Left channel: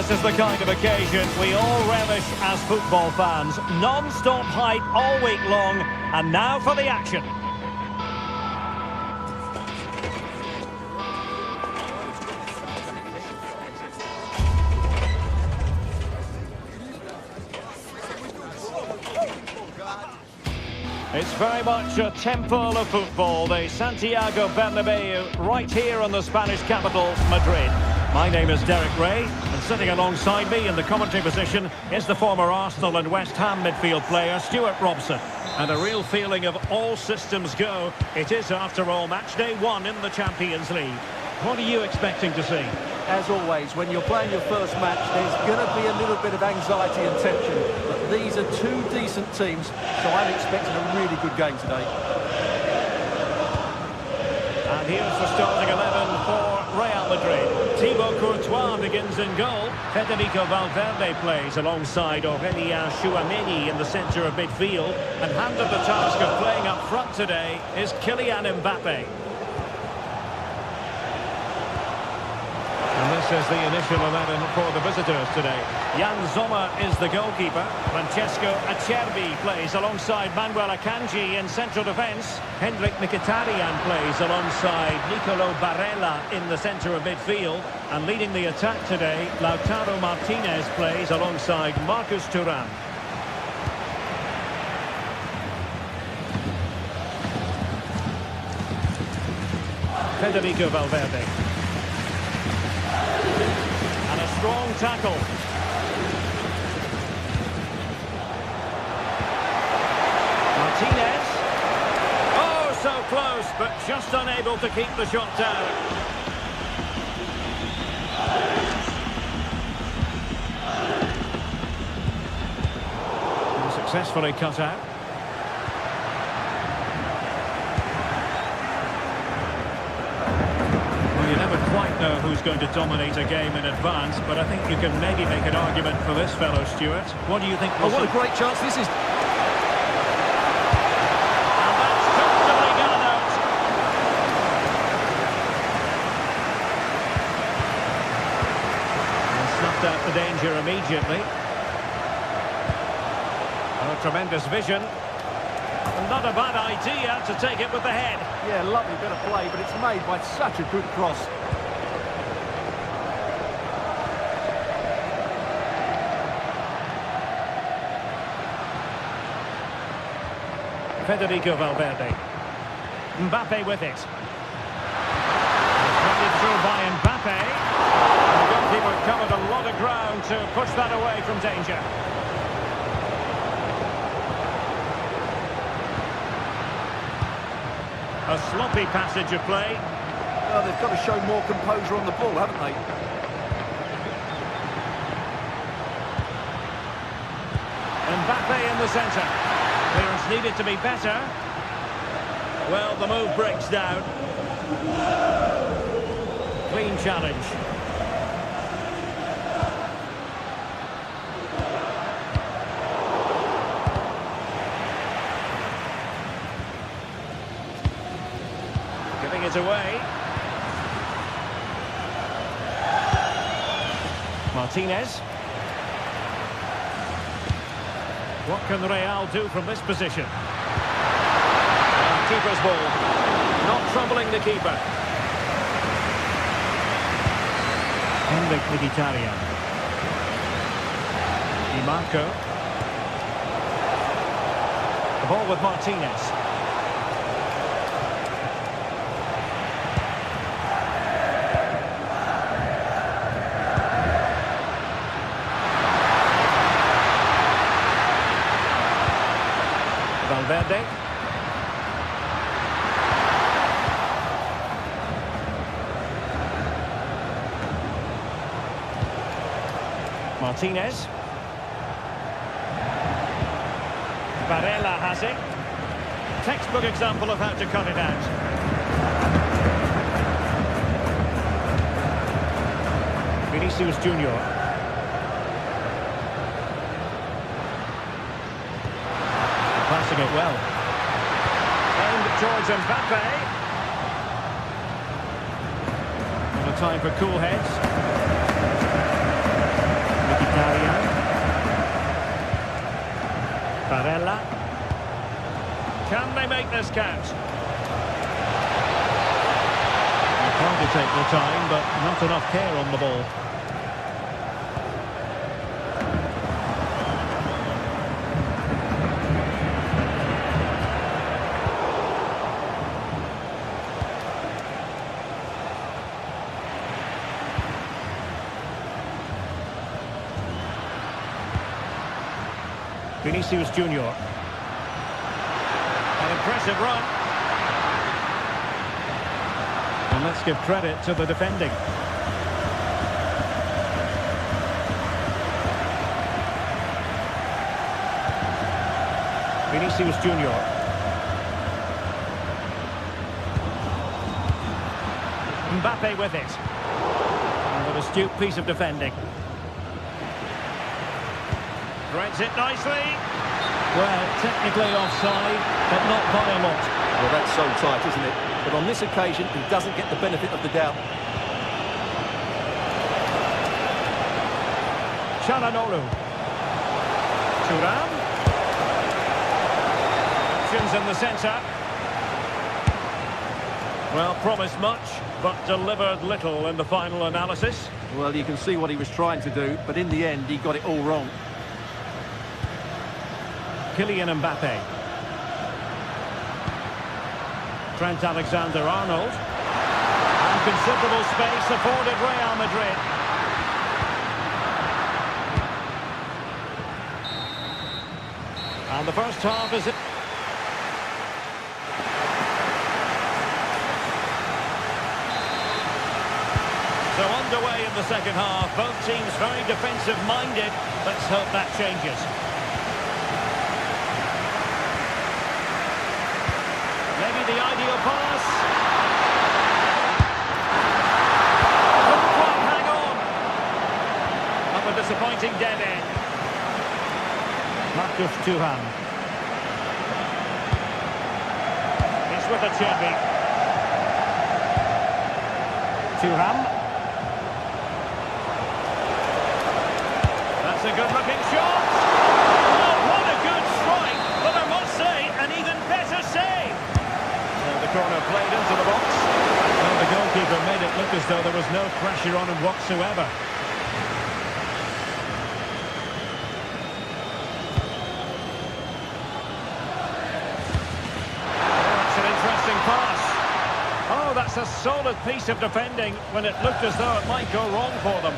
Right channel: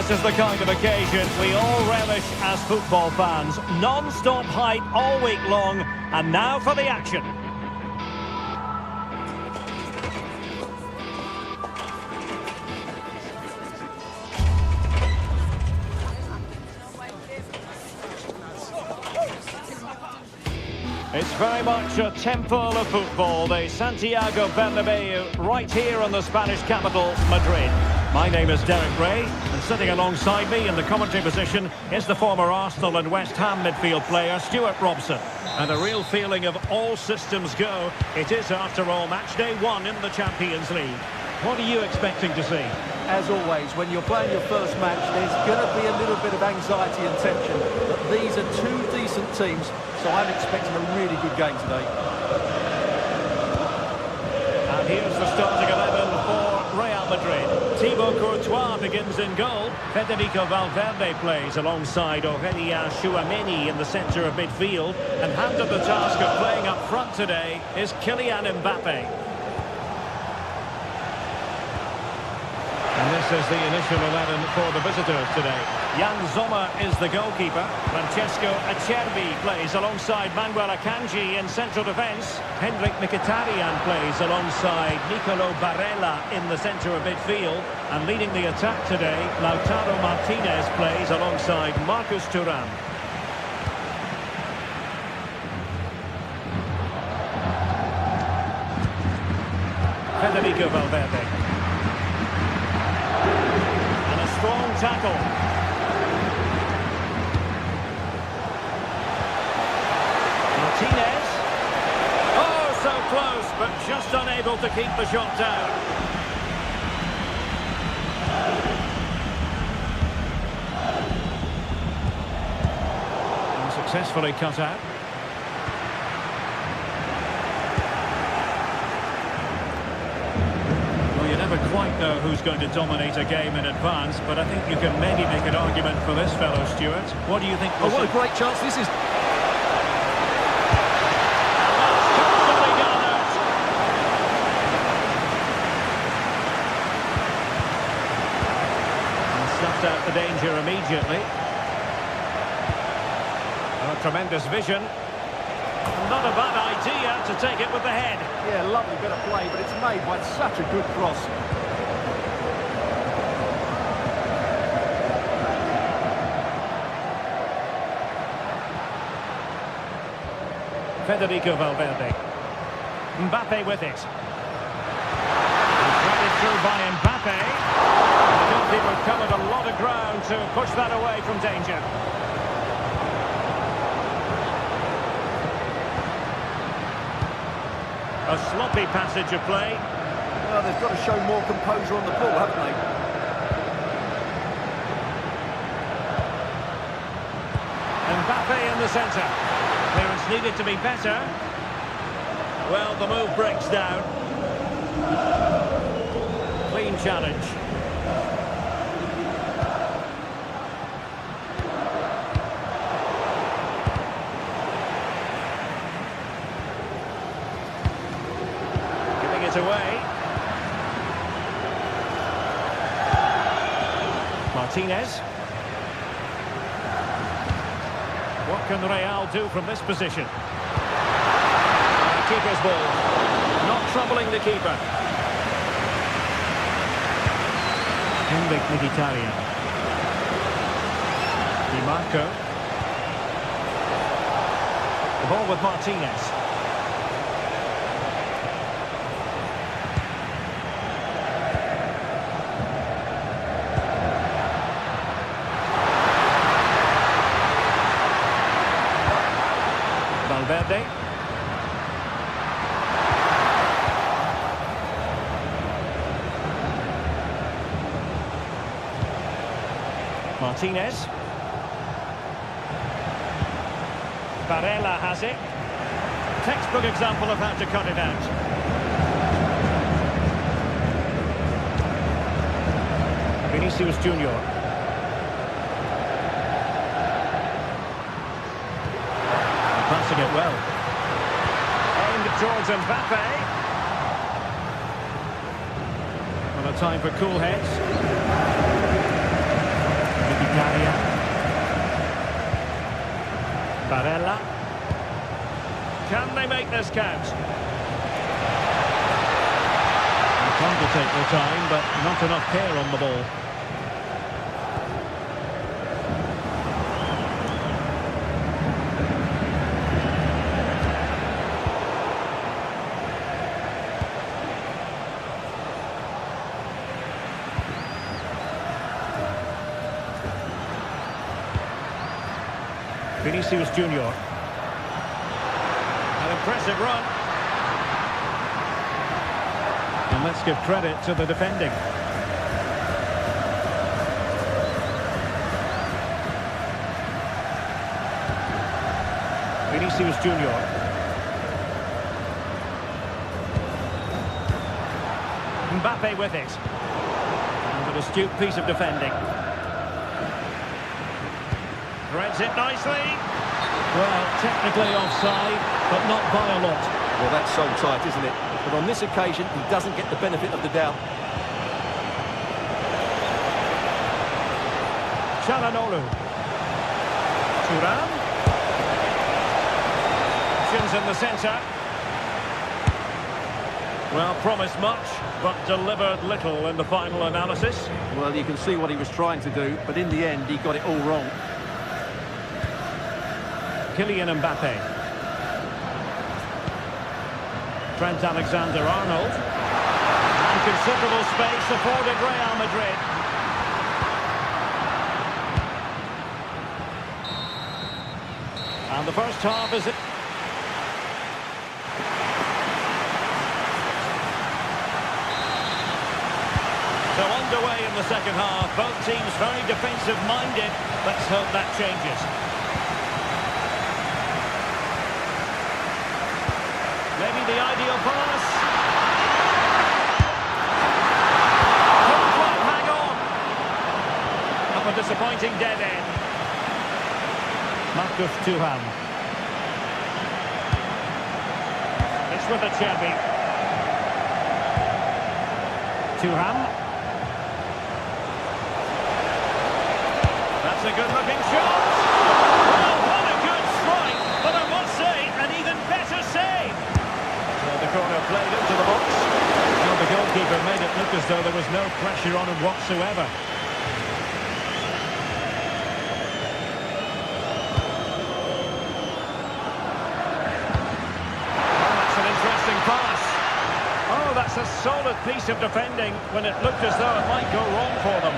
This is the kind of occasion we all relish as football fans. Non-stop hype all week long, and now for the action. It's very much a temple of football, the Santiago Bernabeu, right here in the Spanish capital, Madrid. My name is Derek Ray, and sitting alongside me in the commentary position is the former Arsenal and West Ham midfield player, Stuart Robson. And a real feeling of all systems go. It is, after all, match day 1 in the Champions League. What are you expecting to see? As always, when you're playing your first match, there's going to be a little bit of anxiety and tension. But these are two decent teams, so I'm expecting a really good game today. And here's the starting 11 for Real Madrid. Thibaut Courtois begins in goal. Federico Valverde plays alongside Aurélien Tchouameni in the centre of midfield. And handed the task of playing up front today is Kylian Mbappe. And this is the initial 11 for the visitors today. Jan Sommer is the goalkeeper. Francesco Acerbi plays alongside Manuel Akanji in central defence. Hendrik Mkhitaryan plays alongside Nicolo Barella in the centre of midfield. And leading the attack today, Lautaro Martinez plays alongside Marcus Thuram. Federico Valverde. And a strong tackle. Martinez. Oh, so close, but just unable to keep the shot down. And successfully cut out. You never quite know who's going to dominate a game in advance, but I think you can maybe make an argument for this fellow, Stuart. What do you think? Oh, what a great chance this is. And that's comfortably garnered. And snuffed out the danger immediately. Oh, tremendous vision. Not a bad idea to take it with the head. Yeah, lovely bit of play, but it's made by such a good cross. Federico Valverde. Mbappe with it. And threaded through by Mbappe. And the goalkeeper covered a lot of ground to push that away from danger. A sloppy passage of play. Well, they've got to show more composure on the ball, haven't they? Mbappe in the centre. Clearance needed to be better. Well, the move breaks down. Clean challenge. Giving it away. Martinez. What can Real do from this position? Keeper's ball. Not troubling the keeper. Hendrik Mkhitaryan. Di Marco. The ball with Martinez. Valverde. Martinez. Barella has it. Textbook example of how to cut it out. Vinicius Junior. Passing it well. Aimed towards Mbappe. Not a time for cool heads. Mkhitaryan. Barella. Can they make this count? Trying to take the time, but not enough care on the ball. Vinicius Junior. An impressive run. And let's give credit to the defending. Vinicius Junior. Mbappe with it. And an astute piece of defending. Threads it nicely. Well, technically offside, but not by a lot. Well, that's so tight, isn't it? But on this occasion, he doesn't get the benefit of the doubt. Çalhanoğlu. Thuram. Options in the centre. Well, promised much, but delivered little in the final analysis. Well, you can see what he was trying to do, but in the end, he got it all wrong. Kylian Mbappe. Trent Alexander-Arnold. And considerable space afforded Real Madrid. And the first half is... So underway in the second half. Both teams very defensive-minded. Let's hope that changes. Maybe the ideal pass. Couldn't quite hang on. Up a disappointing dead end. Marcus Thuram. It's with Acerbi. Thuram. That's a good-looking shot. Well, what a good strike, but I must say, an even better save. So the corner played into the box. Well, the goalkeeper made it look as though there was no pressure on him whatsoever. Oh, that's an interesting pass. Oh, that's a solid piece of defending when it looked as though it might go wrong for them.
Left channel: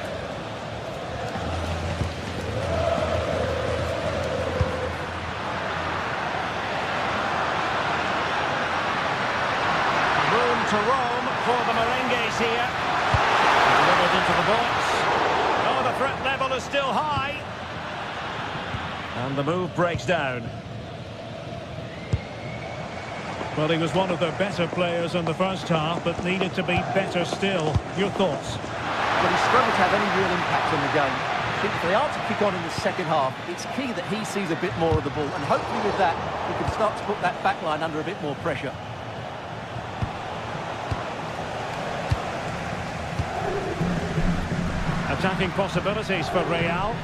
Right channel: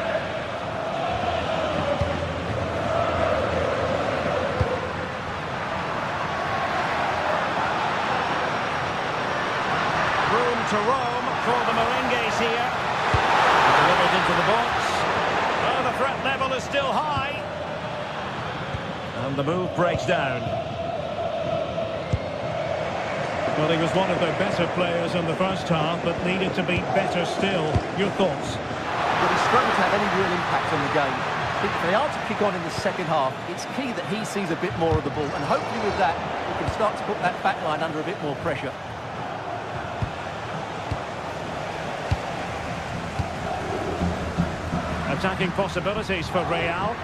Room to roam for the Merengues here. Delivered into the box. Oh, the threat level is still high. And the move breaks down. Well, he was one of their better players in the first half, but needed to be better still. Your thoughts? Well, he struggled to have any real impact on the game. I think if they are to kick on in the second half, it's key that he sees a bit more of the ball. And hopefully with that, he can start to put that back line under a bit more pressure. Attacking possibilities for Real.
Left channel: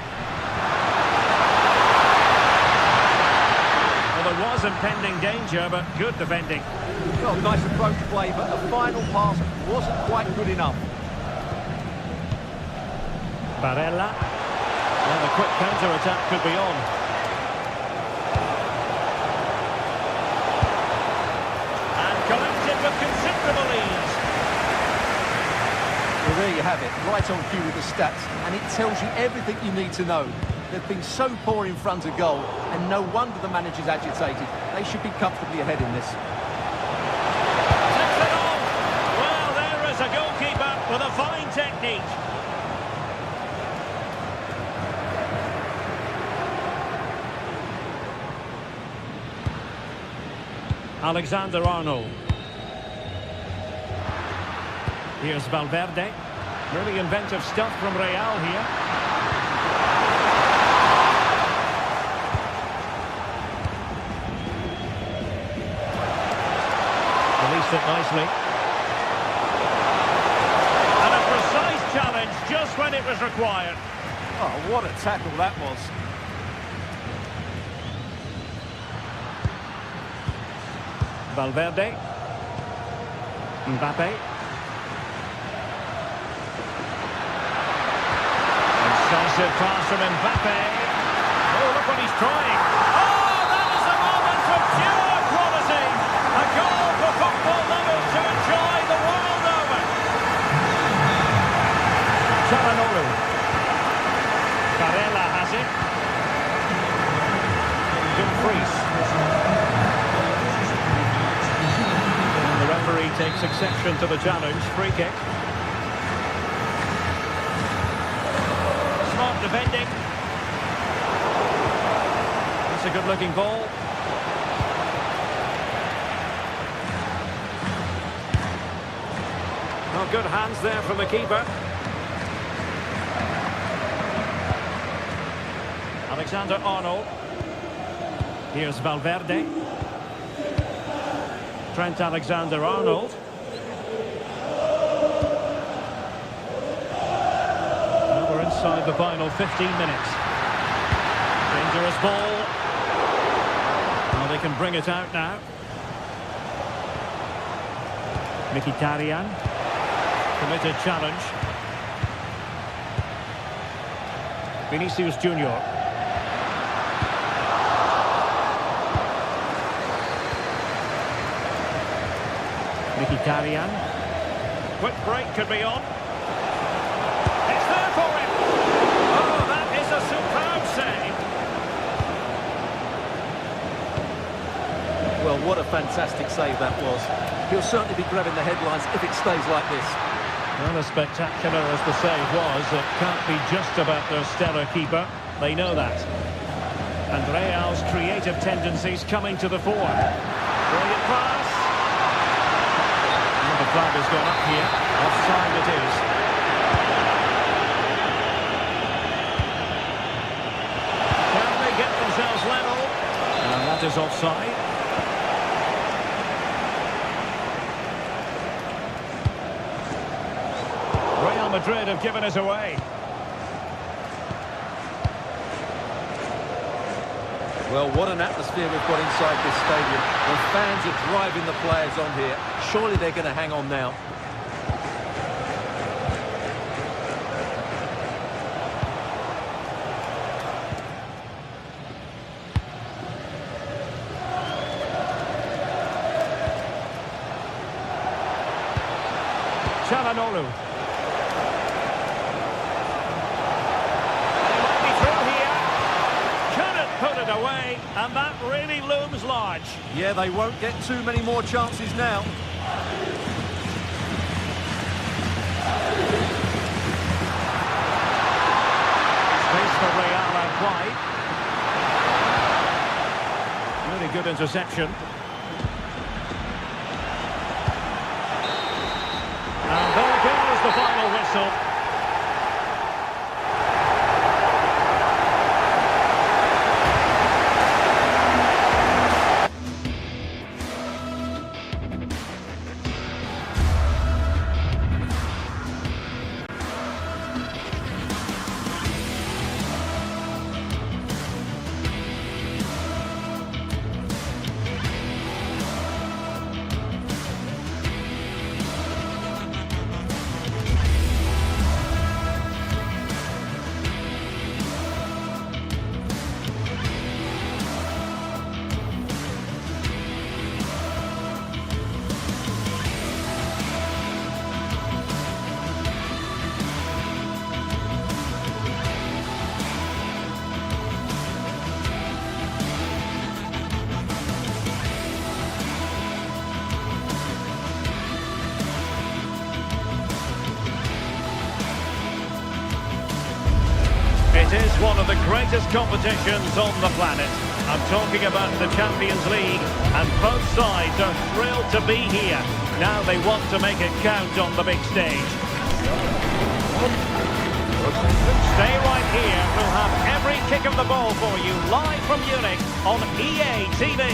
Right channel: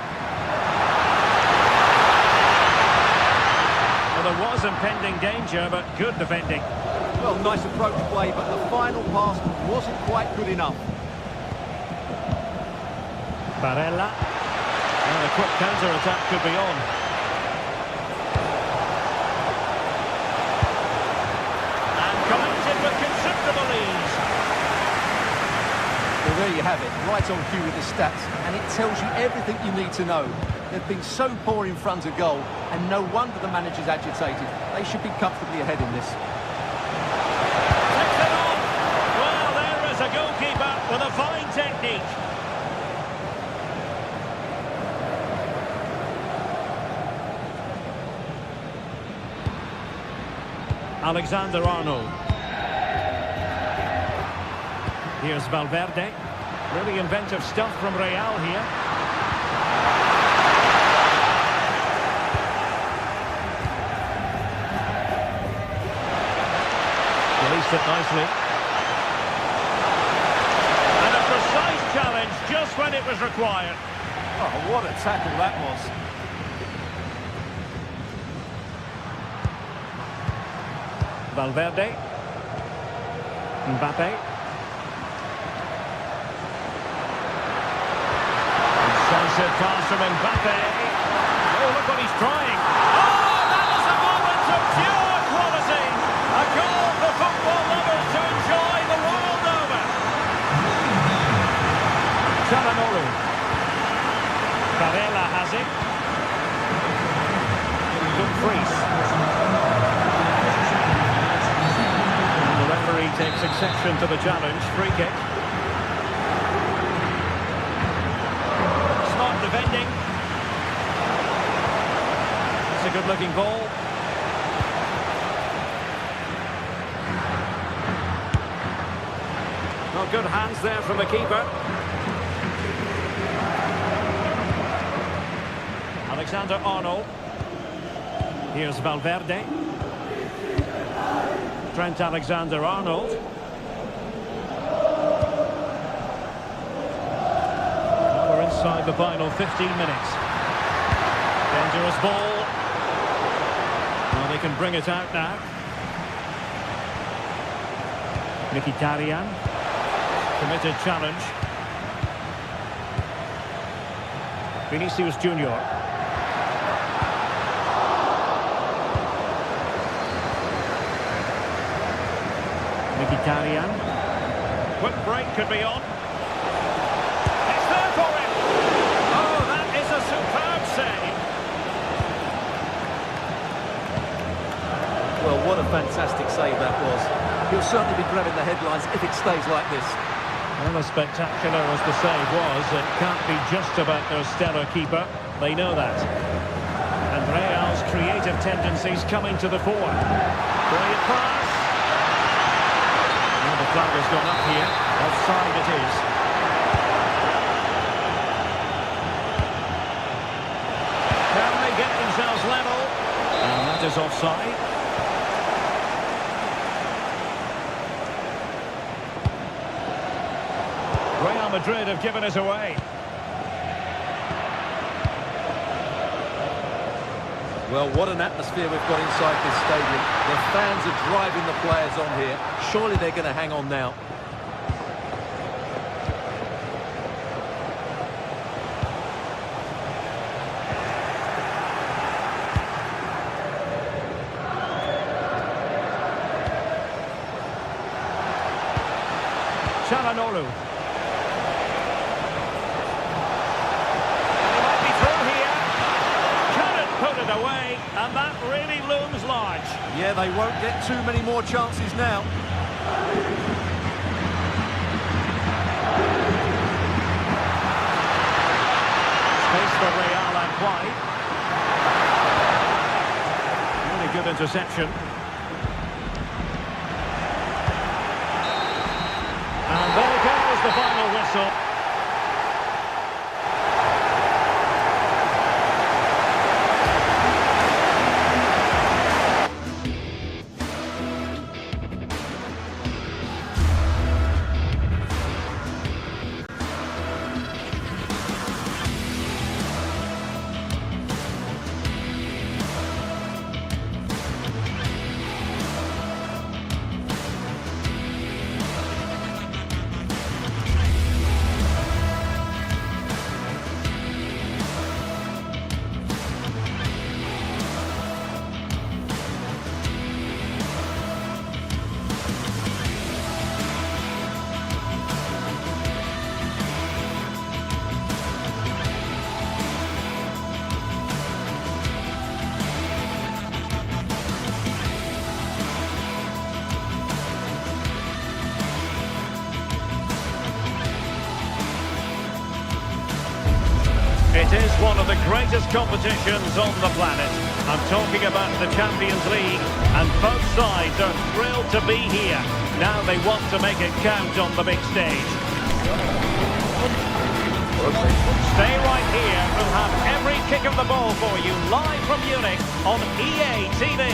Well, there was impending danger, but good defending. Well, nice approach play, but the final pass wasn't quite good enough. Barella. Well, a quick counter-attack could be on. And collected with considerable ease. Well, there you have it, right on cue with the stats, and it tells you everything you need to know. They've been so poor in front of goal, and no wonder the manager's agitated. They should be comfortably ahead in this. Takes it on. Well, there is a goalkeeper with a fine technique. Alexander-Arnold. Here's Valverde. Really inventive stuff from Real here. Released it nicely. And a precise challenge just when it was required. Oh, what a tackle that was. Valverde. Mbappe. Incisive pass from Mbappe. Oh, look what he's trying. Oh, that is a moment of pure quality. A goal for football lovers to enjoy the world over. Charanoglu. Barella has it. Dumfries. And the referee takes exception to the challenge. Free kick. Smart defending. It's a good-looking ball. Oh, good hands there from the keeper. Alexander-Arnold. Here's Valverde. Trent Alexander-Arnold. Now we're inside the final 15 minutes. Dangerous ball. Now they can bring it out now. Mkhitaryan. Committed challenge. Vinicius Junior. Mkhitaryan. Quick break could be on. It's there for him. Oh, that is a superb save. Well, what a fantastic save that was. He'll certainly be grabbing the headlines if it stays like this. Well, as spectacular as the save was, it can't be just about their stellar keeper. They know that. And Real's creative tendencies coming to the fore. Brilliant pass. Well, the flag has gone up here. Offside it is. Can they get themselves level? And that is offside. Real Madrid have given it away. Well, what an atmosphere we've got inside this stadium. The fans are driving the players on here. Surely they're going to hang on now. Charanoglu. Put it away, and that really looms large. Yeah, they won't get too many more chances now. Space for Real out wide. Really good interception. And there goes the final whistle. It is one of the greatest competitions on the planet. I'm talking about the Champions League, and both sides are thrilled to be here. Now they want to make it count on the big stage. Stay right here. We'll have every kick of the ball for you live from Munich on EA TV.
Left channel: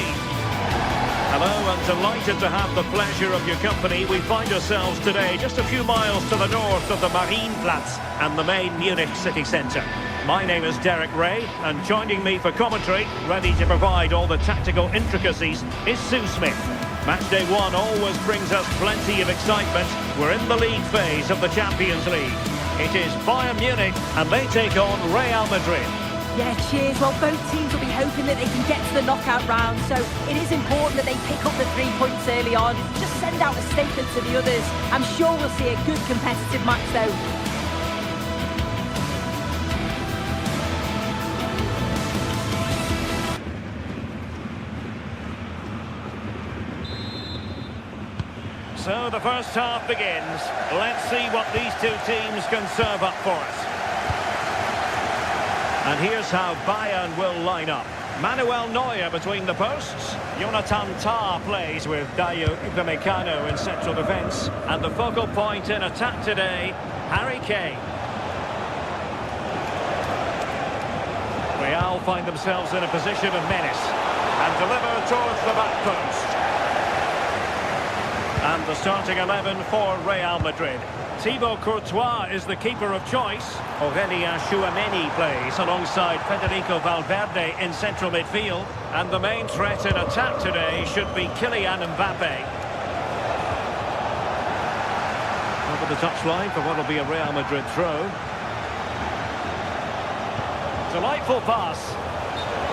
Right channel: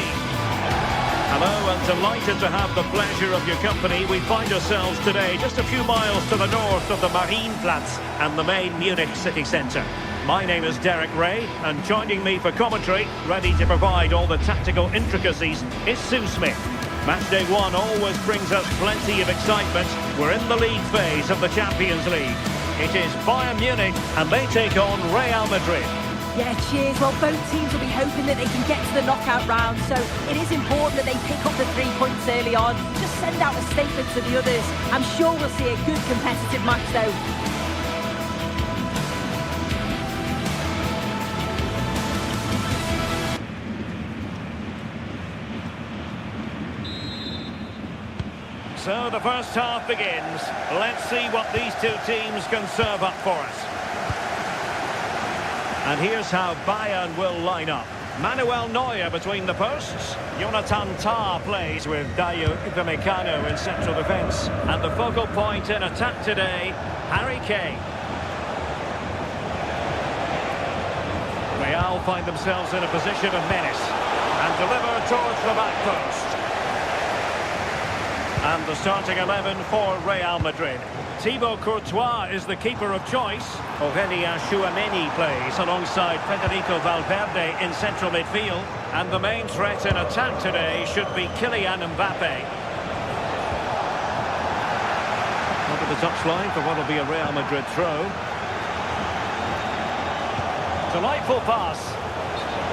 Hello, and delighted to have the pleasure of your company. We find ourselves today just a few miles to the north of the Marienplatz and the main Munich city centre. My name is Derek Ray, and joining me for commentary, ready to provide all the tactical intricacies, is Sue Smith. Matchday 1 always brings us plenty of excitement. We're in the league phase of the Champions League. It is Bayern Munich, and they take on Real Madrid. Yeah, cheers. Well, both teams will be hoping that they can get to the knockout round, so it is important that they pick up the 3 points early on. Just send out a statement to the others. I'm sure we'll see a good competitive match, though. So the first half begins. Let's see what these two teams can serve up for us. And here's how Bayern will line up. Manuel Neuer between the posts. Jonathan Tah plays with Dayo Upamecano in central defence. And the focal point in attack today, Harry Kane. Real find themselves in a position of menace and deliver towards the back post. And the starting 11 for Real Madrid. Thibaut Courtois is the keeper of choice. Aurelien Tchouameni plays alongside Federico Valverde in central midfield. And the main threat in attack today should be Kylian Mbappe. Over the touchline for what will be a Real Madrid throw. Delightful pass.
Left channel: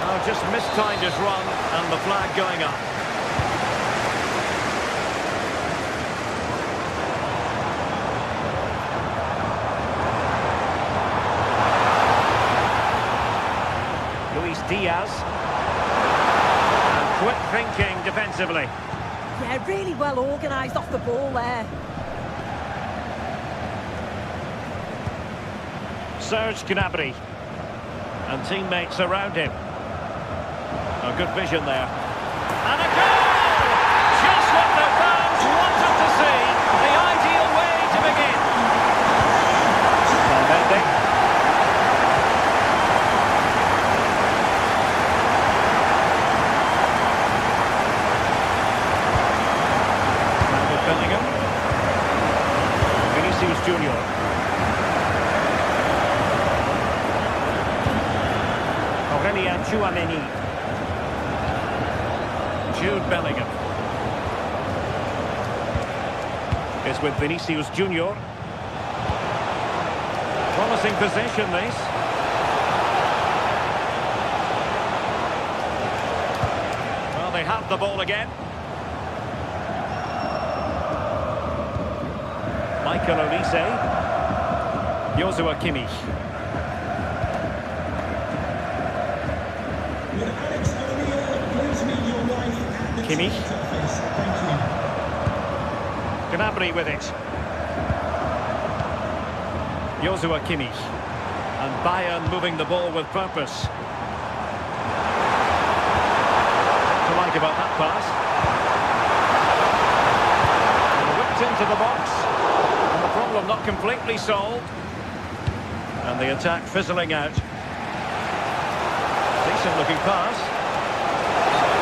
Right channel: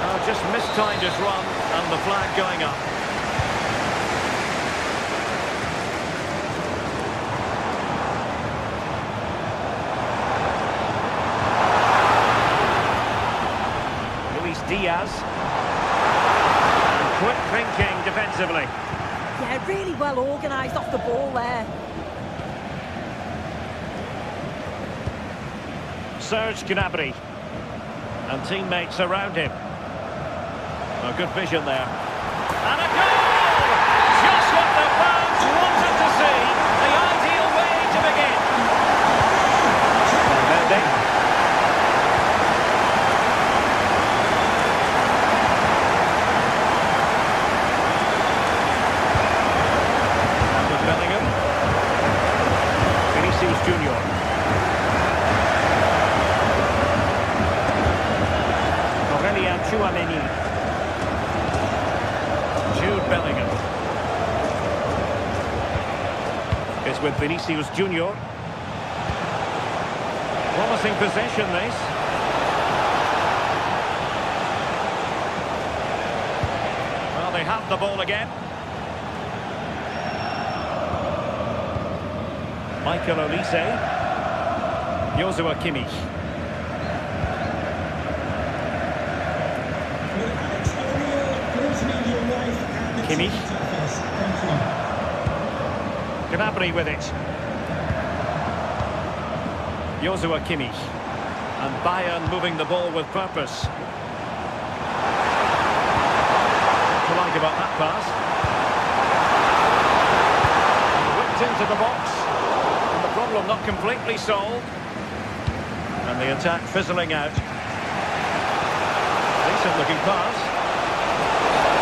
Oh, just mistimed his run, and the flag going up. Diaz, and quick thinking defensively. Yeah, really well organised off the ball there. Serge Gnabry, and teammates around him. A good vision there. And a goal! Just what the fans wanted to see. The ideal way to begin. Valverde. Bellingham. Vinicius Junior. Aurelien Tchouameni. Jude Bellingham. Is with Vinicius Junior. Promising possession, this. Well, they have the ball again. Michael Olise. Joshua Kimmich. Kimmich. Gnabry with it. Joshua Kimmich. And Bayern moving the ball with purpose. What to like about that pass? And whipped into the box. And the problem not completely solved. And the attack fizzling out. Decent looking pass.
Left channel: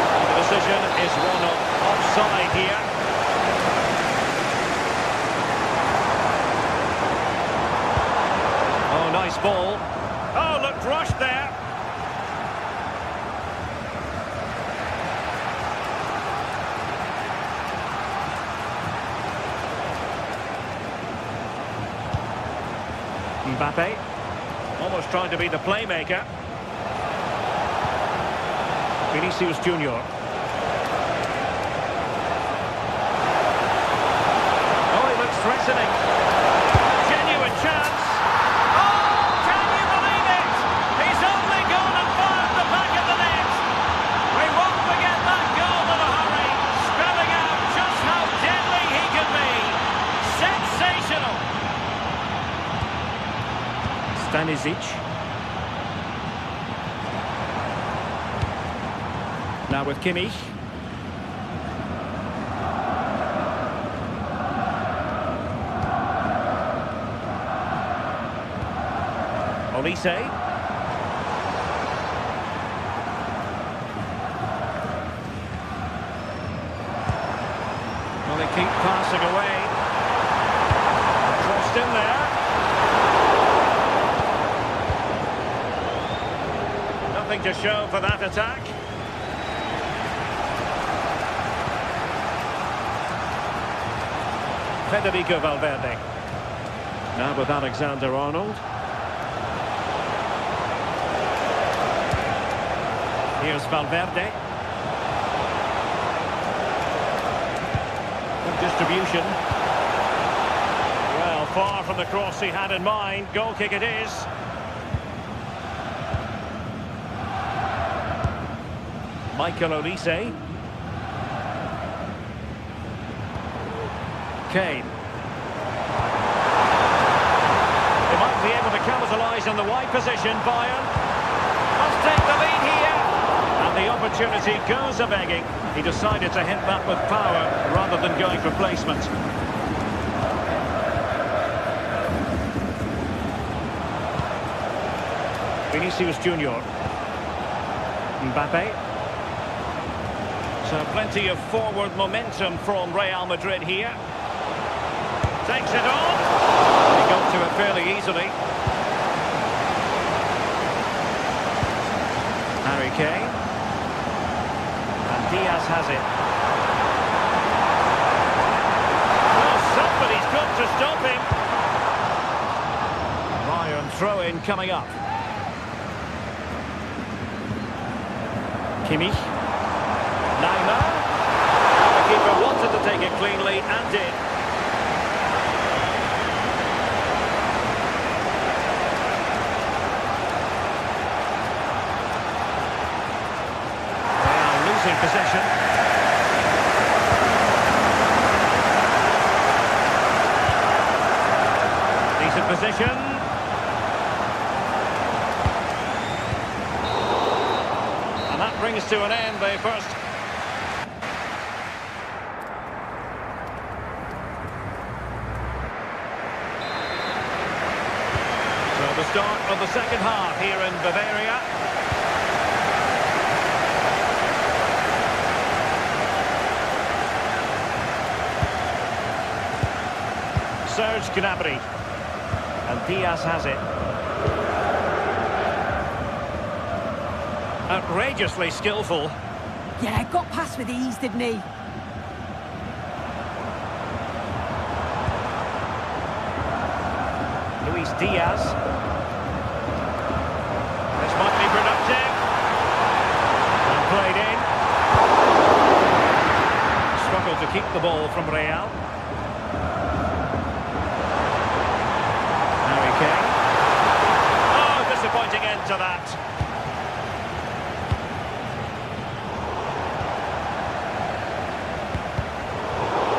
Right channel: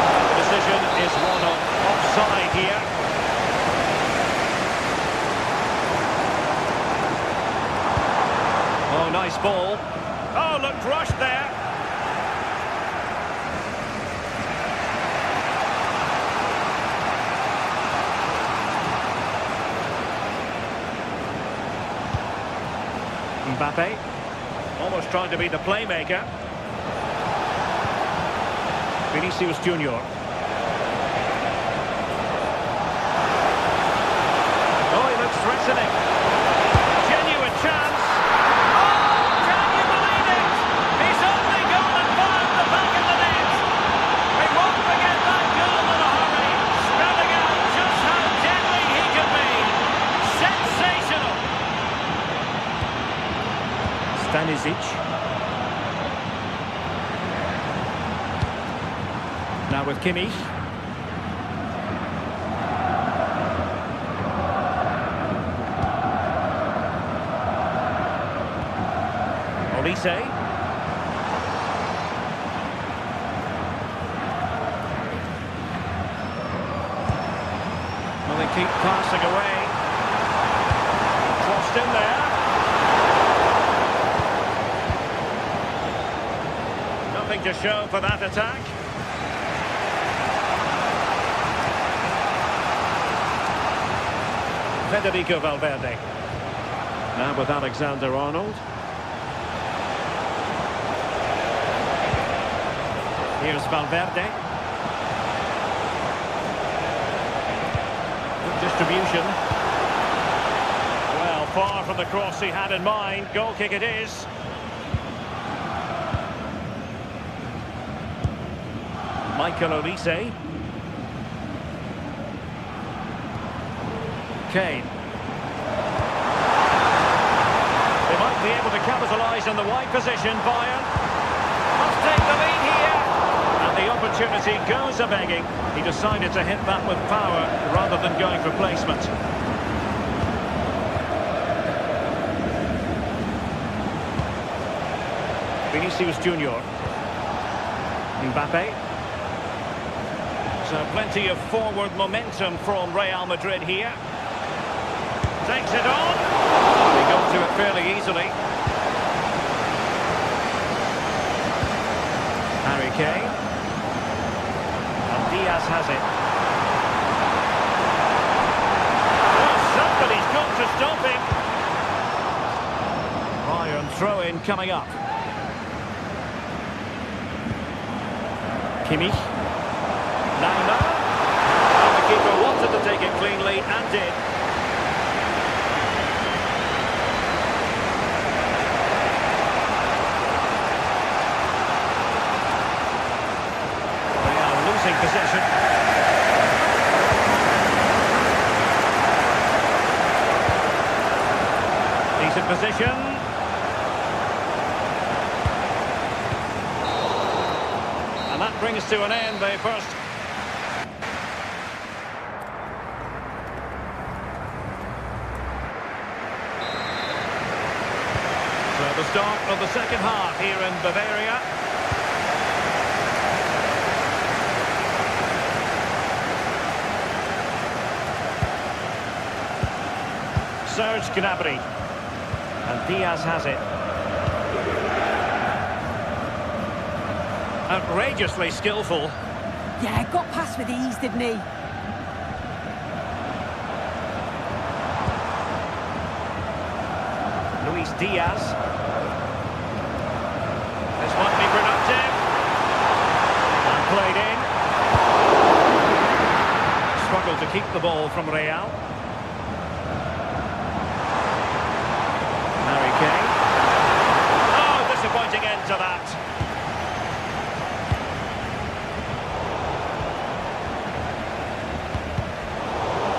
And the decision is one of offside here. Oh, nice ball. Oh, looked rushed there. Mbappe, almost trying to be the playmaker. Vinicius Junior. Oh, he looks threatening. Genuine chance. Oh, can you believe it? He's only gone and found the back of the net. We won't forget that goal in a hurry, spelling out just how deadly he can be. Sensational. Stanisic. Now with Kimmich. Olise. Well, they keep passing away. Crossed in there. nothing to show for that attack. Federico Valverde. Now with Alexander-Arnold. Here's Valverde. Good distribution. Well, far from the cross he had in mind. Goal kick it is. Michael Olise. Kane. They might be able to capitalise on the wide position. Bayern must take the lead here. And the opportunity goes a-begging. He decided to hit that with power rather than going for placement. Vinicius Junior. Mbappe. So plenty of forward momentum from Real Madrid here. Takes it on. They got to it fairly easily. Harry Kane. And Diaz has it. Well, somebody's got to stop him. Bayern throw-in coming up. Kimmich. Neymar. And the keeper wanted to take it cleanly and did. Losing possession. Decent position. And that brings to an end the first. So the start of the second half here in Bavaria. Serge Gnabry. And Diaz has it. Outrageously skillful. Yeah, got past with ease, didn't he? Luis Diaz. This might be productive. And played in. Struggled to keep the ball from Real. Harry Kane. Oh, disappointing end to that.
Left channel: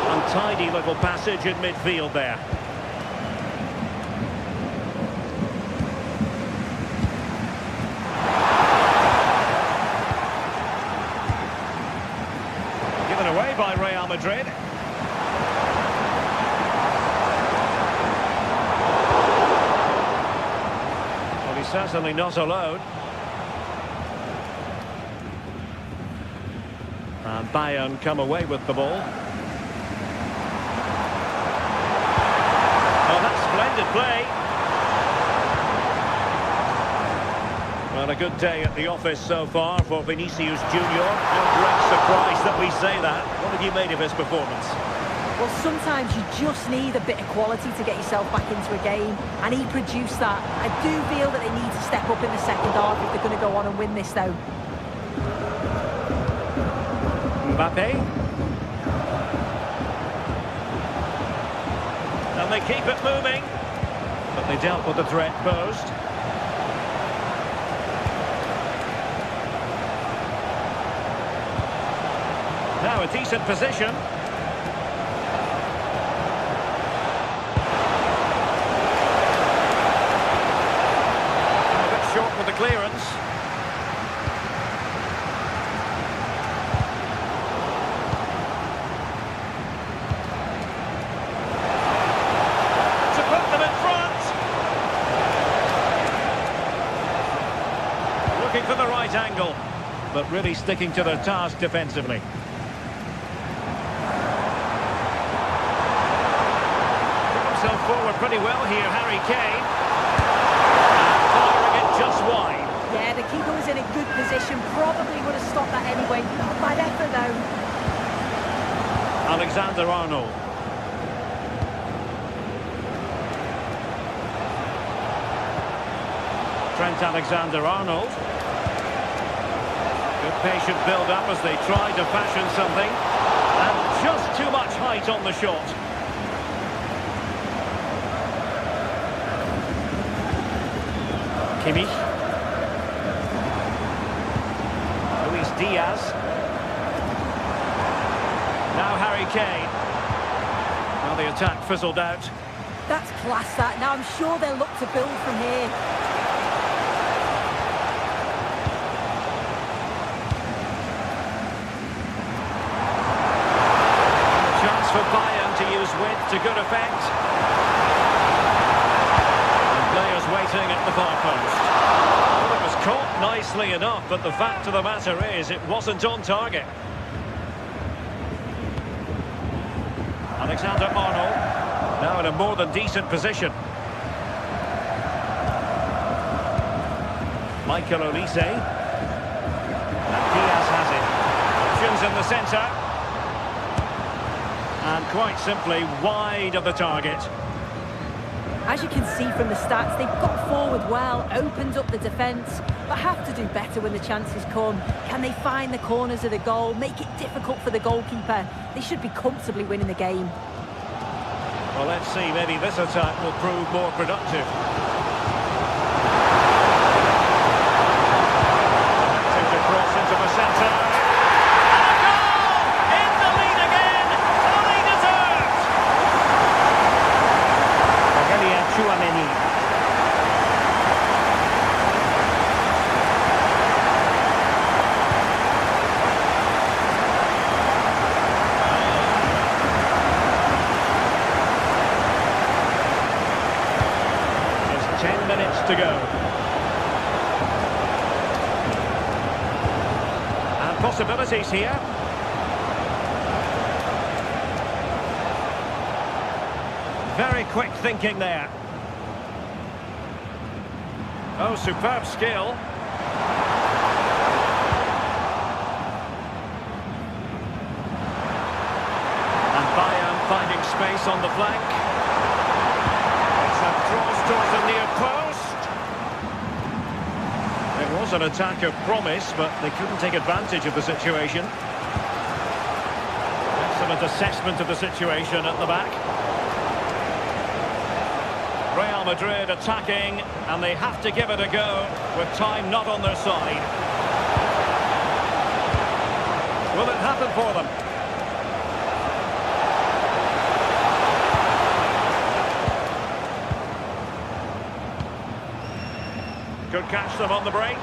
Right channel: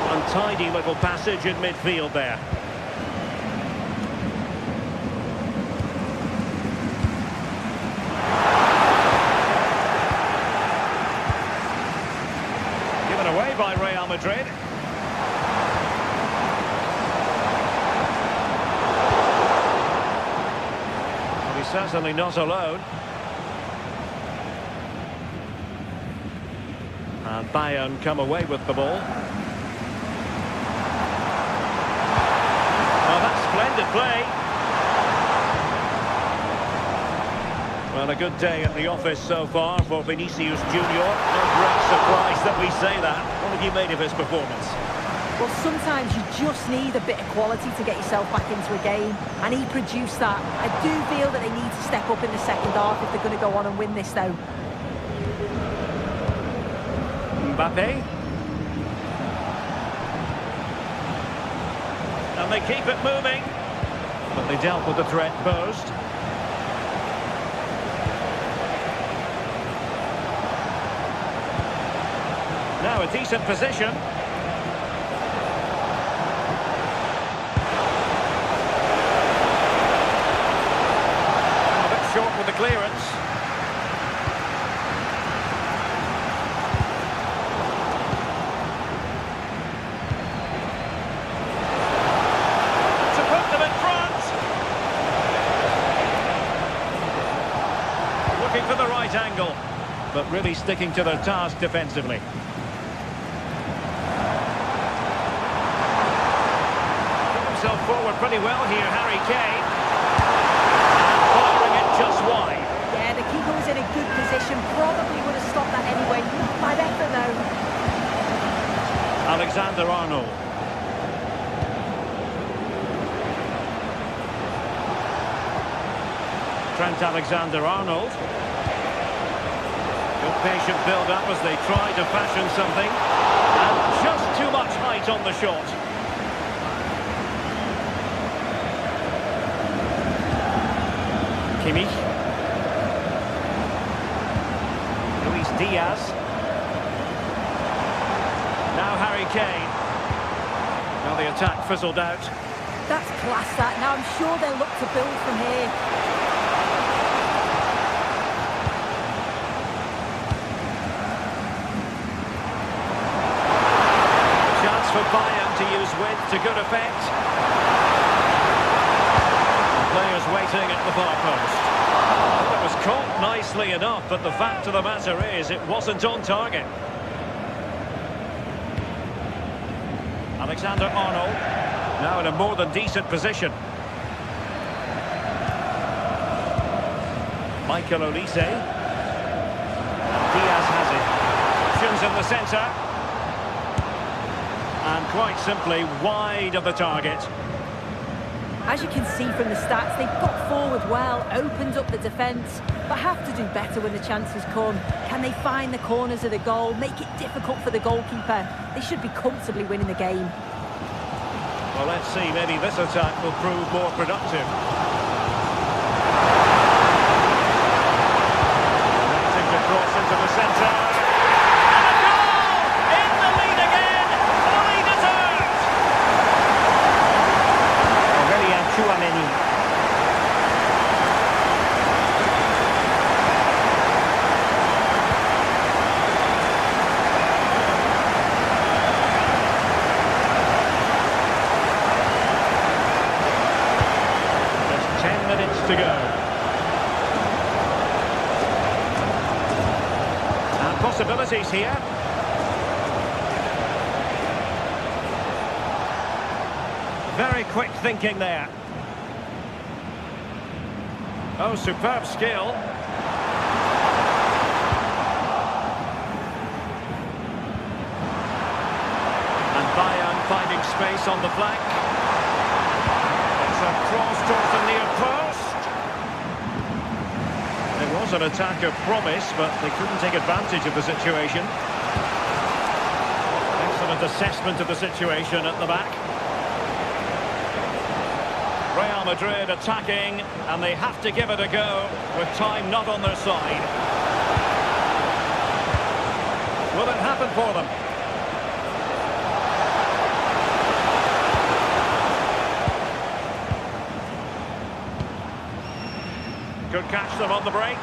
Untidy little passage in midfield there. Given away by Real Madrid. He's certainly not alone. And Bayern come away with the ball. Oh, that's splendid play. Well, a good day at the office so far for Vinicius Junior. No great surprise that we say that. What have you made of his performance? Well, sometimes you just need a bit of quality to get yourself back into a game, and he produced that. I do feel that they need to step up in the second half if they're going to go on and win this, though. Mbappe. And they keep it moving. But they dealt with the threat posed. Now a decent position. Short with the clearance. To put them in front. Looking for the right angle, but really sticking to their task defensively. Put himself forward pretty well here, Harry Kane. Firing it just wide. Yeah, Yeah, the keeper was in a good position, probably would have stopped that anyway. Not bad effort, though. Alexander-Arnold. Trent Alexander-Arnold. Good patient build-up as they try to fashion something. And just too much height on the shot. Kimmich. Luis Diaz. Now Harry Kane. Now the attack fizzled out. That's class, that. Now I'm sure they'll look to build from here. Chance for Bayern to use width to good effect. And players waiting at the far post. Well, it was caught nicely enough, but the fact of the matter is it wasn't on target. Alexander-Arnold, now in a more than decent position. Michael Olise. And Diaz has it. Options in the centre. And quite simply wide of the target. As you can see from the stats, they've got forward well, opened up the defence, but have to do better when the chances come. Can they find the corners of the goal, make it difficult for the goalkeeper? They should be comfortably winning the game. Well, let's see, maybe this attack will prove more productive. Connecting to cross into the centre. And a goal! In the lead again! Fully deserved! Aurélien Tchouaméni. Just 10 minutes to go. And possibilities here. Very quick thinking there. Oh, superb skill. And Bayern finding space on the flank. It's a cross towards the near post. It was an attack of promise, but they couldn't take advantage of the situation. Excellent assessment of the situation at the back. Real Madrid attacking, and they have to give it a go with time not on their side. Will it happen for them? Could catch them on the break.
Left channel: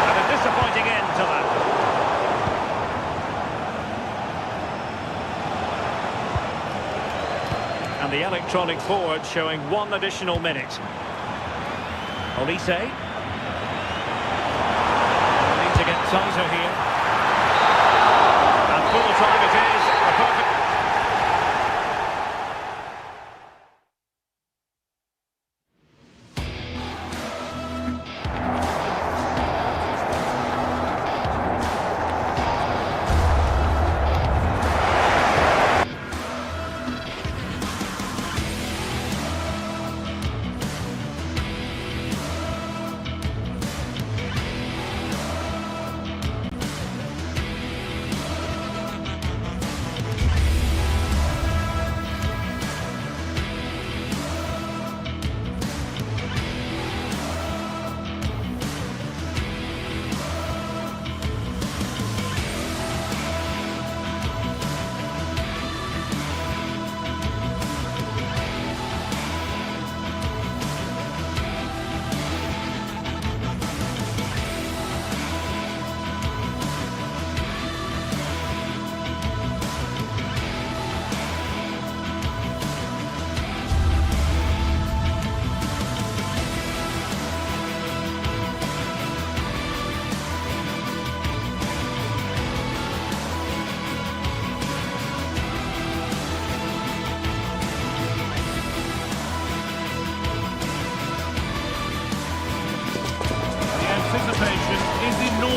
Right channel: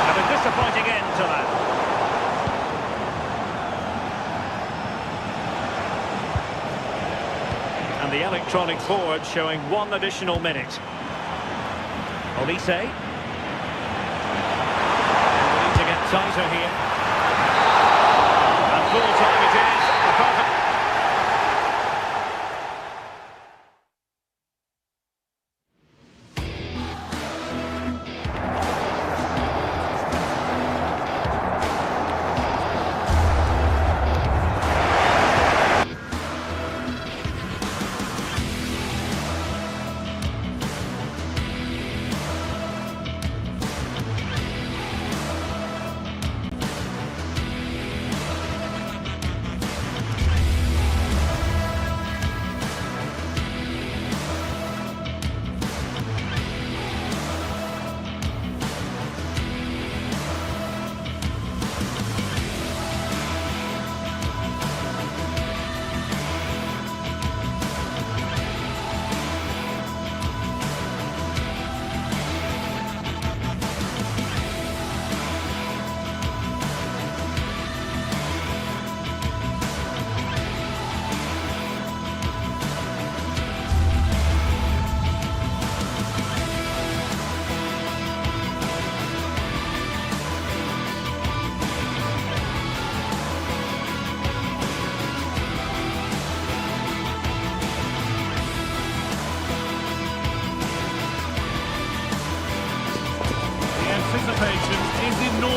And a disappointing end to that. And the electronic board showing 1 additional minute. Olise. And we need to get tighter here. And full time it is. A perfect...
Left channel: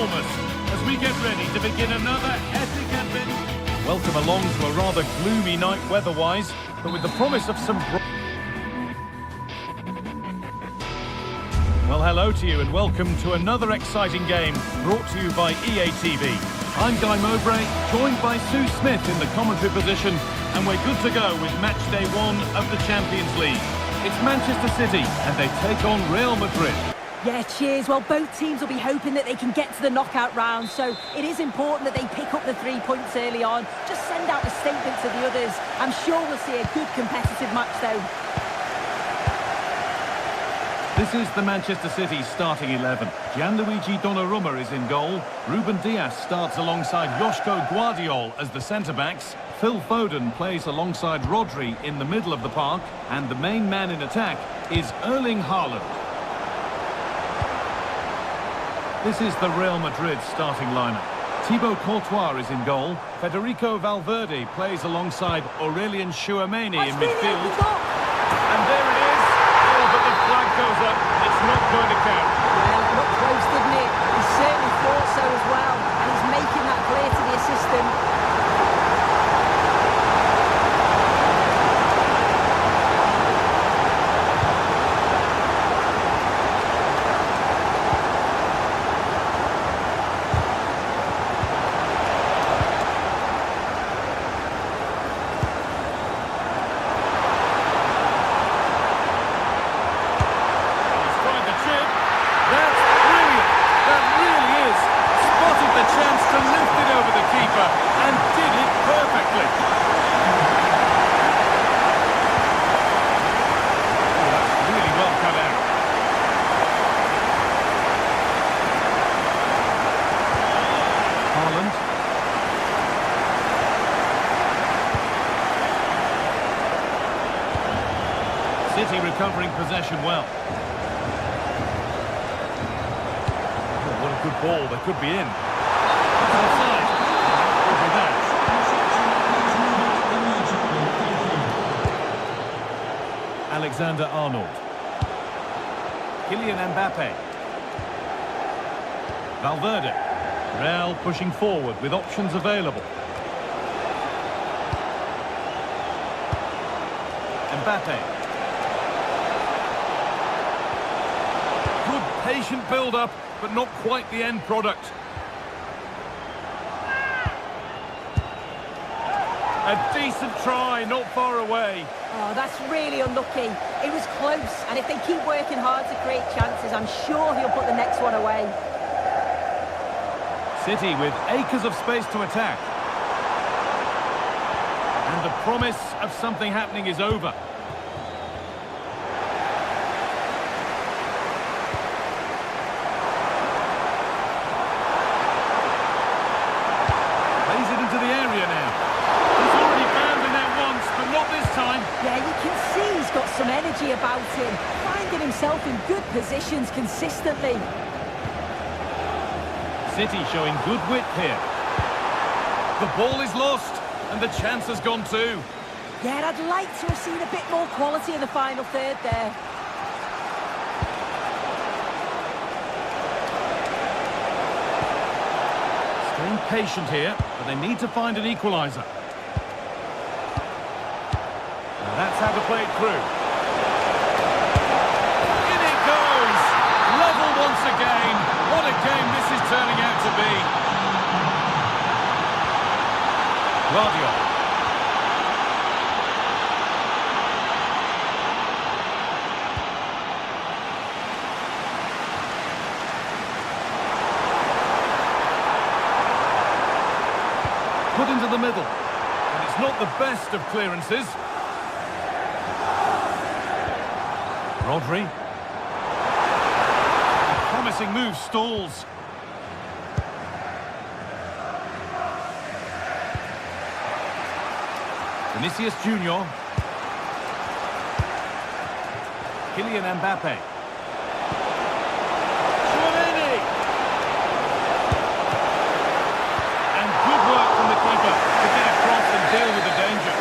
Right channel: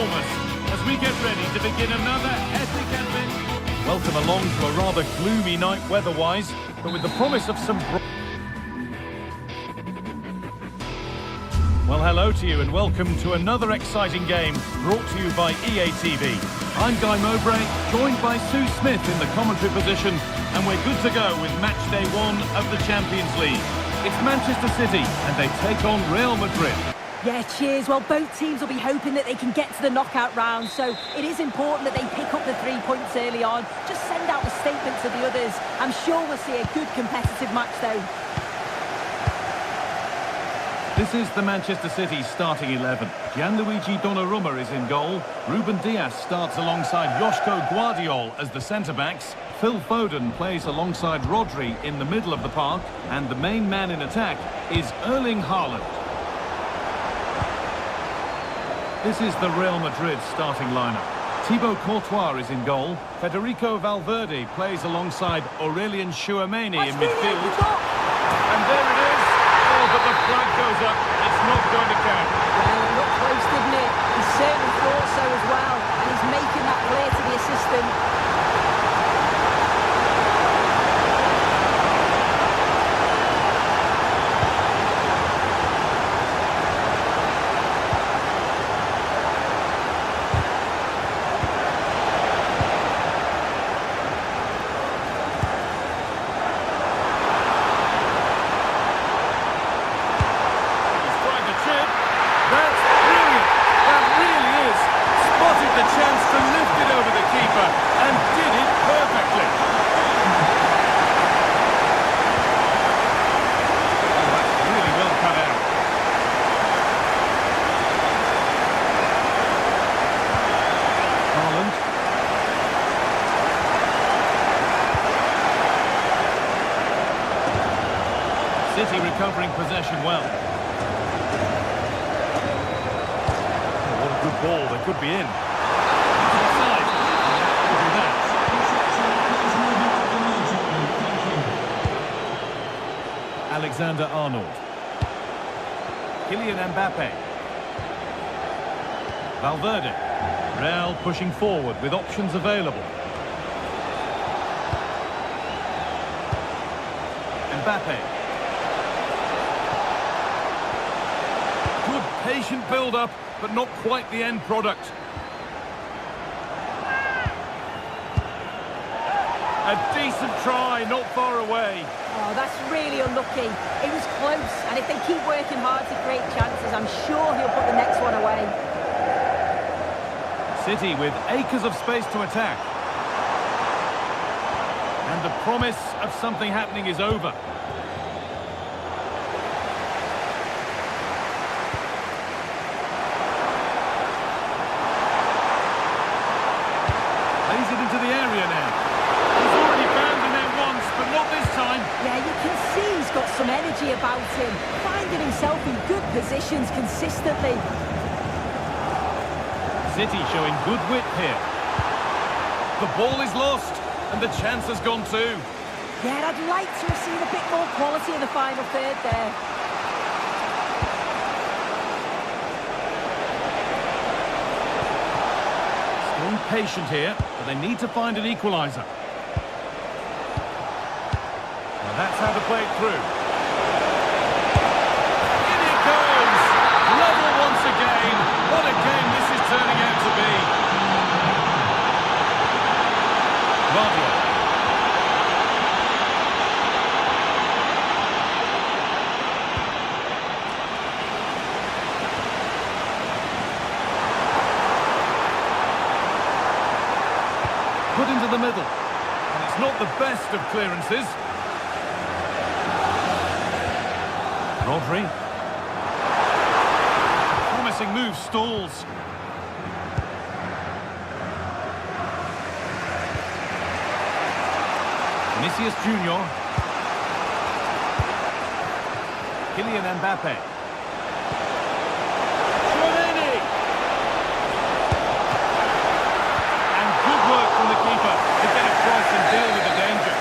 enormous as we get ready to begin another epic adventure. Welcome along to a rather gloomy night weather-wise, but with the promise of some... Well, hello to you and welcome to another exciting game brought to you by EA TV. I'm Guy Mowbray, joined by Sue Smith in the commentary position, and we're good to go with match day 1 of the Champions League. It's Manchester City and they take on Real Madrid. Yeah, cheers. Well, both teams will be hoping that they can get to the knockout round, so it is important that they pick up the 3 points early on. Just send out a statement to the others. I'm sure we'll see a good competitive match, though. This is the Manchester City starting 11. Gianluigi Donnarumma is in goal. Ruben Dias starts alongside Joško Guardiol as the centre-backs. Phil Foden plays alongside Rodri in the middle of the park. And the main man in attack is Erling Haaland. This is the Real Madrid starting lineup. Thibaut Courtois is in goal. Federico Valverde plays alongside Aurelien Tchouameni in midfield. And there it is. Oh, but the flag goes up. It's not going to count. Well, it looked close, didn't it? He certainly thought so as well. And he's making that clear to the assistant. That's brilliant. That really is. Spotted the chance to lift it over the keeper and did it perfectly. Oh, that's really well cut out. Haaland. City recovering possession well. What a good ball, they could be in. It's offside. Could be that. Alexander-Arnold. Kylian Mbappe. Valverde. Real pushing forward with options available. Mbappe. Good patient build-up, but not quite the end product. A decent try, not far away. Oh, that's really unlucky. It was close, and if they keep working hard to create chances, I'm sure he'll put the next one away. City with acres of space to attack. And the promise of something happening is over. Plays it into the area now. He's already found the net once, but not this time. Yeah, you can see he's got some energy about him, finding himself in good positions consistently. City showing good wit here. The ball is lost, and the chance has gone too. Yeah, I'd like to have seen a bit more quality in the final third there. Staying patient here, but they need to find an equaliser. Now that's how to play it through. In it goes! Level once again. What a game this is turning out to be. Guardiola. Put into the middle. And it's not the best of clearances. Rodri. A promising move stalls. Vinicius Junior. Kylian Mbappe. Tchouameni. And good work from the keeper to get across and deal with the danger.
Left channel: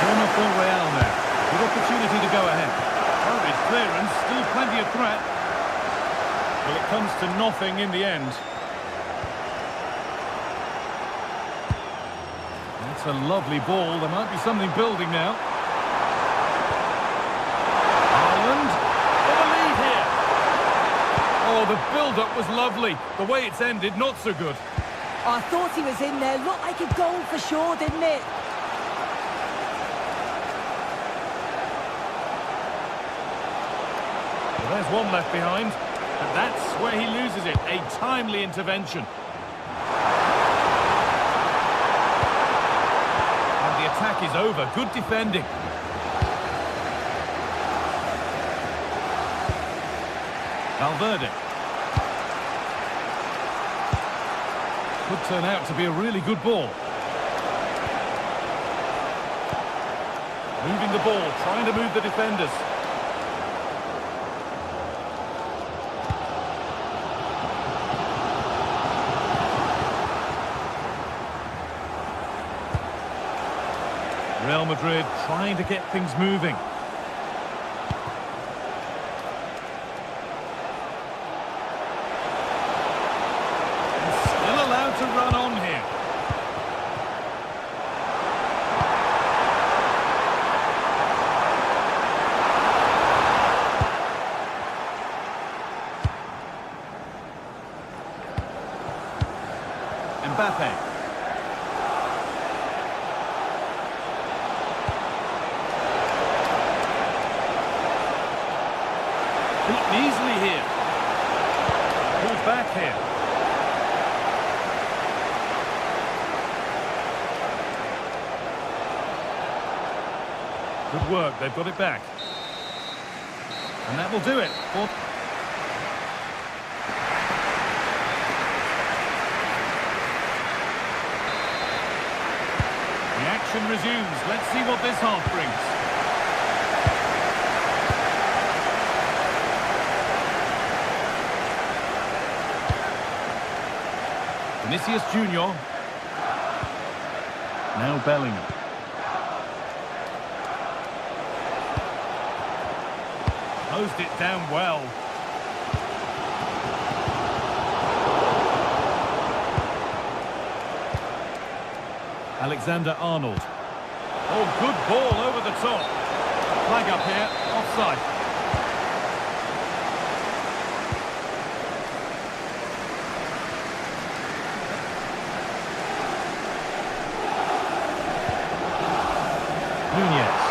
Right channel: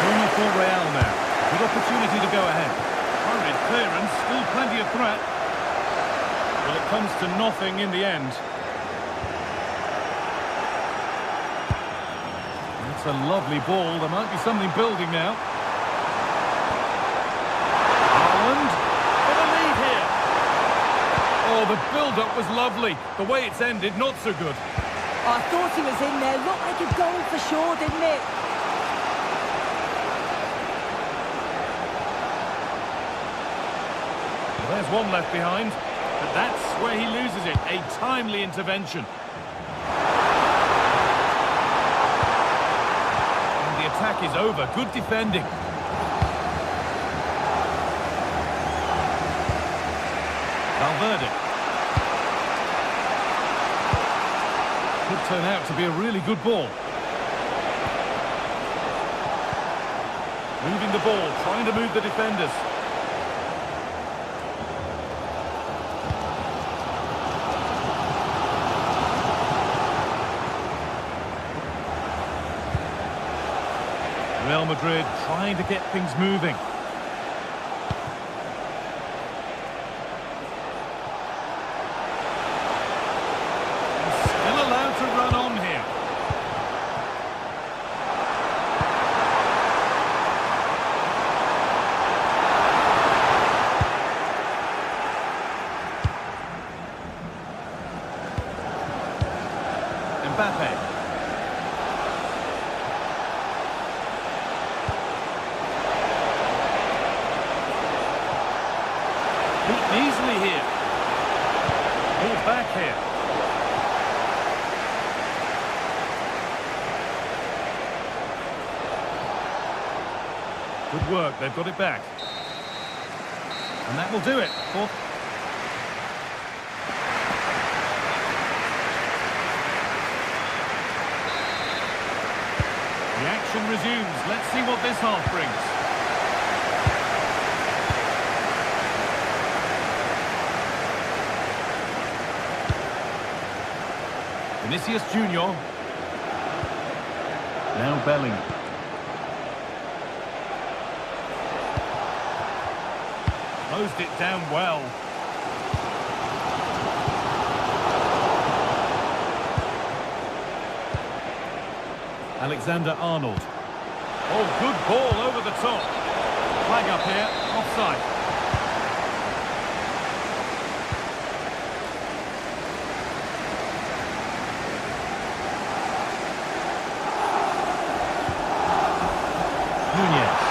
Corner for Real now. Good opportunity to go ahead. Hurried clearance, still plenty of threat. Well, it comes to nothing in the end. It's a lovely ball. There might be something building now. Haaland for the lead here. Oh, the build-up was lovely. The way it's ended, not so good. Oh, I thought he was in there. Looked like a goal for sure, didn't it? Well, there's one left behind. But that's where he loses it. A timely intervention. And the attack is over. Good defending. Valverde. Could turn out to be a really good ball. Moving the ball, trying to move the defenders. Real Madrid trying to get things moving. And still allowed to run on here. Mbappe. Beaten easily here. Pulled back here. Good work, they've got it back. And that will do it. The action resumes. Let's see what this half brings. Vinicius Junior. Now Bellingham. Closed it down well. Alexander-Arnold. Oh, good ball over the top. Flag up here, offside. Nunez.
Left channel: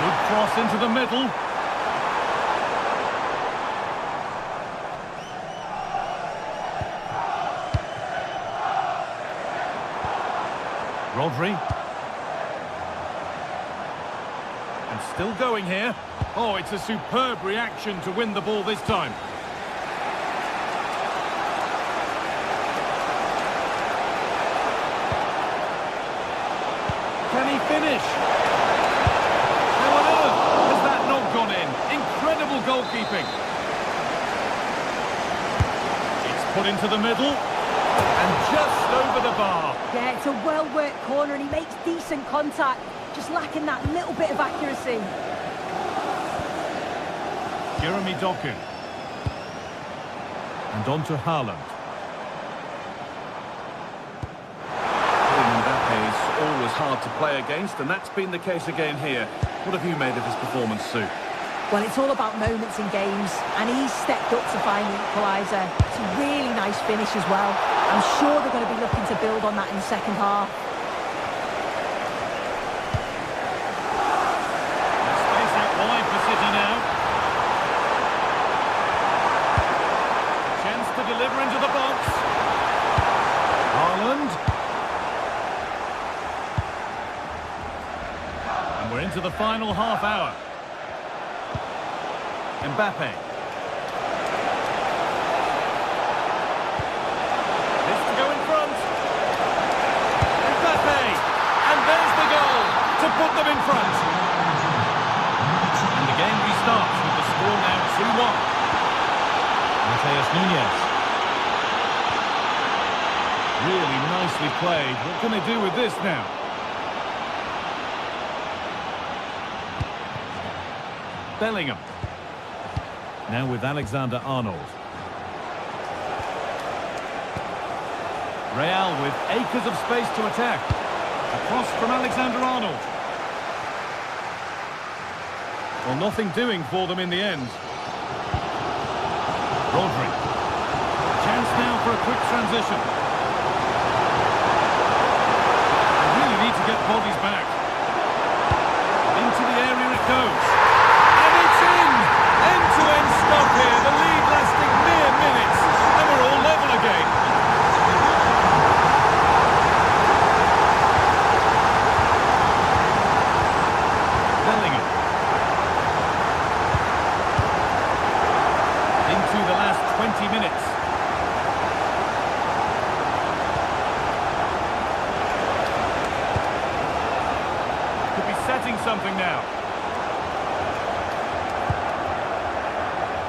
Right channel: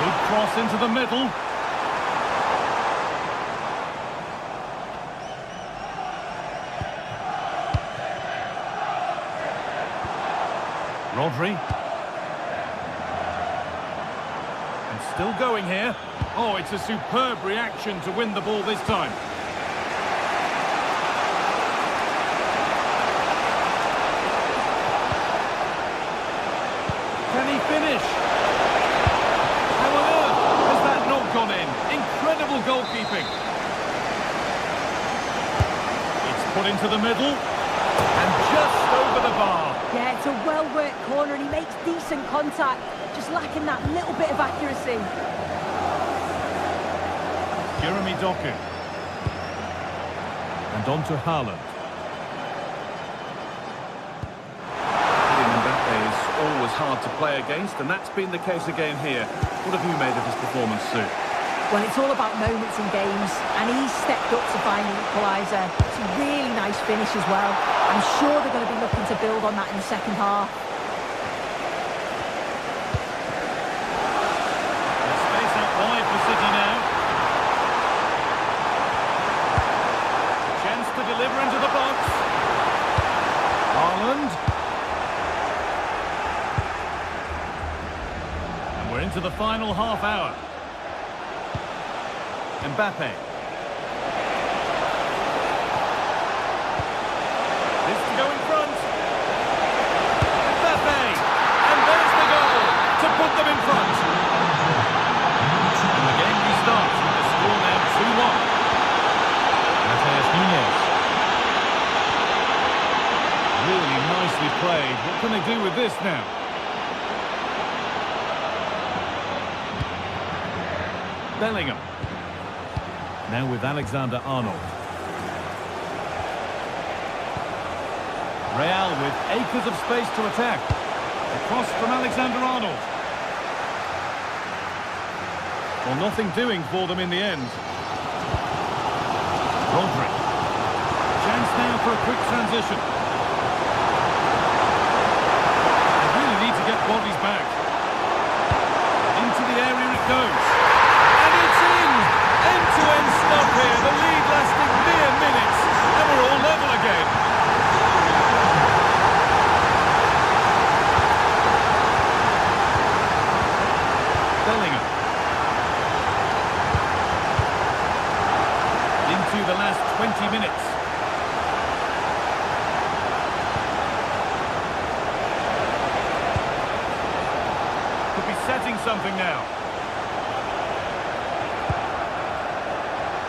Good cross into the middle. Rodri. And still going here. Oh, it's a superb reaction to win the ball this time. Can he finish? How on earth has that not gone in? Incredible goalkeeping. It's put into the middle. And just over the bar. Yeah, it's a well-worked corner and he makes decent contact. Just lacking that little bit of accuracy. Jeremy Doku. And on to Haaland. Mbappe is always hard to play against, and that's been the case again here. What have you made of his performance, Sue? Well, it's all about moments in games, and he's stepped up to find the equaliser. It's a really nice finish as well. I'm sure they're going to be looking to build on that in the second half. There's space out wide for City now. A chance to deliver into the box. Haaland. And we're into the final half hour. Mbappe. This to go in front. Mbappe. And there's the goal to put them in front. And the game restarts with the score now 2-1. Matheus Nunez. Really nicely played. What can they do with this now? Bellingham. Now with Alexander-Arnold. Real with acres of space to attack. Across from Alexander-Arnold. Well, nothing doing for them in the end. Rodri. Chance now for a quick transition. They really need to get bodies back. Into the area it goes. And it's in! End-to-end stuff here. The lead lasting mere minutes. And we're all level again. Bellingham. Into the last 20 minutes. Could be setting something now.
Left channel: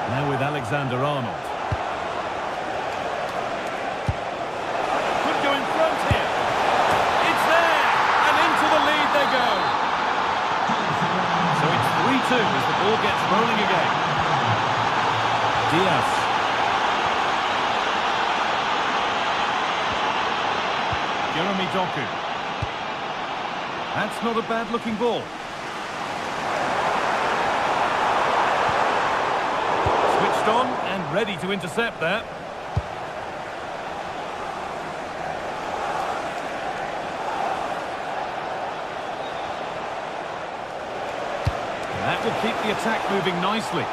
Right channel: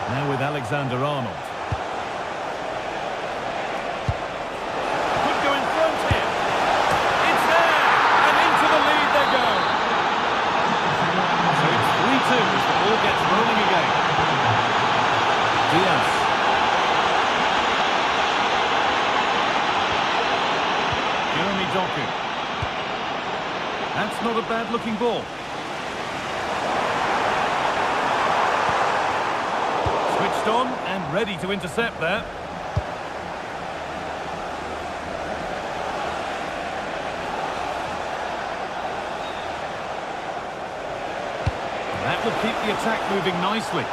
Now with Alexander-Arnold. Could go in front here. It's there! And into the lead they go. So it's 3-2 as the ball gets rolling again. Diaz. Jeremy Doku. That's not a bad-looking ball. Switched on and ready to intercept there. And that will keep the attack moving nicely.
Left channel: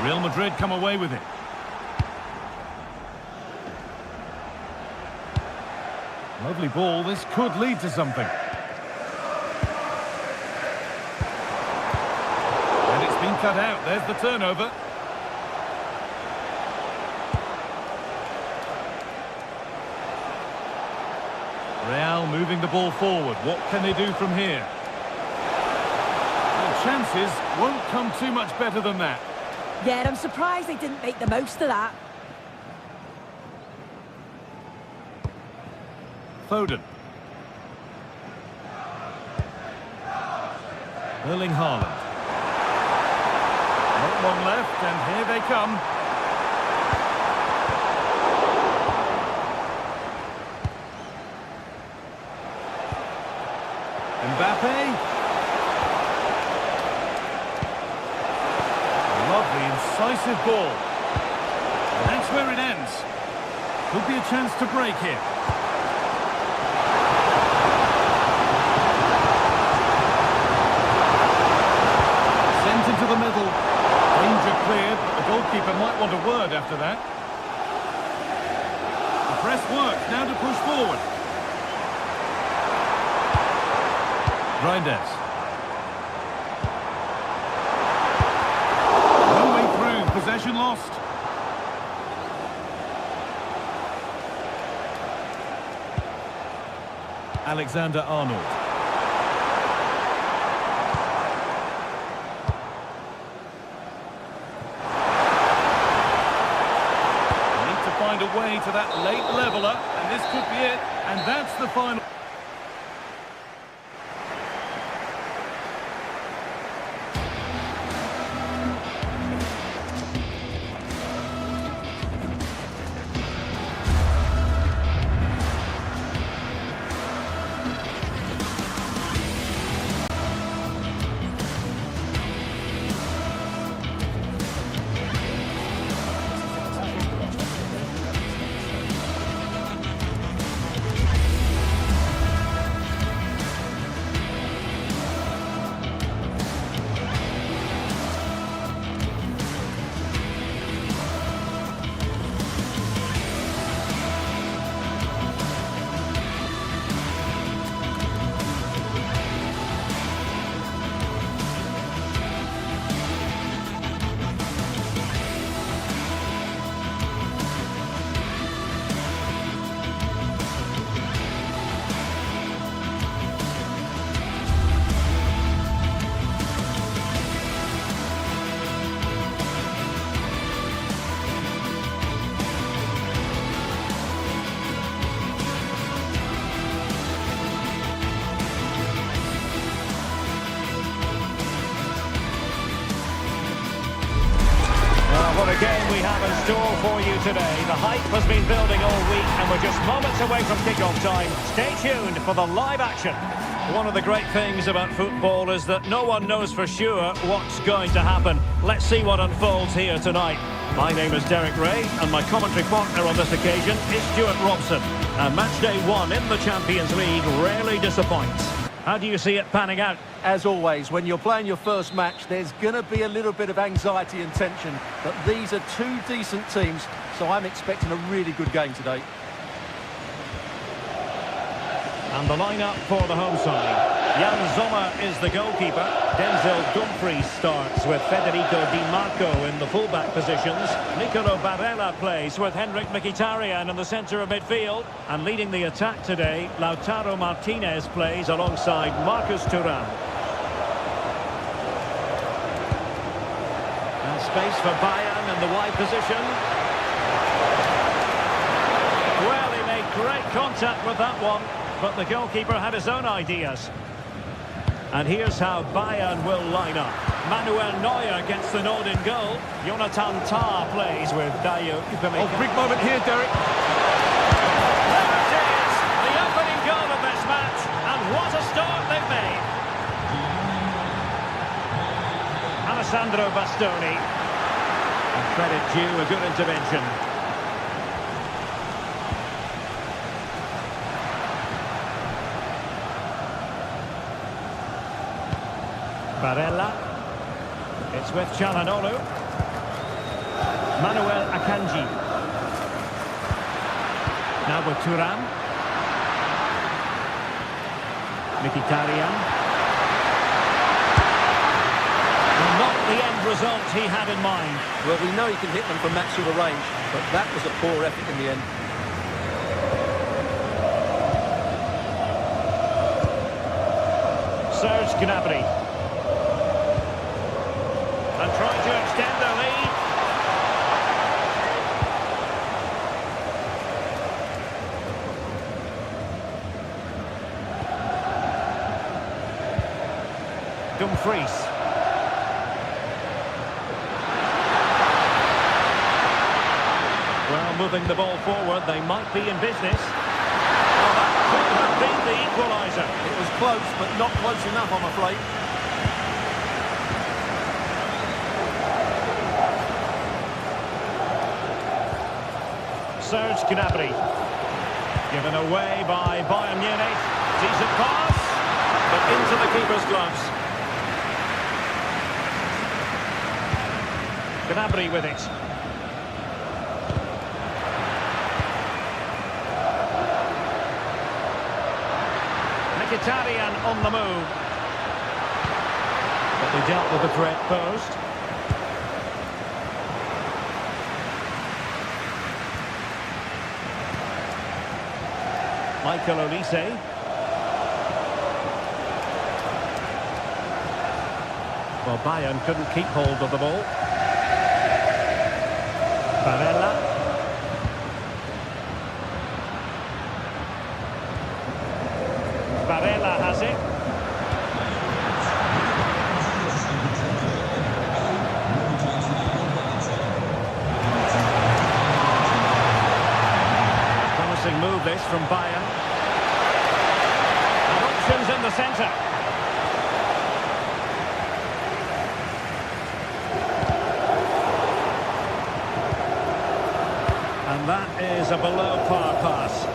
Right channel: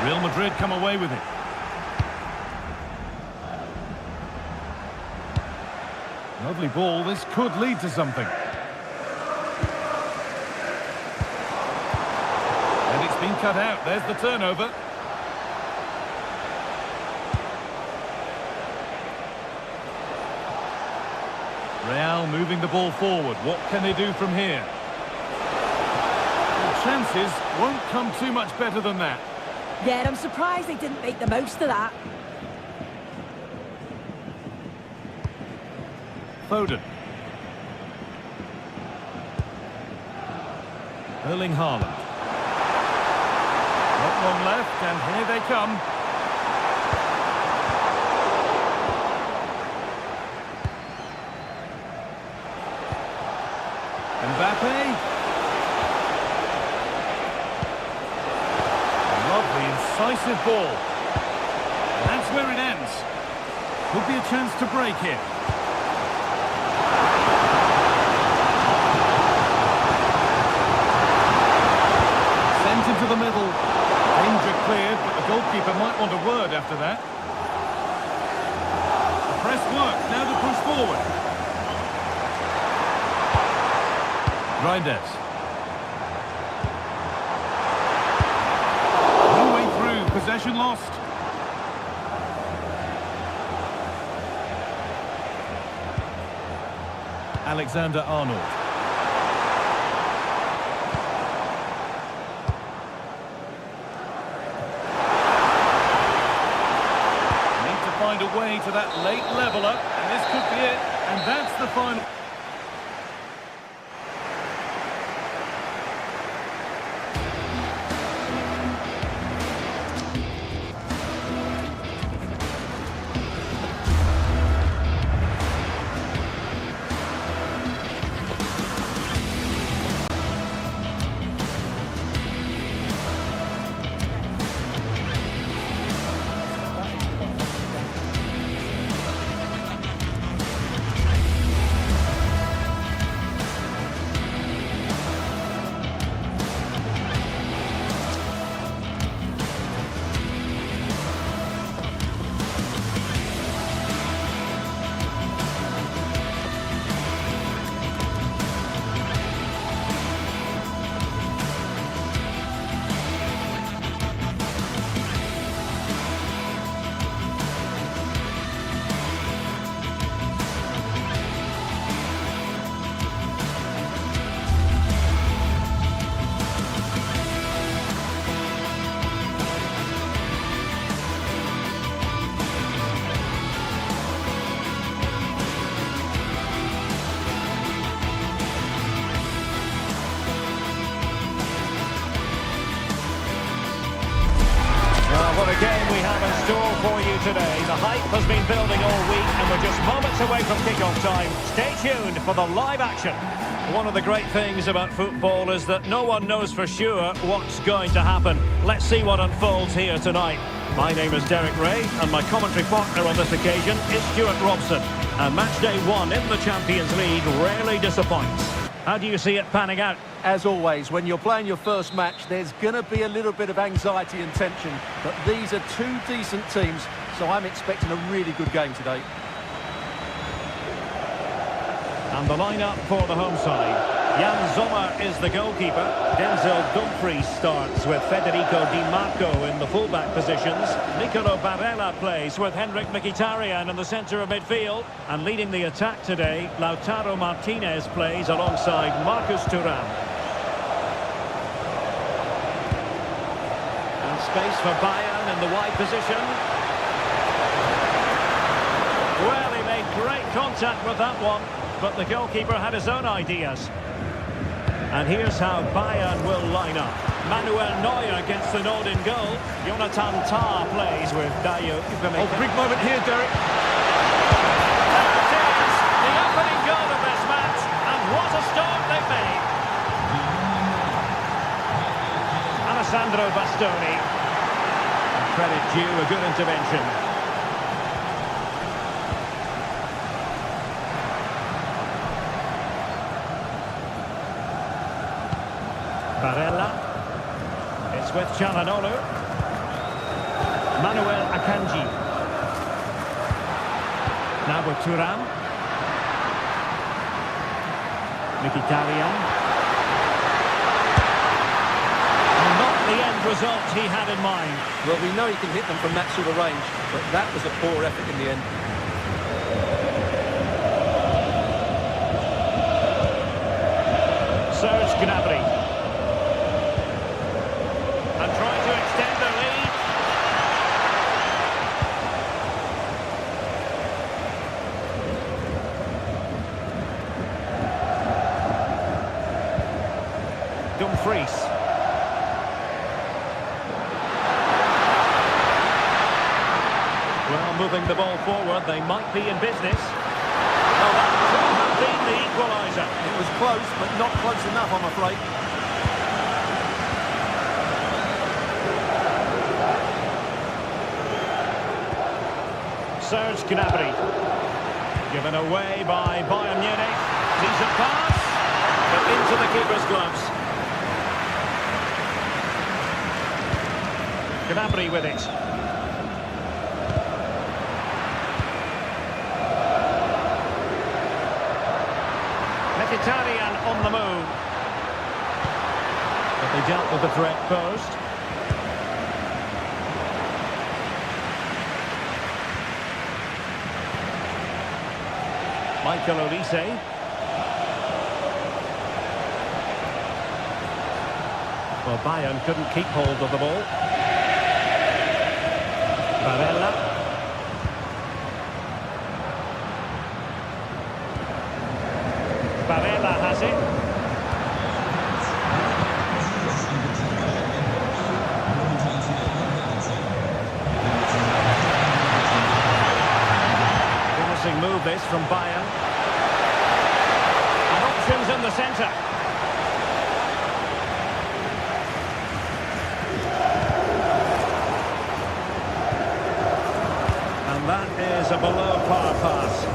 Real Madrid come away with it. Lovely ball. This could lead to something. And it's been cut out. There's the turnover. Real moving the ball forward. What can they do from here? Well, chances won't come too much better than that. Yeah, I'm surprised they didn't make the most of that. Foden. Erling Haaland. Not long left, and here they come. Mbappe. Lovely, incisive ball. And that's where it ends. Could be a chance to break here. Sent into the middle. Danger cleared, but the goalkeeper might want a word after that. The press works, now to push forward. Reinders. No way through, possession lost. Alexander-Arnold. Need to find a way to that late leveller, and this could be it. And that's the final. we have in store for you today. The hype has been building all week and we're just moments away from kick-off time. Stay tuned for the live action. One of the great things about football is that no one knows for sure what's going to happen. Let's see what unfolds here tonight. My name is Derek Ray and my commentary partner on this occasion is Stuart Robson. And match day 1 in the Champions League rarely disappoints. How do you see it panning out? As always, when you're playing your first match, there's going to be a little bit of anxiety and tension. But these are two decent teams, so I'm expecting a really good game today. And the lineup for the home side. Jan Sommer is the goalkeeper. Denzel Dumfries starts with Federico Di Marco in the fullback positions. Nicolo Barella plays with Henrik Mkhitaryan in the centre of midfield. And leading the attack today, Lautaro Martinez plays alongside Marcus Thuram. And space for Bayern in the wide position. Well, he made great contact with that one, but the goalkeeper had his own ideas. And here's how Bayern will line up. Manuel Neuer gets the nod in goal. Jonathan Tah plays with Dayo Upamecano. Oh, big moment here, Derek. There it is, the opening goal of this match, and what a start they've made. Alessandro Bastoni. And credit due, a good intervention. Barella. It's with Çalhanoğlu. Manuel Akanji. Now with Thuram. Mkhitaryan. Well, not the end result he had in mind. Well, we know he can hit them from that sort of range, but that was a poor effort in the end. Serge Gnabry. And trying to extend their lead. Dumfries. Well, moving the ball forward, they might be in business. Well, that could have been the equaliser. It was close, but not close enough, I'm afraid. Serge Gnabry. Given away by Bayern Munich. Decent pass, but into the keeper's gloves. Gnabry with it. Mkhitaryan on the move. But they dealt with the threat posed. Michael Olise. Well, Bayern couldn't keep hold of the ball. Barella. Barella has it. Promising move this from Bayern. And options in the centre. And that is a below par pass.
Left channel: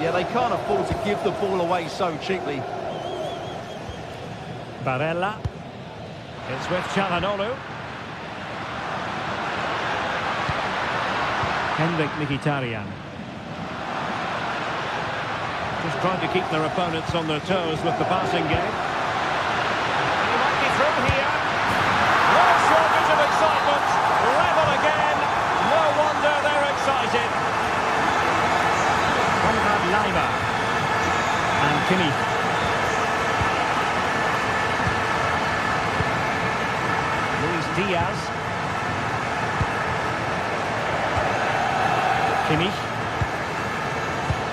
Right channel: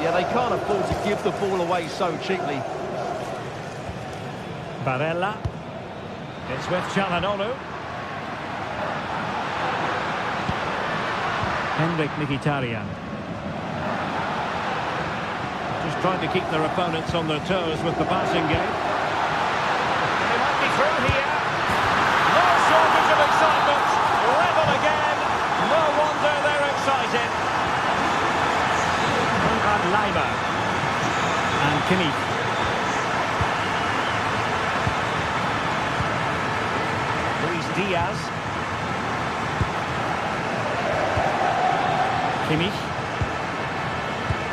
Yeah, they can't afford to give the ball away so cheaply. Barella. It's with Çalhanoğlu. Henrik Mkhitaryan. Just trying to keep their opponents on their toes with the passing game. And he might be through here. No shortage of excitement. Level again. No wonder they're excited. Konrad Laimer. And Kimmich. Luis Diaz. Kimmich.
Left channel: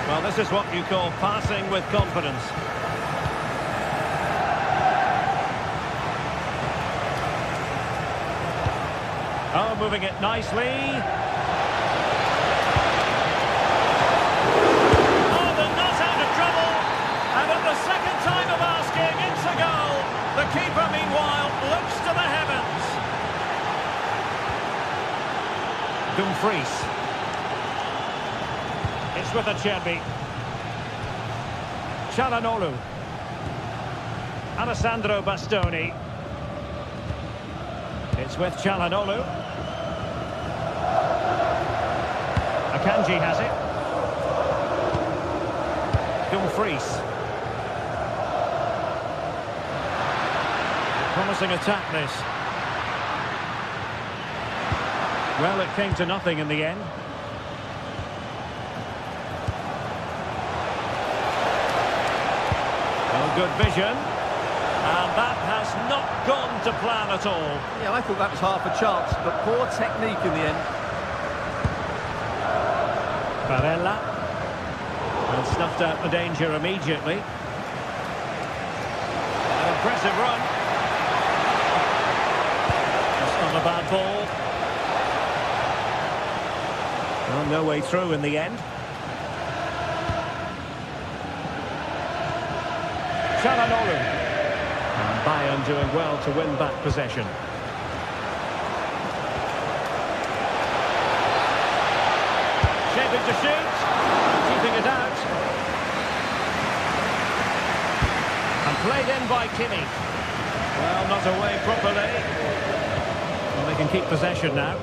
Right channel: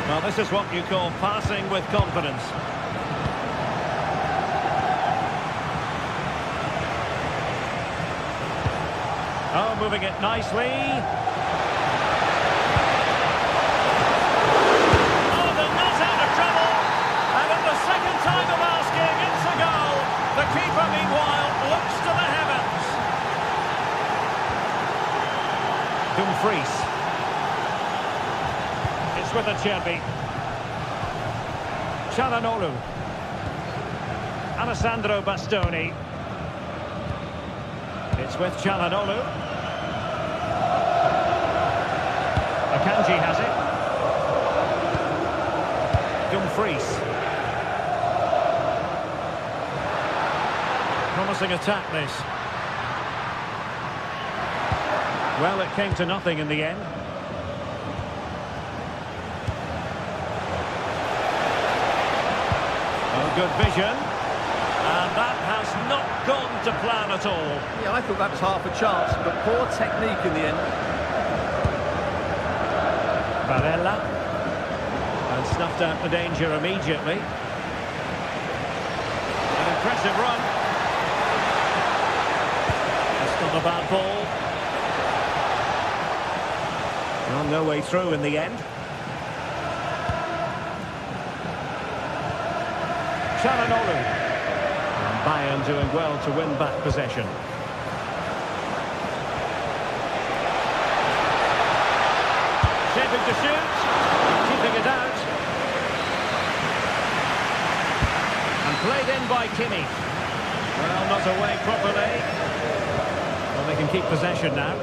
Well, this is what you call passing with confidence. Oh, moving it nicely. Oh, they're not out of trouble. And at the second time of asking, it's a goal. The keeper, meanwhile, looks to the heavens. Dumfries. It's with Acerbi. Çalhanoğlu. Alessandro Bastoni. It's with Çalhanoğlu. Akanji has it. Dumfries. Promising attack, this. Well, it came to nothing in the end. Oh, good vision. And that has not gone to plan at all. Yeah, I thought that was half a chance, but poor technique in the end. Barella. And snuffed out the danger immediately. An impressive run. That's not a bad ball. Well, no way through in the end. Çalhanoğlu. And Bayern doing well to win back possession. Shaping to shoot. And keeping it out. And played in by Kimmich. Well, not away properly. Well, they can keep possession now.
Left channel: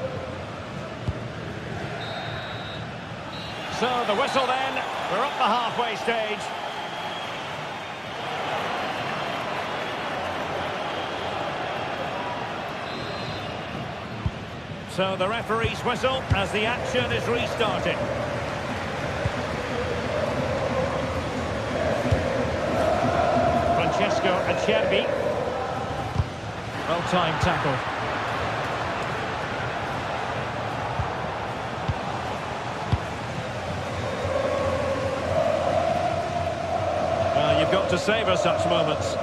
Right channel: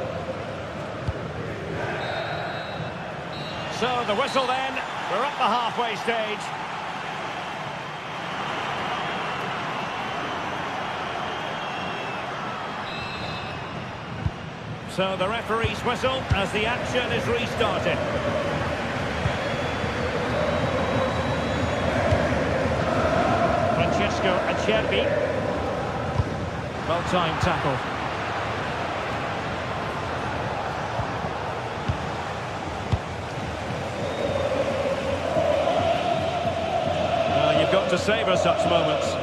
So the whistle then. We're up the halfway stage. So the referee's whistle as the action is restarted. Francesco Acerbi. Well-timed tackle. Well, you've got to savour such moments.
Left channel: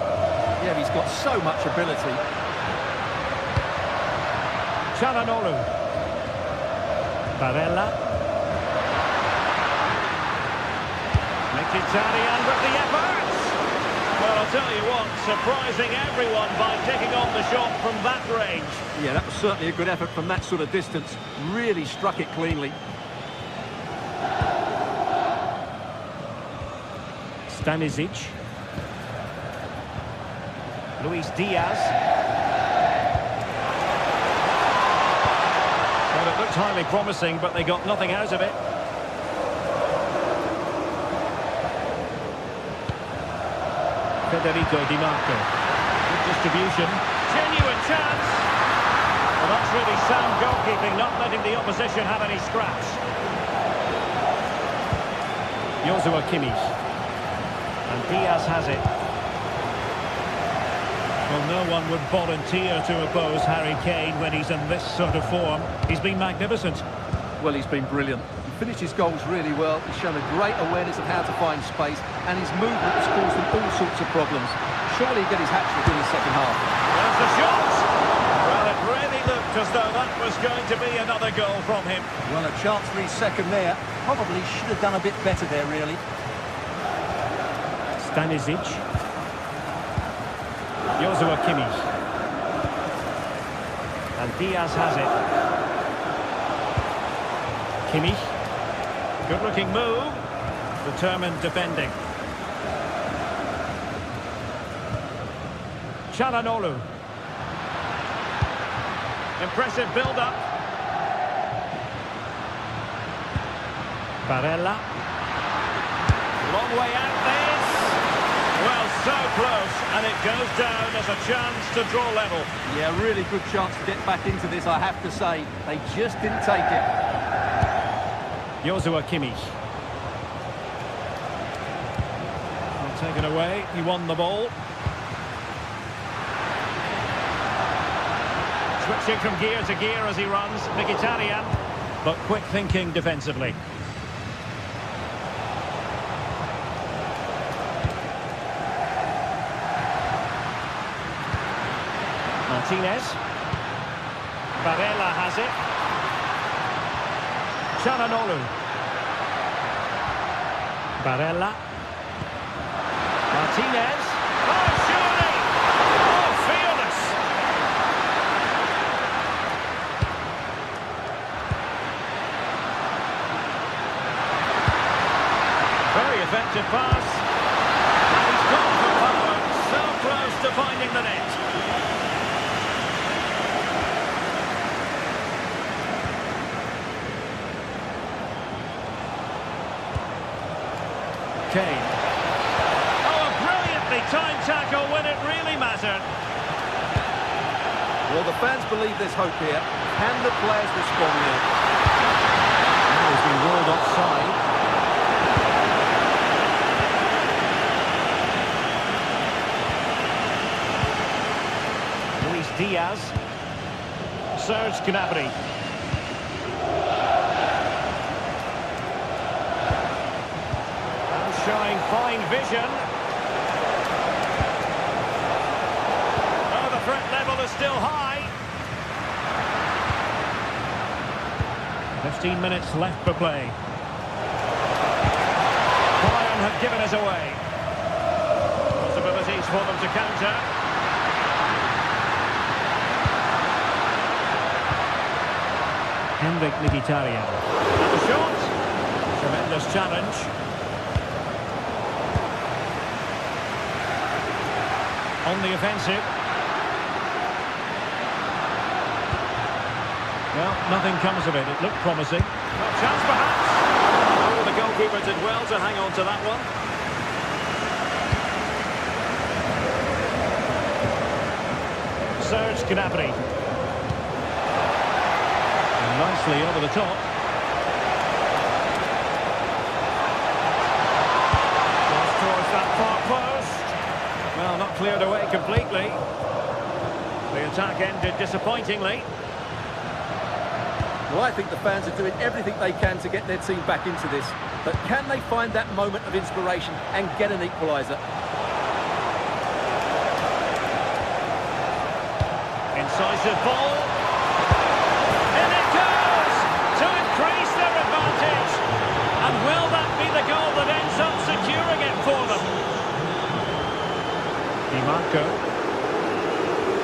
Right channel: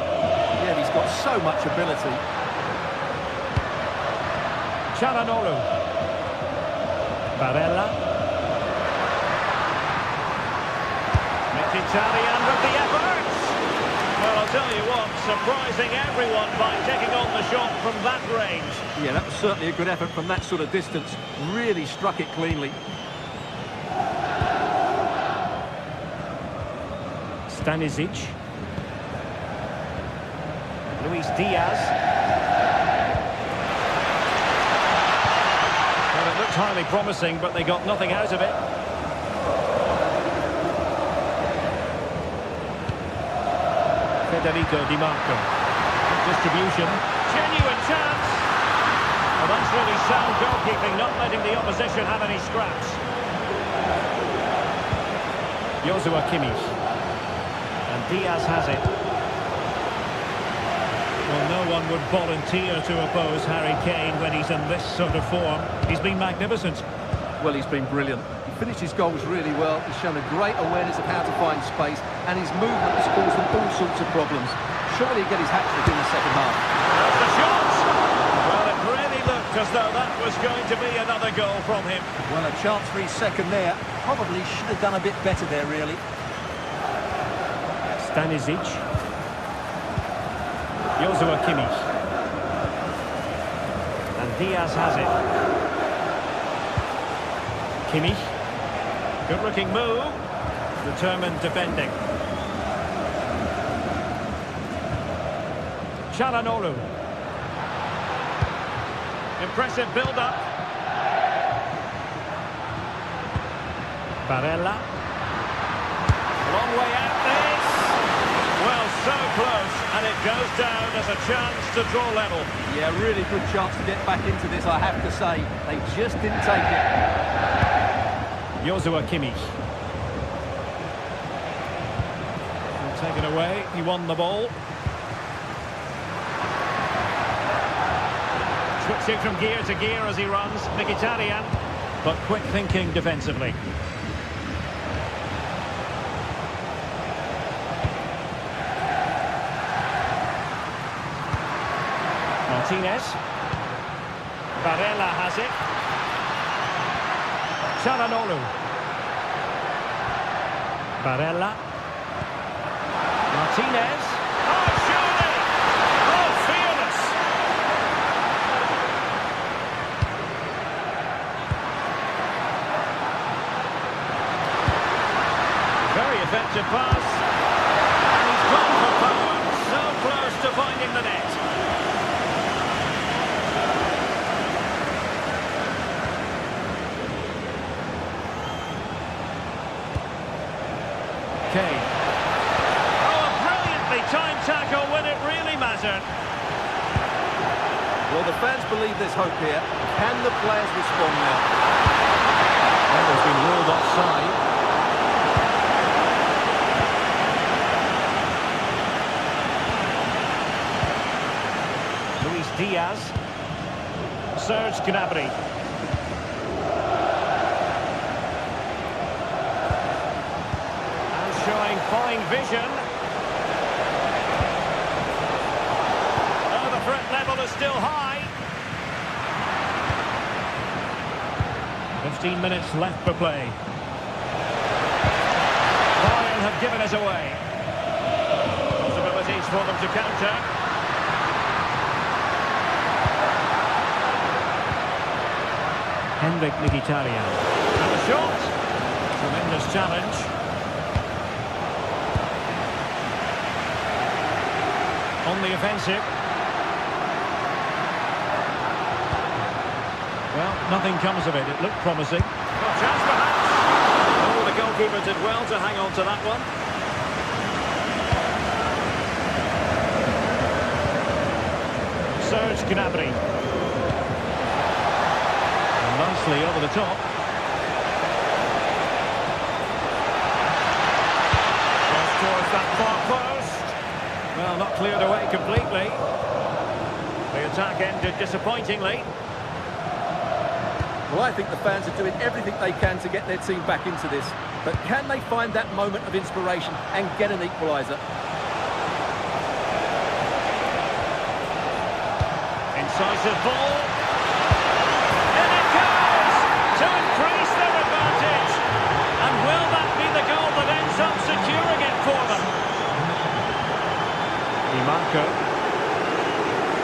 Yeah, he's got so much ability. Çalhanoğlu. Barella. Mkhitaryan with the effort. Well, I'll tell you what, surprising everyone by taking on the shot from that range. Yeah, that was certainly a good effort from that sort of distance. Really struck it cleanly. Stanisic. Luis Diaz. Well, it looked highly promising, but they got nothing out of it. Federico Di Marco. Good distribution. Genuine chance. Well, that's really sound goalkeeping, not letting the opposition have any scraps. Joshua Kimmich. And Diaz has it. Well, no one would volunteer to oppose Harry Kane when he's in this sort of form. He's been magnificent. Well, he's been brilliant. He finished his goals really well. He's shown a great awareness of how to find space, and his movement has caused them all sorts of problems. Surely he'll get his hat-trick in the second half. There's the shot! Well, it really looked as though that was going to be another goal from him. Well, a chance for his second there. Probably should have done a bit better there, really. Stanisic. Joshua Kimmich. And Diaz has it. Kimmich. Good-looking move. Determined defending. Çalhanoğlu. Impressive build-up. Barella. Long way out this. Well, so close, and it goes down as a chance to draw level. Yeah, really good chance to get back into this, I have to say. They just didn't take it. Joshua Kimmich. Well, taken away, he won the ball. Switching from gear to gear as he runs, Mkhitaryan, but quick thinking defensively. Martinez. Barella has it. Çalhanoğlu. Barella. Martinez. Oh, surely! Oh, fearless! Very effective pass. And he's gone for power. So close to finding the net. Kane. Oh, a brilliantly timed tackle when it really mattered. Well, the fans believe there's hope here. Can the players respond now? Well, he's been ruled offside. Luis Diaz. Serge Gnabry. Showing fine vision. Oh, the threat level is still high. 15 minutes left for play. Bayern have given us away. Possibilities for them to counter. Henrik Mkhitaryan. And the shot. Tremendous challenge. On the offensive. Well, nothing comes of it. It looked promising. Well, chance perhaps. Oh, the goalkeeper did well to hang on to that one. Serge Gnabry. And nicely over the top. Cross towards that far post. Well, not cleared away completely. The attack ended disappointingly. Well, I think the fans are doing everything they can to get their team back into this. But can they find that moment of inspiration and get an equaliser? Incisive ball. In it goes! To increase their advantage. And will that be the goal that ends up securing it for them? Di Marco.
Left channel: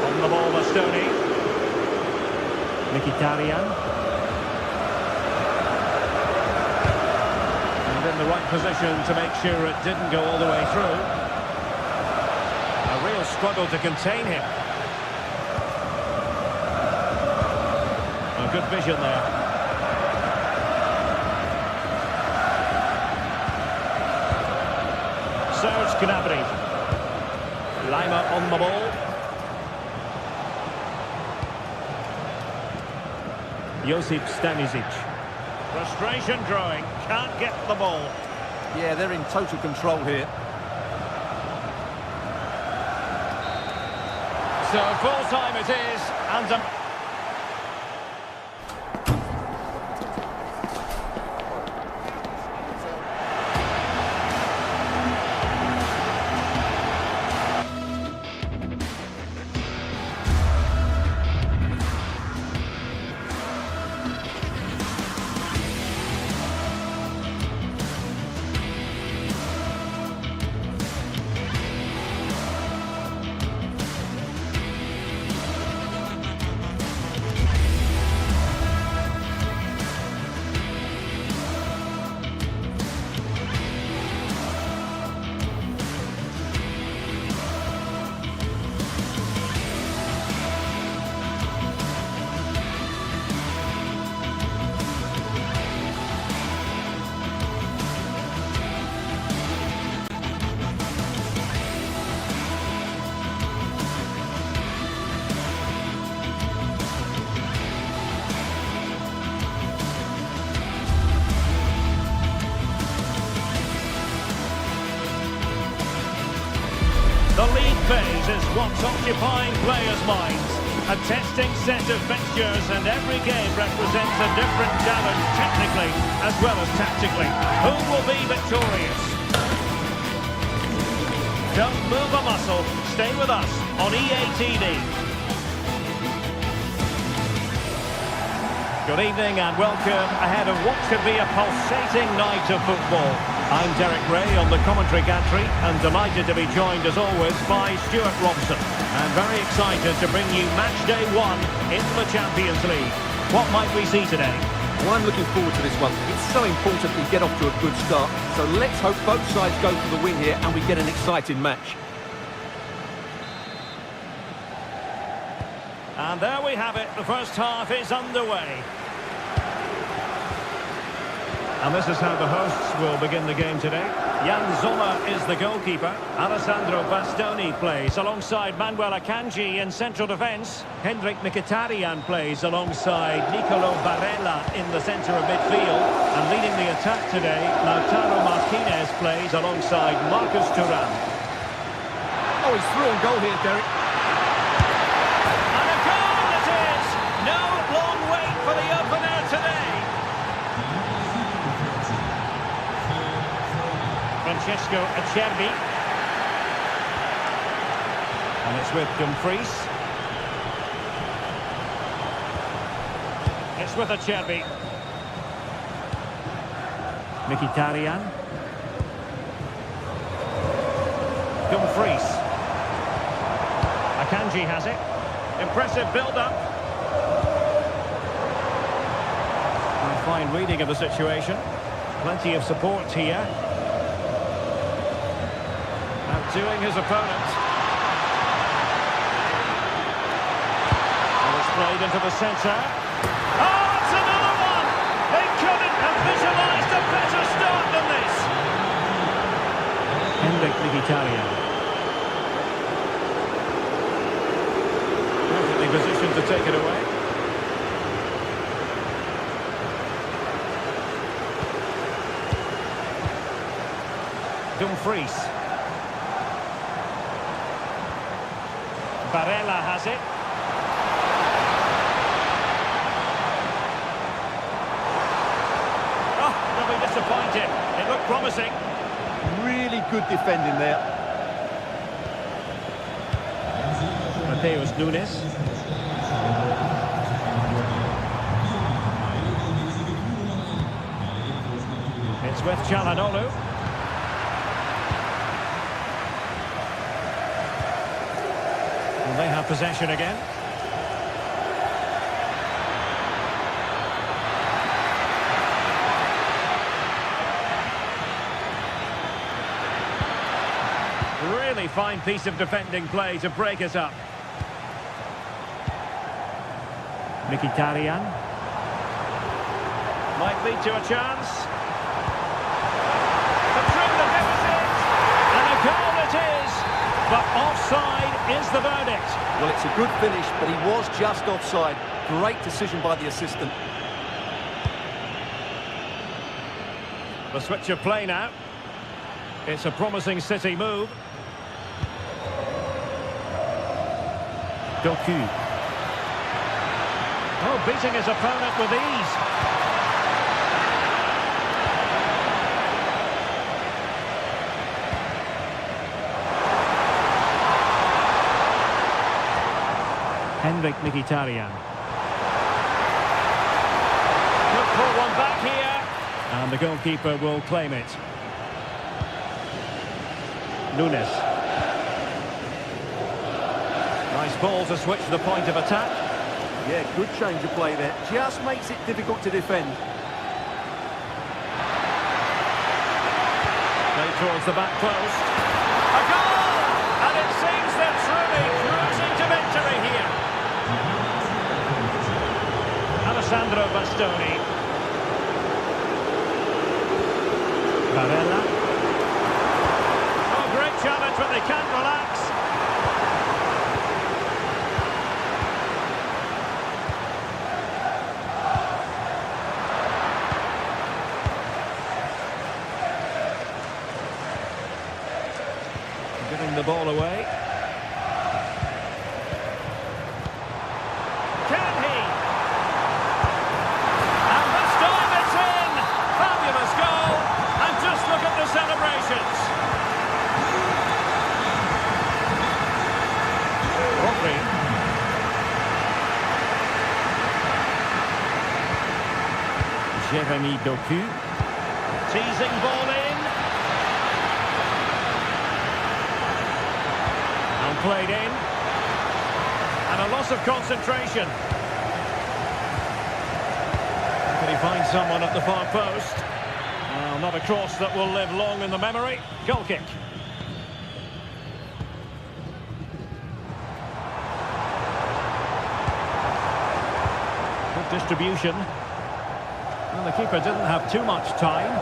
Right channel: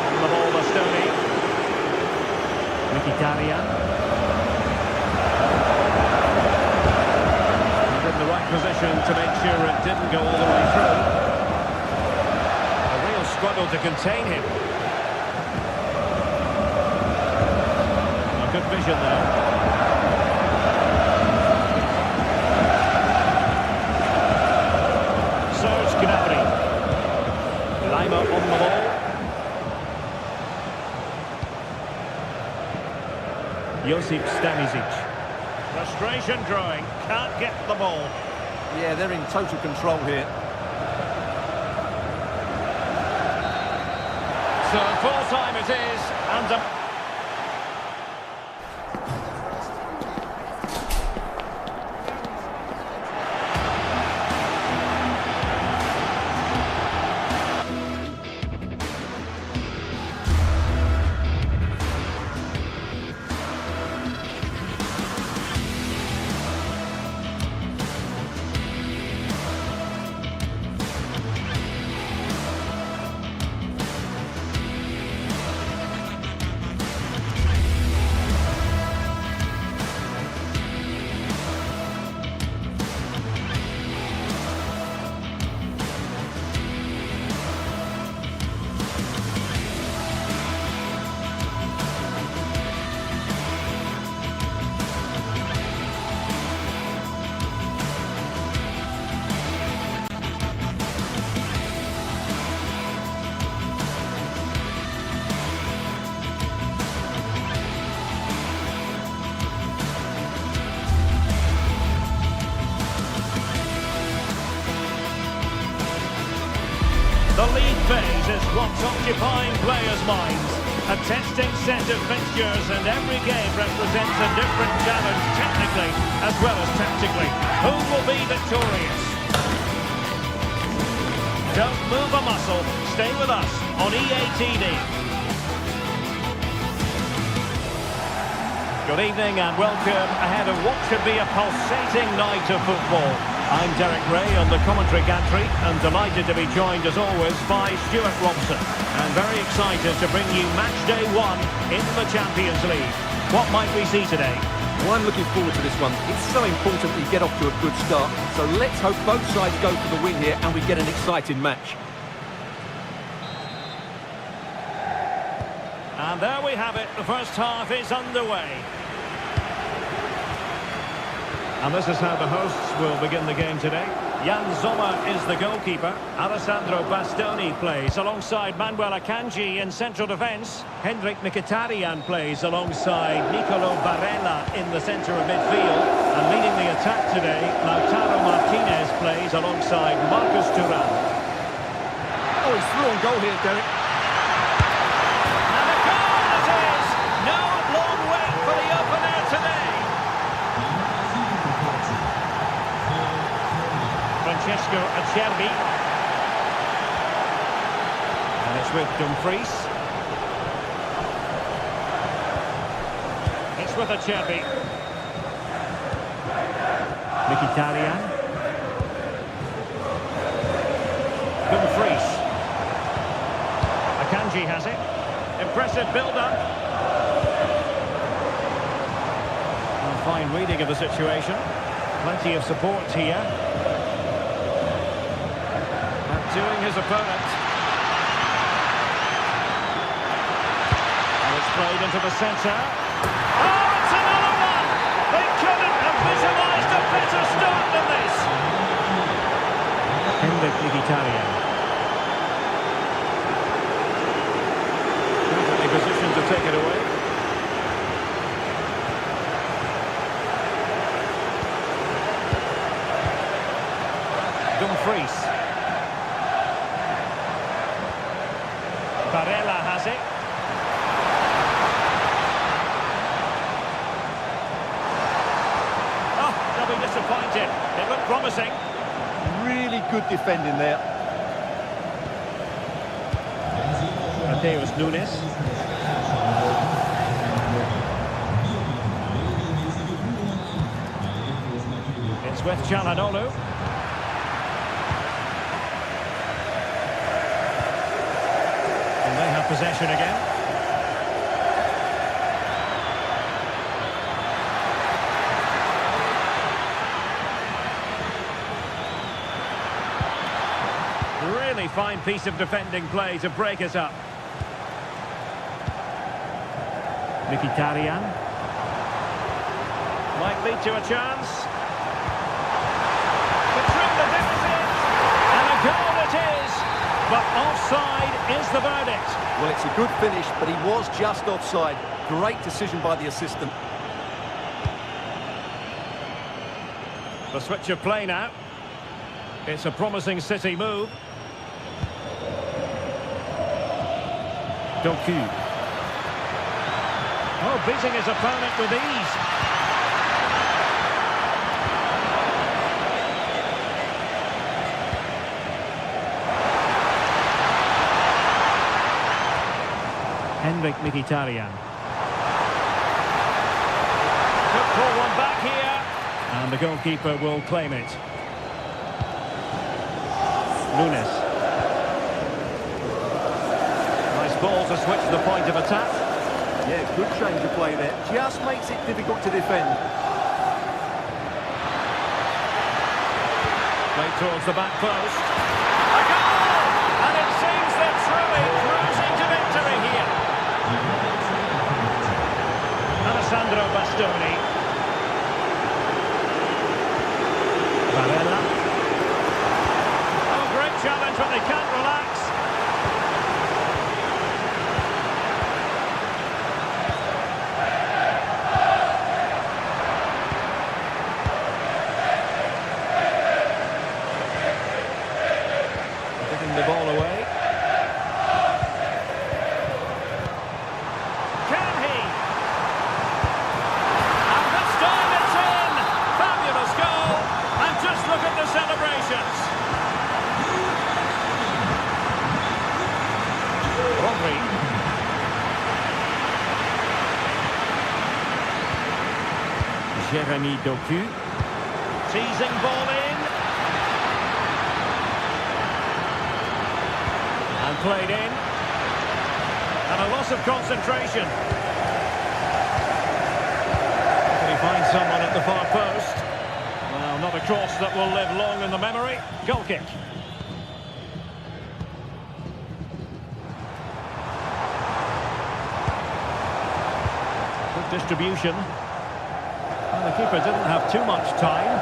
On the ball, Bastoni. Mkhitaryan. And in the right position to make sure it didn't go all the way through. A real struggle to contain him. A good vision there. Serge Gnabry. Lima on the ball. Josip Stanisic. Frustration growing. Can't get the ball. Yeah, they're in total control here. So full time it is, and the league phase is what's occupying players' minds. A testing set of fixtures, and every game represents a different challenge technically as well as tactically. Who will be victorious? Don't move a muscle. Stay with us on EA TV. Good evening and welcome ahead of what should be a pulsating night of football. I'm Derek Ray on the commentary gantry and delighted to be joined as always by Stuart Robson. And very excited to bring you match day 1 in the Champions League. What might we see today? Well, I'm looking forward to this one. It's so important that you get off to a good start. So let's hope both sides go for the win here and we get an exciting match. And there we have it. The first half is underway. And this is how the hosts will begin the game today. Jan Sommer is the goalkeeper. Alessandro Bastoni plays alongside Manuel Akanji in central defence. Hendrik Mkhitaryan plays alongside Nicolo Barella in the centre of midfield. And leading the attack today, Lautaro Martinez plays alongside Marcus Thuram. Oh, he's through on goal here, Derek. And a goal it is! No long wait for the opener today. Francesco Acerbi. And it's with Dumfries. It's with Acerbi. Mkhitaryan. Dumfries. Akanji has it. Impressive build-up. A fine reading of the situation. Plenty of support here. Outdoing his opponent. And it's played into the centre. Oh, it's another one! They couldn't have visualised a better start than this. Hendrik Mkhitaryan. Perfectly positioned to take it away. Dumfries. Barella has it. Oh, they'll be disappointed. It looked promising. Really good defending there. Mateus Nunes. It's with Çalhanoğlu. And they have possession again. Really fine piece of defending play to break us up. Mkhitaryan. Might lead to a chance. To trim the deficit. And a goal it is. But offside is the verdict. Well, it's a good finish, but he was just offside. Great decision by the assistant. The switch of play now. It's a promising City move. Doku. Oh, beating his opponent with ease. Hendrik Mkhitaryan. Could pull one back here. And the goalkeeper will claim it. Nunes. Nice ball to switch the point of attack. Yeah, good change of play there. Just makes it difficult to defend. Played towards the back post. A goal! And it seems they're truly cruising to victory here. Alessandro Bastoni. Barella. Oh, great challenge, but they can't relax. Giving the ball away. Can he? And this time it's in! Fabulous goal! And just look at the celebrations. Rodri. Jeremy Doku. Teasing ball in. And played in. And a loss of concentration. Can he find someone at the far post? Well, not a cross that will live long in the memory. Goal kick. Good distribution. Well, the keeper didn't have too much time.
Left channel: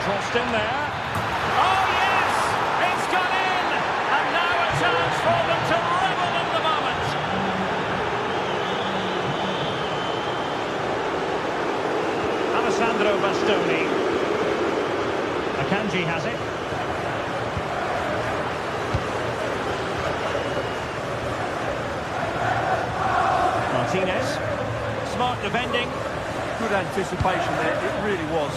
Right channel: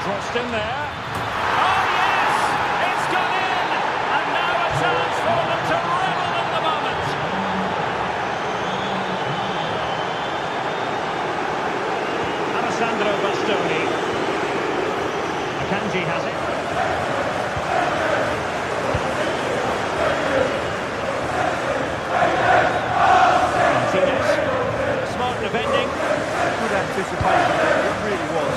Crossed in there. Oh, yes! It's gone in! And now a chance for them to revel in the moment. Alessandro Bastoni. Akanji has it. Martinez. Smart defending. Good anticipation there, it really was.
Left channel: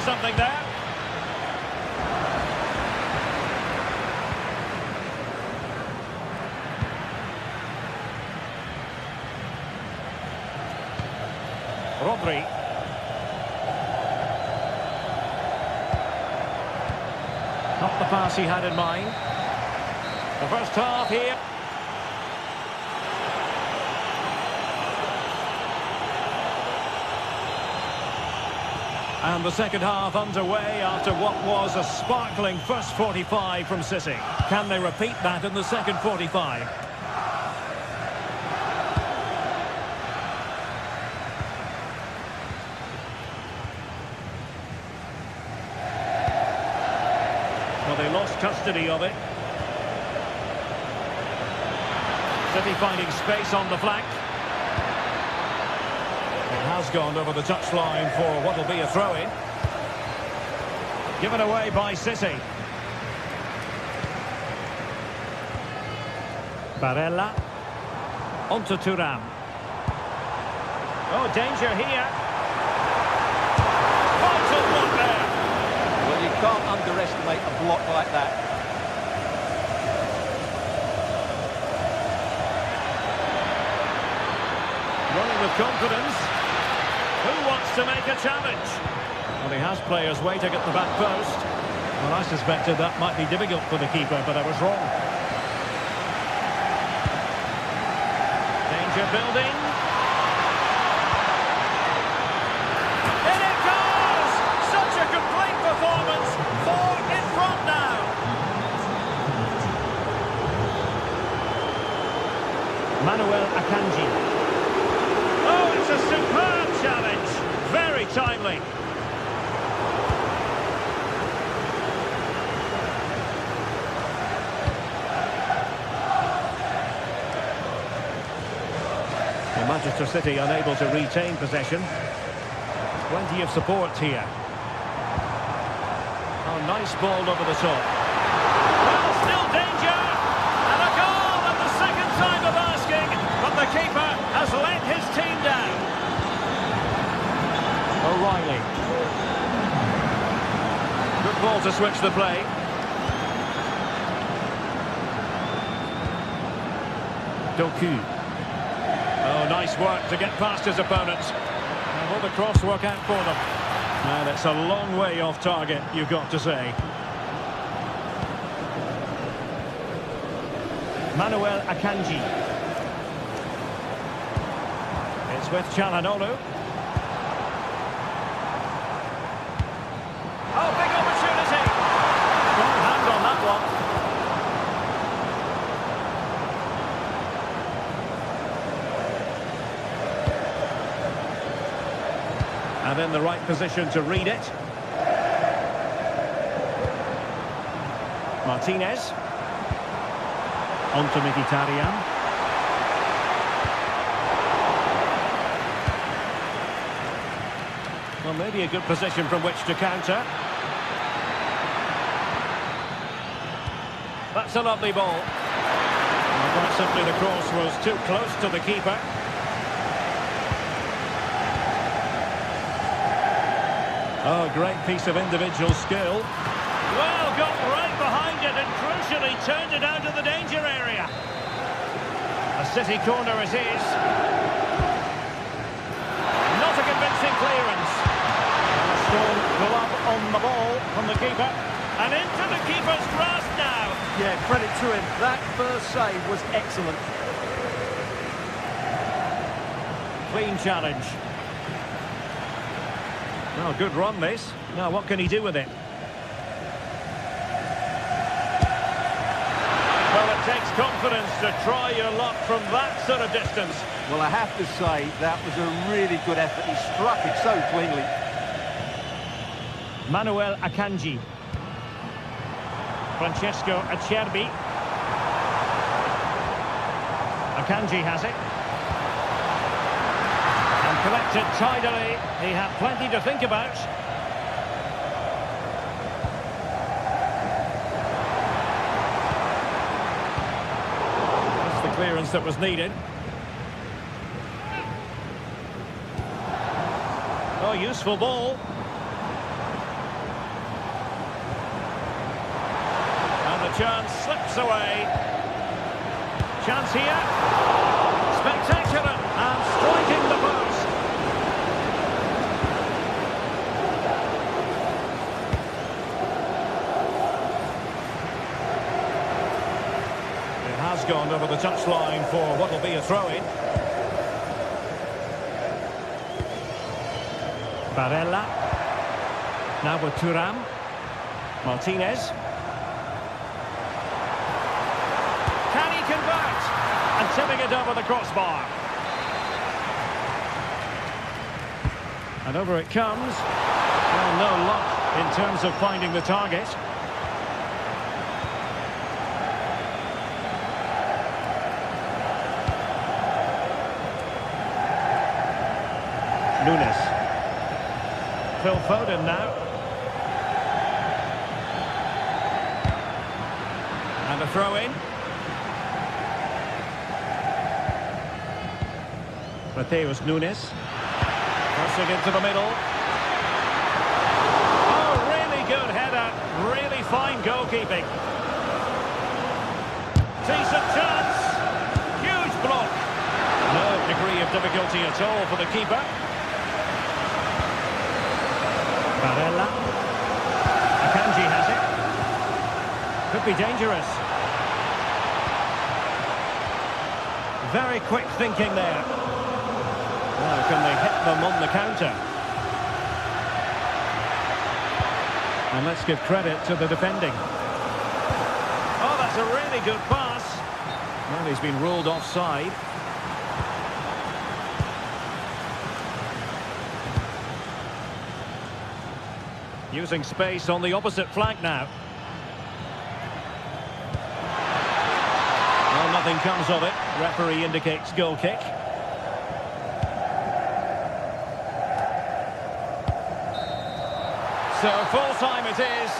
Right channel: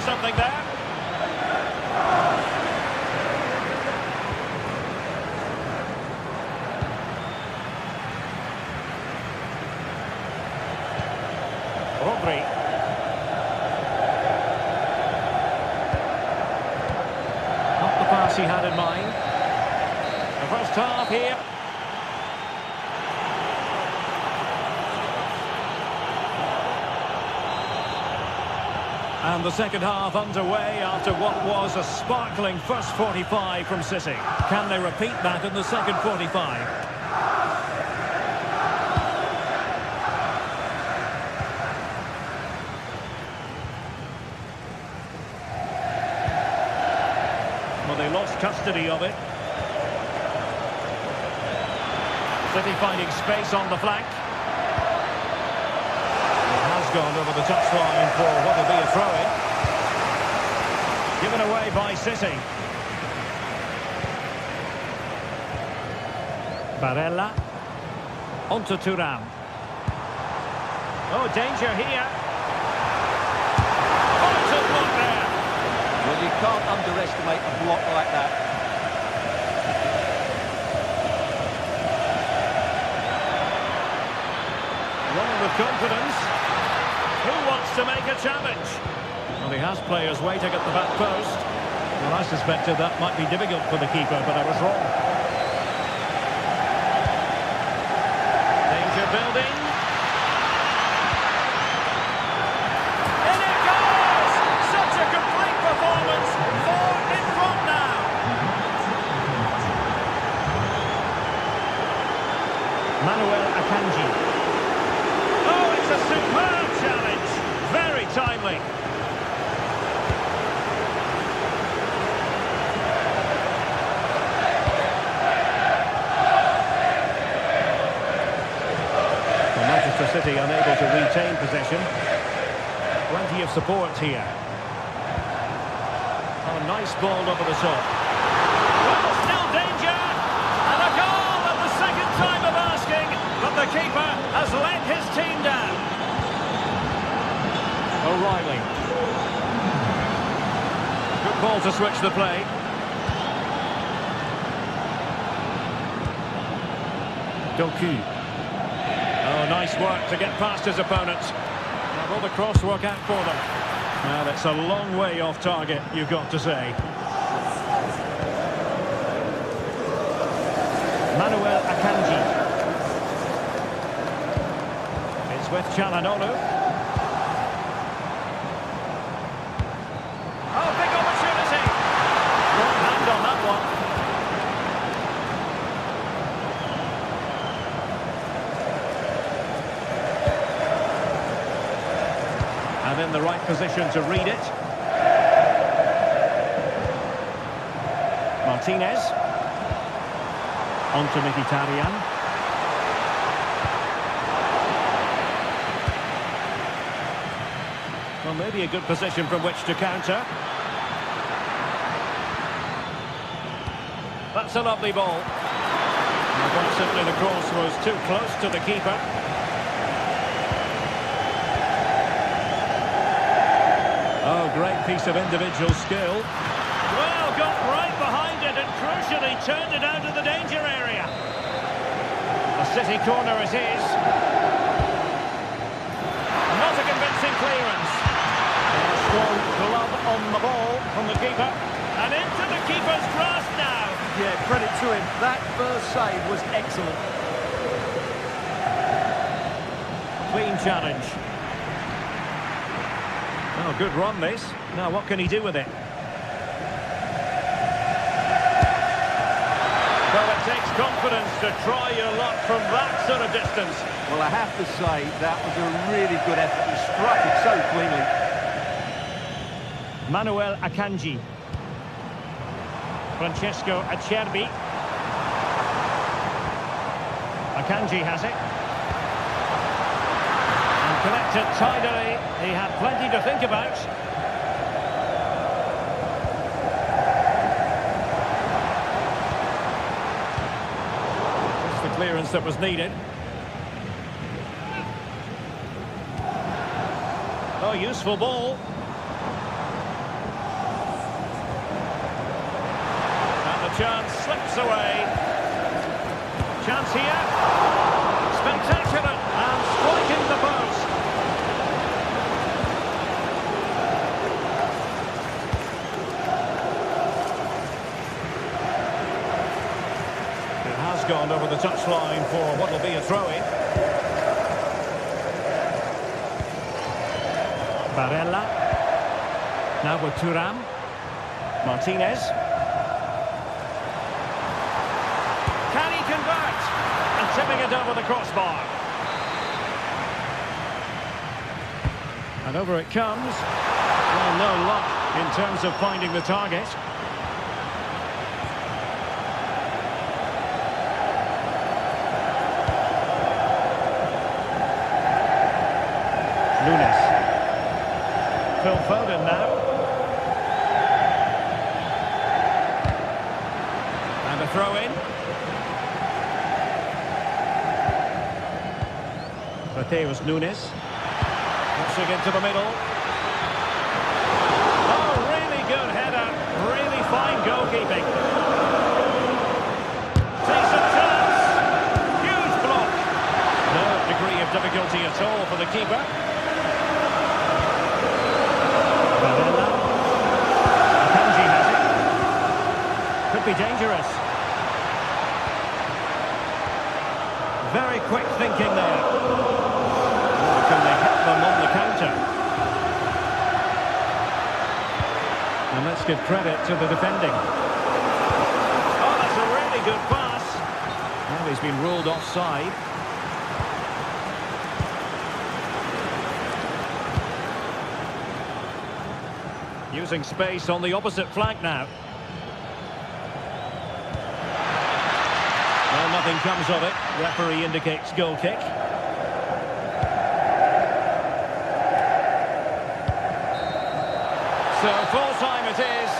Something there. Rodri. Not the pass he had in mind. The first half here. And the second half underway after what was a sparkling first 45 from City. Can they repeat that in the second 45? Well, they lost custody of it. City finding space on the flank. Has gone over the touchline for what will be a throw-in. Given away by City. Barella. Onto Thuram. Oh, danger here. Vital block there. Well, you can't underestimate a block like that. Running with confidence. Who wants to make a challenge? Well, he has players waiting at the back post. Well, I suspected that might be difficult for the keeper, but I was wrong. Danger building. In it goes! Such a complete performance. 4 in front now. Manuel Akanji. Oh, it's a superb challenge. Very timely. Well, Manchester City unable to retain possession. Plenty of support here. Oh, nice ball over the top. Well, still danger. And a goal at the second time of asking. But the keeper has let his team down. O'Reilly. Good ball to switch the play. Doku. Oh, nice work to get past his opponents. Now will the cross work out for them? Well, it's a long way off target, you've got to say. Manuel Akanji. It's with Çalhanoğlu. Oh, big opportunity. Strong hand on that one. And in the right position to read it. Martinez. On to Mkhitaryan. Well, maybe a good position from which to counter. That's a lovely ball. Well, quite simply, the cross was too close to the keeper. Oh, great piece of individual skill. Well, got right behind it and crucially turned it out of the danger area. A City corner it is. Not a convincing clearance. A strong glove on the ball from the keeper. And into the keeper's grasp now. Yeah, credit to him. That first save was excellent. Clean challenge. Oh, good run this. Now what can he do with it? Well, it takes confidence to try your luck from that sort of distance. Well, I have to say, that was a really good effort. He struck it so cleanly. Manuel Akanji. Francesco Acerbi. Akanji has it. And collected tidily. He had plenty to think about. Just the clearance that was needed. Oh, useful ball. And the chance slips away. Chance here. Spectacular. And striking the post. It has gone over the touchline for what will be a throw-in. Barella. Now with Thuram. Martinez. Can he convert? And tipping it over the crossbar. And over it comes. Well, no luck in terms of finding the target. Nunes. Phil Foden now. And a throw-in. Mateus Nunes. Crossing into the middle. Oh, really good header. Really fine goalkeeping. Decent chance. Huge block. No degree of difficulty at all for the keeper. Barella. Akanji has it. Could be dangerous. Very quick thinking there. Now can they hit them on the counter? And let's give credit to the defending. Oh, that's a really good pass. Well, he's been ruled offside. Using space on the opposite flank now. Well, nothing comes of it. Referee indicates goal kick. So full time it is.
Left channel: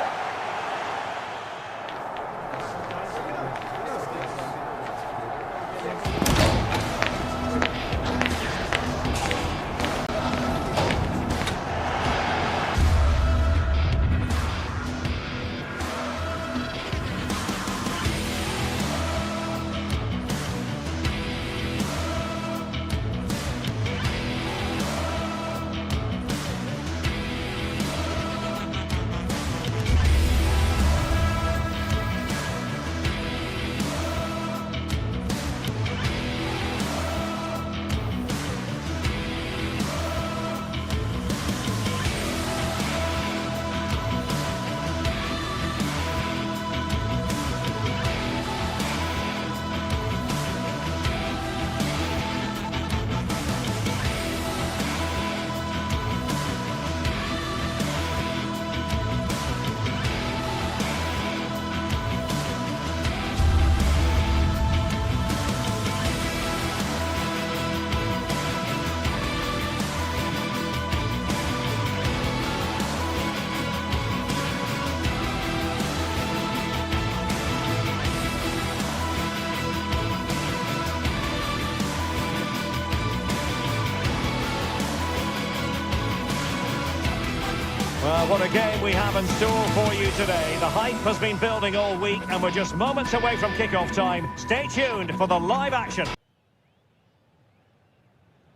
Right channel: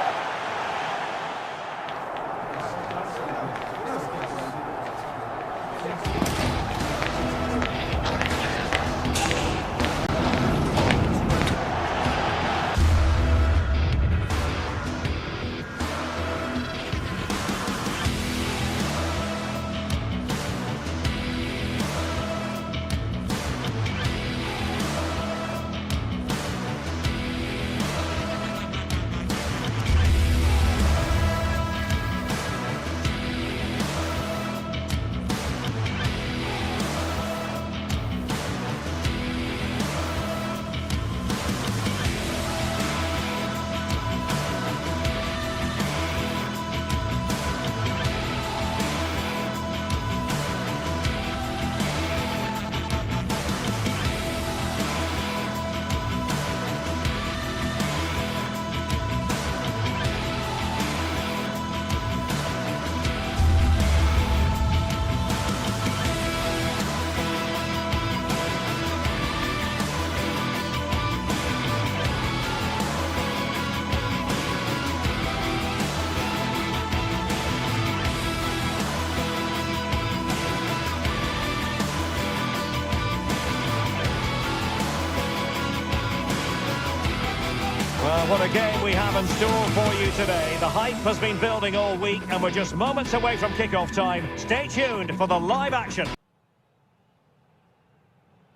Well, what a game we have in store for you today. The hype has been building all week and we're just moments away from kick-off time. Stay tuned for the live action.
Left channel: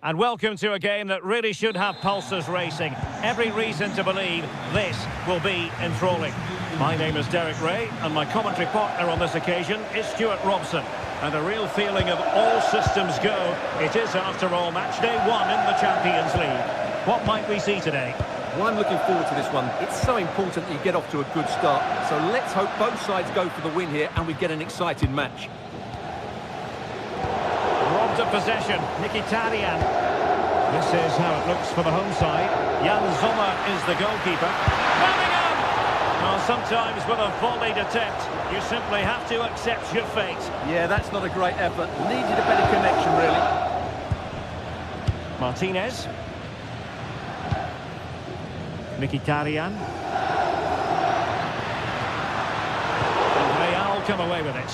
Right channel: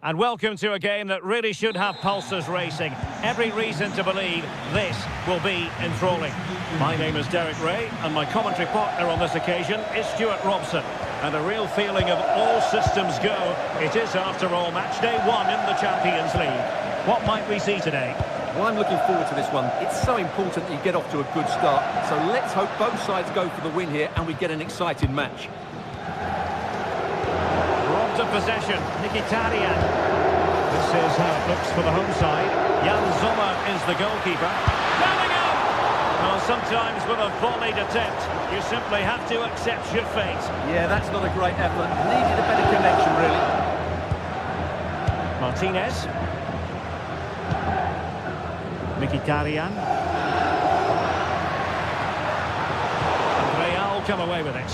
And welcome to a game that really should have pulses racing. Every reason to believe this will be enthralling. My name is Derek Ray and my commentary partner on this occasion is Stuart Robson. And a real feeling of all systems go. It is, after all, match day 1 in the Champions League. What might we see today? Well, I'm looking forward to this one. It's so important that you get off to a good start. So let's hope both sides go for the win here and we get an exciting match. Robbed of possession, Mkhitaryan. This is how it looks for the home side. Jan Sommer is the goalkeeper. Bellingham! Well, sometimes with a volleyed attempt, you simply have to accept your fate. Yeah, that's not a great effort. Needed a better connection, really. Martinez. Mkhitaryan. And Real come away with it.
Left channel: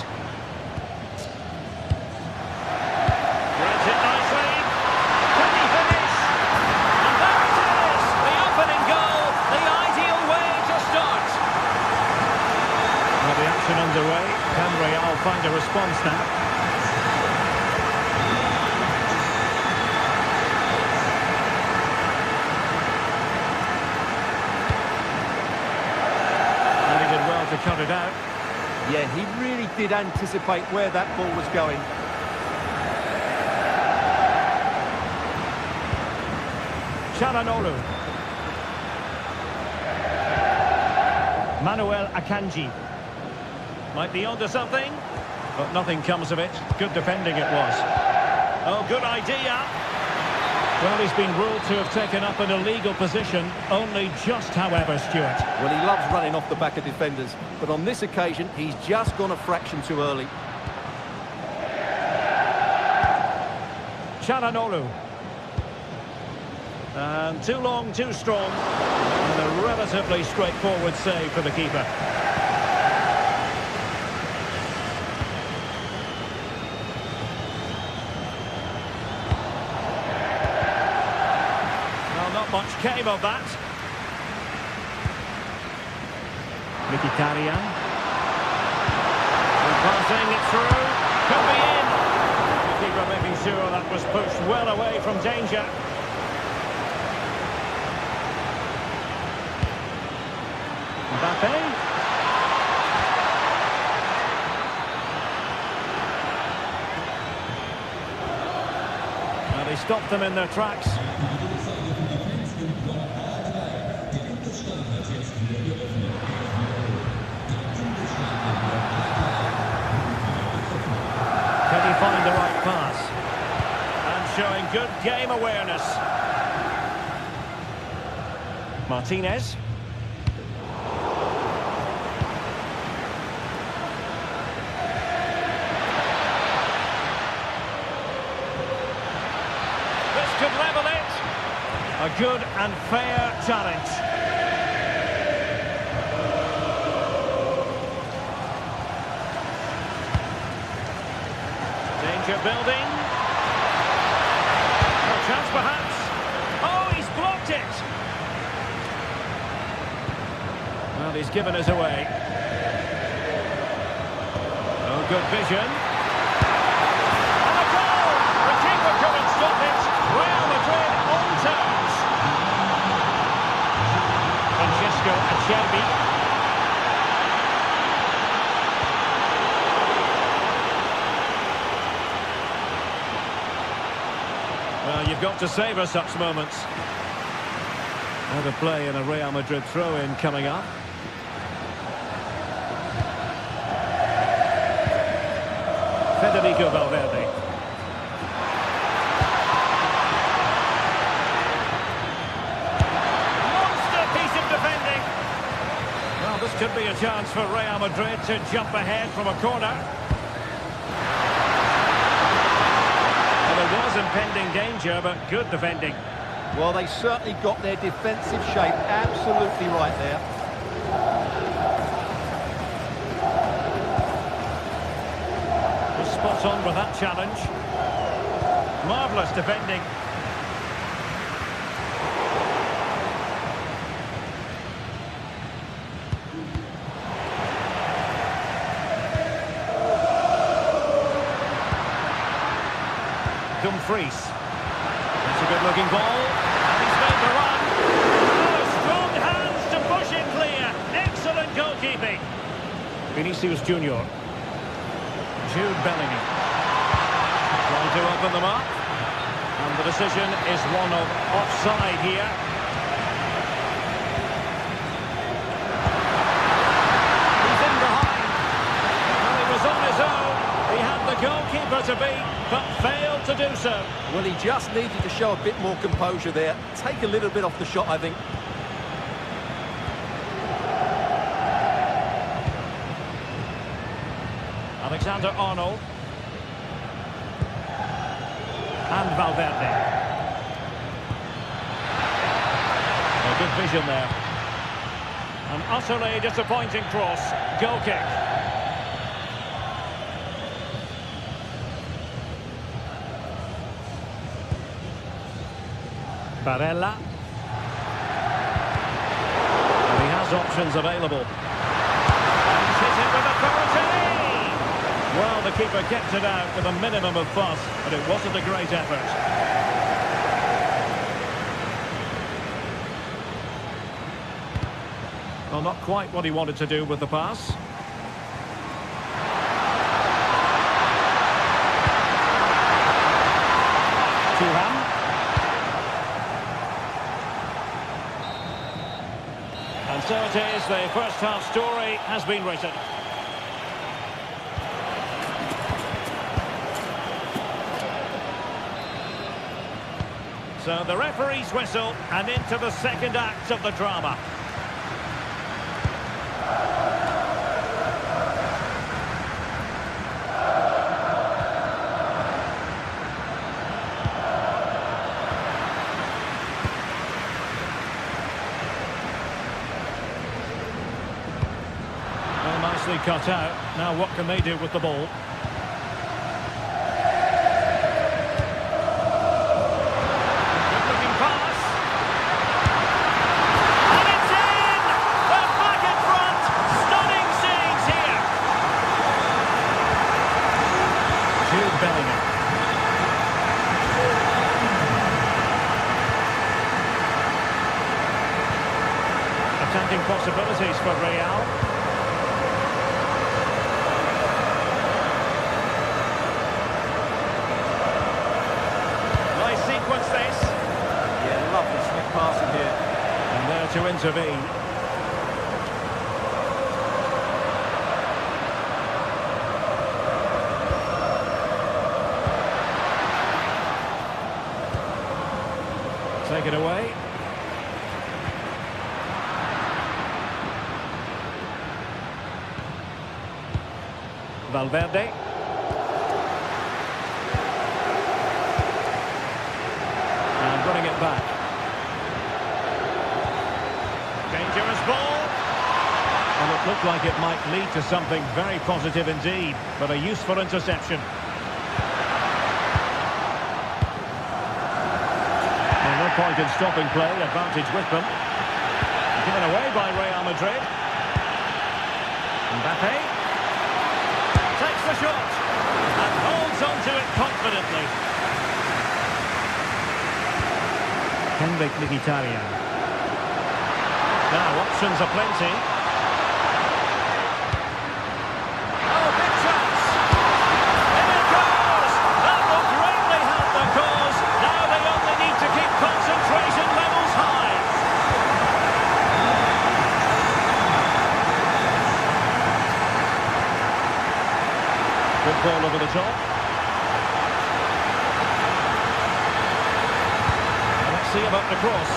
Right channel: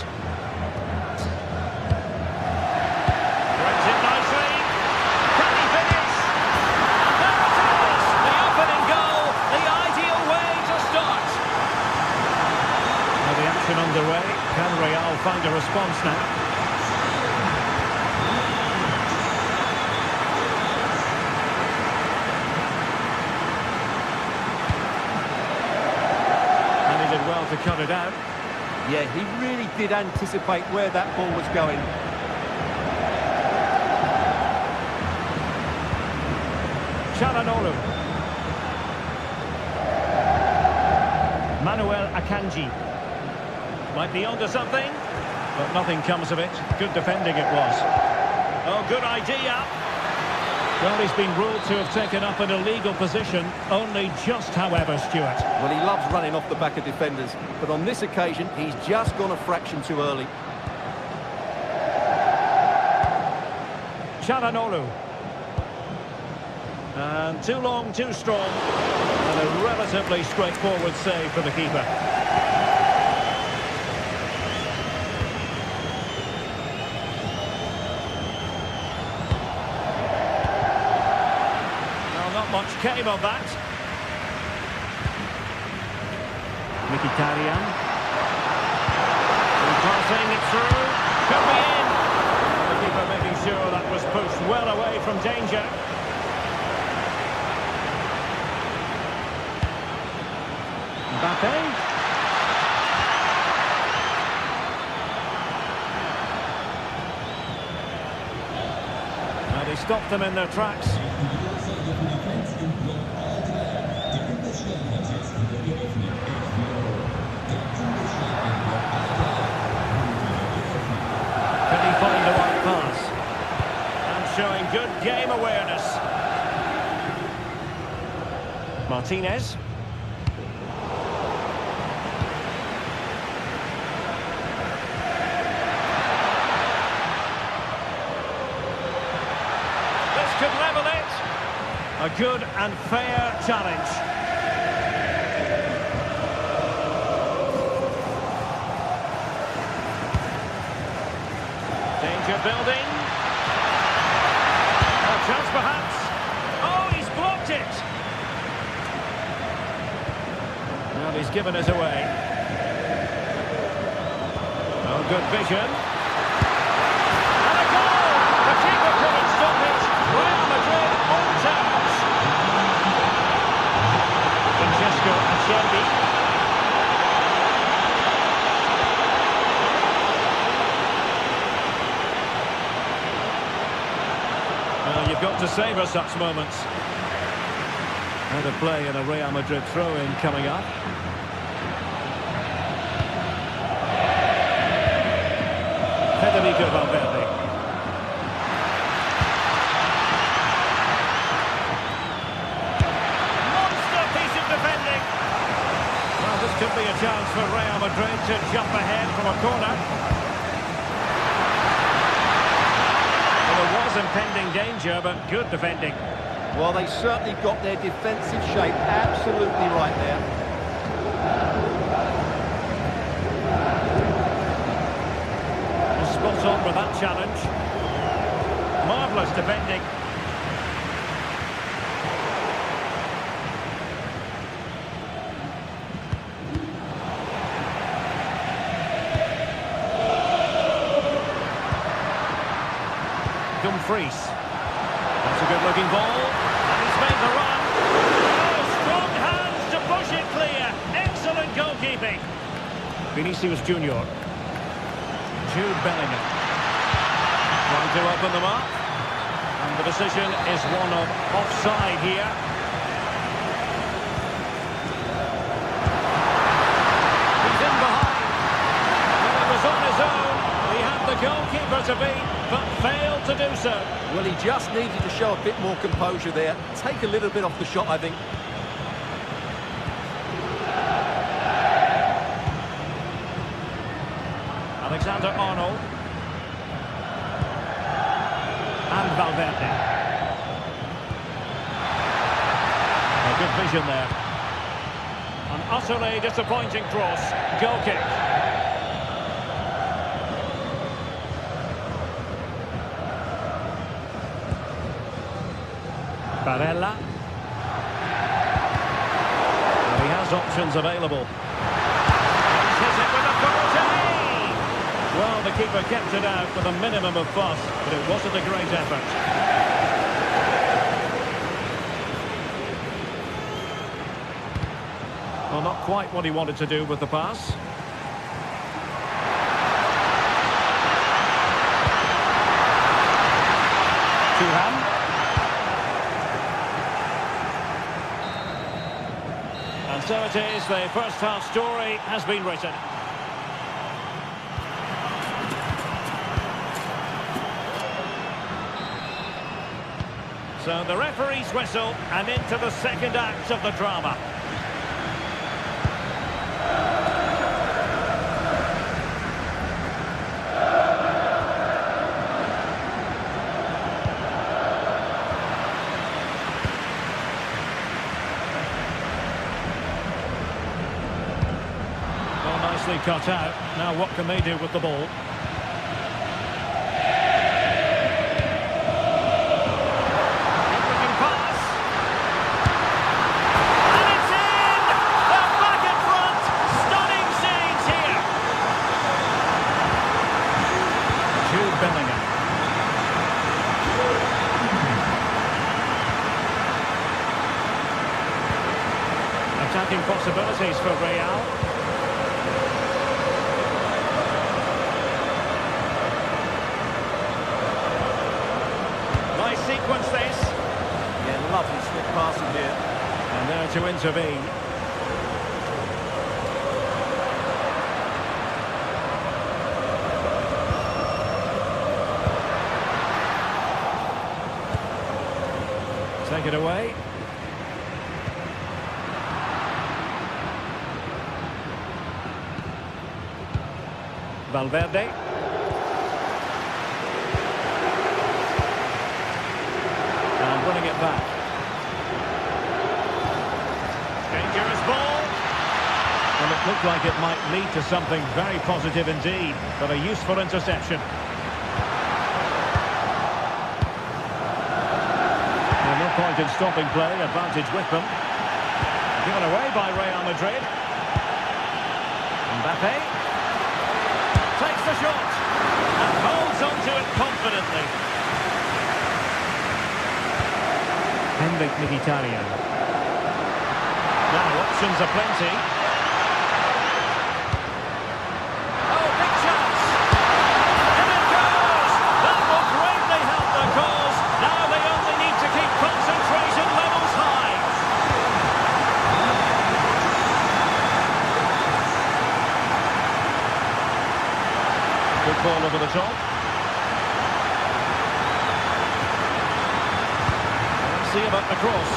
Threads it nicely. Can he finish? And there it is! The opening goal, the ideal way to start. Well, the action underway. Can Real find a response now? And he did well to cut it out. Yeah, he really did anticipate where that ball was going. Çalhanoğlu. Manuel Akanji. Might be onto something, but nothing comes of it. Good defending it was. Oh, good idea. Well, he's been ruled to have taken up an illegal position, only just, however, Stuart. Well, he loves running off the back of defenders, but on this occasion, he's just gone a fraction too early. Çalhanoğlu. And too long, too strong. And a relatively straightforward save for the keeper. Well, not much came of that. Mkhitaryan. And passing it through. Could be in. And the keeper making sure that was pushed well away from danger. Mbappe. Well, he stopped them in their tracks. Can he find the right pass? And showing good game awareness. Martinez. This could level it. A good and fair challenge. Danger building. Oh, chance perhaps. Oh, he's blocked it. Well, he's given us away. Oh, good vision. And a goal! The keeper couldn't stop it. Real Madrid on terms. Francesco Acerbi. Well, you've got to savour such moments. Out of play and a Real Madrid throw-in coming up. Federico Valverde. Monster piece of defending. Well, this could be a chance for Real Madrid to jump ahead from a corner. Well, there was impending danger, but good defending. Well, they certainly got their defensive shape absolutely right there. Well, spot on with that challenge. Marvellous defending. Dumfries. That's a good-looking ball, and he's made the run. Oh, strong hands to push it clear. Excellent goalkeeping. Vinicius Junior. Jude Bellingham. Trying to open them up. And the decision is one of offside here. He's in behind. Well, he was on his own. He had the goalkeeper to beat, but failed to do so. Well, he just needed to show a bit more composure there. Take a little bit off the shot, I think. Alexander-Arnold. And Valverde. A good vision there. An utterly disappointing cross. Goal kick. Barella. And he has options available. And he's hit it with authority! Well, the keeper kept it out with a minimum of fuss, but it wasn't a great effort. Well, not quite what he wanted to do with the pass. Thuram. And so it is, the first half story has been written. So the referee's whistle, and into the second act of the drama. Well, nicely cut out. Now what can they do with the ball? Jude Bellingham. Attacking possibilities for Real. Nice sequence this. Yeah, lovely slick passing here. And there to intervene. Take it away. Valverde. And running it back. Dangerous ball. Well, it looked like it might lead to something very positive indeed, but a useful interception. No point in stopping play, advantage with them. Given away by Real Madrid. Mbappe takes the shot and holds on to it confidently. Henrik Mkhitaryan. Now options are plenty. Oh, big chance! In it goes! That will greatly help the cause. Now they only need to keep concentration levels high. Good ball over the top. Now let's see about the cross.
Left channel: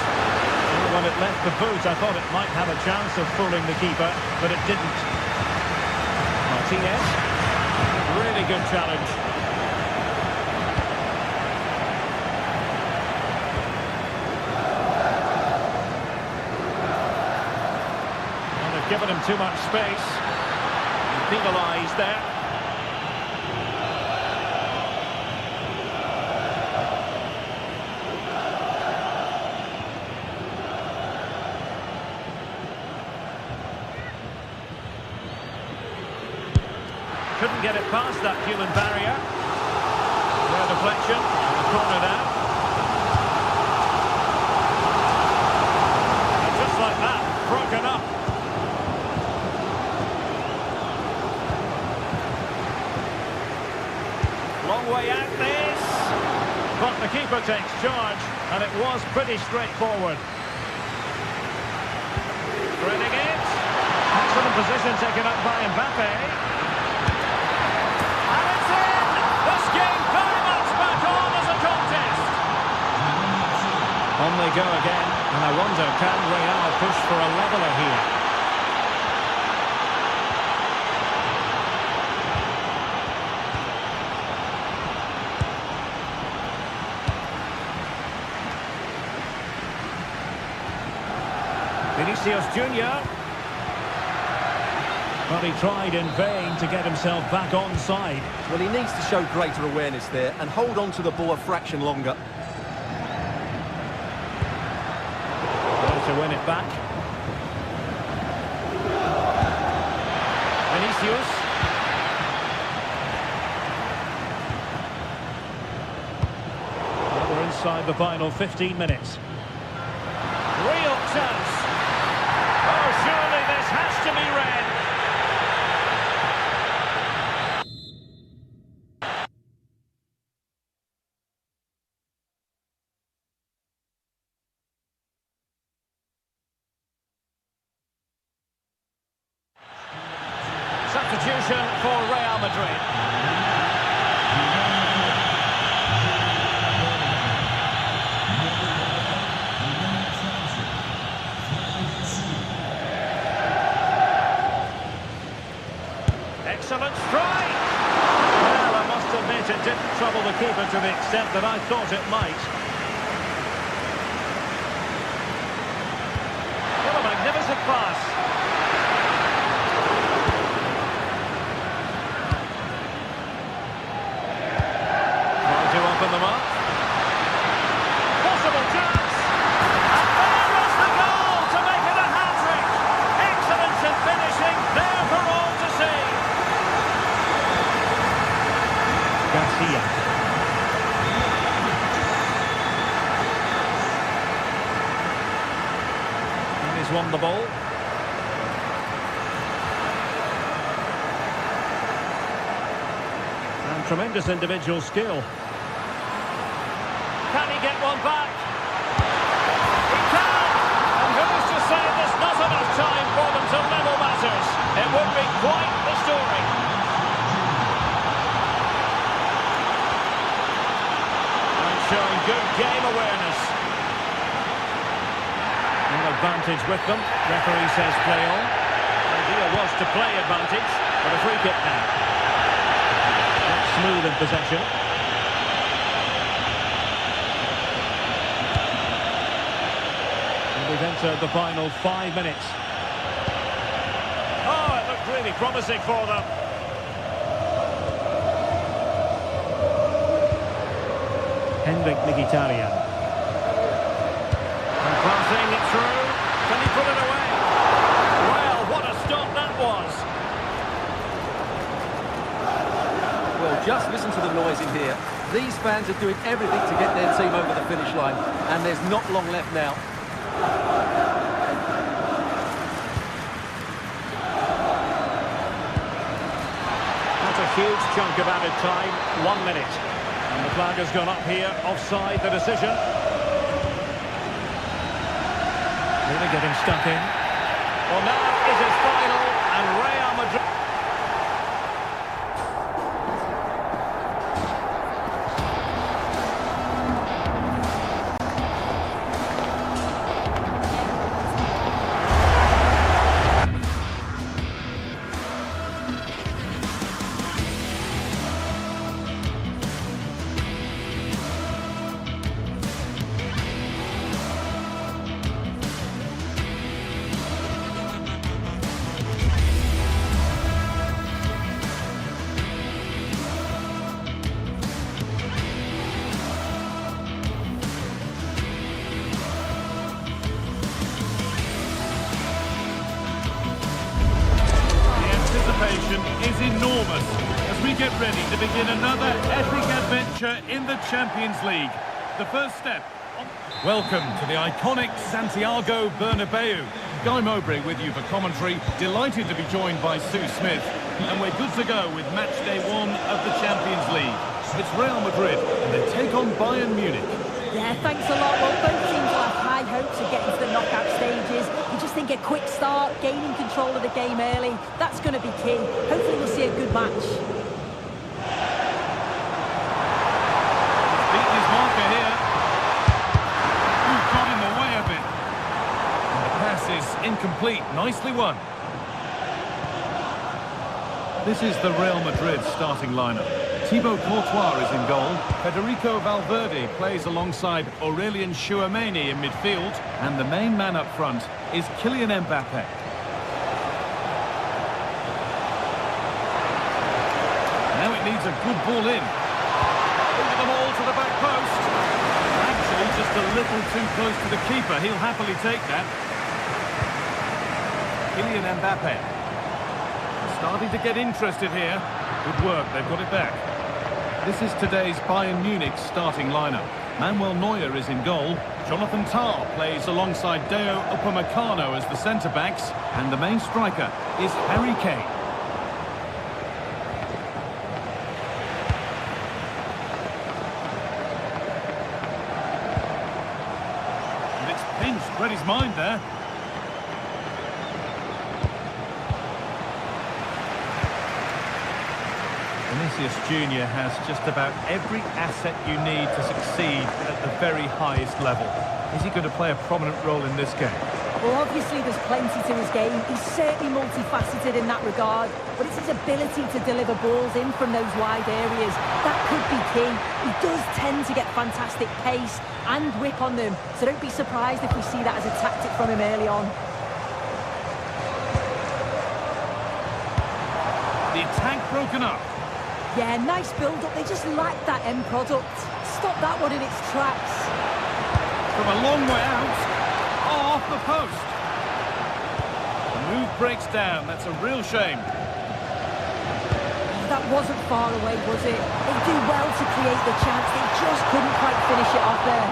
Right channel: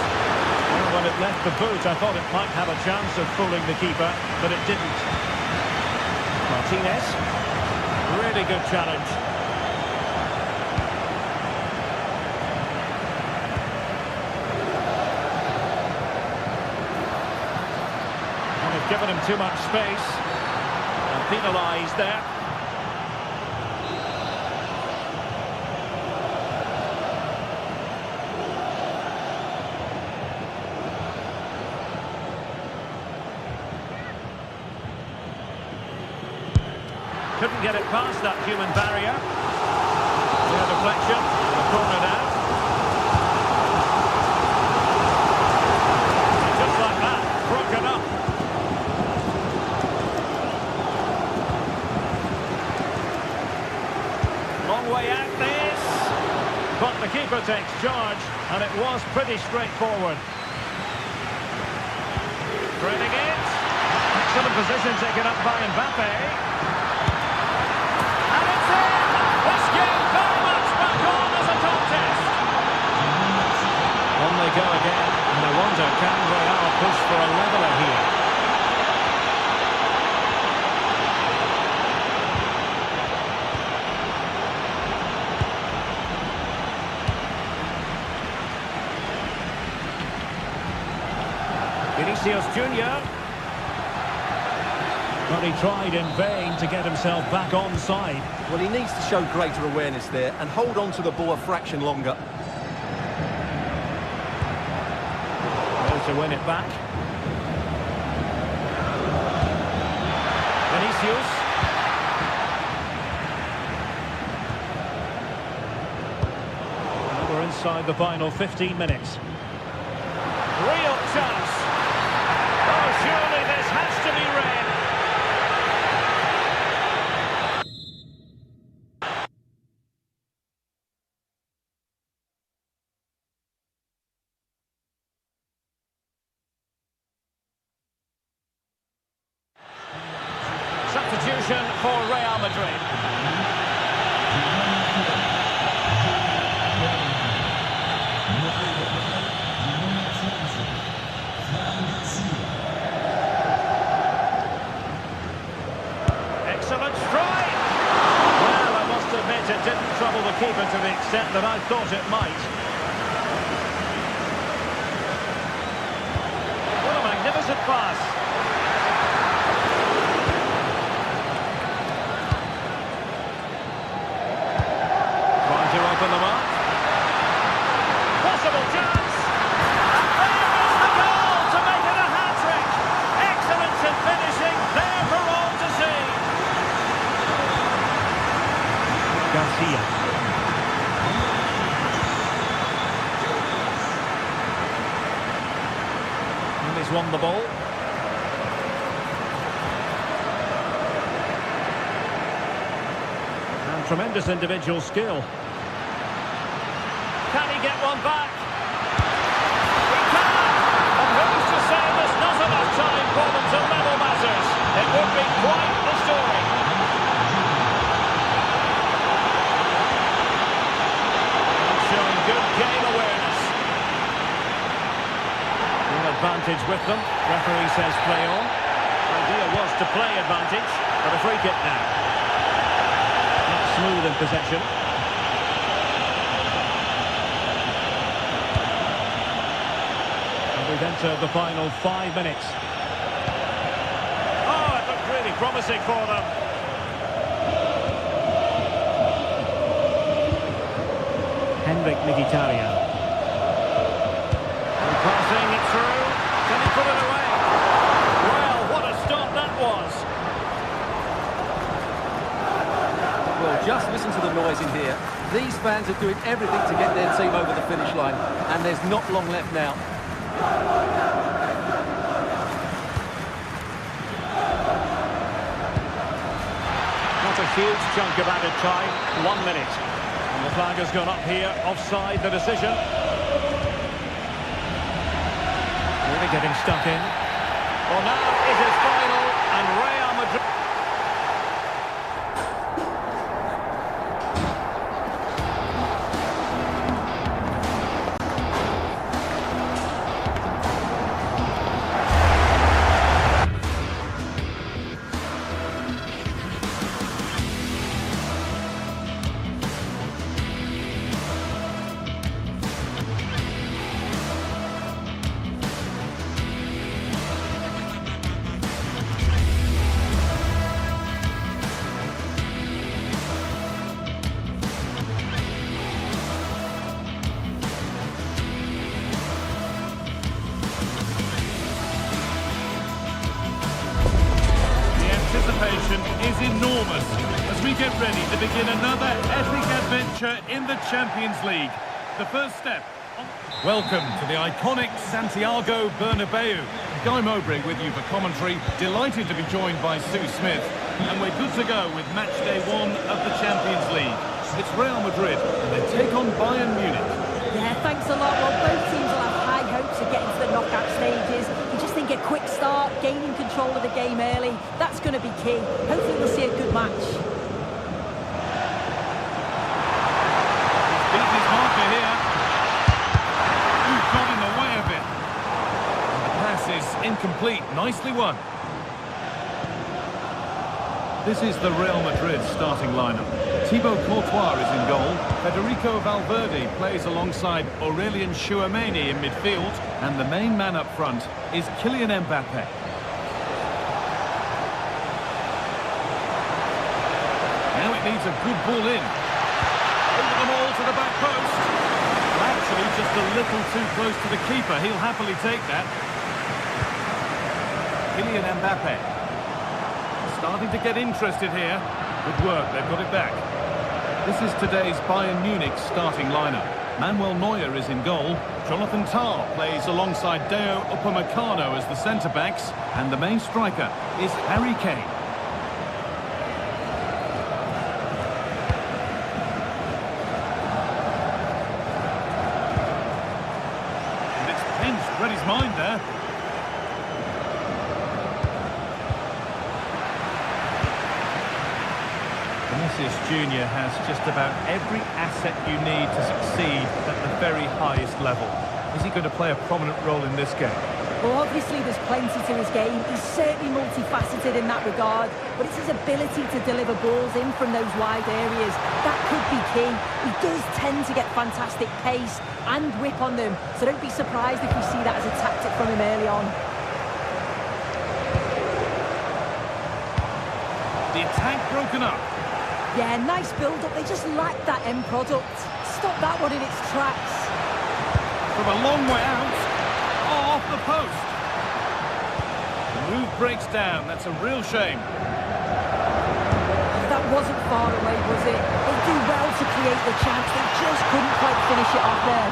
Well, when it left the boot, I thought it might have a chance of fooling the keeper, but it didn't. Martinez. Really good challenge. They've given him too much space and penalised there. Couldn't get it past that human barrier. Clear deflection. corner now. And just like that, broken up. Long way out this. But the keeper takes charge, and it was pretty straightforward. Threading it. Excellent position taken up by Mbappe. And it's in! This game very much back on as a contest. On they go again, and I wonder, can Real push for a leveller here? Vinicius Junior. But he tried in vain to get himself back onside. Well, he needs to show greater awareness there and hold on to the ball a fraction longer. There to win it back. Vinicius. Well, we're inside the final 15 minutes. Real chance. Oh, surely this has to be red. Substitution for Real Madrid. Excellent strike! Well, I must admit it didn't trouble the keeper to the extent that I thought it might. What a magnificent pass! Trying to open them up. Possible chance! And there is the goal to make it a hat-trick! Excellence in finishing, there for all to see! Garcia. And he's won the ball. And tremendous individual skill. Can he get one back? He can! And who's to say there's not enough time for them to level matters? It would be quite the story. Showing good game awareness. Full advantage with them. Referee says play on. Idea was to play advantage, but a free kick now. Not smooth in possession. And we've entered the final 5 minutes. Oh, it looked really promising for them. Henrik Mkhitaryan. And passing it through. Can he put it away? Well, what a stop that was. Well, just listen to the noise in here. These fans are doing everything to get their team over the finish line, and there's not long left now. Not a huge chunk of added time. 1 minute. And the flag has gone up here, offside the decision. Really getting stuck in. Well, now it is final, and Real Madrid... Anticipation is enormous as we get ready to begin another epic adventure in the Champions League. The first step. Welcome to the iconic Santiago Bernabeu. Guy Mowbray with you for commentary. Delighted to be joined by Sue Smith. And we're good to go with match day 1 of the Champions League. It's Real Madrid and they take on Bayern Munich. Yeah, thanks a lot. Well, both teams will have high hopes of getting to the knockout stages. You just think a quick start, gaining control of the game early, that's going to be key. Hopefully we'll see a good match. He's beaten his marker here. Ooh, got in the way of it. And the pass is incomplete. Nicely won. This is the Real Madrid starting lineup. Thibaut Courtois is in goal. Federico Valverde plays alongside Aurelien Tchouameni in midfield. And the main man up front is Kylian Mbappe. Now it needs a good ball in. Over them all to the back post. Well, actually, just a little too close to the keeper. He'll happily take that. Kylian Mbappe. Starting to get interested here. Good work, they've got it back. This is today's Bayern Munich starting lineup. Manuel Neuer is in goal. Jonathan Tah plays alongside Deo Upamecano as the centre-backs. And the main striker is Harry Kane. And it's pinched, read his mind there. Vinicius Junior has just about every asset you need to succeed at the very highest level. Is he going to play a prominent role in this game? Well, obviously there's plenty to his game. He's certainly multifaceted in that regard, but it's his ability to deliver balls in from those wide areas. That could be key. He does tend to get fantastic pace and whip on them, so don't be surprised if we see that as a tactic from him early on. The attack broken up. Yeah, nice build-up. They just lack that end product. Stop that one in its tracks. From a long way out. Oh, off the post. The move breaks down. That's a real shame. That wasn't far away, was it? They do well to create the chance. They just couldn't quite finish it off there.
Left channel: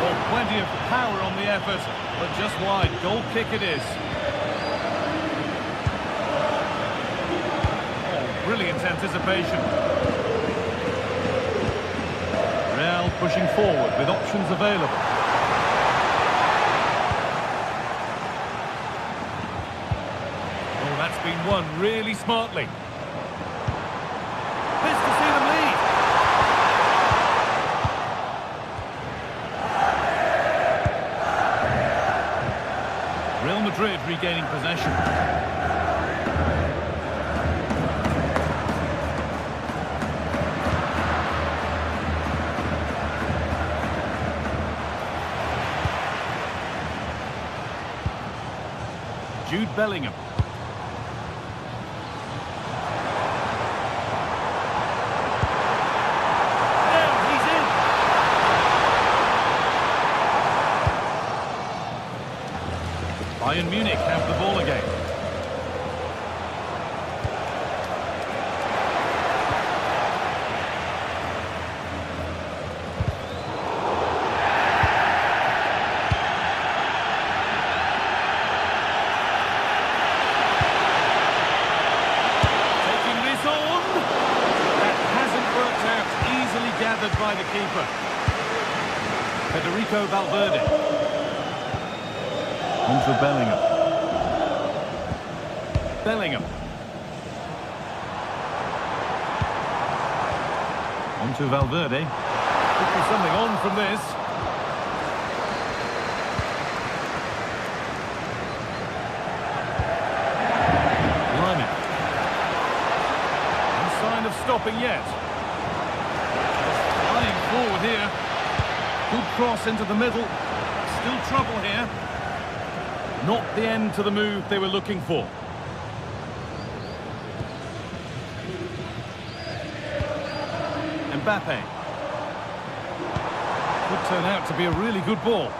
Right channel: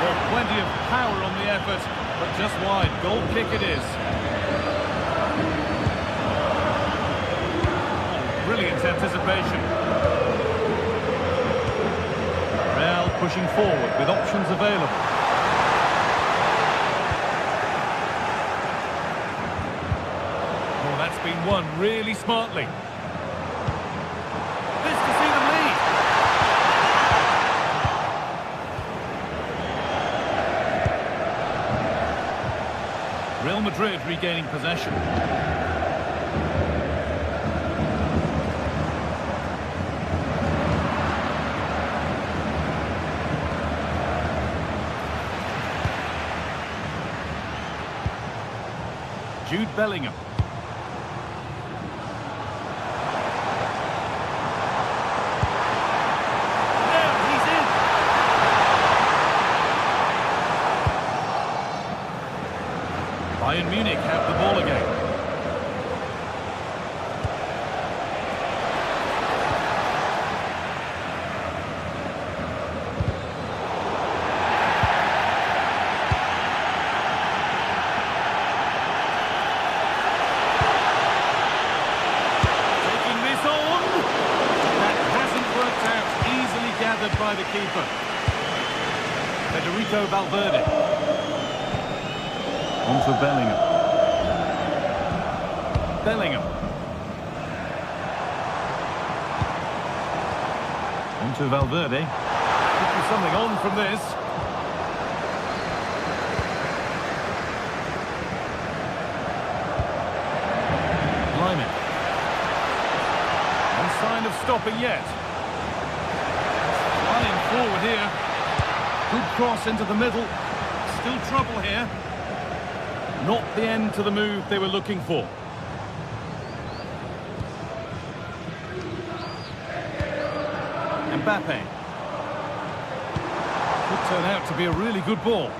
Well, plenty of power on the effort, but just wide. Goal kick it is. Brilliant anticipation. Real pushing forward with options available. Oh, that's been won really smartly. This to see them lead. Real Madrid regaining possession. Jude Bellingham. There, he's in. Bayern Munich have the ball again. That hasn't worked out. Easily gathered by the keeper. Federico Valverde. On to Bellingham. Bellingham. On to Valverde. Could be something on from this. Line it. Sign of stopping yet. Flying forward here. Good cross into the middle. Still trouble here. Not the end to the move they were looking for. Mbappe. Could turn out to be a really good ball.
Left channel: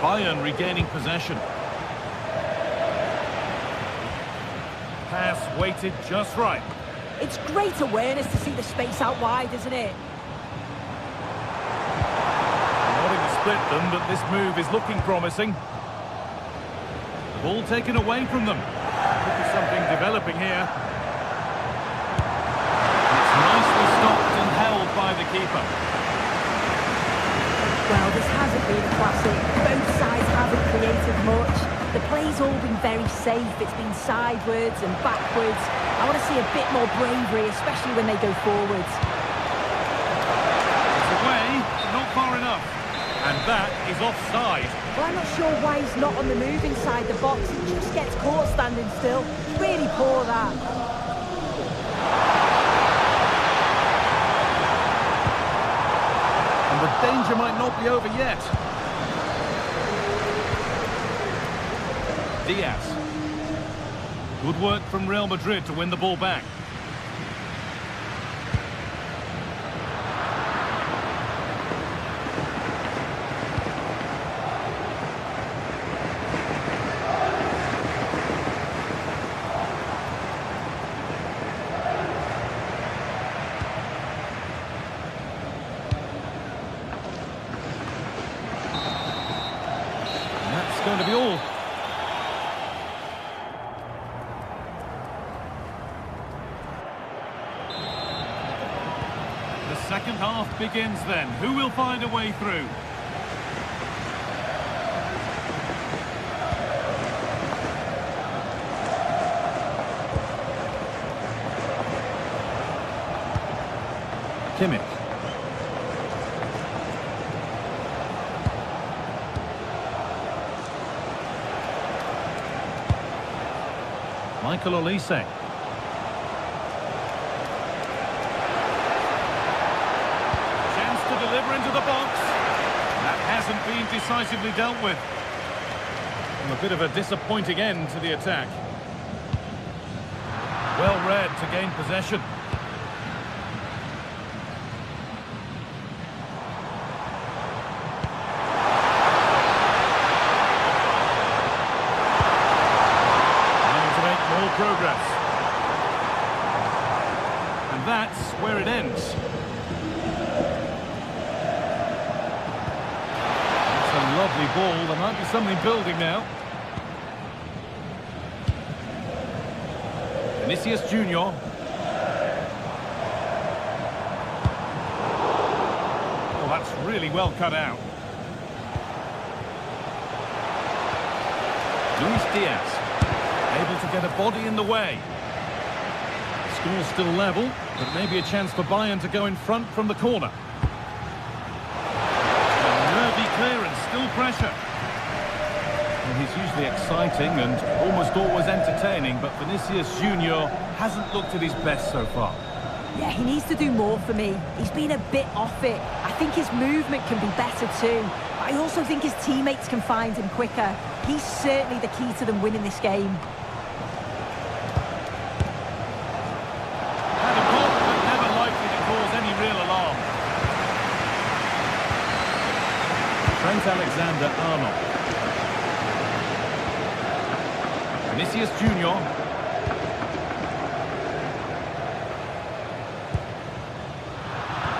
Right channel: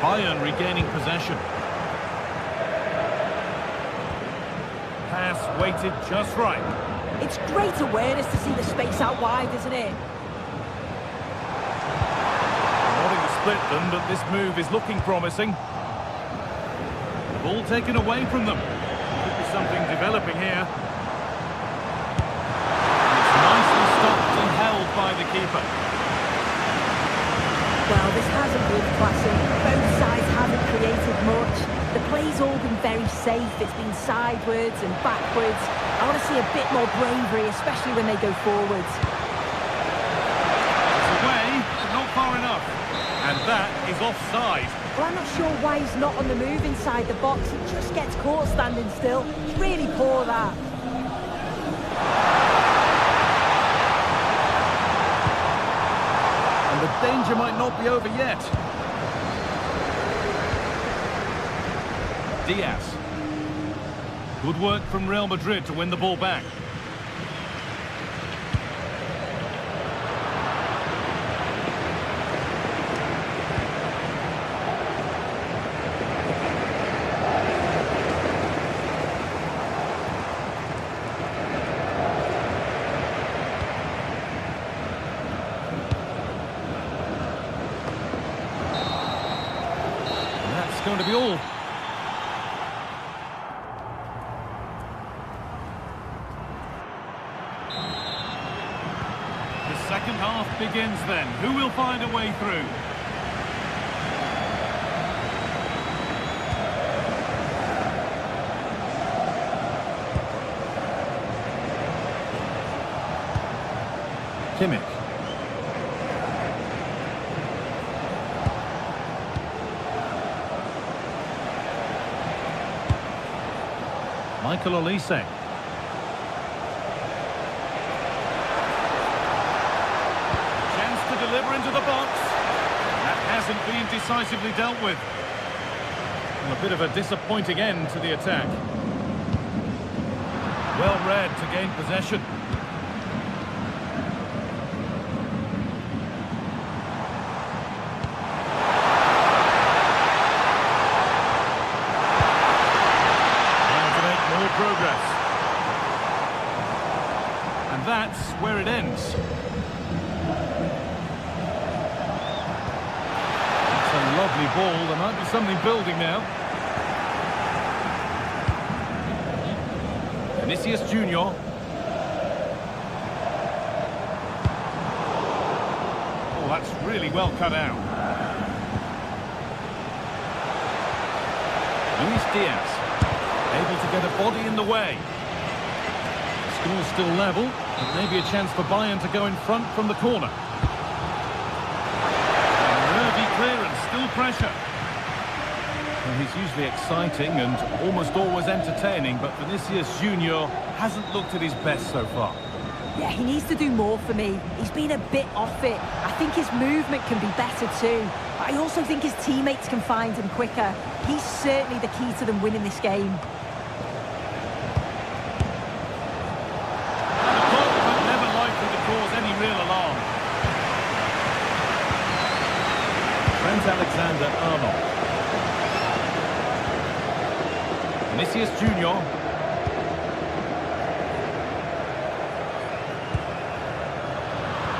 Bayern regaining possession. Pass weighted just right. It's great awareness to see the space out wide, isn't it? Wanting to split them, but this move is looking promising. The ball taken away from them. Could be something developing here. And it's nicely stopped and held by the keeper. Well, this hasn't been a classic. Both sides haven't created much. The play's all been very safe. It's been sidewards and backwards. I want to see a bit more bravery, especially when they go forwards. It's away, but not far enough. And that is offside. Well, I'm not sure why he's not on the move inside the box. He just gets caught standing still. It's really poor, that. And the danger might not be over yet. Diaz. Good work from Real Madrid to win the ball back. And that's going to be all. The second half begins then. Who will find a way through? Kimmich. Michael Olise. Chance to deliver into the box. That hasn't been decisively dealt with. Well, a bit of a disappointing end to the attack. Well read to gain possession. More progress. And that's where it ends. It's a lovely ball. There might be something building now. Vinicius Junior. Oh, that's really well cut out. Luis Diaz. Able to get a body in the way. The score's still level, but maybe a chance for Bayern to go in front from the corner. A nervy clearance, still pressure. Well, he's usually exciting and almost always entertaining, but Vinicius Junior hasn't looked at his best so far. Yeah, he needs to do more for me. He's been a bit off it. I think his movement can be better too. But I also think his teammates can find him quicker. He's certainly the key to them winning this game. Cause any real alarm. Trent Alexander-Arnold. Vinicius Junior.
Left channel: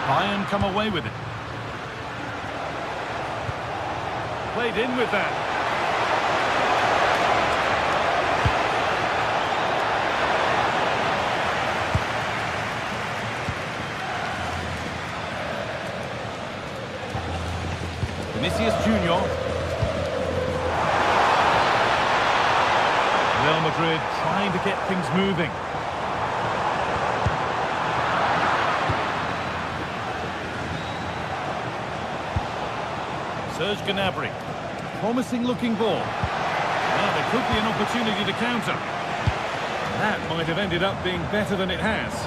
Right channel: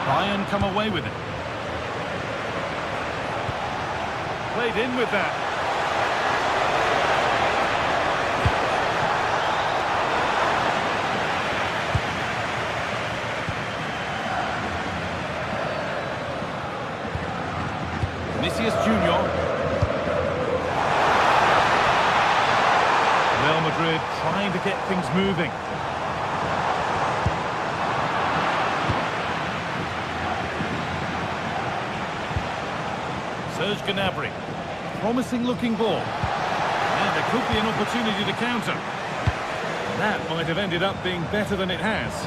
Bayern come away with it. Played in with that. Vinicius Junior. Real Madrid trying to get things moving. Serge Gnabry. Promising looking ball. Now there could be an opportunity to counter. That might have ended up being better than it has.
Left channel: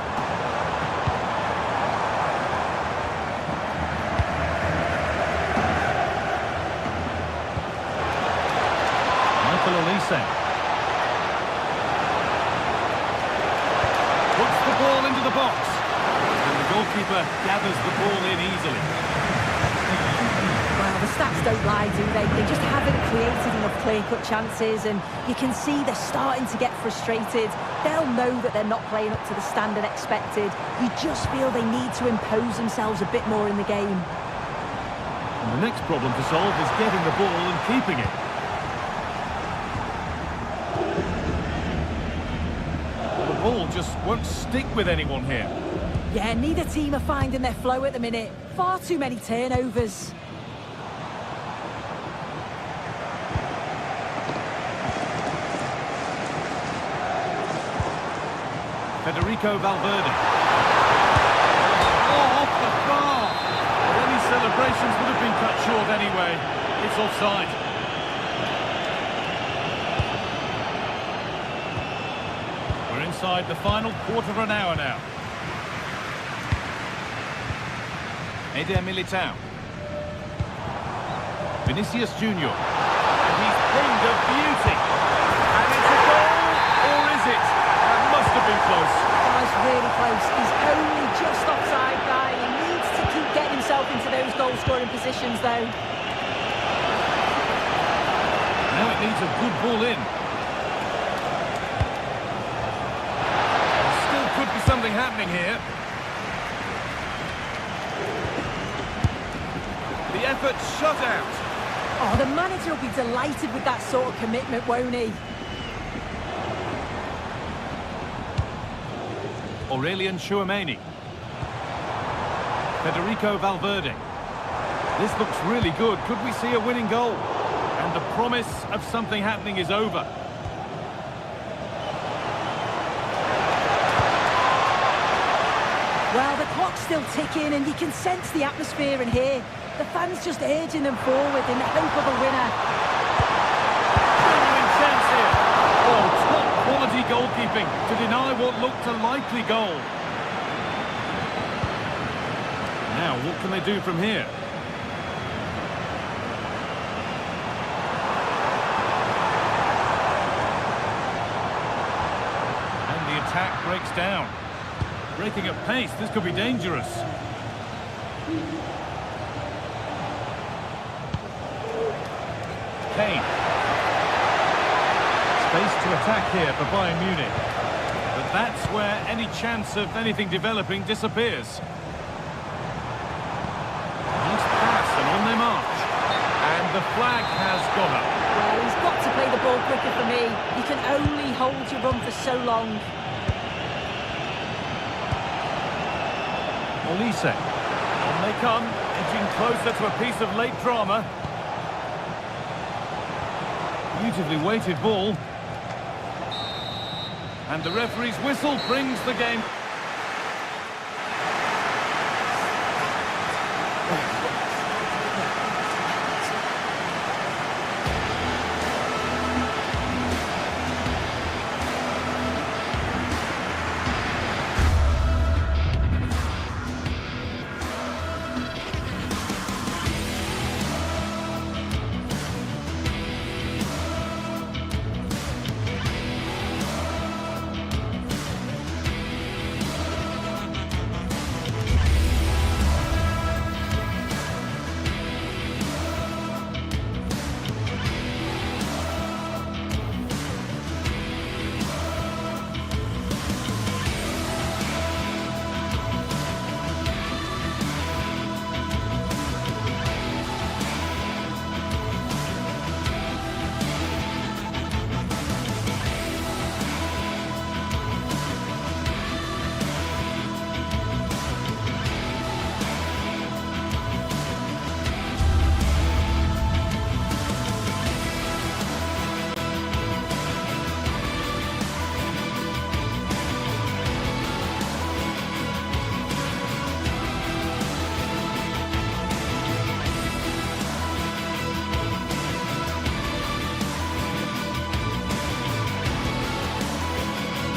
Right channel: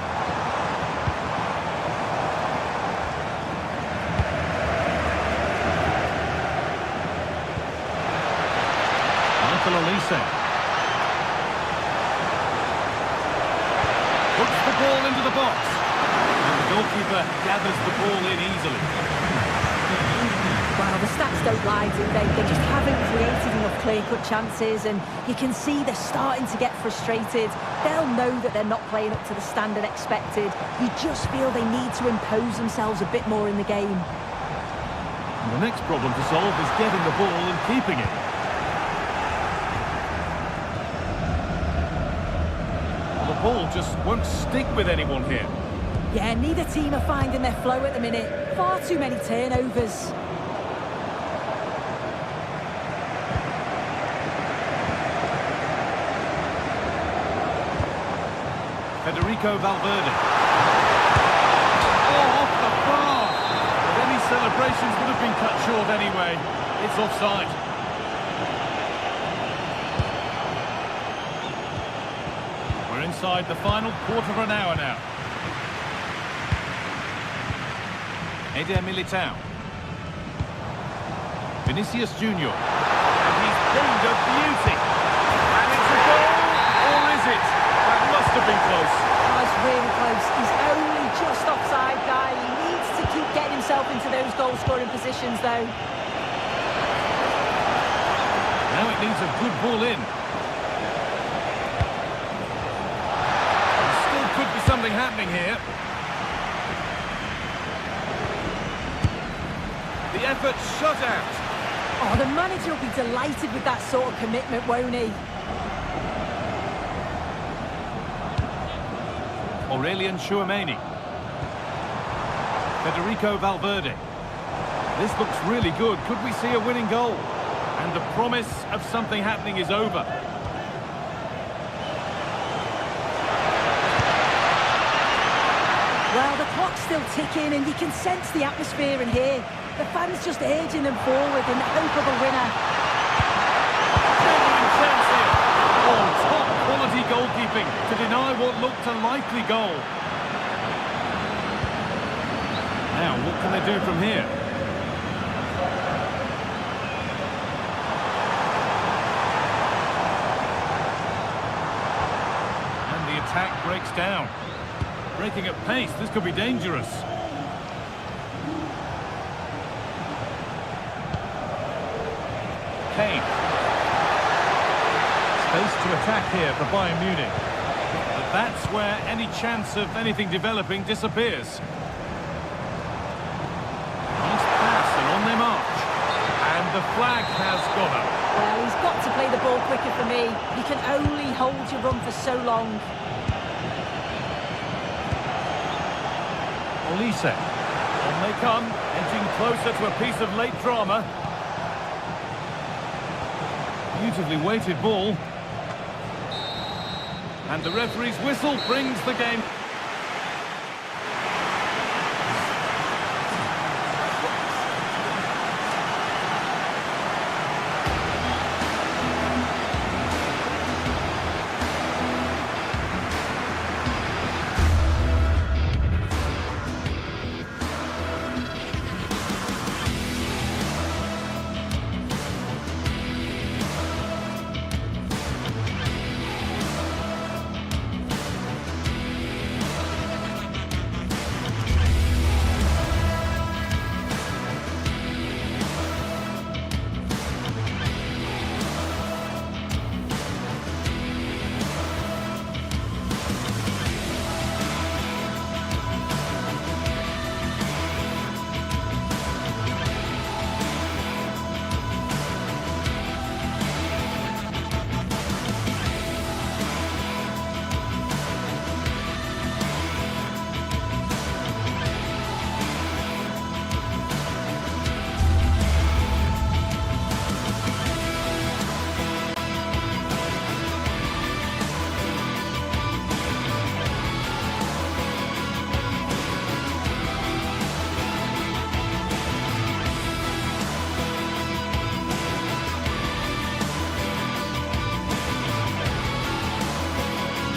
Michael Olise. Puts the ball into the box. And the goalkeeper gathers the ball in easily. Well, the stats don't lie, do they? They just haven't created enough clear-cut chances, and you can see they're starting to get frustrated. They'll know that they're not playing up to the standard expected. You just feel they need to impose themselves a bit more in the game. And the next problem to solve is getting the ball and keeping it. Well, the ball just won't stick with anyone here. Yeah, neither team are finding their flow at the minute. Far too many turnovers. Federico Valverde. Oh, off the bar! But any celebrations would have been cut short anyway. It's offside. We're inside the final quarter of an hour now. Eder Militao. Vinicius Junior. And he's pinned a beauty. And it's a goal, or is it? That must have been close. Oh, it's really close. He's only just offside, guy. He needs to keep getting himself into those goal-scoring positions, though. Now it needs a good ball in. There still could be something happening here. The effort shut out. Oh, the manager will be delighted with that sort of commitment, won't he? Aurelien Tchouameni. Federico Valverde. This looks really good. Could we see a winning goal? And the promise of something happening is over. Well, the clock's still ticking, and you can sense the atmosphere in here. The fans just urging them forward in the hope of a winner. Genuine chance here. Oh, top quality goalkeeping to deny what looked a likely goal. Now, what can they do from here? And the attack breaks down. Breaking at pace, this could be dangerous. Kane. Space to attack here for Bayern Munich. But that's where any chance of anything developing disappears. Nice pass and on they march. And the flag has gone up. Well, he's got to play the ball quicker for me. You can only hold your run for so long. Olise. On they come, edging closer to a piece of late drama. Beautifully weighted ball. And the referee's whistle brings the game.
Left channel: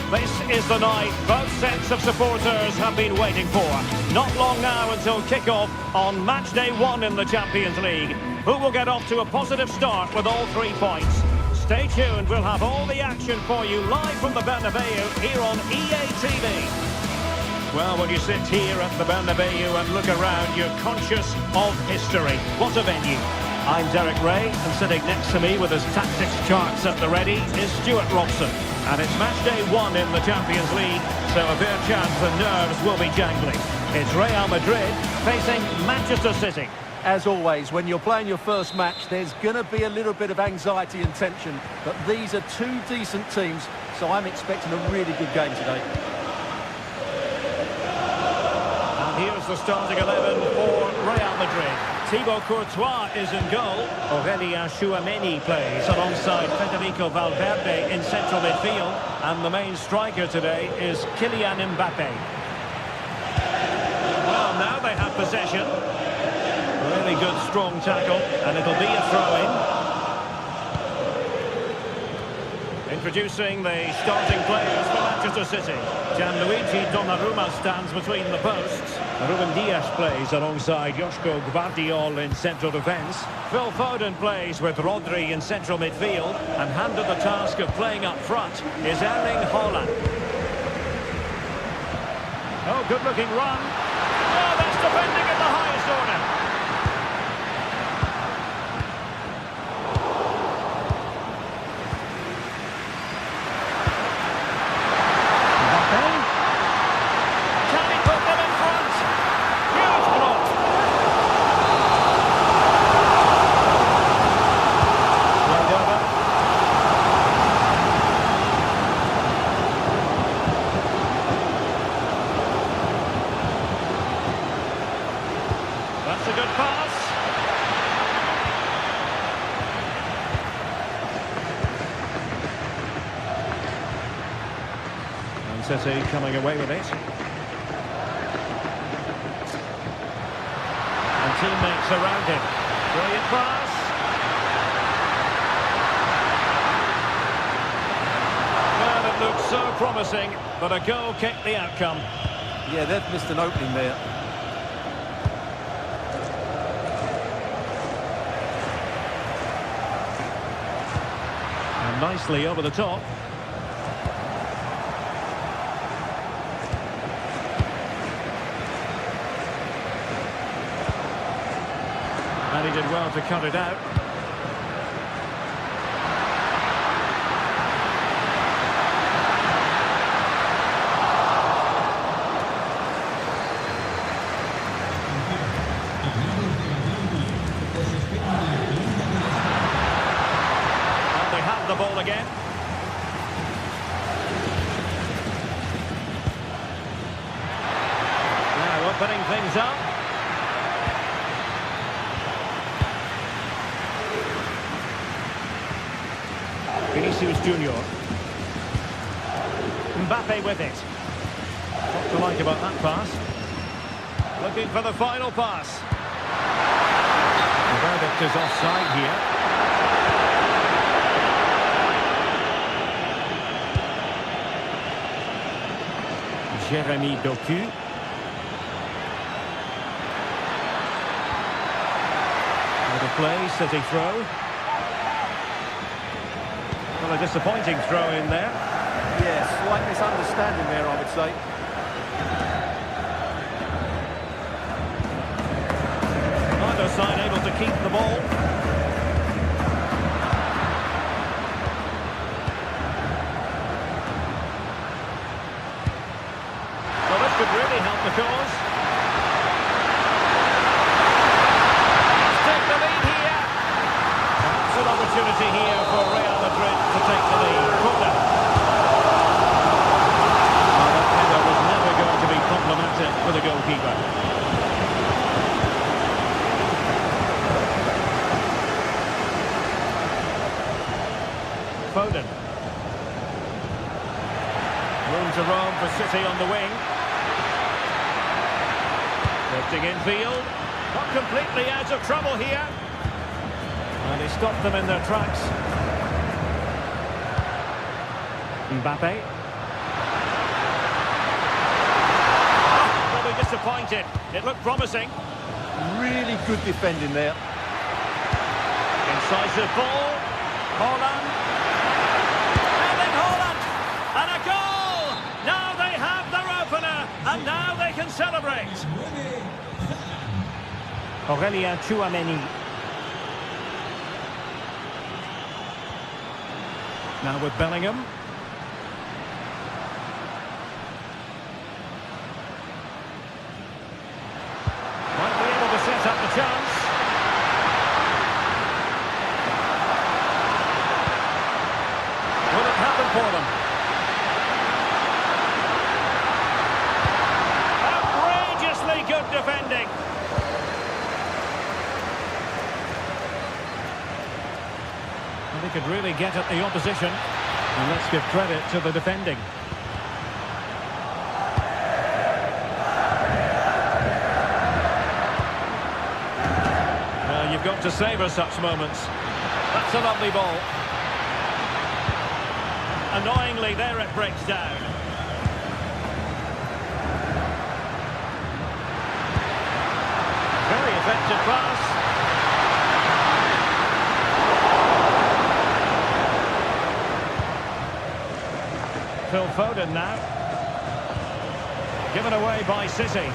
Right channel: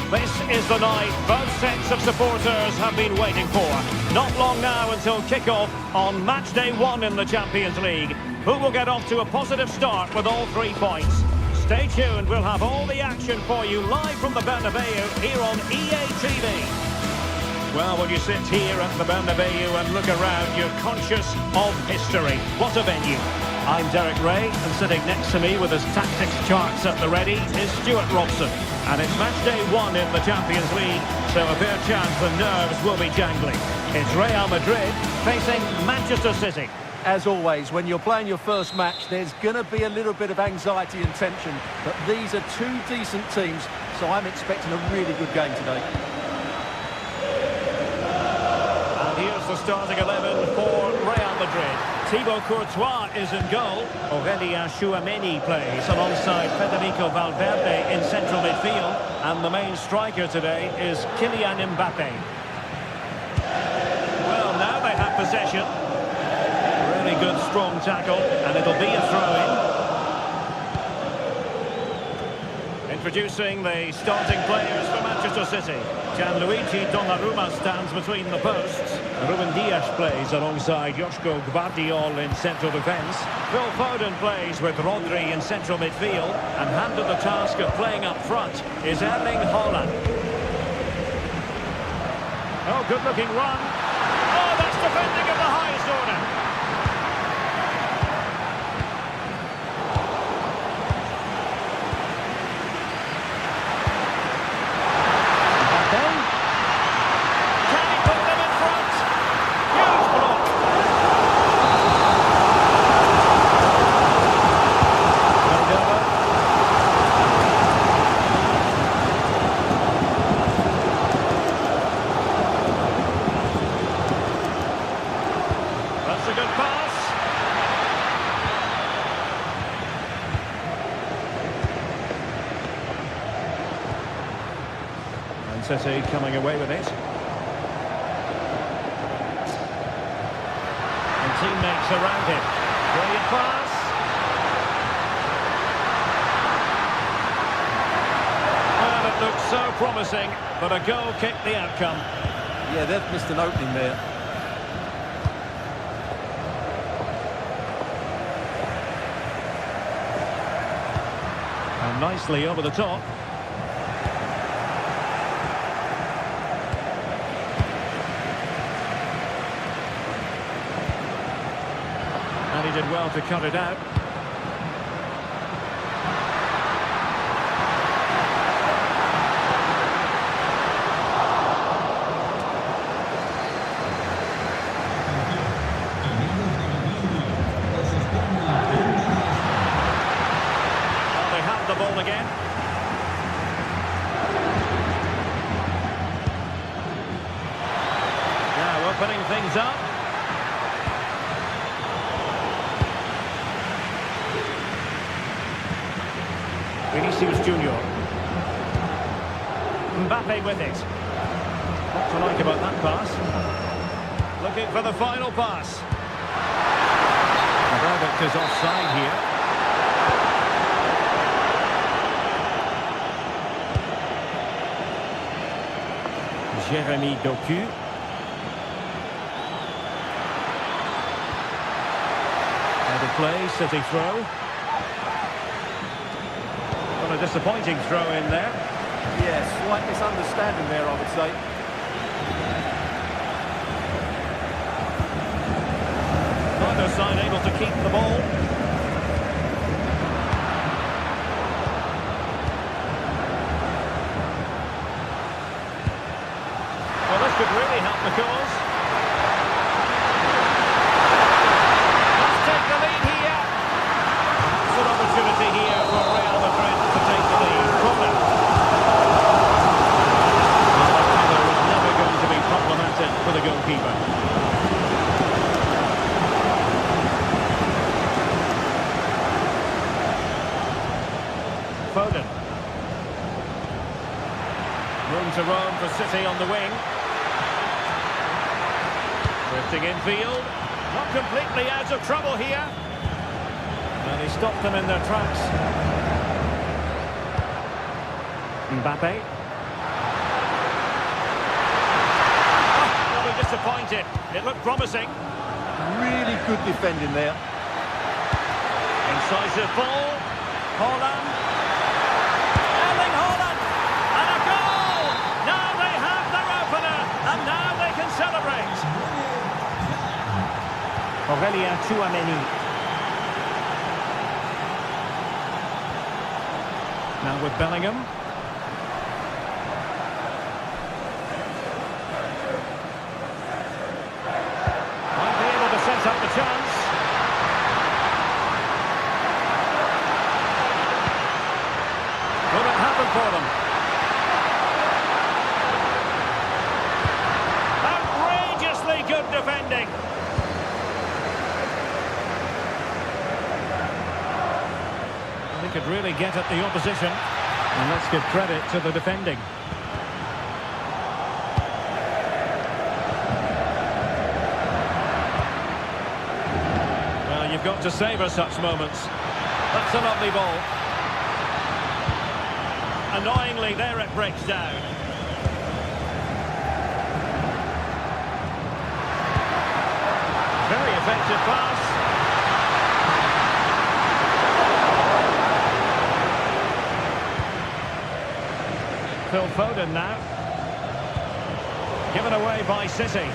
This is the night both sets of supporters have been waiting for. Not long now until kick-off on match day 1 in the Champions League. Who will get off to a positive start with all 3 points? Stay tuned, we'll have all the action for you live from the Bernabeu here on EA TV. Well, when you sit here at the Bernabeu and look around, you're conscious of history. What a venue. I'm Derek Ray, and sitting next to me with his tactics charts at the ready is Stuart Robson. And it's match day 1 in the Champions League, so a fair chance the nerves will be jangling. It's Real Madrid facing Manchester City. As always, when you're playing your first match, there's going to be a little bit of anxiety and tension. But these are two decent teams, so I'm expecting a really good game today. And here's the starting 11 for Real Madrid. Thibaut Courtois is in goal. Aurélien Tchouameni plays alongside Federico Valverde in central midfield. And the main striker today is Kylian Mbappe. Well, now they have possession. Really good, strong tackle, and it'll be a throw-in. Introducing the starting players for Manchester City. Gianluigi Donnarumma stands between the posts. Ruben Dias plays alongside Joško Gvardiol in central defence. Phil Foden plays with Rodri in central midfield, and handed the task of playing up front is Erling Haaland. Oh, good-looking run. Oh, that's defending at the highest order. Can he put them in front? Huge block. Played over. That's a good pass. And City coming away with it. And teammates around him. Brilliant pass. Well, it looked so promising, but a goal kicked the outcome. Yeah, they've missed an opening there. And nicely over the top. And he did well to cut it out. Well, they have the ball again. Now opening things up. Vinicius Junior. Mbappe with it. What to like about that pass? Looking for the final pass. The verdict is offside here. Jérémy Doku. Out of play, City throw. Well, a disappointing throw in there. Yeah, slight misunderstanding there, I would say. Neither side able to keep the ball. Well, this could really help the cause. Let's take the lead here. Perhaps an opportunity here for Real Madrid to take the lead. Corner. Well, that header was never going to be problematic for the goalkeeper. Foden. Room to roam for City on the wing. Drifting infield. Not completely out of trouble here. Well, he stopped them in their tracks. Mbappe. Oh, they'll be disappointed. It looked promising. Really good defending there. Incisive ball. Haaland. Erling Haaland. And a goal! Now they have their opener. And now they can celebrate. Aurélien Tchouameni. Now with Bellingham. Might be able to set up the chance. Will it happen for them? Outrageously good defending. Well, they could really get at the opposition. And let's give credit to the defending. Well, you've got to savour such moments. That's a lovely ball. Annoyingly, there it breaks down. Very effective pass. Phil Foden now. Given away by City.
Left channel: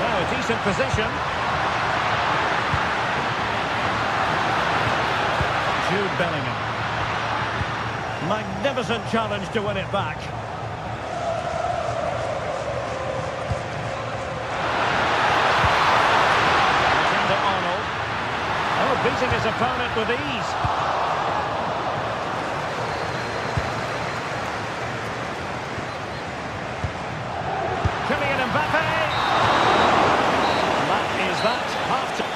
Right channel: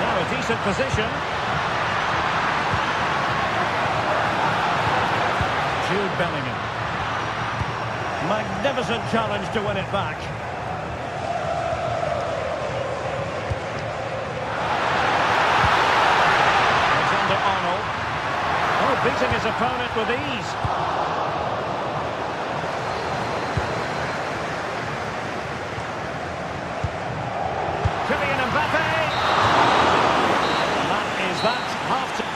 Now a decent position. Jude Bellingham. Magnificent challenge to win it back. Alexander-Arnold. Oh, beating his opponent with ease. Kylian Mbappe. And that is that. Half time.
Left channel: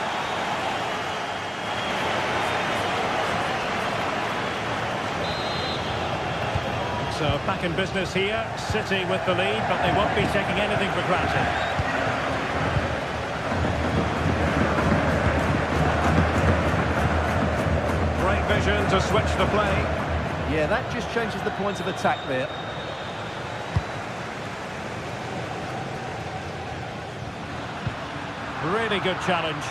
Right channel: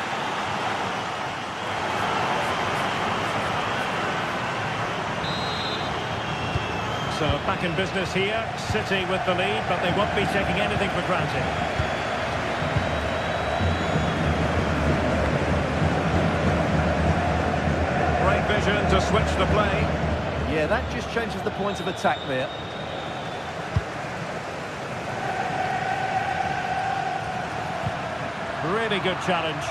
So back in business here. City with the lead, but they won't be taking anything for granted. Great vision to switch the play. Yeah, that just changes the point of attack there. Really good challenge.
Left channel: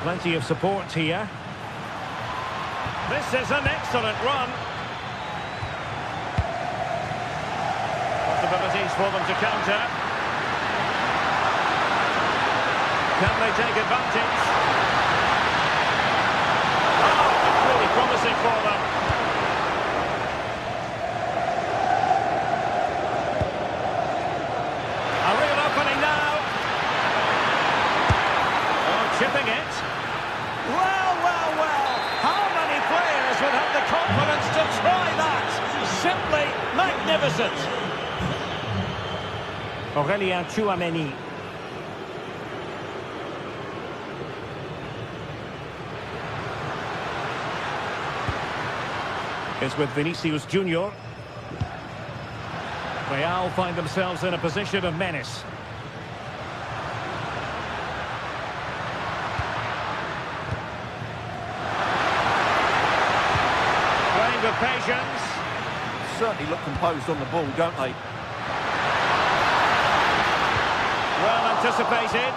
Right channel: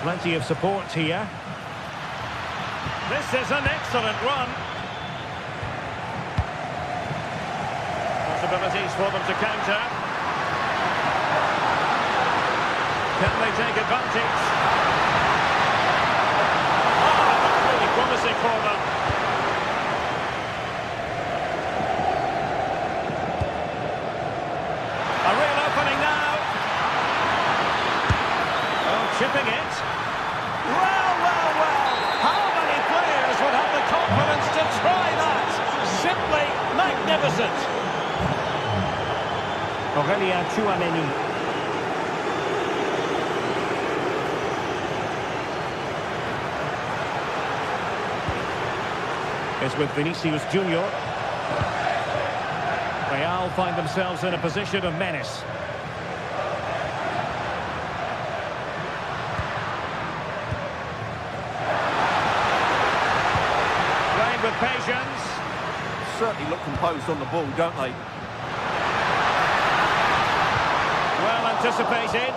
Plenty of support here. This is an excellent run. Possibilities for them to counter. Can they take advantage? Oh, that's really promising for them. A real opening now. Oh, chipping it. Well, well, well. How many players would have the confidence to try that? Simply magnificent. Aurélien Tchouameni. It's with Vinicius Junior. Real find themselves in a position of menace. Playing with patience. Certainly look composed on the ball, don't they? Well anticipated.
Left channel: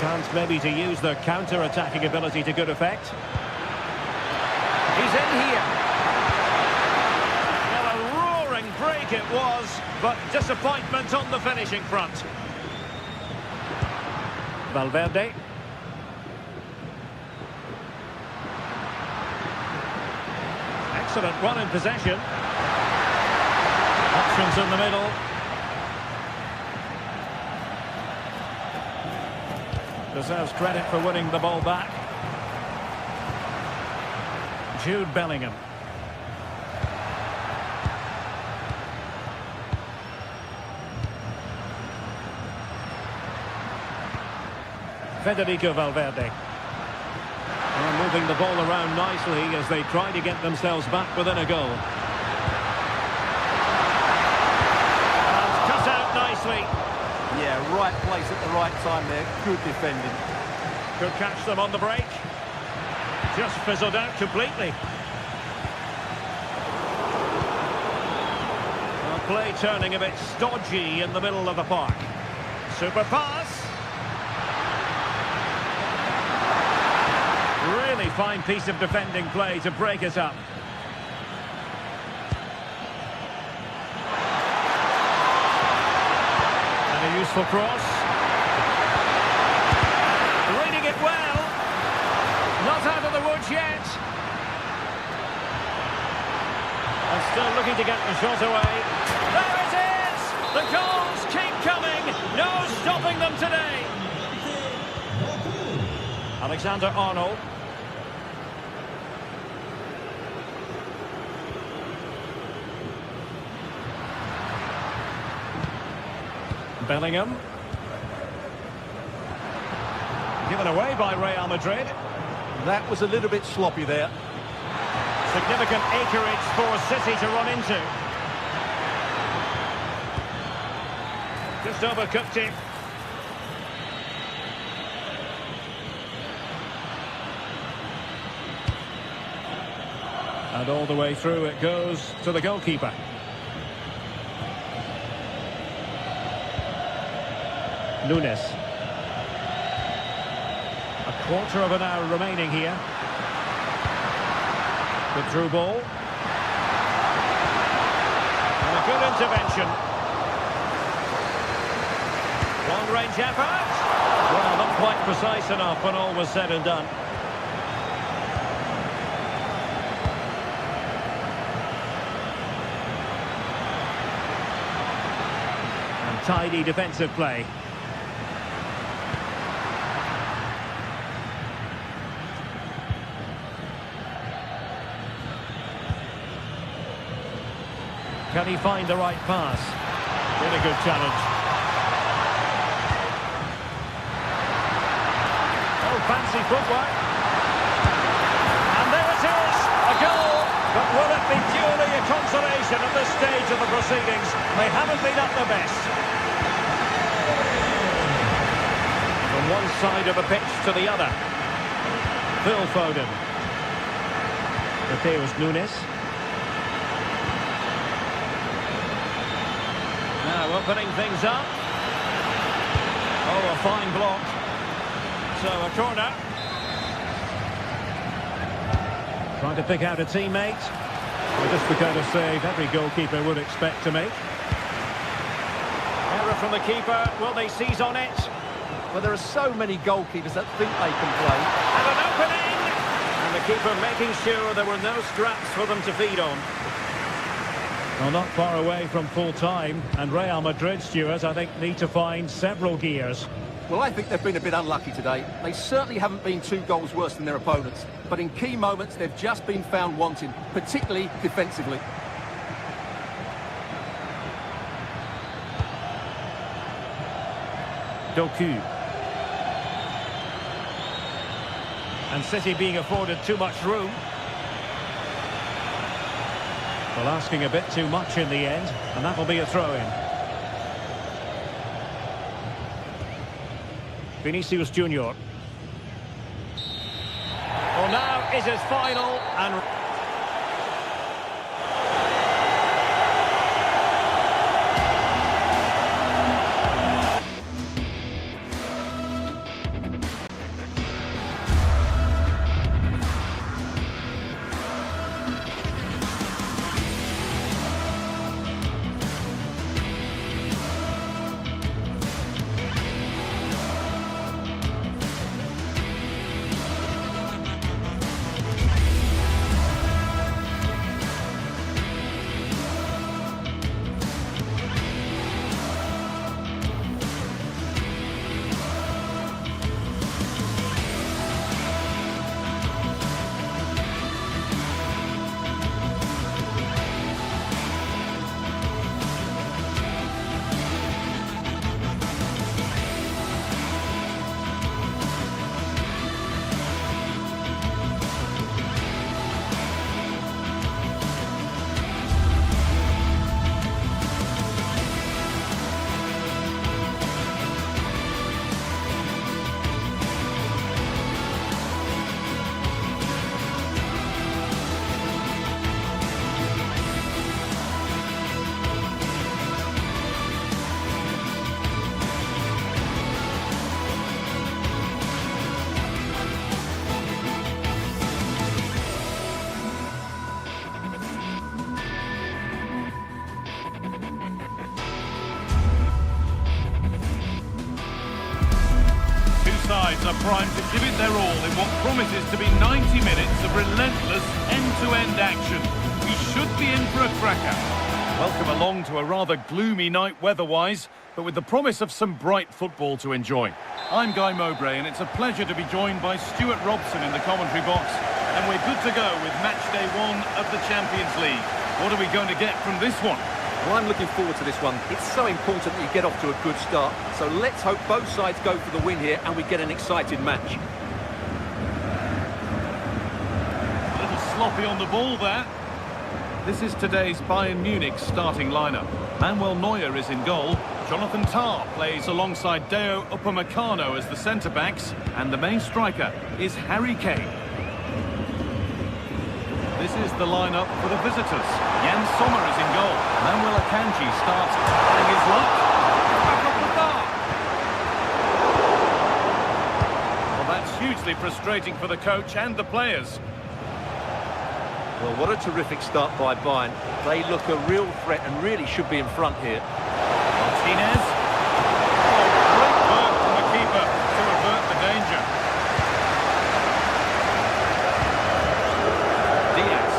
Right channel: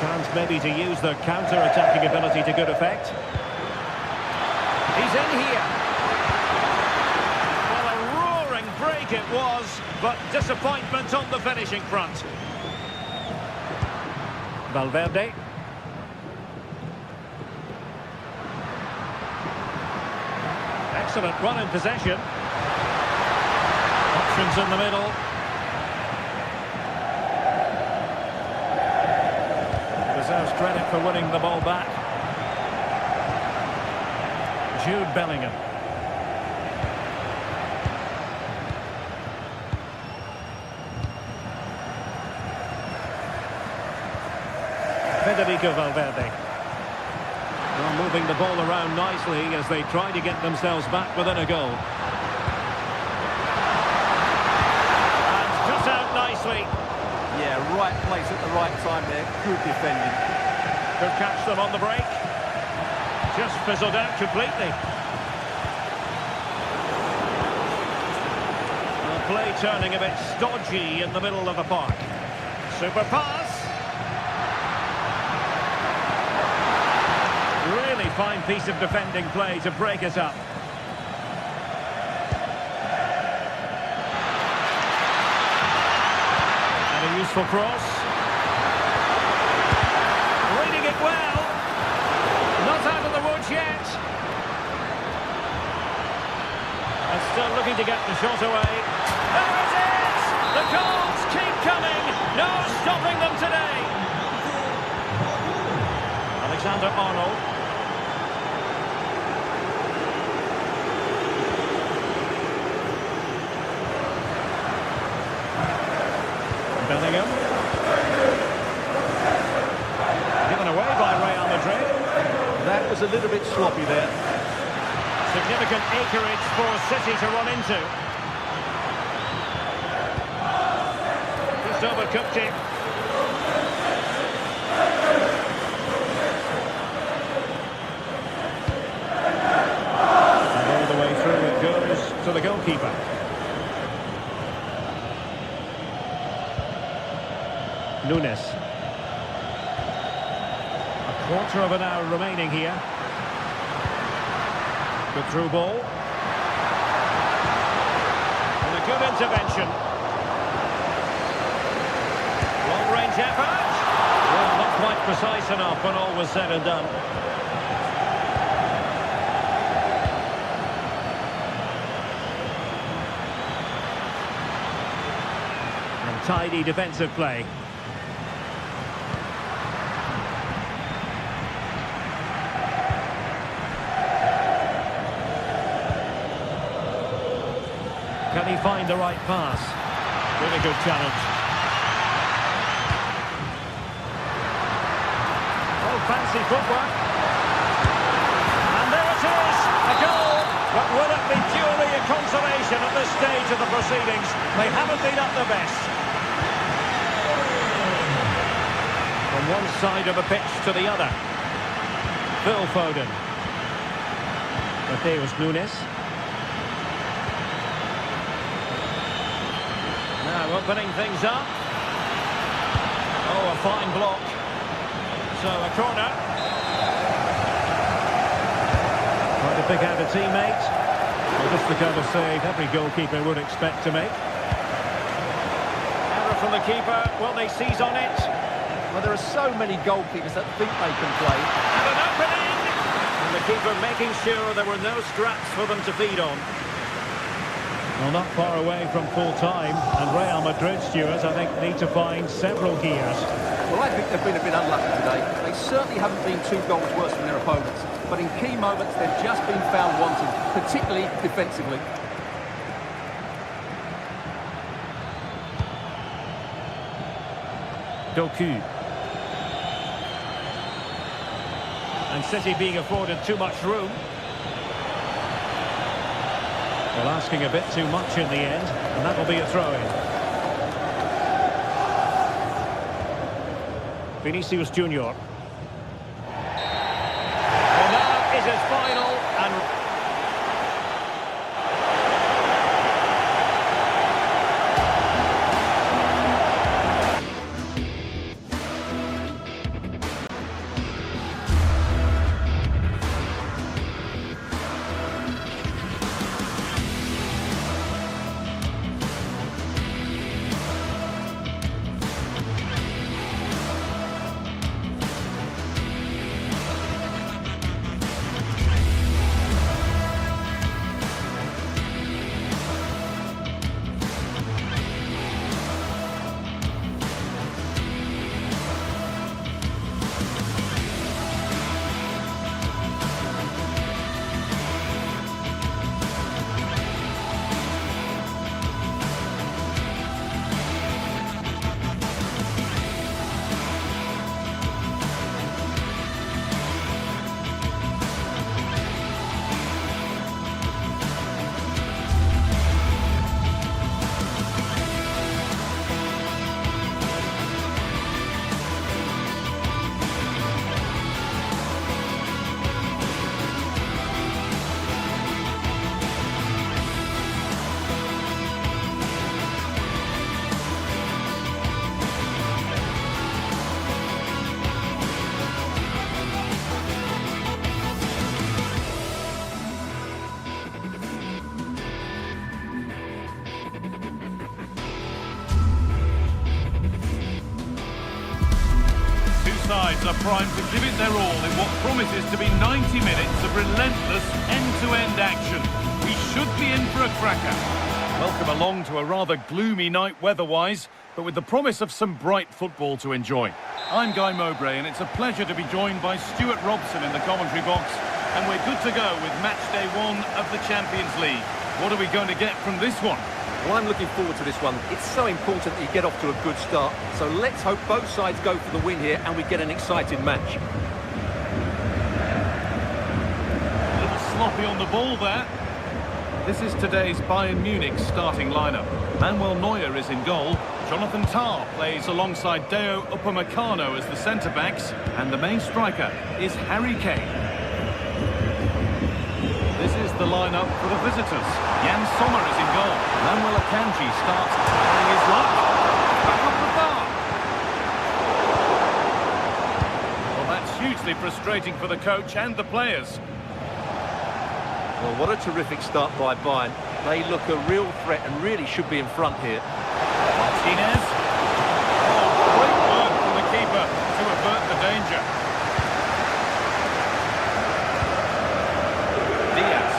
Chance maybe to use the counter-attacking ability to good effect. He's in here. Well, a roaring break it was, but disappointment on the finishing front. Valverde. Excellent run in possession. Options in the middle. Deserves credit for winning the ball back. Jude Bellingham. Federico Valverde. Well, moving the ball around nicely as they try to get themselves back within a goal. And cut out nicely. Yeah, right place at the right time there. Good defending. Could catch them on the break. Just fizzled out completely. Well, play turning a bit stodgy in the middle of the park. Super pass. Really fine piece of defending play to break it up. And a useful cross. Reading it well. Not out of the woods yet. And still looking to get the shot away. There it is! The goals keep coming. No stopping them today. Alexander-Arnold. Bellingham. Given away by Real Madrid. That was a little bit sloppy there. Significant acreage for City to run into. Just overcooked it. And all the way through it goes to the goalkeeper. Nunes. A quarter of an hour remaining here. Good through ball. And a good intervention. Long-range effort. Well, not quite precise enough when all was said and done. And tidy defensive play. Can he find the right pass? Really good challenge. Oh, fancy footwork. And there it is, a goal. But will it be purely a consolation at this stage of the proceedings? They haven't been at their best. From one side of the pitch to the other. Phil Foden. Mateus Nunes. Now opening things up. Oh, a fine block. So a corner. Trying to pick out a teammate. Well, just the kind of save every goalkeeper would expect to make. Error from the keeper. Will they seize on it? Well, there are so many goalkeepers that think they can play. And an opening! And the keeper making sure there were no scraps for them to feed on. Well, not far away from full time, and Real Madrid, Stuart, I think, need to find several gears. Well, I think they've been a bit unlucky today. They certainly haven't been 2 goals worse than their opponents, but in key moments they've just been found wanting, particularly defensively. Doku. And City being afforded too much room. Well, asking a bit too much in the end, and that'll be a throw-in. Vinicius Junior. Well, now is his final, and sides are primed to give it their all in what promises to be 90 minutes of relentless end-to-end action. We should be in for a cracker. Welcome along to a rather gloomy night weather-wise, but with the promise of some bright football to enjoy. I'm Guy Mowbray, and it's a pleasure to be joined by Stuart Robson in the commentary box. And we're good to go with match day 1 of the Champions League. What are we going to get from this one? Well, I'm looking forward to this one. It's so important that you get off to a good start. So let's hope both sides go for the win here and we get an exciting match. A little sloppy on the ball there. This is today's Bayern Munich starting lineup. Manuel Neuer is in goal. Jonathan Tah plays alongside Deo Upamecano as the centre-backs. And the main striker is Harry Kane. This is the lineup for the visitors. Jan Sommer is in goal. Manuel Akanji starts trying his luck. Back up the bar. Well, that's hugely frustrating for the coach and the players. Well, what a terrific start by Bayern. They look a real threat and really should be in front here. Martinez. Oh, great work from the keeper to avert the danger. Diaz.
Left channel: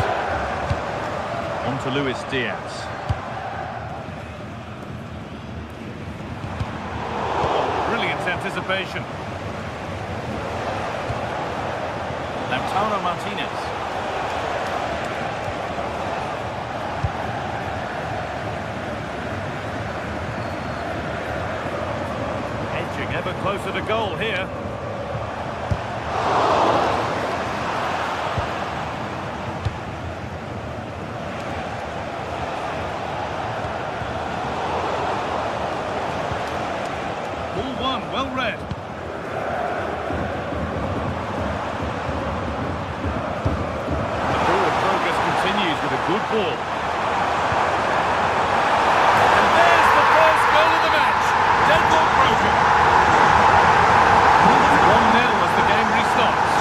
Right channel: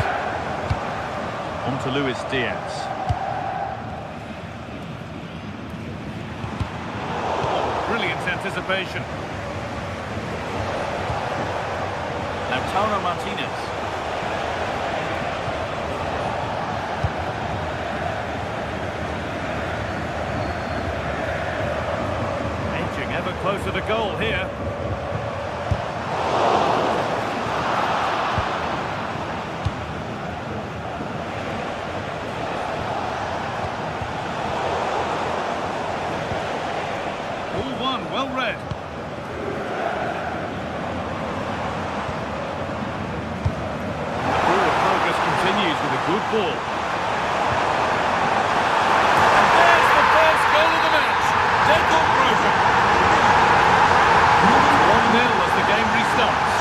On to Luis Diaz. Oh, brilliant anticipation. Lautaro Martinez. Edging ever closer to goal here. Ball one, well read. The forward progress continues with a good ball. And there's the first goal of the match. Deadlock broken. 1-0 as the game restarts.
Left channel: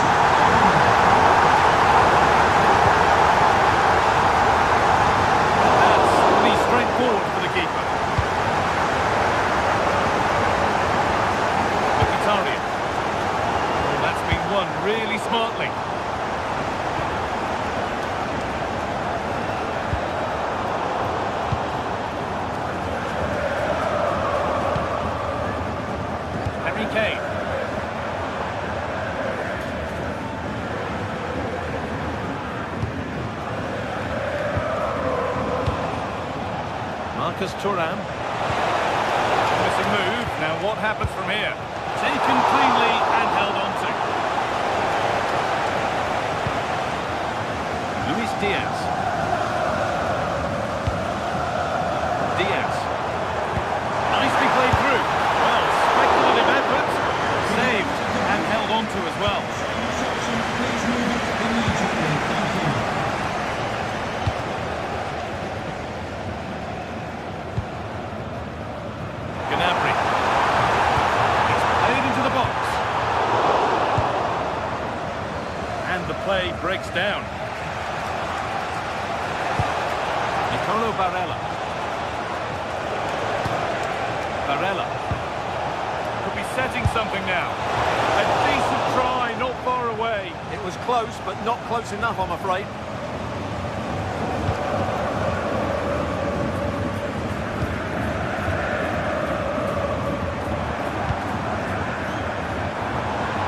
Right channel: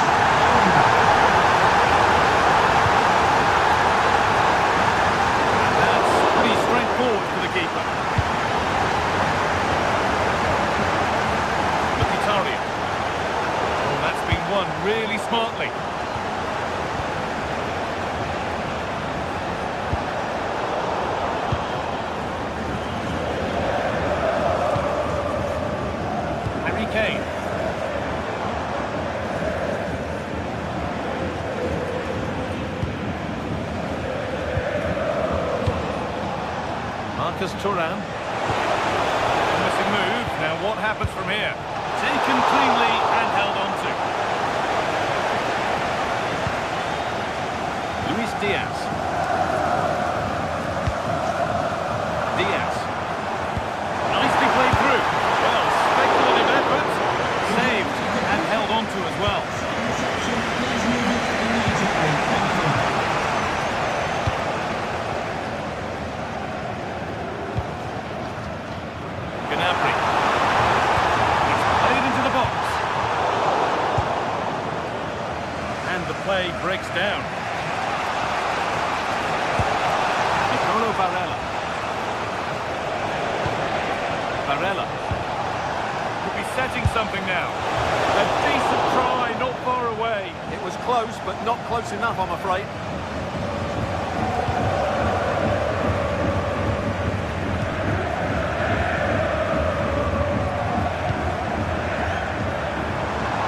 And that's pretty straightforward for the keeper. Oh, that's been won really smartly. Harry Kane. Marcus Thuram. Missing move. Now what happens from here? Taken cleanly and held on to. Luis Diaz. Diaz. Nicely played through. Well, speculative effort. Saved and held on to as well. Gnabry. Into the box. And the play breaks down. Nicolo Barella. Barella. Could be setting something now. A decent try, not far away. It was close, but not close enough, I'm afraid.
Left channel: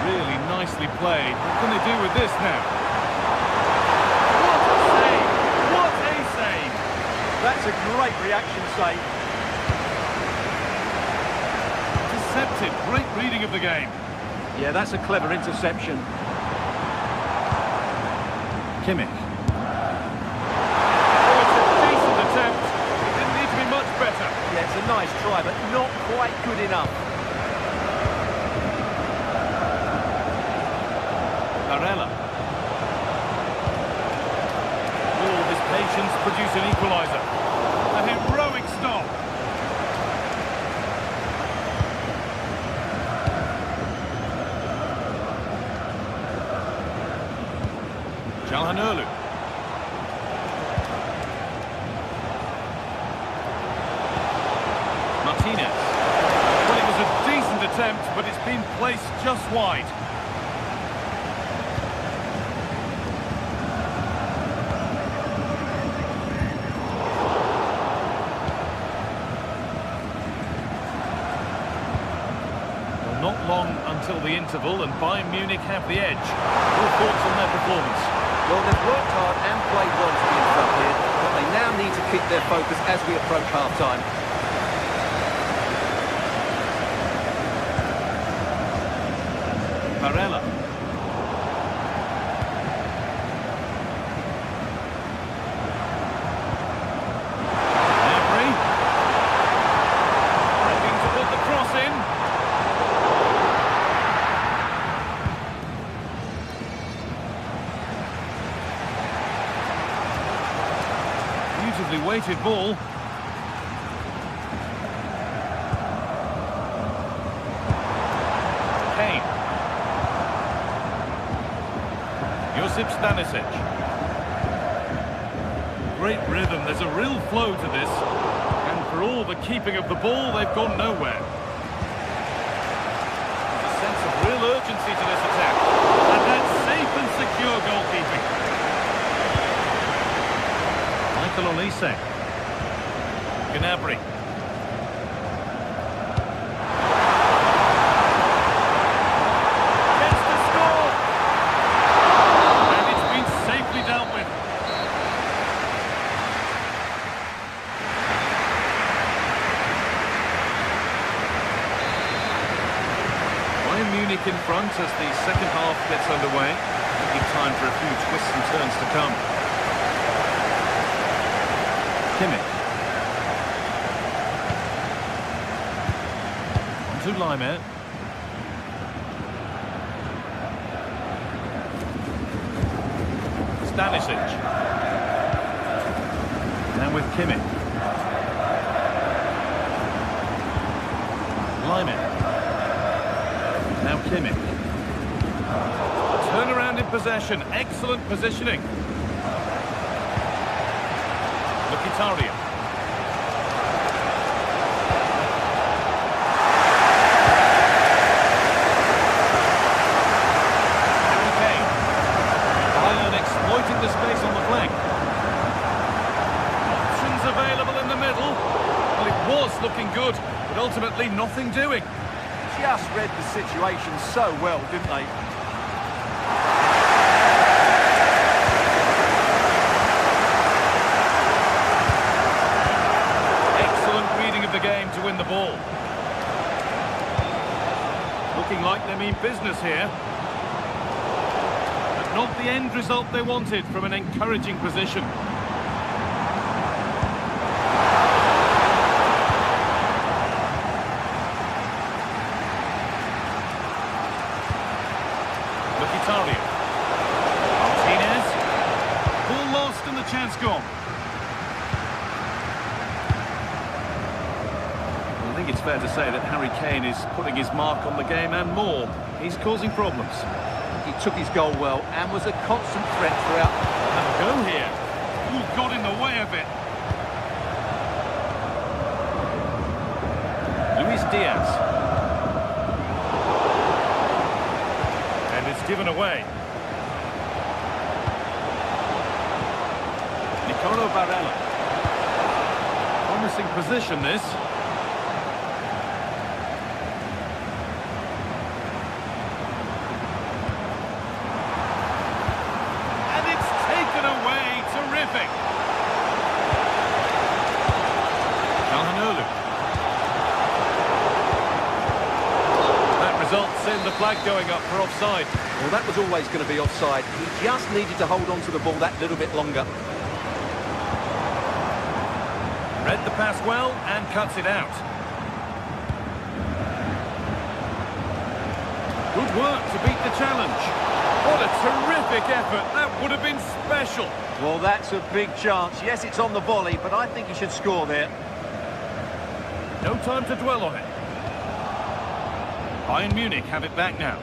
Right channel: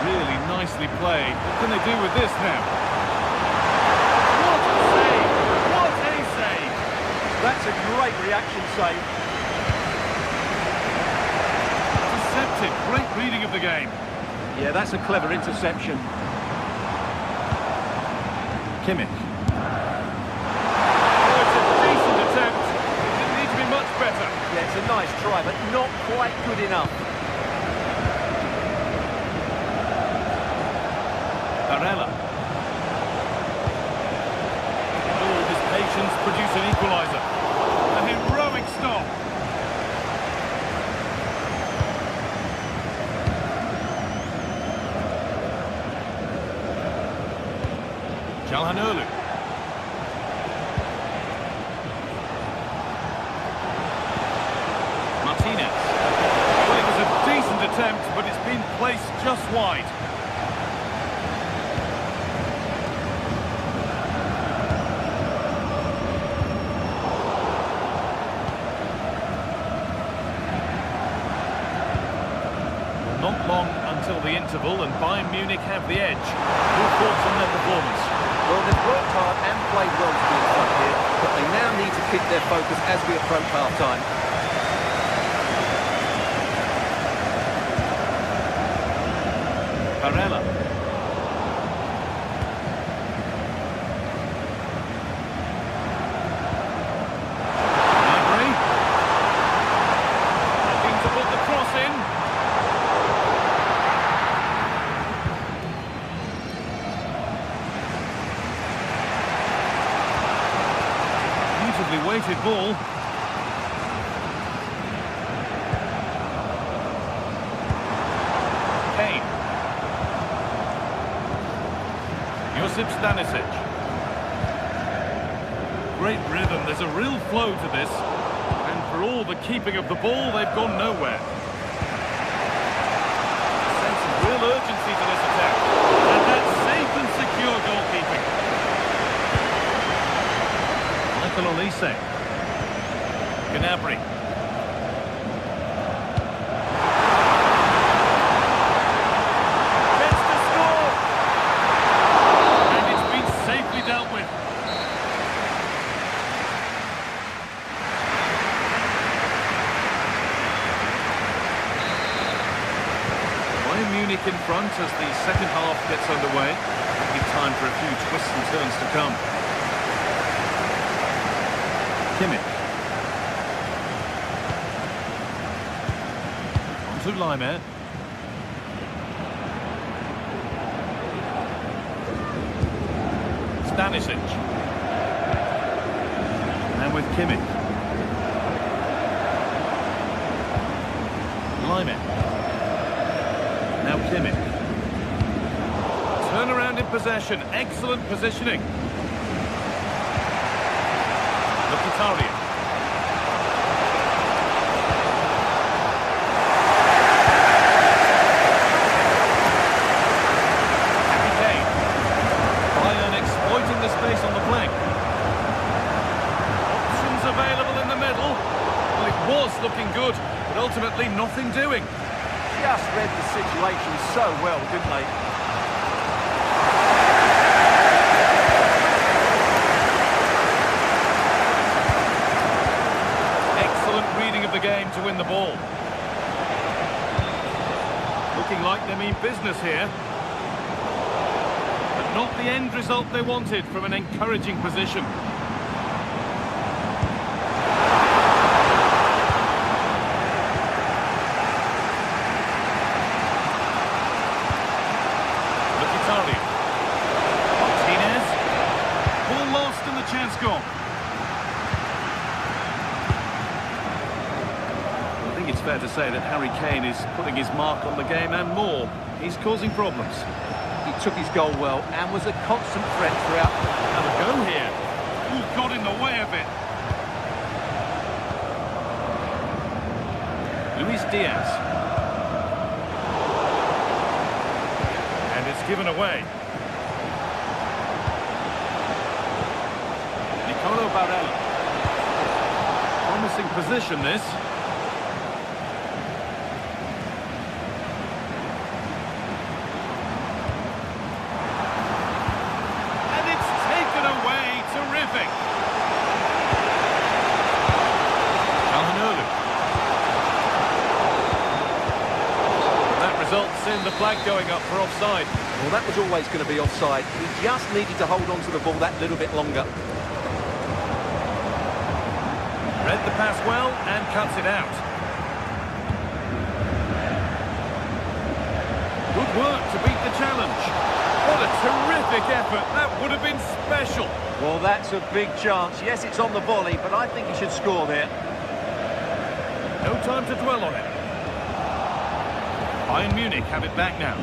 Really nicely played. What can they do with this now? What a save! What a save! That's a great reaction save. Intercepted. Great reading of the game. Yeah, that's a clever interception. Kimmich. Oh, it's a decent attempt. It didn't need to be much better. Yeah, it's a nice try, but not quite good enough. Barella. All his patience produce an equaliser. A heroic stop. Calhanoglu. Martinez. Well, it was a decent attempt, but it's been placed just wide. Well, not long until the interval, and Bayern Munich have the edge. Your thoughts on their performance? Well, they've worked hard and played well to be in front here, but they now need to keep their focus as we approach half-time. Barella. Gnabry. Looking to put the cross in. Beautifully weighted ball. Kane. Josip Stanisic. Great rhythm, there's a real flow to this. And for all the keeping of the ball, they've gone nowhere. A sense of real urgency to this attack. And that's safe and secure goalkeeping. Michael Olise. Gnabry. Chance to score! And it's been safely dealt with. Bayern Munich in front as the second half gets underway. Give time for a few twists and turns to come. Kimmich. On to Laimer. Stanisic. Now with Kimmich. Laimer. Now Kimmich. Turnaround in possession. Excellent positioning. Mkhitaryan. Harry Kane. Bayern exploiting the space on the flank. Options available in the middle. Well, it was looking good, but ultimately nothing doing. Just read the situation so well, didn't they? Excellent reading of the game to win the ball. Looking like they mean business here. But not the end result they wanted from an encouraging position. Mkhitaryan. Martinez. Ball lost and the chance gone. I think it's fair to say that Harry Kane is putting his mark on the game and more. He's causing problems. He took his goal well and was a constant threat throughout. Have a go here. Ooh, got in the way of it. Luis Diaz. And it's given away. Nicolo Barella. Promising position, this. And it's taken away. Terrific. Calhanoglu. That results in the flag going up for offside. Well, that was always going to be offside. He just needed to hold on to the ball that little bit longer. Read the pass well and cuts it out. Good work to beat the challenge. What a terrific effort. That would have been special. Well, that's a big chance. Yes, it's on the volley, but I think he should score there. No time to dwell on it. Bayern Munich have it back now.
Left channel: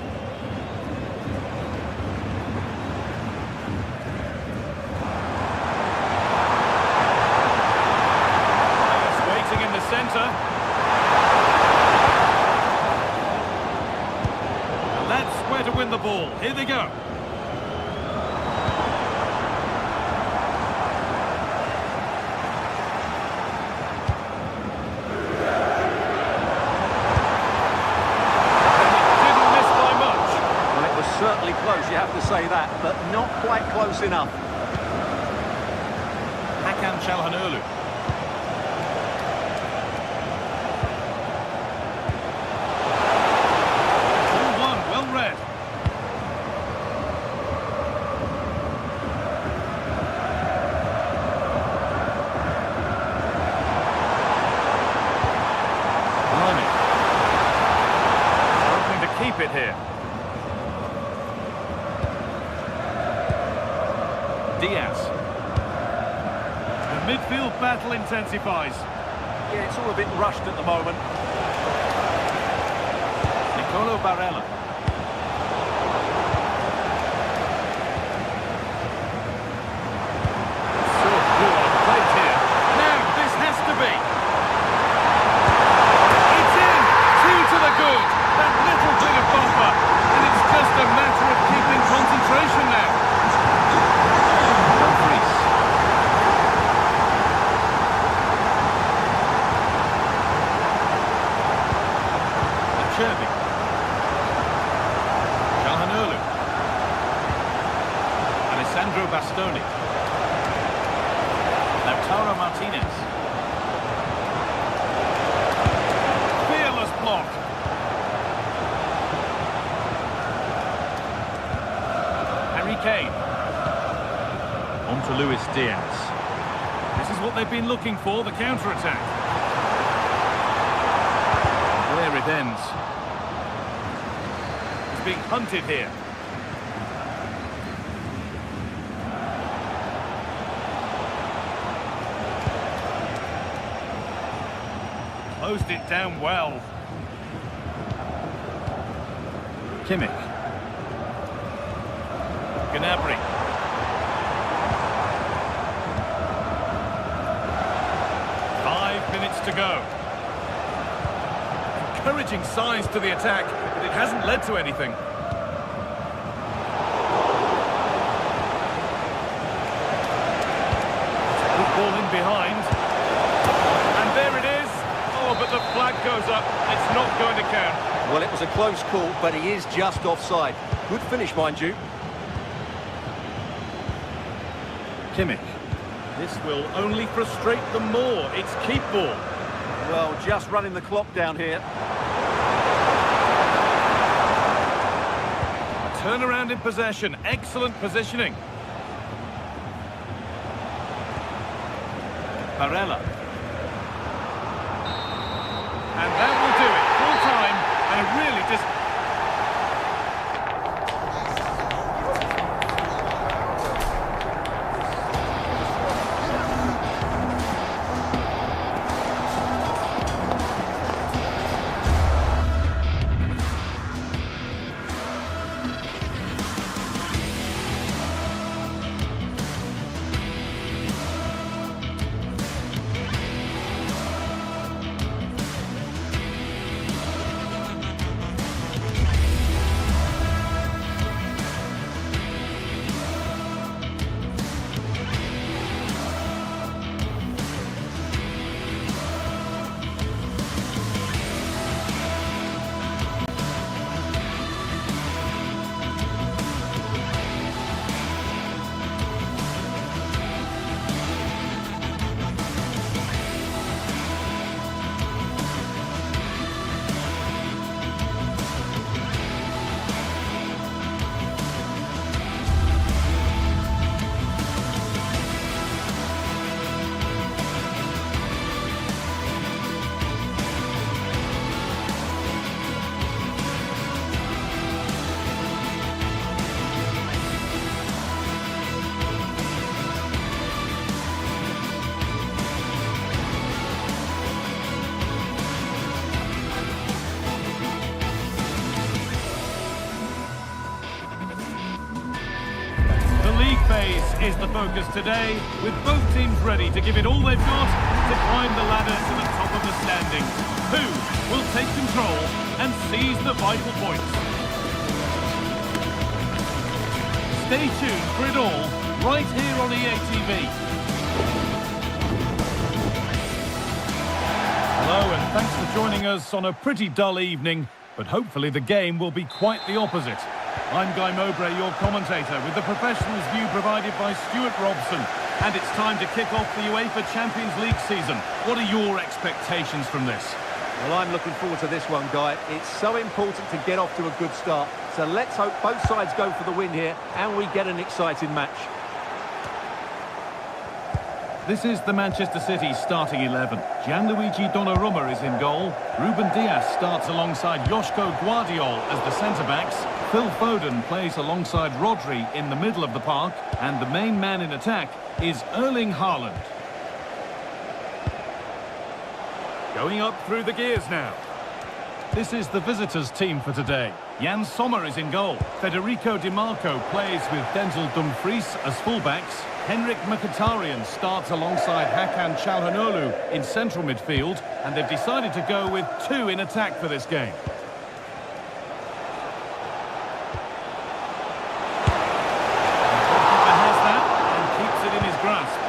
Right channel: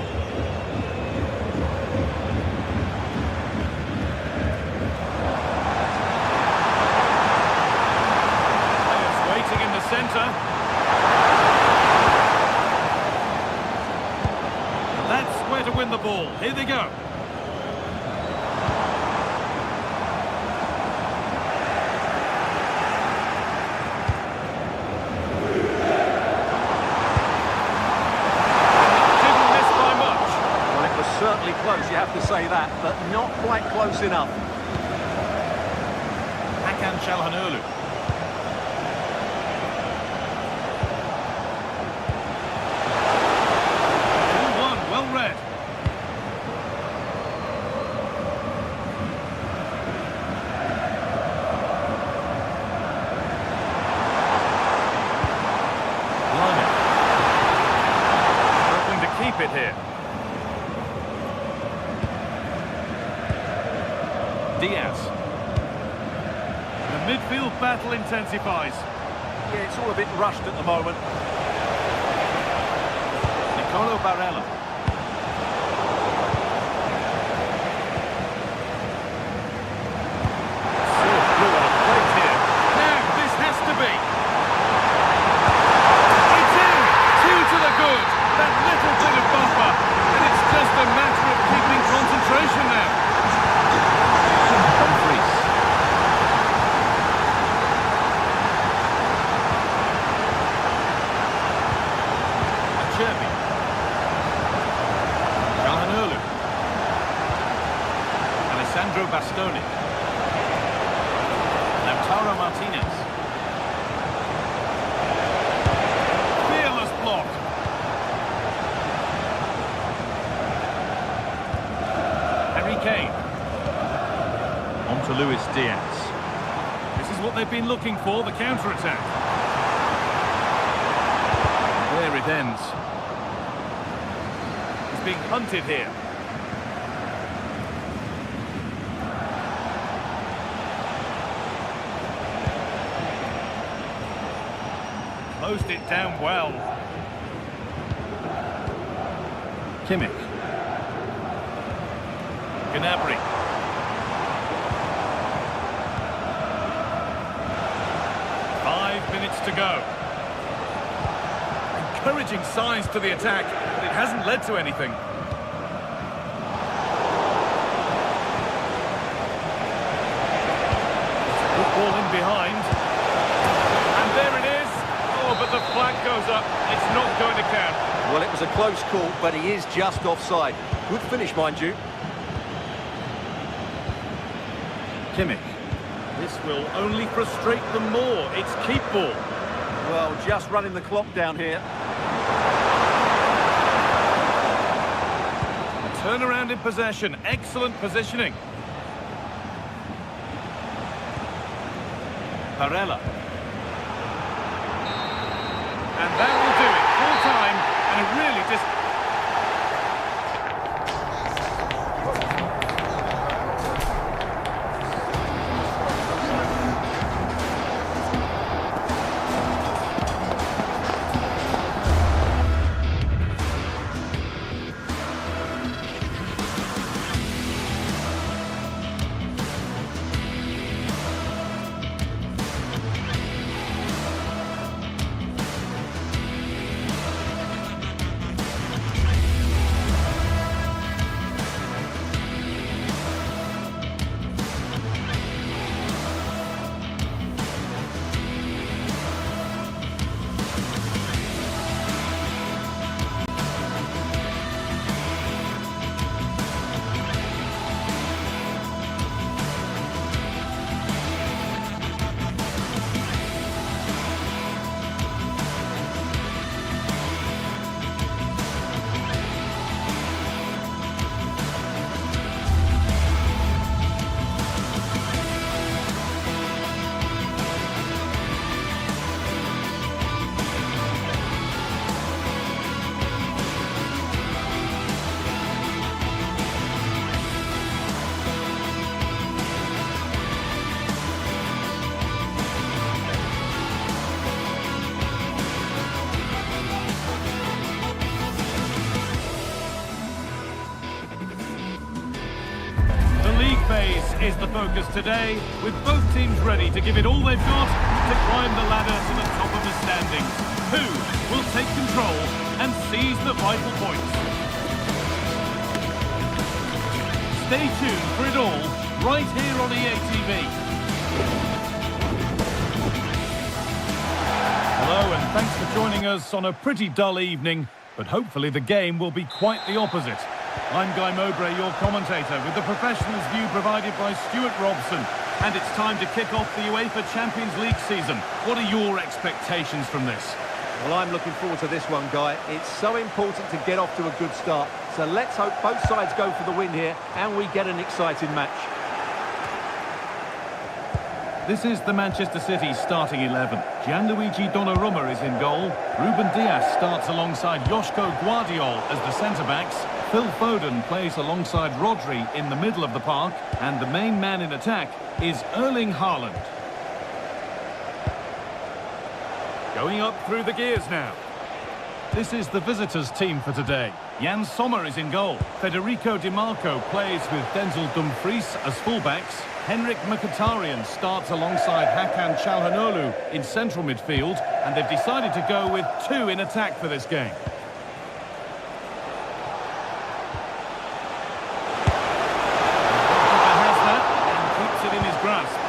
Players waiting in the centre. That's where to win the ball. Here they go. Certainly close, you have to say that, but not quite close enough. Hakan Çalhanoğlu. Ball one, well read. Blimey. Struggling to keep it here. Diaz. The midfield battle intensifies. Yeah, it's all a bit rushed at the moment. Nicolo Barella. So blue on a plate here. Now, this has to be. It's in! 2 to the good. That little bit of buffer. And it's just a matter of keeping concentration now. Dumfries. Acerbi. Çalhanoğlu. Alessandro Bastoni. Lautaro Martinez. Fearless block. Harry Kane. On to Luis Diaz. This is what they've been looking for, the counter-attack. There it ends. He's being hunted here. Closed it down well. Kimmich. Gnabry. 5 minutes to go. Encouraging signs to the attack, but it hasn't led to anything. Good ball in behind. And there it is. Oh, but the flag goes up. It's not going to count. Well, it was a close call, but he is just offside. Good finish, mind you. Kimmich. This will only frustrate them more. It's keep ball. Well, just running the clock down here. A turnaround in possession. Excellent positioning. Barella. And that will do it. Full time and a really phase is the focus today, with both teams ready to give it all they've got to climb the ladder to the top of the standings. Who will take control and seize the vital points? Stay tuned for it all, right here on EA TV. Hello and thanks for joining us on a pretty dull evening, but hopefully the game will be quite the opposite. I'm Guy Mowbray, your commentator, with the professionals' view provided by Stuart Robson. And it's time to kick off the UEFA Champions League season. What are your expectations from this? Well, I'm looking forward to this one, Guy. It's so important to get off to a good start. So let's hope both sides go for the win here and we get an exciting match. This is the Manchester City starting 11. Gianluigi Donnarumma is in goal. Ruben Dias starts alongside Joško Guardiol as the centre-backs. Phil Foden plays alongside Rodri in the middle of the park. And the main man in attack is Erling Haaland. Going up through the gears now. This is the visitors' team for today. Jan Sommer is in goal. Federico Di Marco plays with Denzel Dumfries as fullbacks. Henrik Mkhitaryan starts alongside Hakan Çalhanoğlu in central midfield, and they've decided to go with two in attack for this game. The goalkeeper has that and keeps it in his grasp.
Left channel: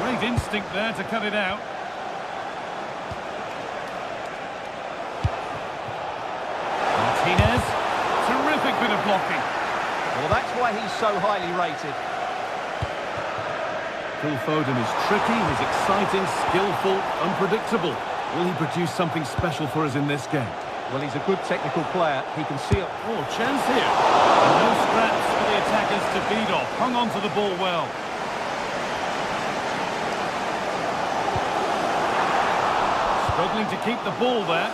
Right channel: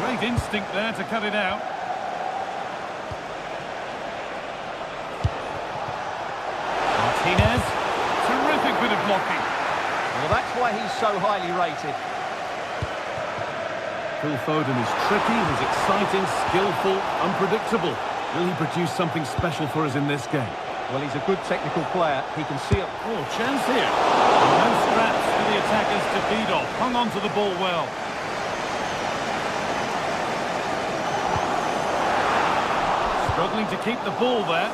Great instinct there to cut it out. Martinez, terrific bit of blocking. Well, that's why he's so highly rated. Phil Foden is tricky, he's exciting, skillful, unpredictable. Will he produce something special for us in this game? Well, he's a good technical player. He can see it. Oh, chance here. And no scraps for the attackers to feed off. Hung on to the ball well. Struggling to keep the ball there.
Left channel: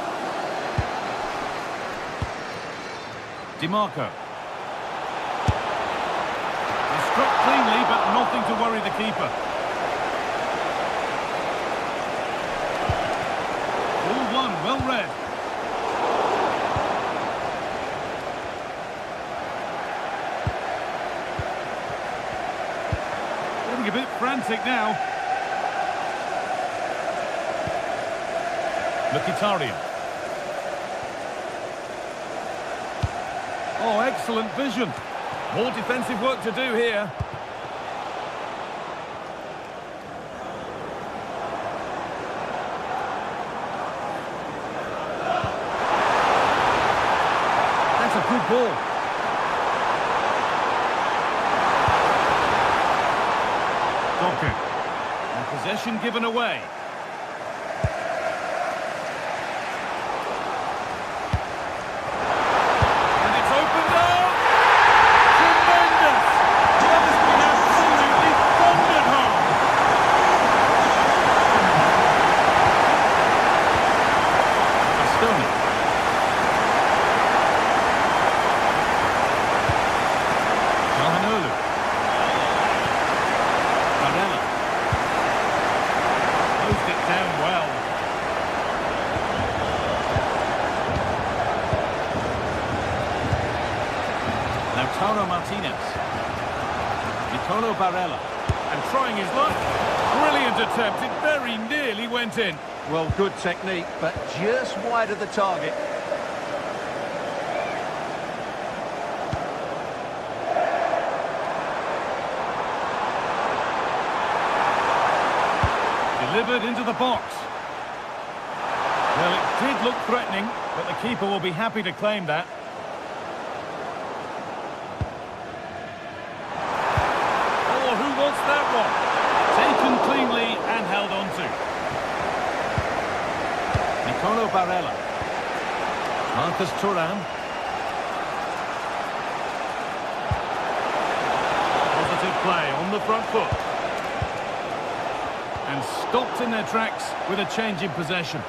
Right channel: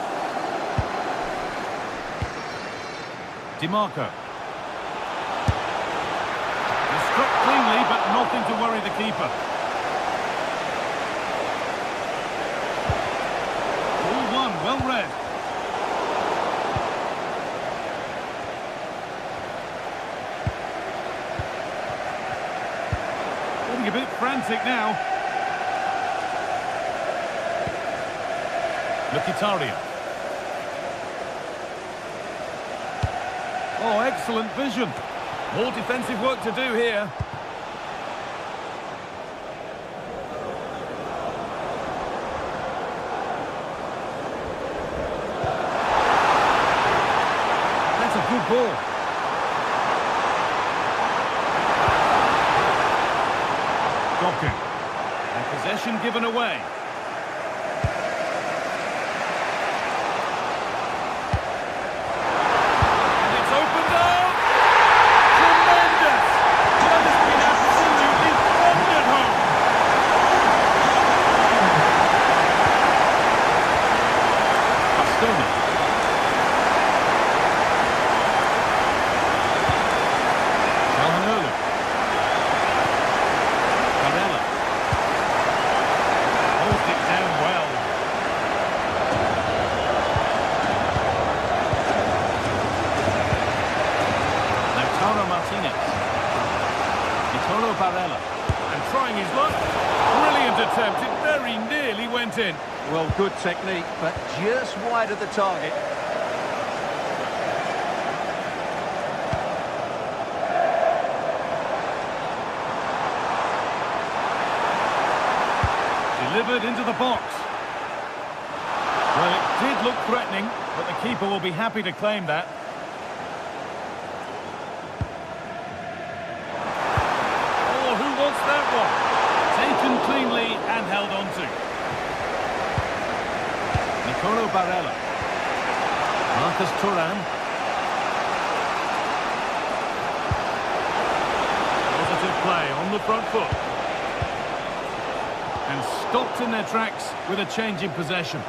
Di Marco. He struck cleanly, but nothing to worry the keeper. Ball one, well read. Getting a bit frantic now. Mkhitaryan. Oh, excellent vision. More defensive work to do here. That's a good ball. Doku. And possession given away. Çalhanoğlu. Barella. Closed it down well. Lautaro Martinez. Nicolo Barella. And trying his luck. Brilliant attempt. It very nearly went in. Well, good technique, but just wide of the target. Delivered into the box. Well, it did look threatening, but the keeper will be happy to claim that. Oh, who wants that one? Taken cleanly and held on to. Nicolo Barella. Marcus Thuram. Positive play on the front foot. And stopped in their tracks with a change in possession.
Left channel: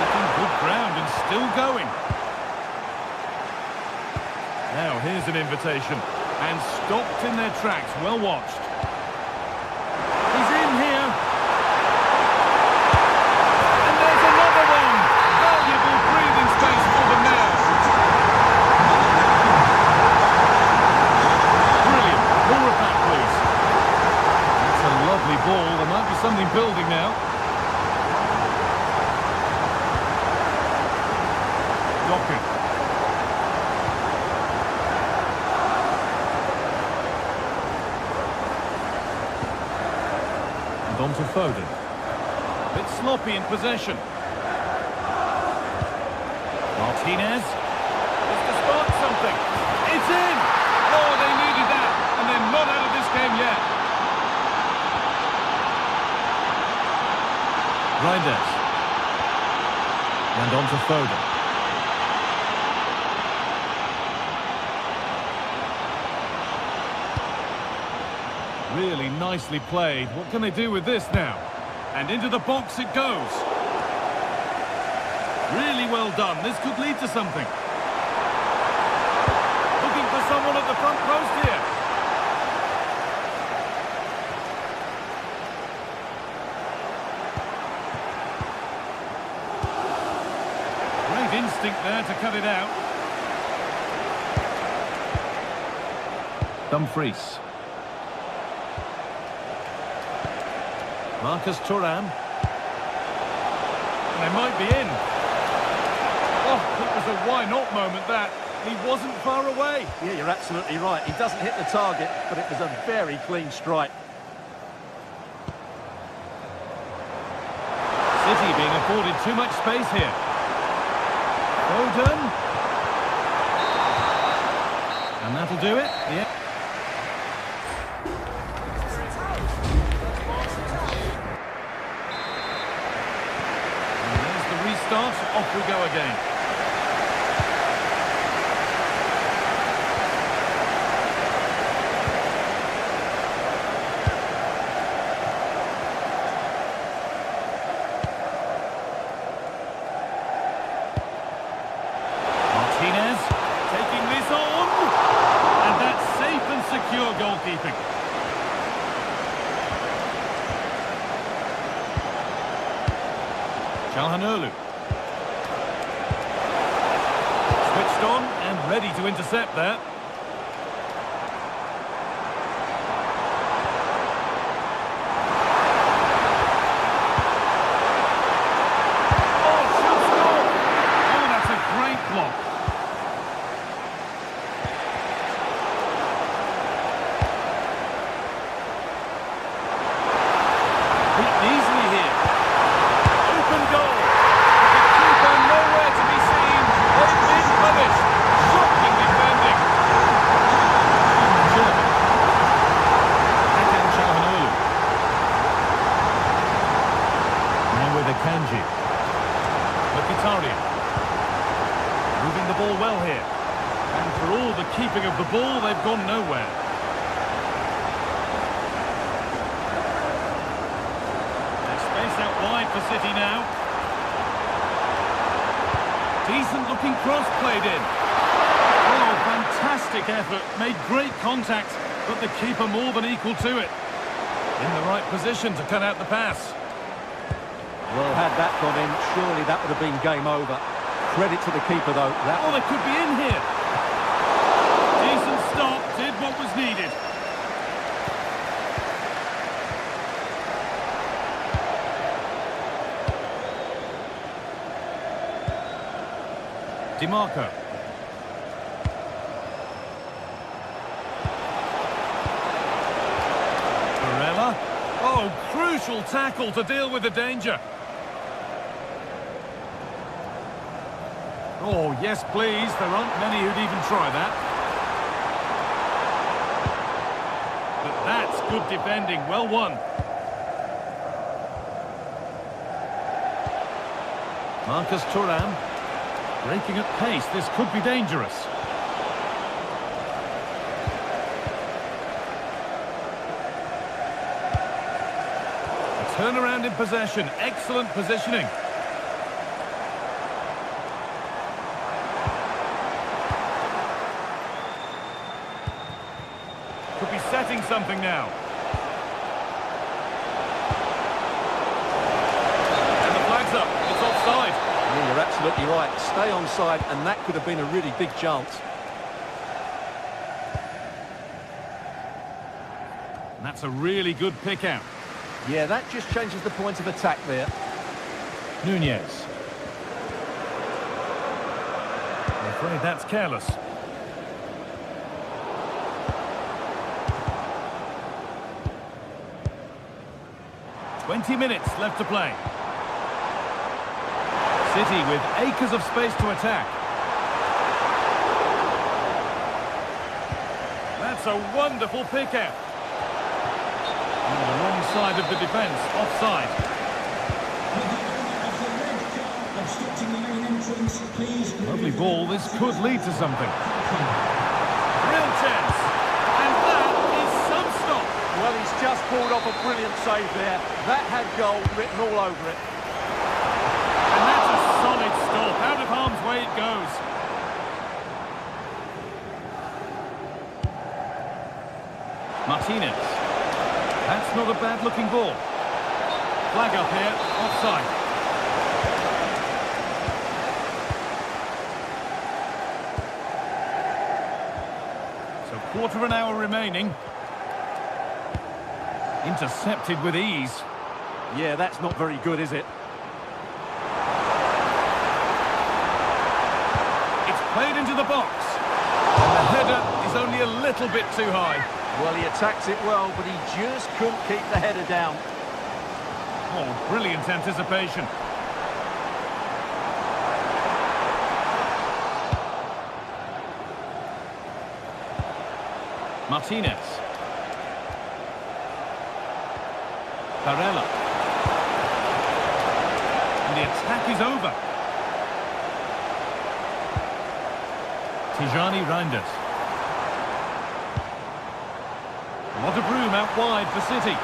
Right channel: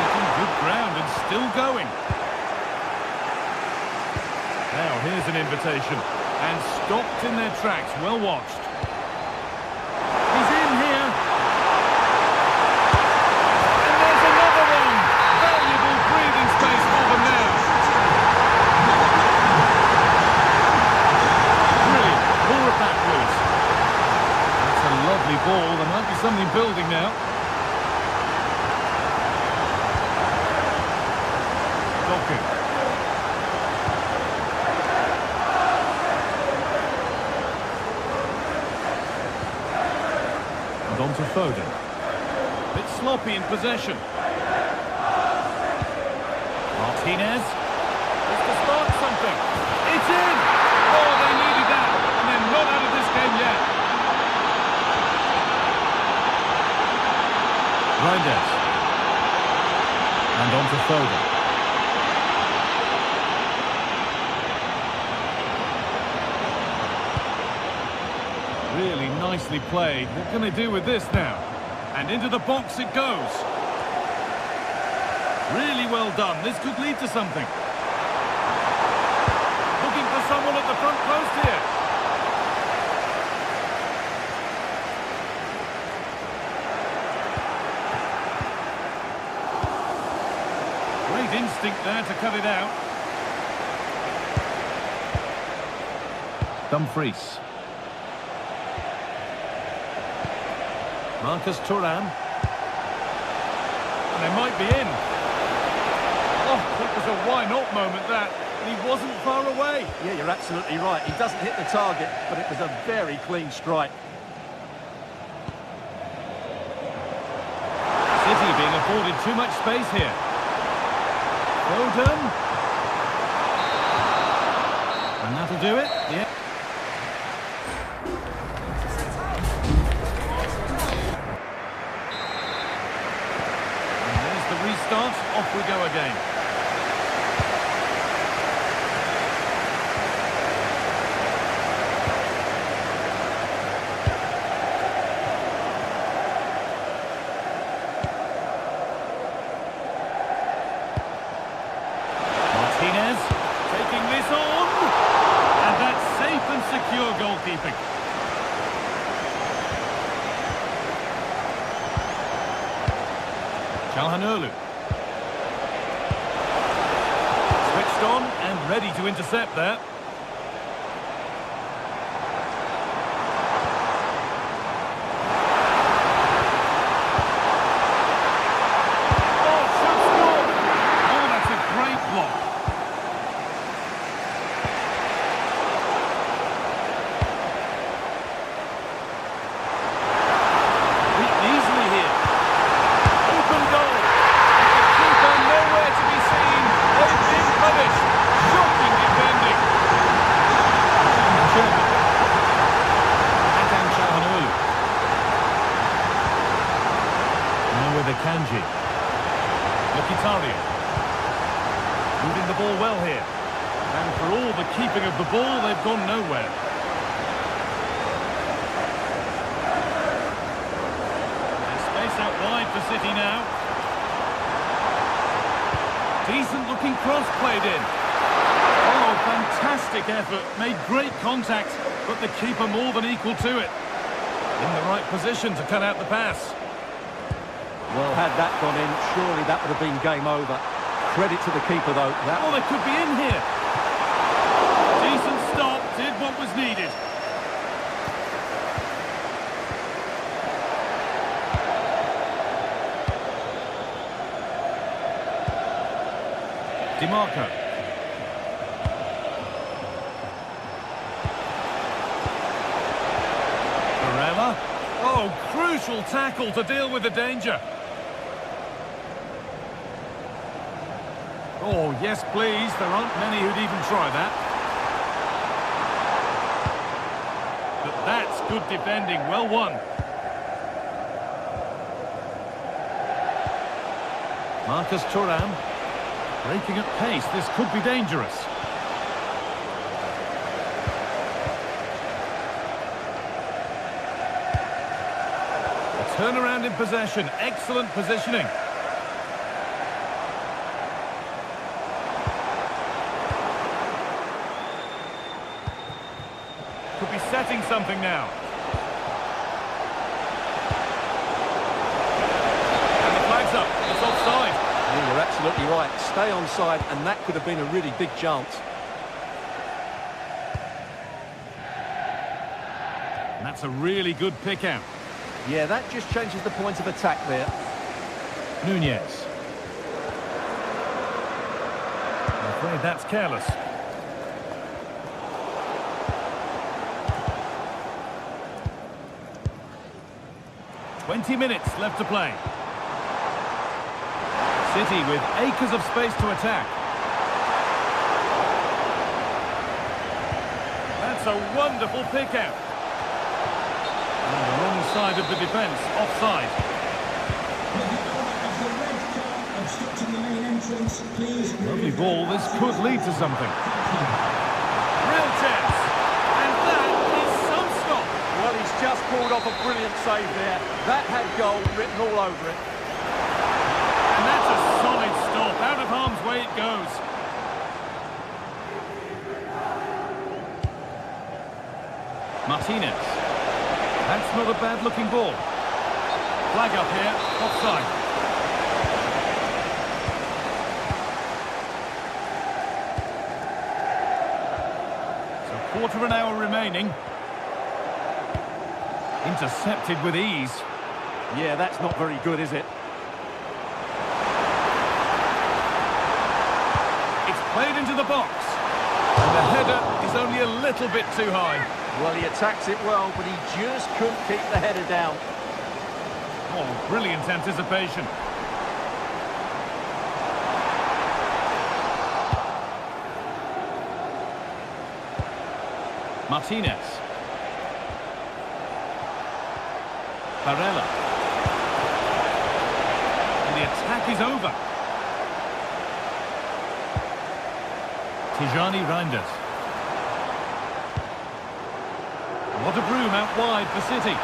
Making good ground and still going. Now here's an invitation. And stopped in their tracks, well watched. He's in here. And there's another one. Valuable breathing space for them now. Brilliant. More of that, please. That's a lovely ball. There might be something building now. Doku. And on to Foden. Bit sloppy in possession. Martinez. This to spark something. It's in! Oh, they needed that, and they're not out of this game yet. Reinders. And on to Foden. Really nicely played. What can they do with this now? And into the box it goes. Really well done. This could lead to something. Looking for someone at the front post here. Great instinct there to cut it out. Dumfries. Marcus Thuram. And they might be in. Oh, it was a why-not moment, that. And he wasn't far away. Yeah, you're absolutely right. He doesn't hit the target, but it was a very clean strike. City being afforded too much space here. Foden. And that'll do it. Yeah. And there's the restart. Off we go again. Martinez taking this on, and that's safe and secure goalkeeping. Calhanoglu. Switched on and ready to intercept there. Oh, should score! Oh, that's a great block. Beaten easily here. Open goal. With the keeper nowhere to be seen. They've been punished. Shocking defending. German. Hakan Calhanoglu. Now with Akanji. Mkhitaryan. Moving the ball well here. And for all the keeping of the ball, they've gone nowhere. Space out wide for City now. Decent looking cross played in. Oh, fantastic effort. Made great contact, but the keeper more than equal to it. In the right position to cut out the pass. Well, had that gone in, surely that would have been game over. Credit to the keeper, though. Oh, they could be in here. Decent stop, did what was needed. DiMarco. Barella. Oh, crucial tackle to deal with the danger. Oh, yes, please. There aren't many who'd even try that. But that's good defending. Well won. Marcus Thuram. Breaking at pace, this could be dangerous. A turnaround in possession, excellent positioning. Could be setting something now. And the flag's up, it's offside. Yeah, you're absolutely right. Stay onside, and that could have been a really big chance. And that's a really good pick out. Yeah, that just changes the point of attack there. Nunez. I'm afraid that's careless. "20 minutes left to play. City with acres of space to attack. That's a wonderful pick-out. On the wrong side of the defence, offside. With the owner of the red car obstructing the main entrance, please... Lovely ball, this could lead to something. Real chance. And that is some stop. Well, he's just pulled off a brilliant save there. That had goal written all over it. And that's a solid stop. Out of harm's way it goes. Martinez. That's not a bad-looking ball. Flag up here, offside. So quarter of an hour remaining. Intercepted with ease. Yeah, that's not very good, is it? It's played into the box. And the header is only a little bit too high. Well, he attacks it well, but he just couldn't keep the header down. Oh, brilliant anticipation. Martinez. Barella. And the attack is over. Tijani Reinders. A lot of room out wide for City.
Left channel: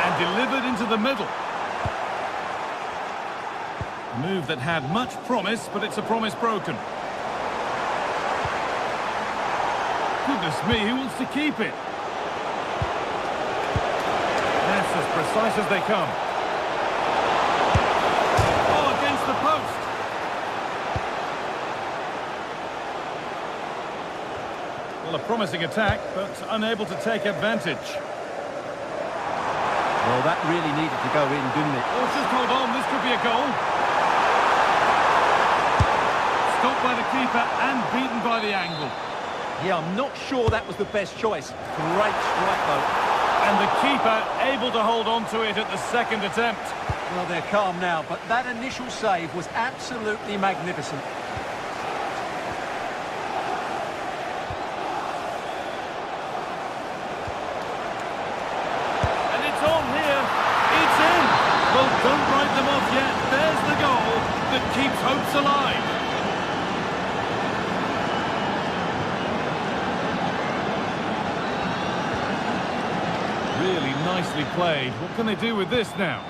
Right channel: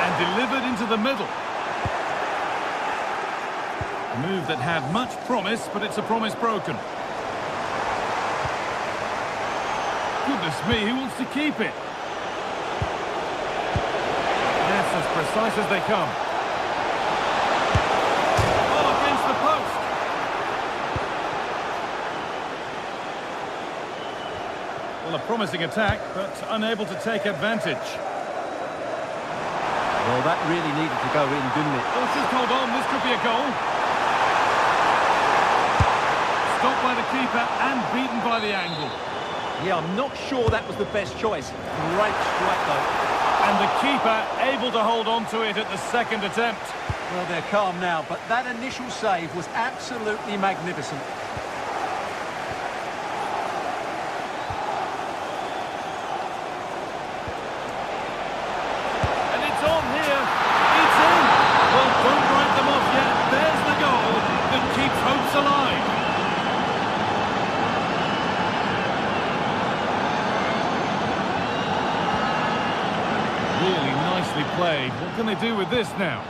And delivered into the middle. A move that had much promise, but it's a promise broken. Goodness me, who wants to keep it? That's as precise as they come. Oh, against the post. Well, a promising attack, but unable to take advantage. Well, that really needed to go in, didn't it? Oh, just hold on, this could be a goal. Stopped by the keeper and beaten by the angle. Yeah, I'm not sure that was the best choice. Great strike, though. And the keeper able to hold on to it at the second attempt. Well, they're calm now, but that initial save was absolutely magnificent. And it's on here. It's in. Well, don't write them off yet. There's the goal that keeps hopes alive. Really nicely played. What can they do with this now?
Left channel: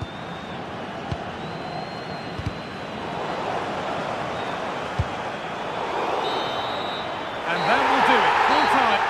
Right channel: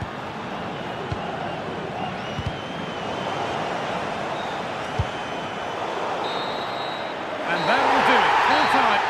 And that will do it. Full time.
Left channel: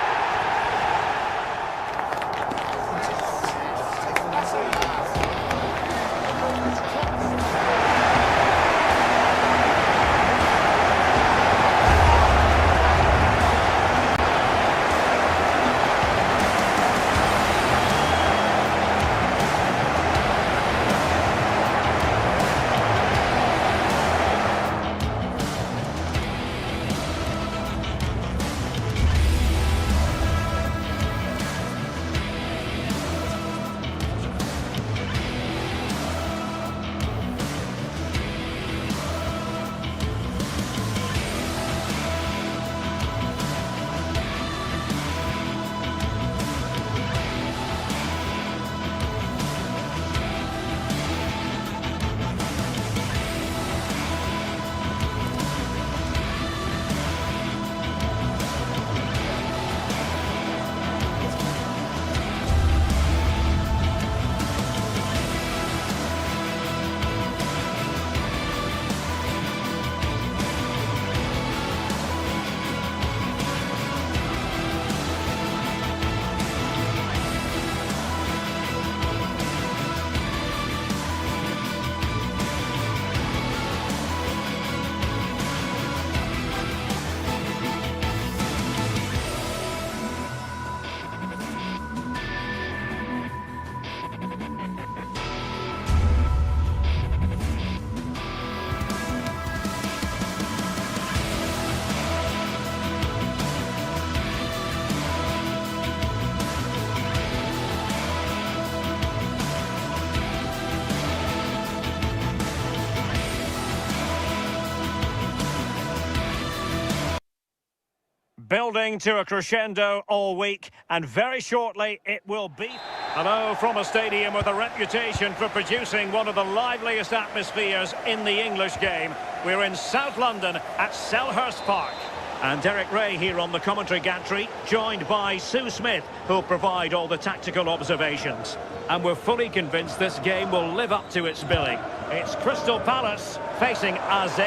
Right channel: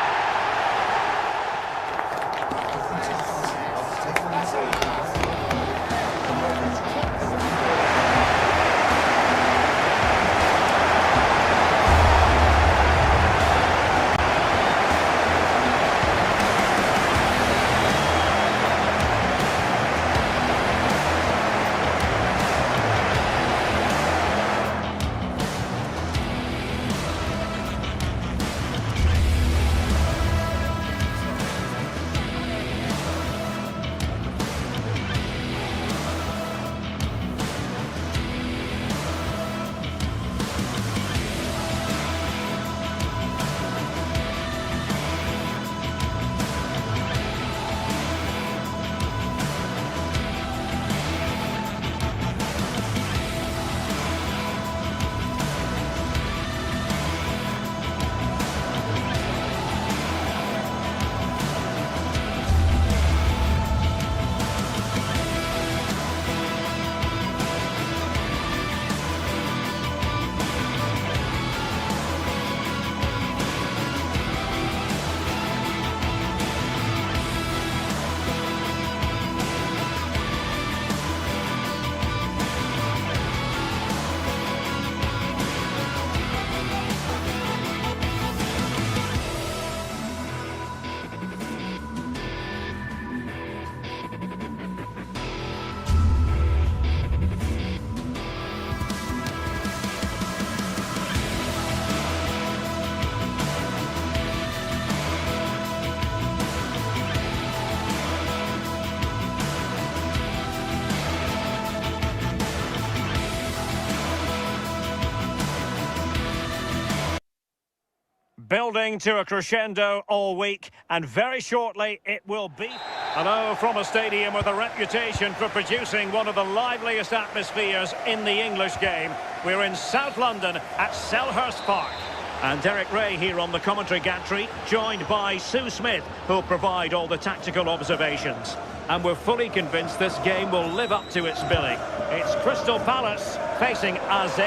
Building to a crescendo all week, and very shortly it will be. Hello from a stadium with a reputation for producing one of the liveliest atmospheres in the English game. We're in South London at Selhurst Park. And Derek Ray here on the commentary gantry, joined by Sue Smith, who'll provide all the tactical observations. And we're fully convinced this game will live up to its billing. It's Crystal Palace facing AZ.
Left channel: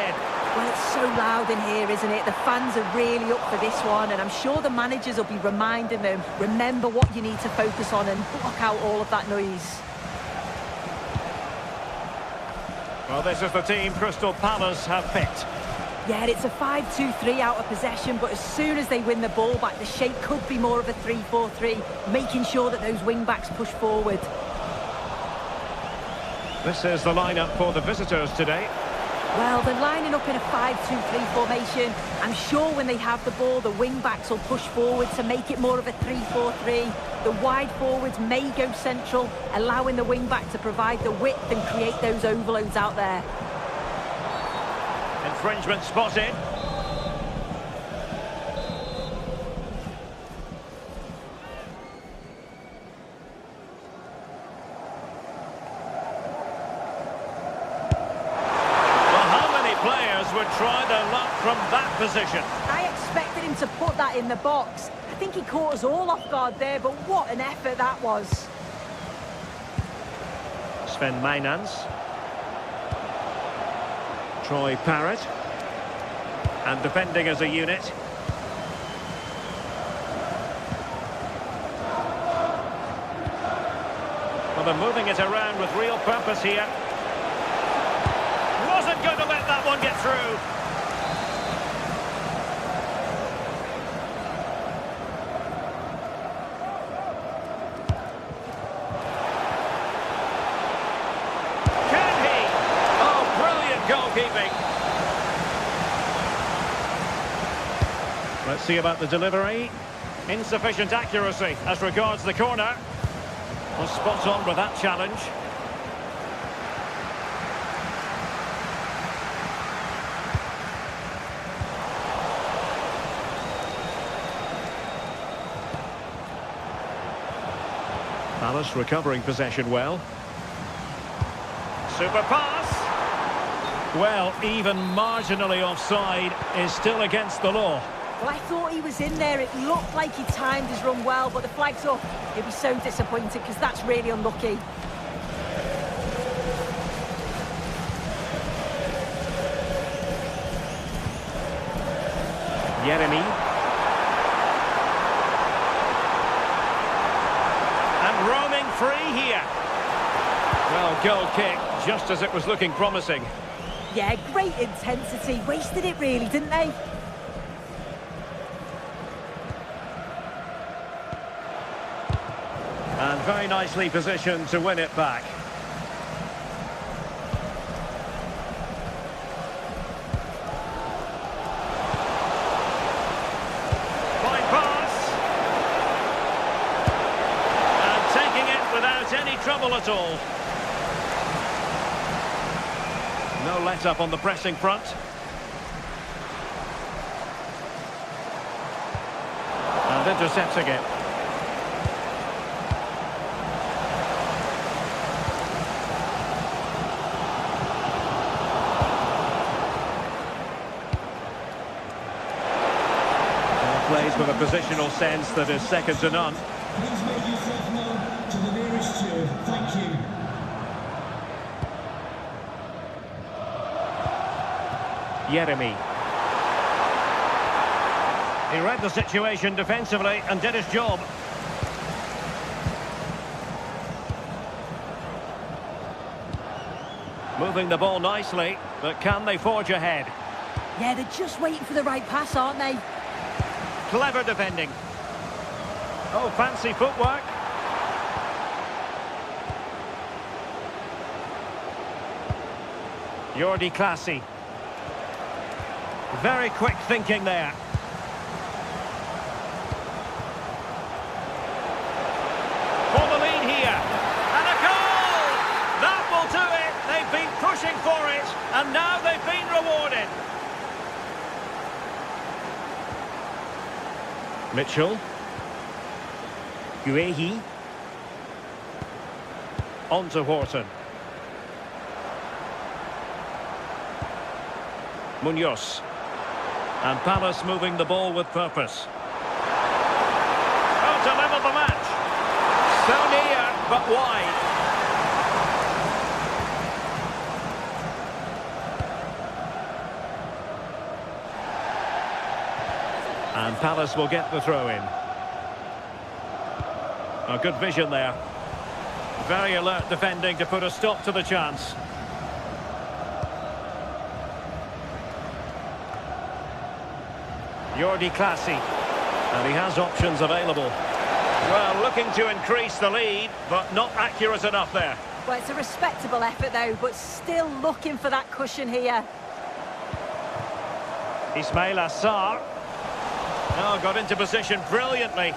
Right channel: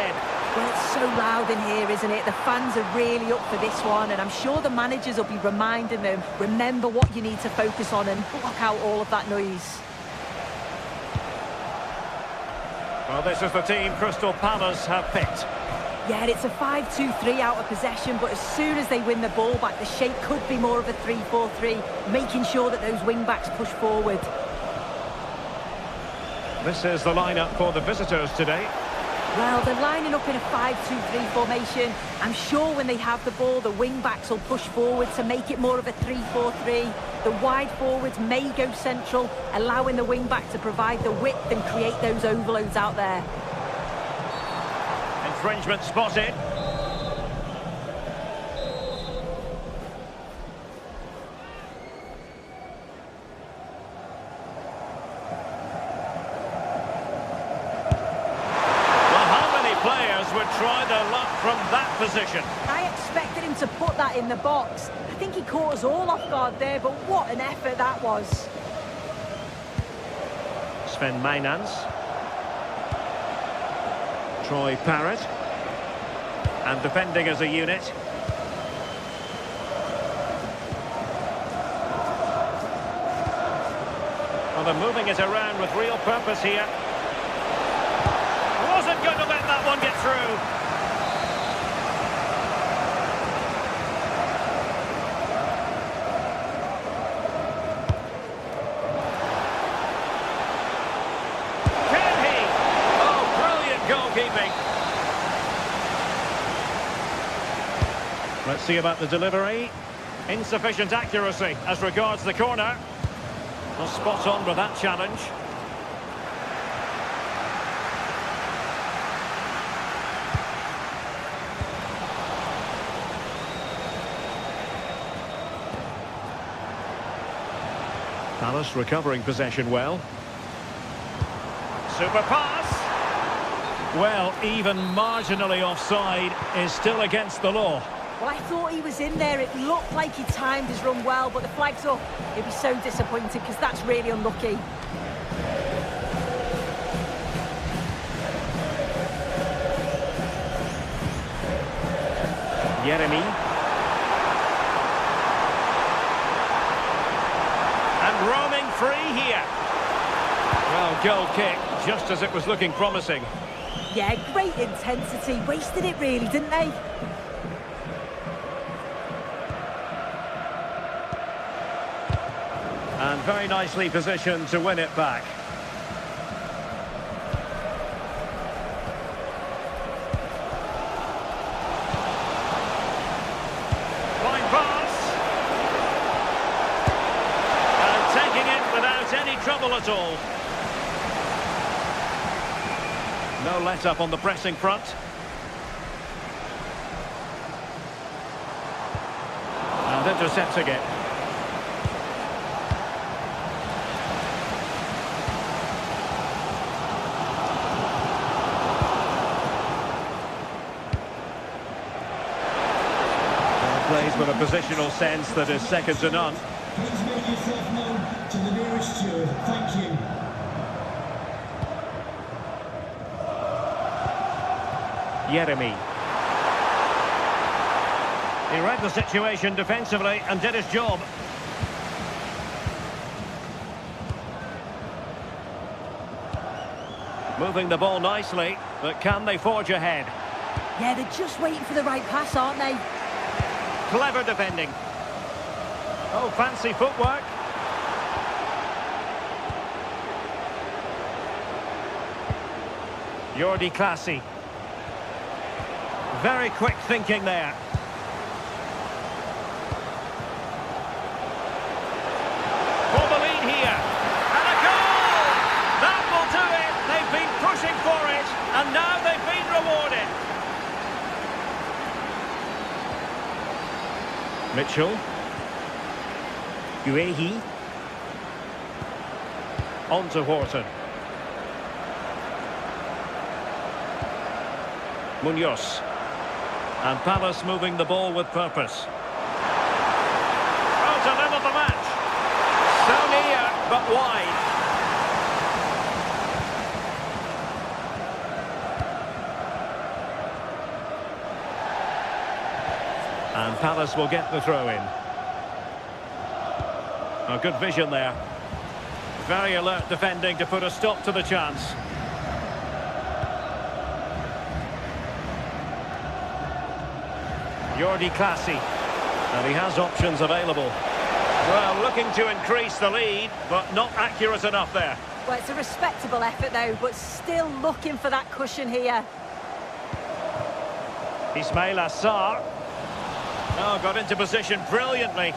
Well, it's so loud in here, isn't it? The fans are really up for this one, and I'm sure the managers will be reminding them, remember what you need to focus on and block out all of that noise. Well, this is the team Crystal Palace have picked. Yeah, it's a 5-2-3 out of possession, but as soon as they win the ball back, the shape could be more of a 3-4-3, making sure that those wing-backs push forward. This is the lineup for the visitors today. Well, they're lining up in a 5-2-3 formation. I'm sure when they have the ball, the wing-backs will push forward to make it more of a 3-4-3. The wide forwards may go central, allowing the wing-back to provide the width and create those overloads out there. Infringement spotted. Players would try their luck from that position. I expected him to put that in the box. I think he caught us all off guard there, but what an effort that was. Sven Mainans. Troy Parrott. And defending as a unit. Well, they're moving it around with real purpose here. Wasn't going to let that one get through. Can he? Oh, brilliant goalkeeping. Let's see about the delivery. Insufficient accuracy as regards the corner. Well, spot on with that challenge. Palace recovering possession well. Super pass. Well, even marginally offside is still against the law. Well, I thought he was in there. It looked like he timed his run well, but the flag's up. He'll be so disappointed because that's really unlucky. Yeremy. And roaming free here. Well, goal kick, just as it was looking promising. Yeah, great intensity. Wasted it really, didn't they? And very nicely positioned to win it back. Fine pass. Taking it without any trouble at all. No let-up on the pressing front. And intercepting it. Plays with a positional sense that is second to none. Please make yourself known to the nearest steward. Thank you. Yeremy. He read the situation defensively and did his job. Moving the ball nicely, but can they forge ahead? Yeah, they're just waiting for the right pass, aren't they? Clever defending. Oh, fancy footwork. Jordi Classy. Very quick thinking there. For the lead here. And a goal! That will do it. They've been pushing for it, and now they've been rewarded. Mitchell. Guehi. On to Wharton. Munoz. And Palace moving the ball with purpose. Oh, to level the match. So near, but wide. And Palace will get the throw in. A good vision there. Very alert defending to put a stop to the chance. Jordi Clasie. And he has options available. Well, looking to increase the lead, but not accurate enough there. Well, it's a respectable effort, though, but still looking for that cushion here. Ismail Assar. Oh, got into position brilliantly.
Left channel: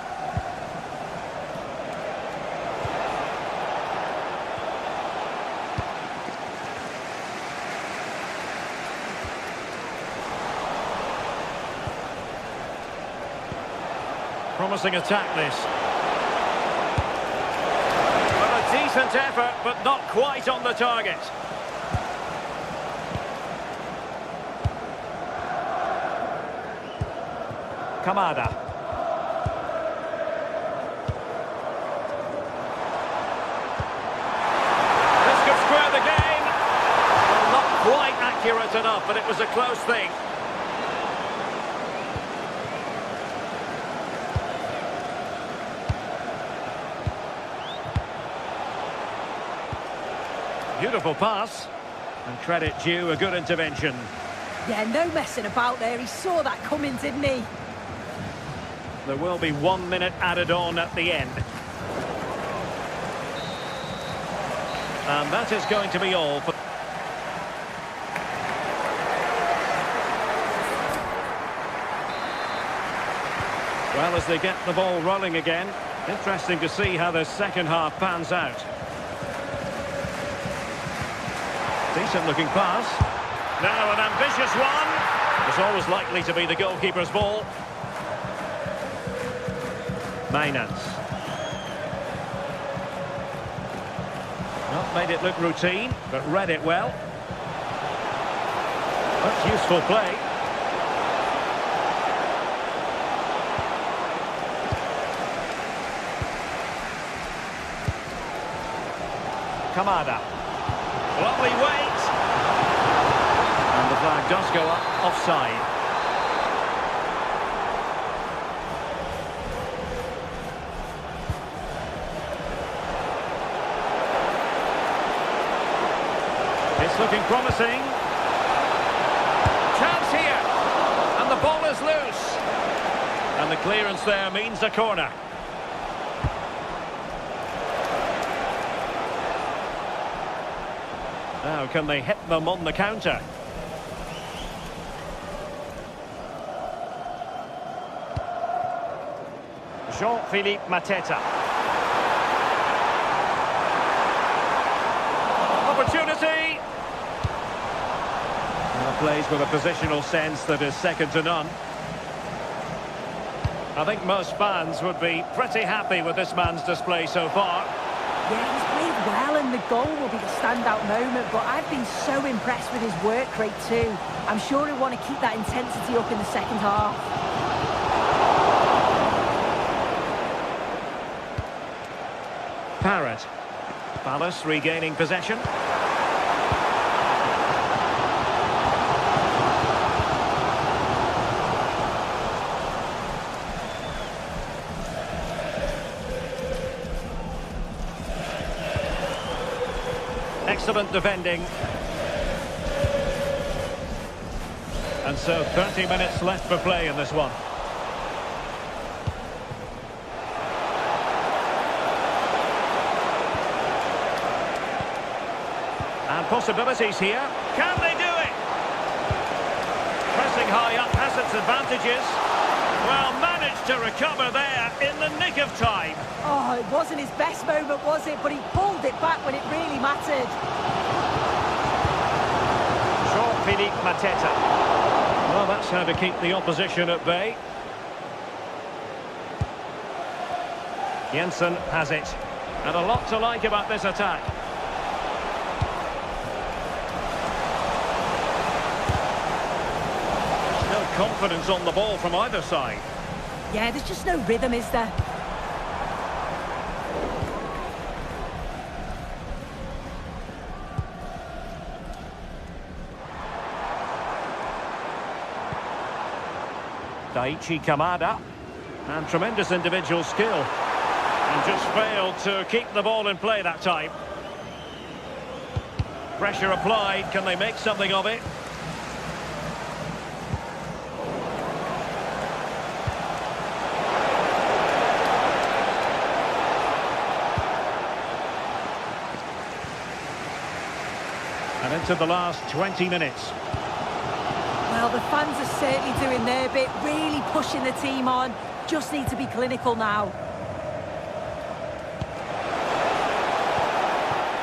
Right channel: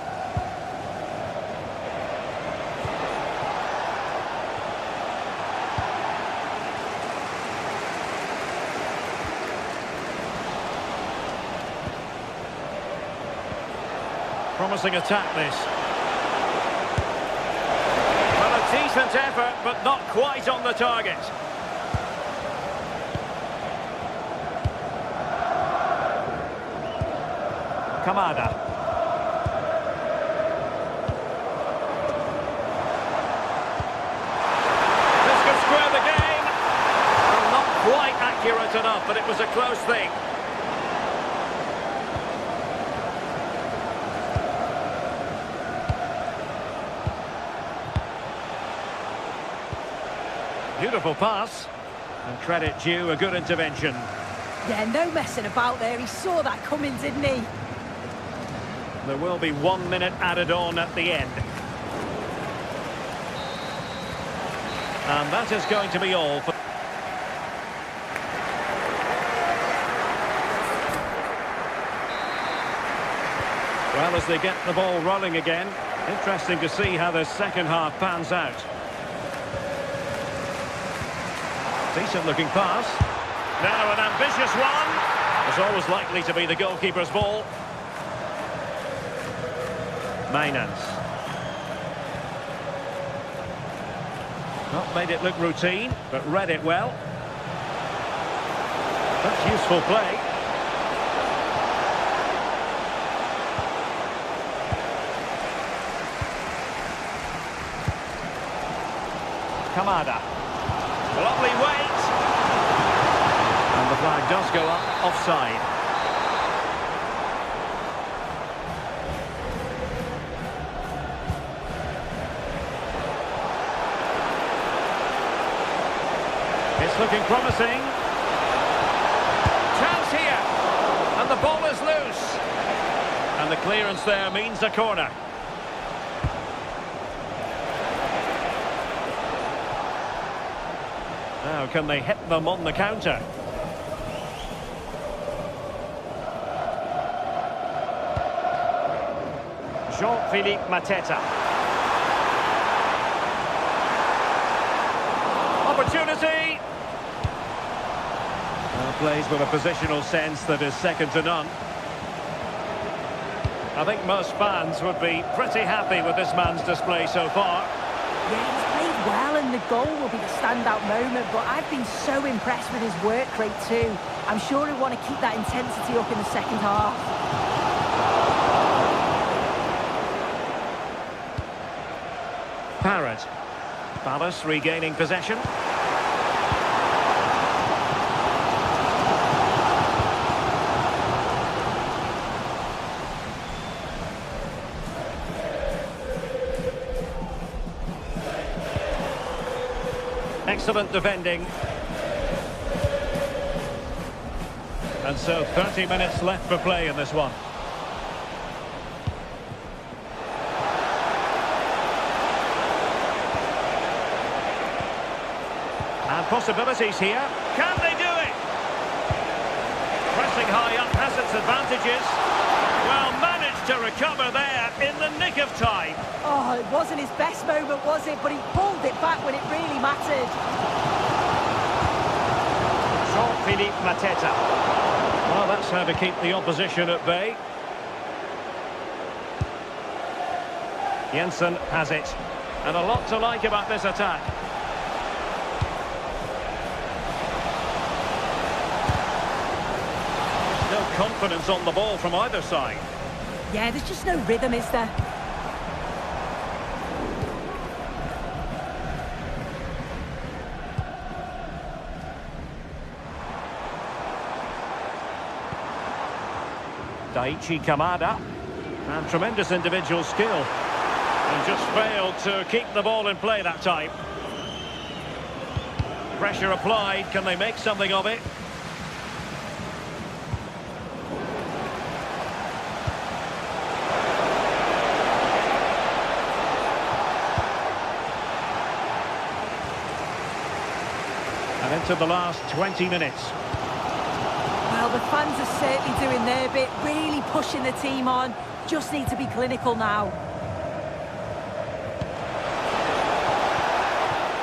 Promising attack, this. Well, a decent effort, but not quite on the target. Kamada. This could square the game. Well, not quite accurate enough, but it was a close thing. Beautiful pass, and credit due, a good intervention. Yeah, no messing about there. He saw that coming, didn't he? There will be 1 minute added on at the end. And that is going to be all for... Well, as they get the ball rolling again, interesting to see how the second half pans out. Decent looking pass. Now an ambitious one. It's always likely to be the goalkeeper's ball. Mainans. Not made it look routine, but read it well. That's useful play. Kamada. Lovely weight. And the flag does go up offside. It's looking promising. Chance here. And the ball is loose. And the clearance there means a corner. Now, can they hit them on the counter? Jean-Philippe Mateta. Opportunity! Plays with a positional sense that is second to none. I think most fans would be pretty happy with this man's display so far. Yeah, he's played well and the goal will be the standout moment, but I've been so impressed with his work rate too. I'm sure he'll want to keep that intensity up in the second half. Parrott. Palace regaining possession. Excellent defending. And so 30 minutes left for play in this one. And possibilities here. Can they do it? Pressing high up has its advantages. Well, managed to recover there in the nick of time. Oh, it wasn't his best moment, was it? But he pulled it back when it really mattered. Jean-Philippe Mateta. Well, that's how to keep the opposition at bay. Jensen has it. And a lot to like about this attack. There's no confidence on the ball from either side. Yeah, there's just no rhythm, is there? Daichi Kamada. And tremendous individual skill. And just failed to keep the ball in play that time. Pressure applied. Can they make something of it? And into the last 20 minutes. Well, the fans are certainly doing their bit, really pushing the team on. Just need to be clinical now.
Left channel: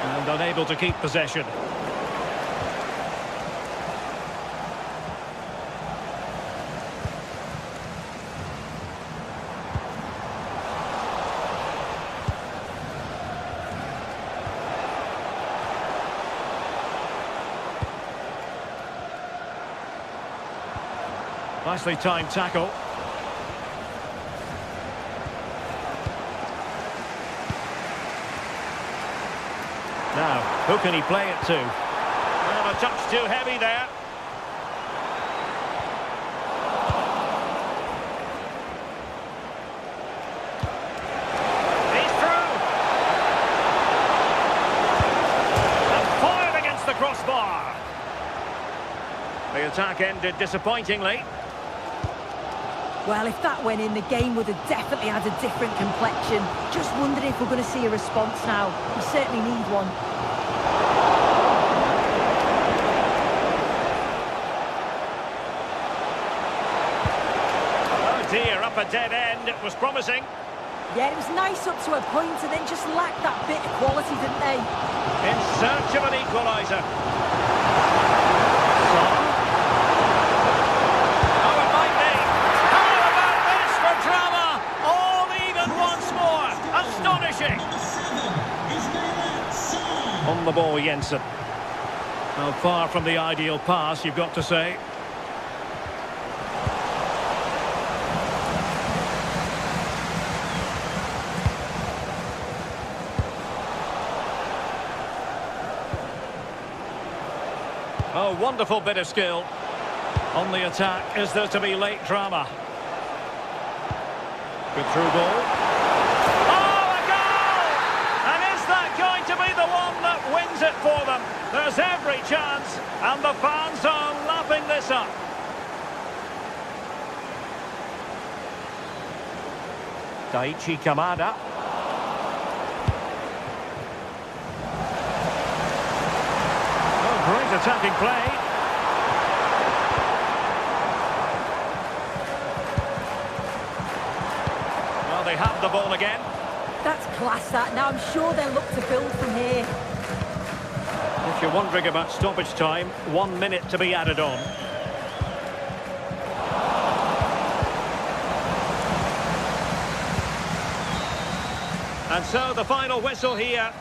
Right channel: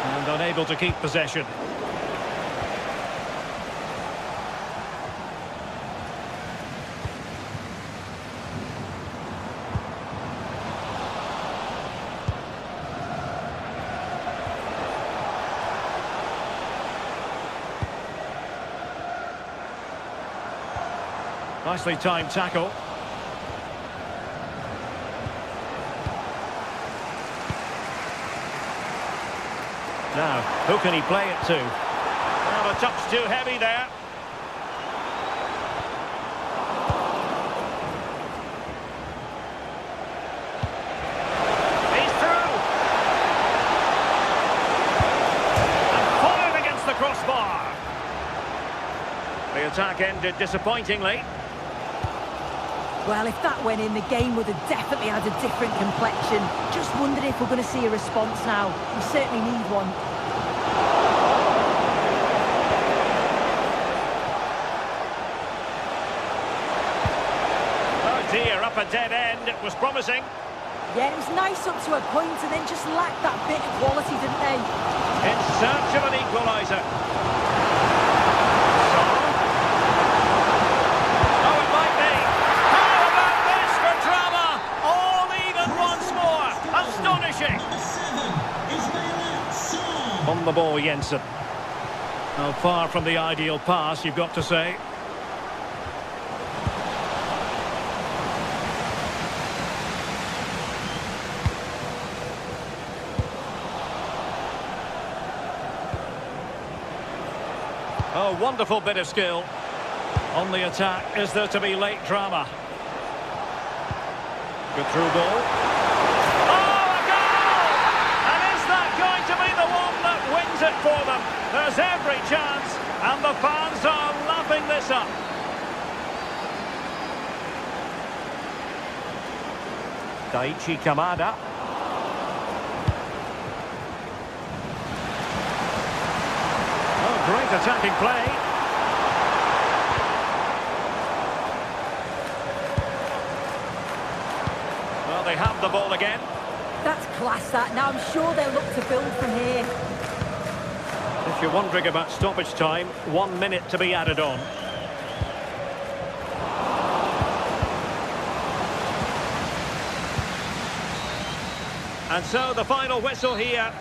And unable to keep possession. Nicely timed tackle. Now, who can he play it to? Well, a touch too heavy there. He's through. And fired against the crossbar. The attack ended disappointingly. Well, if that went in, the game would have definitely had a different complexion. Just wondering if we're going to see a response now. We certainly need one. Oh dear, up a dead end. It was promising. Yeah, it was nice up to a point and then just lacked that bit of quality, didn't they? In search of an equaliser. Son. Oh, it might be. How about this for drama? All even once more. Astonishing. Number 7 is Mayla Sarr. On the ball, Jensen. Now, far from the ideal pass, you've got to say. Oh, wonderful bit of skill. On the attack, is there to be late drama? Good through ball. Oh, a goal! And is that going to be the one that wins it for them? There's every chance, and the fans are lapping this up. Daichi Kamada. Oh, great attacking play. Well, they have the ball again. That's class, that. Now I'm sure they'll look to build from here. If you're wondering about stoppage time, 1 minute to be added on. And so the final whistle here.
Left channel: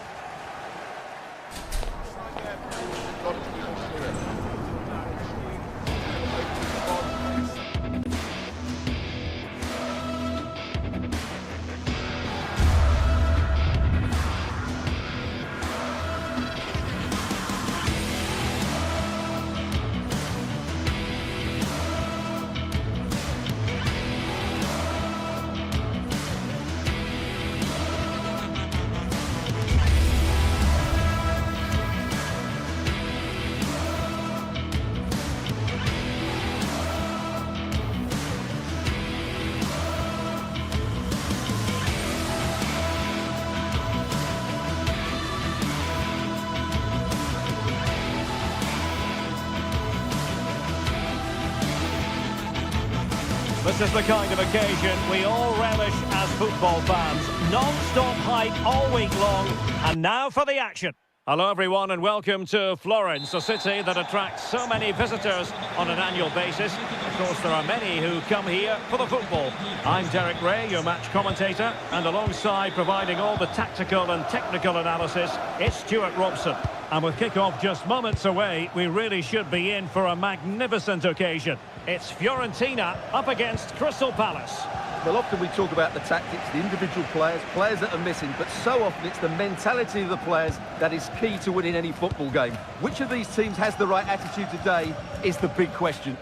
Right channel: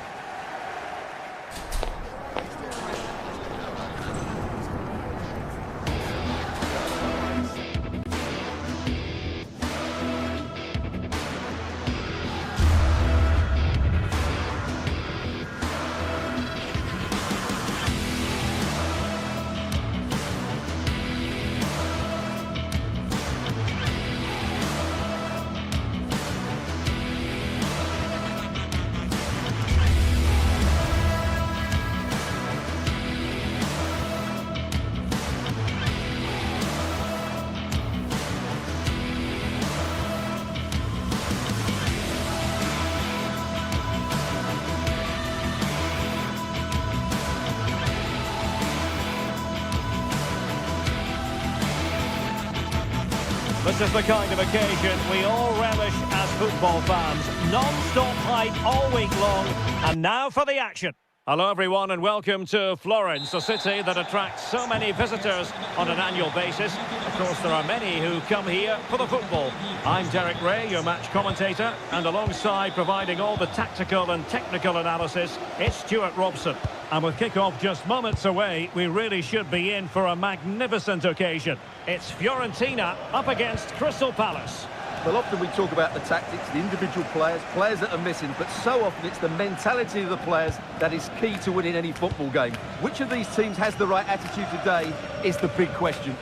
This is the kind of occasion we all relish as football fans. Non-stop hype all week long, and now for the action. Hello everyone and welcome to Florence, a city that attracts so many visitors on an annual basis. Of course, there are many who come here for the football. I'm Derek Ray, your match commentator, and alongside providing all the tactical and technical analysis, it's Stuart Robson. And with kick-off just moments away, we really should be in for a magnificent occasion. It's Fiorentina up against Crystal Palace. Well, often we talk about the tactics, the individual players that are missing, but so often it's the mentality of the players that is key to winning any football game. Which of these teams has the right attitude today is the big question.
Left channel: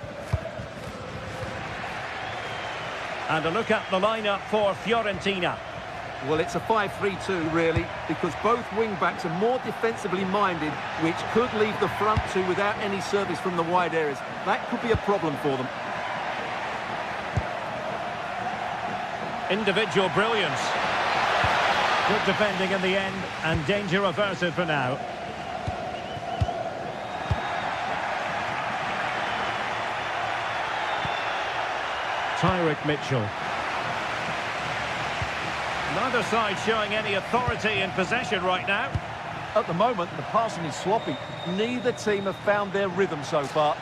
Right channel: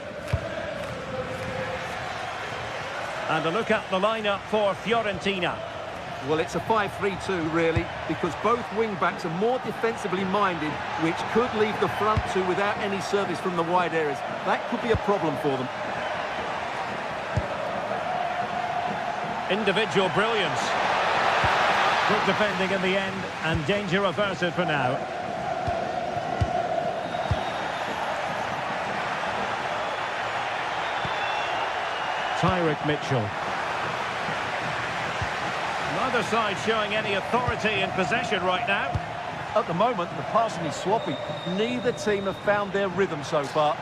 And a look at the lineup for Fiorentina. Well, it's a 5-3-2, really, because both wing-backs are more defensively minded, which could leave the front two without any service from the wide areas. That could be a problem for them. Individual brilliance. Good defending in the end, and danger averted for now. Tyrick Mitchell. Neither side showing any authority in possession right now. At the moment, the passing is sloppy. Neither team have found their rhythm so far.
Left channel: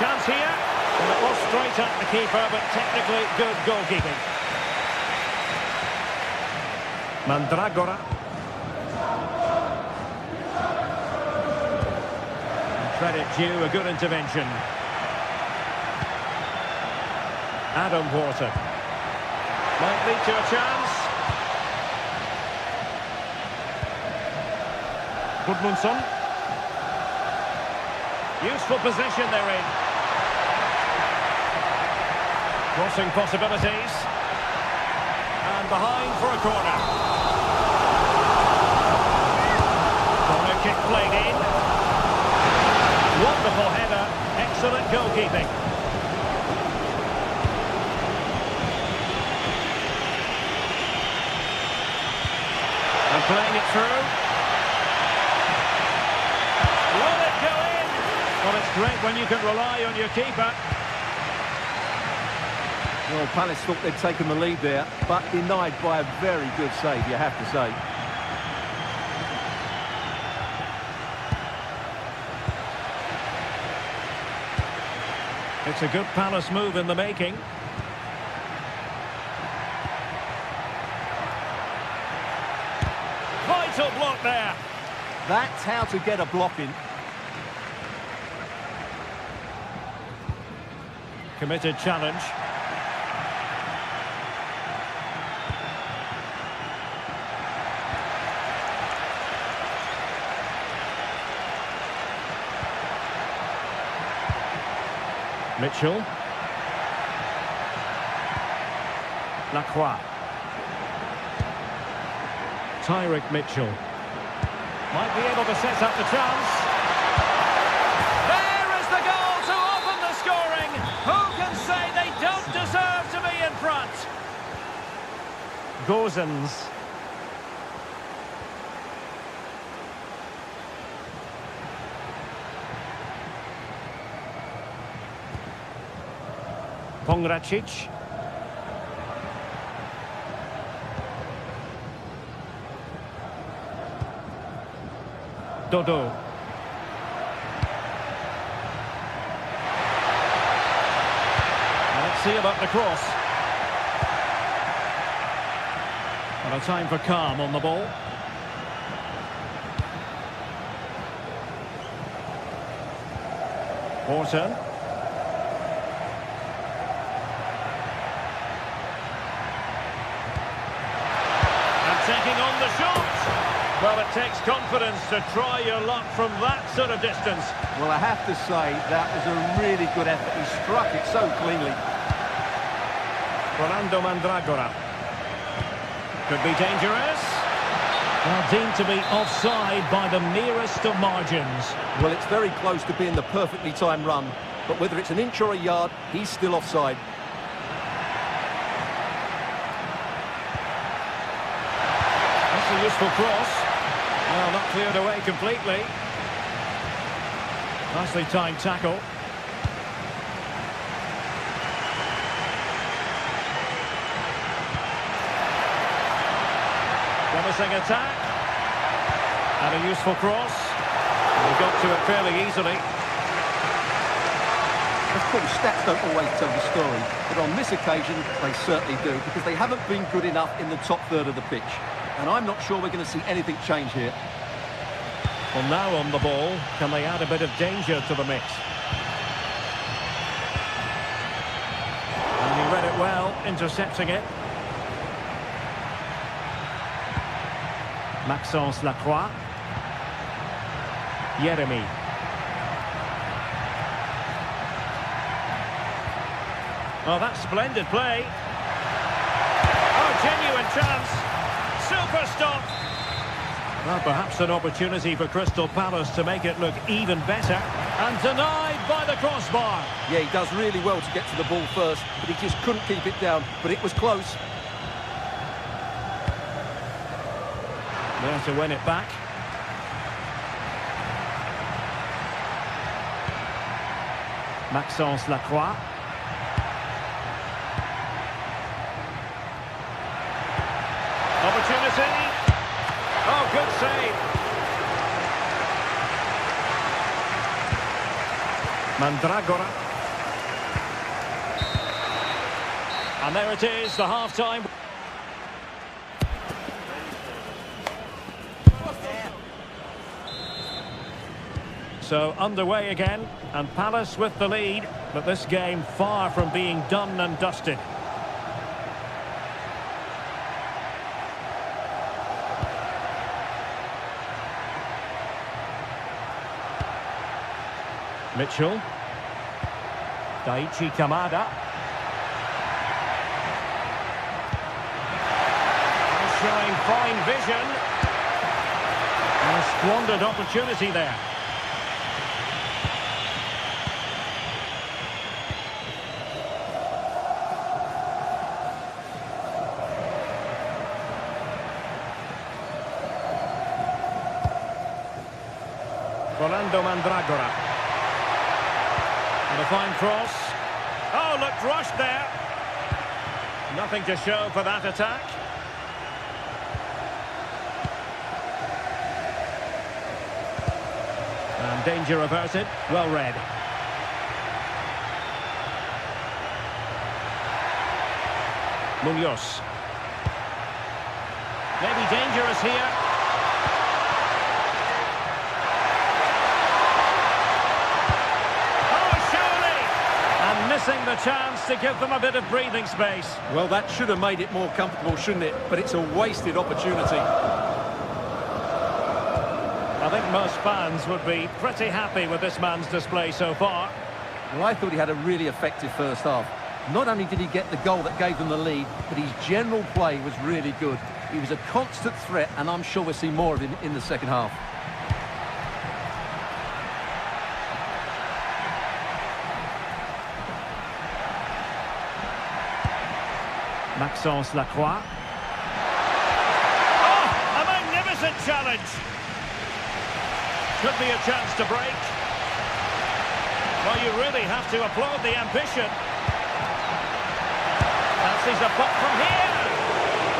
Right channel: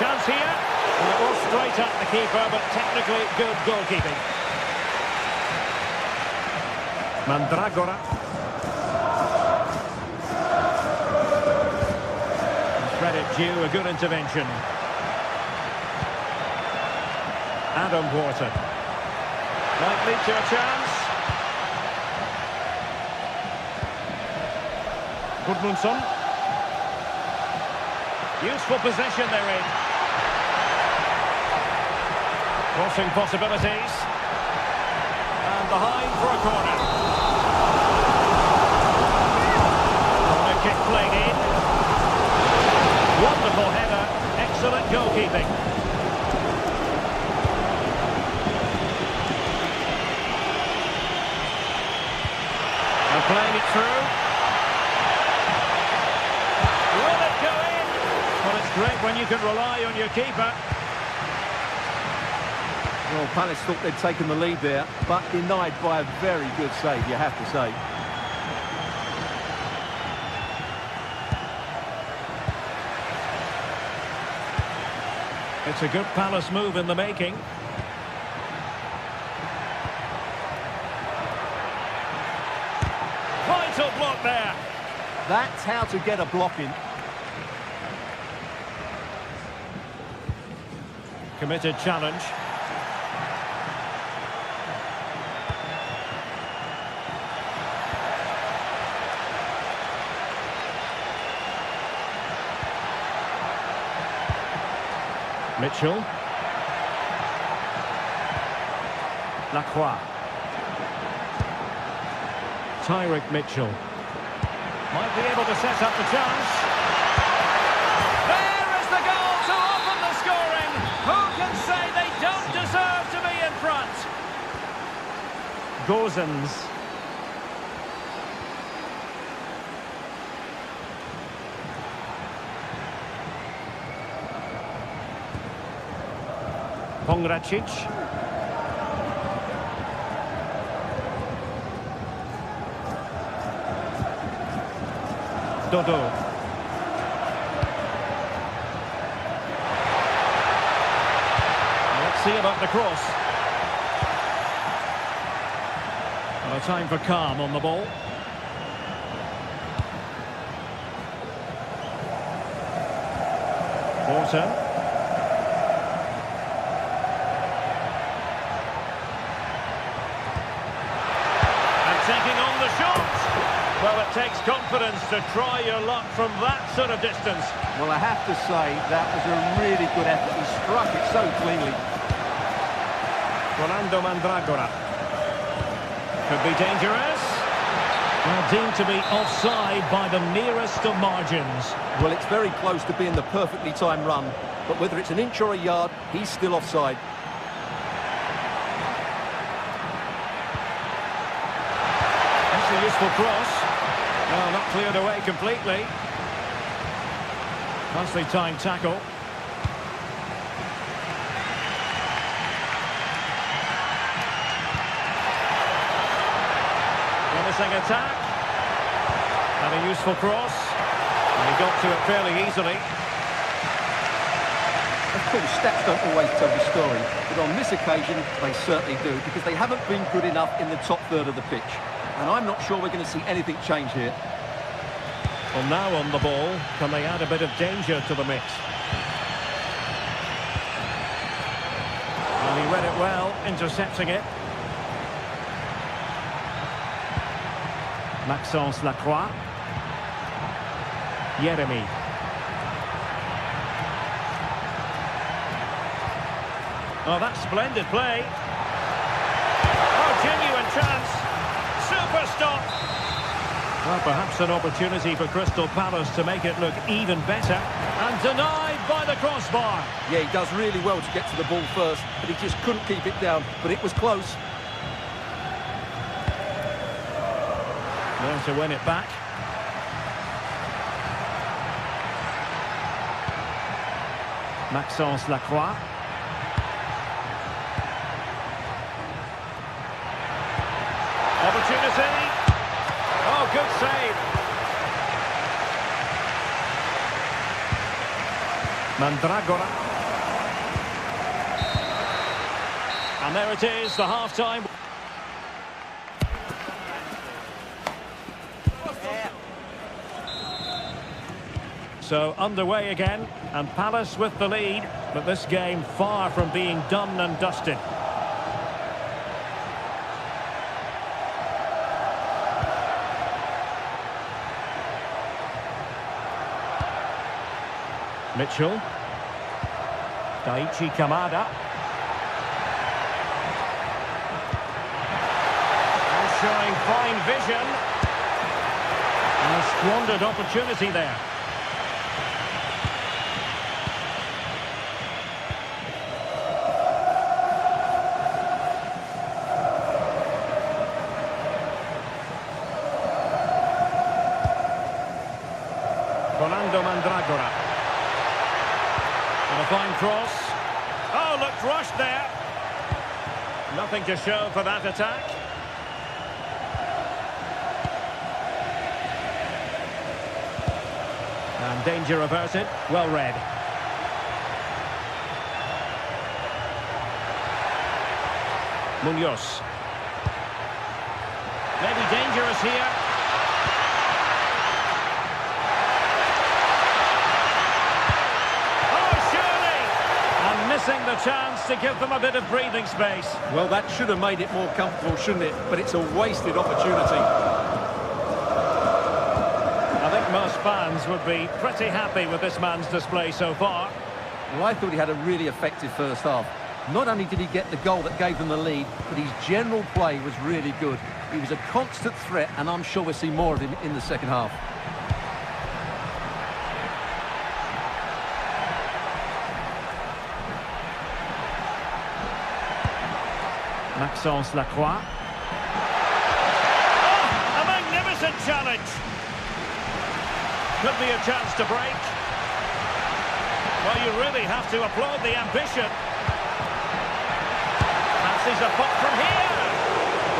Chance here. Well, it was straight at the keeper, but technically good goalkeeping. Mandragora. Credit due, a good intervention. Adam Wharton. Might lead to a chance. Gudmundsson. Useful position they're in. Crossing possibilities. And behind for a corner. Corner kick played in. Wonderful header. Excellent goalkeeping. And playing it through. Will it go in? Well, it's great when you can rely on your keeper. Well, Palace thought they'd taken the lead there, but denied by a very good save, you have to say. It's a good Palace move in the making. Vital block there. That's how to get a block in. Committed challenge. Mitchell. Lacroix. Tyrick Mitchell. Might be able to set up the chance. There is the goal to open the scoring. Who can say they don't deserve to be in front? Gozens. Pongracic. Dodo. Well, let's see about the cross. Well, a time for calm on the ball. Wharton. Taking on the shot. Well, it takes confidence to try your luck from that sort of distance. Well, I have to say, that was a really good effort. He struck it so cleanly. Rolando Mandragora. Could be dangerous. Well, deemed to be offside by the merest of margins. Well, it's very close to being the perfectly timed run. But whether it's an inch or a yard, he's still offside. That's a useful cross. Well, not cleared away completely. Nicely timed tackle. Promising attack. And a useful cross. And he got to it fairly easily. Of course, stats don't always tell the story, but on this occasion, they certainly do, because they haven't been good enough in the top third of the pitch. And I'm not sure we're going to see anything change here. Well, now on the ball, can they add a bit of danger to the mix? And he read it well, intercepting it. Maxence Lacroix. Yeremy. Oh, that's splendid play. Oh, genuine chance. Super stop. Well, perhaps an opportunity for Crystal Palace to make it look even better. And denied by the crossbar. Yeah, he does really well to get to the ball first, but he just couldn't keep it down. But it was close. There to win it back. Maxence Lacroix. Opportunity. Oh, good save. Mandragora. And there it is, the half-time. So underway again, and Palace with the lead, but this game far from being done and dusted. Mitchell. Daichi Kamada. And showing fine vision. And a squandered opportunity there. Rolando Mandragora. And a fine cross. Oh, looked rushed there. Nothing to show for that attack. And danger averted. Well read. Munoz. Maybe dangerous here. And missing the chance to give them a bit of breathing space. Well, that should have made it more comfortable, shouldn't it? But it's a wasted opportunity. I think most fans would be pretty happy with this man's display so far. Well, I thought he had a really effective first half. Not only did he get the goal that gave them the lead, but his general play was really good. He was a constant threat, and I'm sure we'll see more of him in the second half. Maxence Lacroix. Oh, a magnificent challenge. Could be a chance to break. Well, you really have to applaud the ambition. Fancies a pop from here.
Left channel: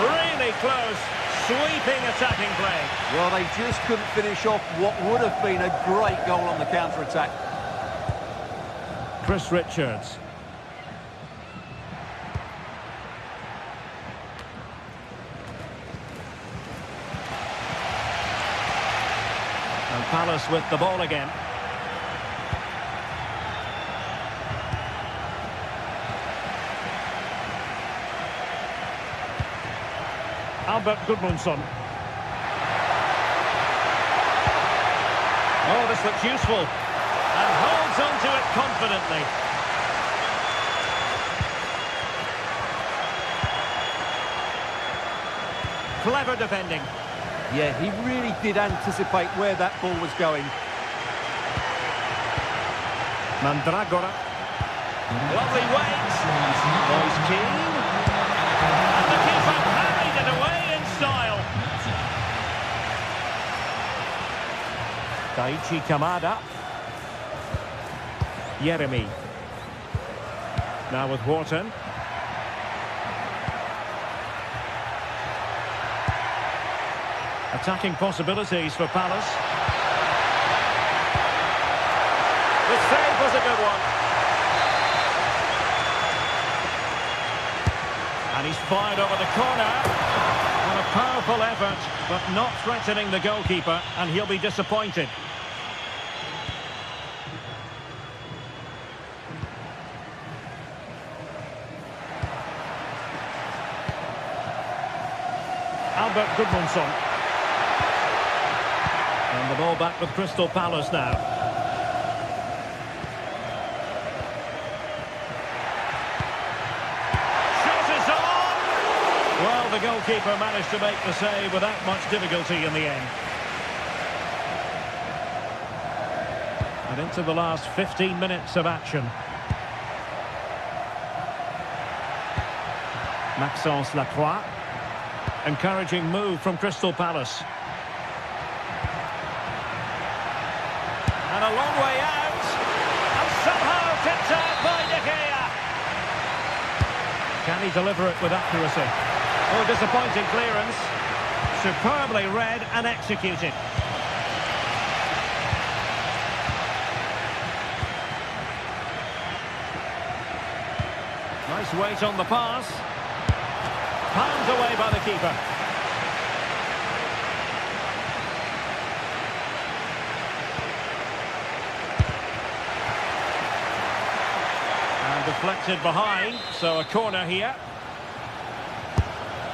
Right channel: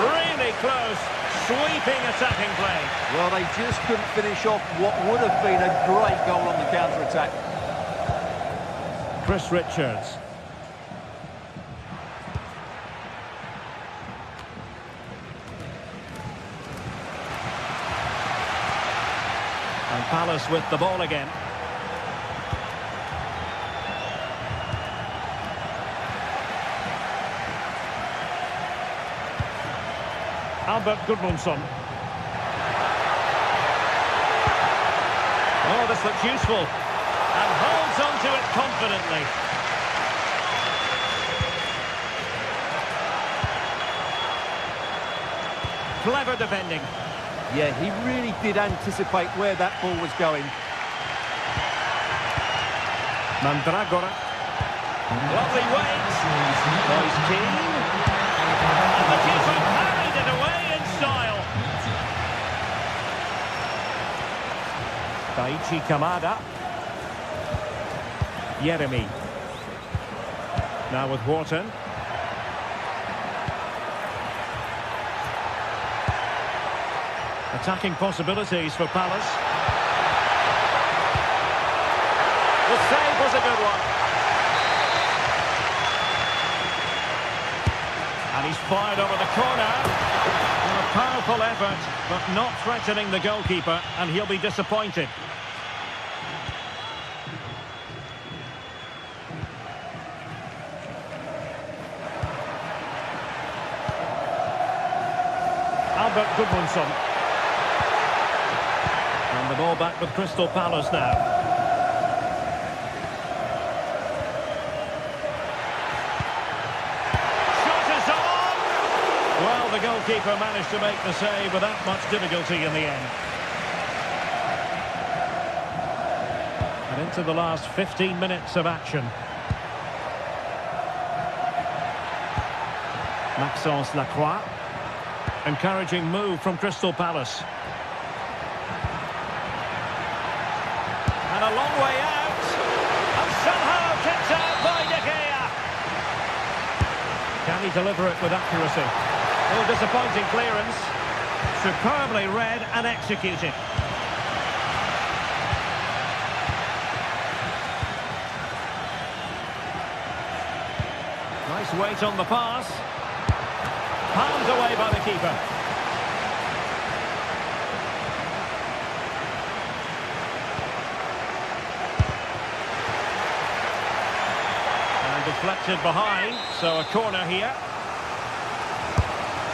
Really close, sweeping attacking play. Well, they just couldn't finish off what would have been a great goal on the counter-attack. Chris Richards. And Palace with the ball again. Albert Gudmundsson. Oh, this looks useful. And holds on to it confidently. Clever defending. Yeah, he really did anticipate where that ball was going. Mandragora. Lovely weight. Boys keen. And the keeper parried it away in style. Daichi Kamada. Yeremy. Now with Wharton. Attacking possibilities for Palace. The save was a good one. And he's fired over the corner. On a powerful effort, but not threatening the goalkeeper, and he'll be disappointed. Albert Gudmundsson. And the ball back with Crystal Palace now. Shot is on! Well, the goalkeeper managed to make the save without much difficulty in the end. And into the last 15 minutes of action. Maxence Lacroix. Encouraging move from Crystal Palace. And a long way out. And somehow kept out by De Gea. Can he deliver it with accuracy? Oh, disappointing clearance. Superbly read and executed. Nice weight on the pass. Palmed away by the keeper. And deflected behind, so a corner here.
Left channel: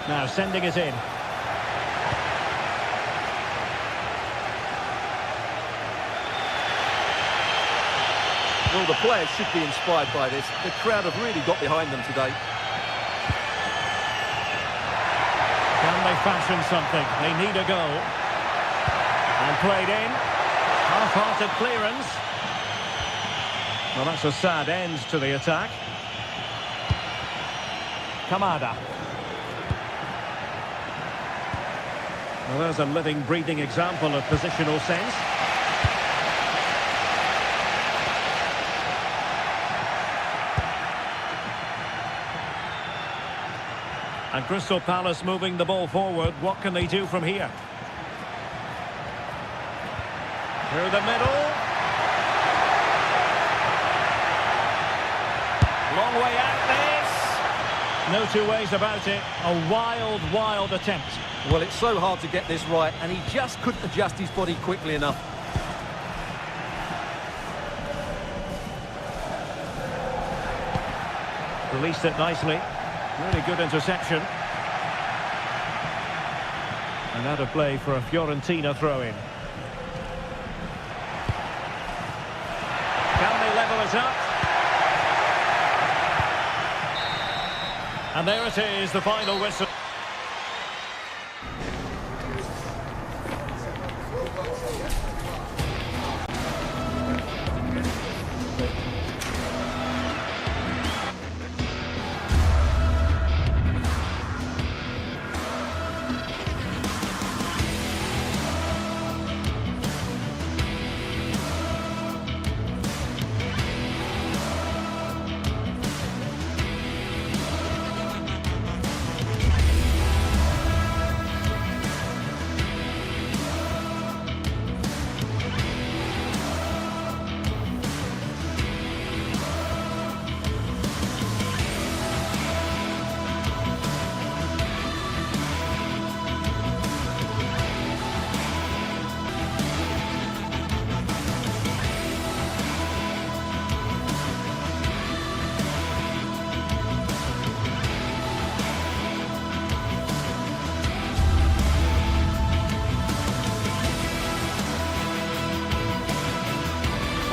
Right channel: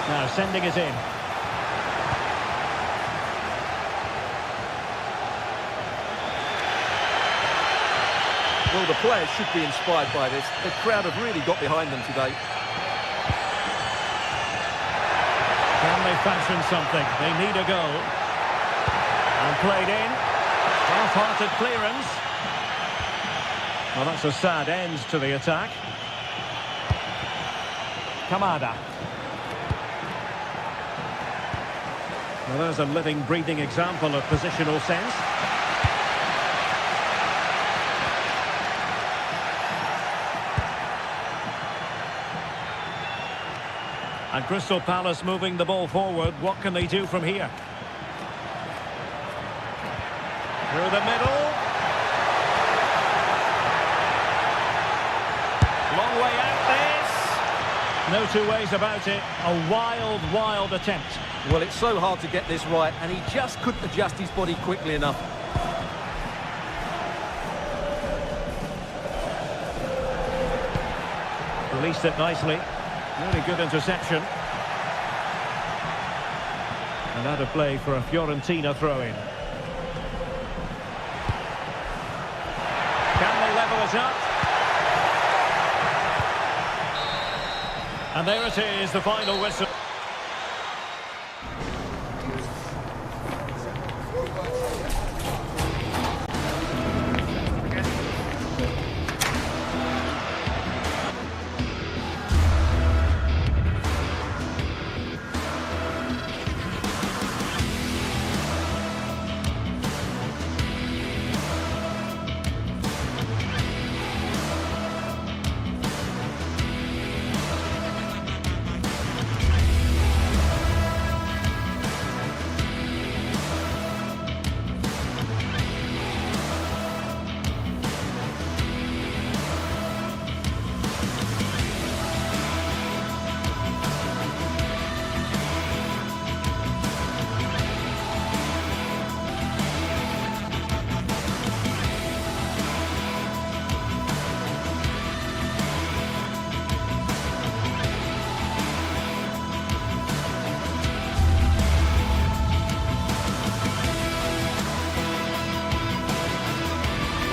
Now sending it in. Well, the players should be inspired by this. The crowd have really got behind them today. Can they fashion something? They need a goal. And played in. Half-hearted clearance. Well, that's a sad end to the attack. Kamada. Well, there's a living, breathing example of positional sense. And Crystal Palace moving the ball forward. What can they do from here? Through the middle. Long way out this. No two ways about it. A wild, wild attempt. Well, it's so hard to get this right, and he just couldn't adjust his body quickly enough. Released it nicely. Really good interception. And out of play for a Fiorentina throw-in. Can they level it up? And there it is, the final whistle.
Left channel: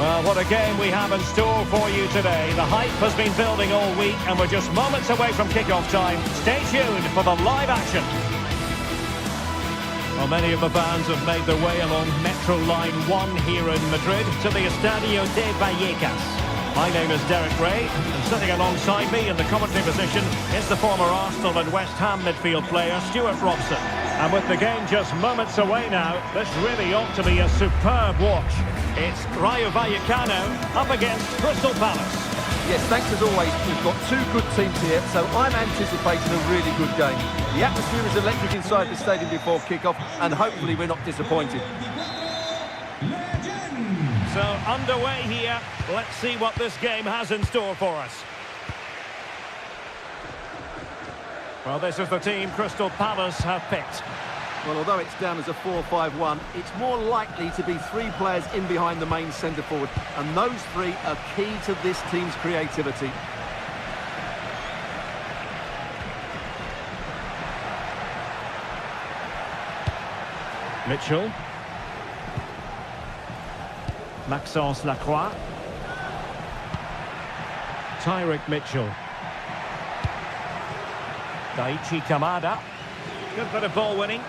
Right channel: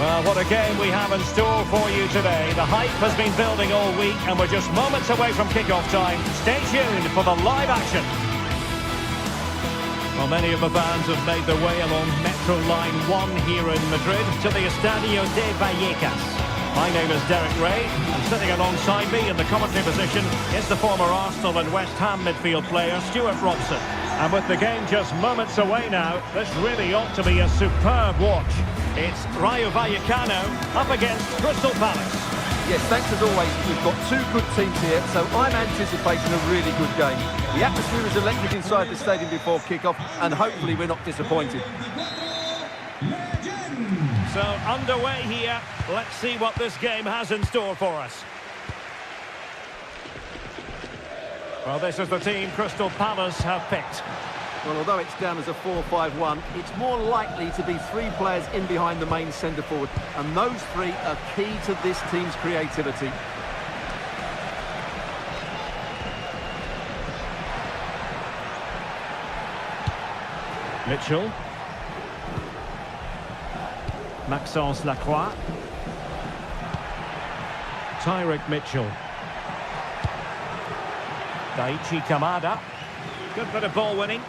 Well, what a game we have in store for you today. The hype has been building all week and we're just moments away from kick-off time. Stay tuned for the live action. Well, many of the fans have made their way along Metro Line 1 here in Madrid to the Estadio de Vallecas. My name is Derek Ray, and sitting alongside me in the commentary position is the former Arsenal and West Ham midfield player Stuart Robson. And with the game just moments away now, this really ought to be a superb watch. It's Rayo Vallecano up against Crystal Palace. Yes, thanks as always. We've got two good teams here, so I'm anticipating a really good game. The atmosphere is electric inside the stadium before kick-off, and hopefully we're not disappointed. So underway here. Let's see what this game has in store for us. Well, this is the team Crystal Palace have picked. Well, although it's down as a 4-5-1, it's more likely to be 3 players in behind the main centre-forward, and those 3 are key to this team's creativity. Mitchell. Maxence Lacroix. Tyrick Mitchell. Daichi Kamada. Good bit of ball winning.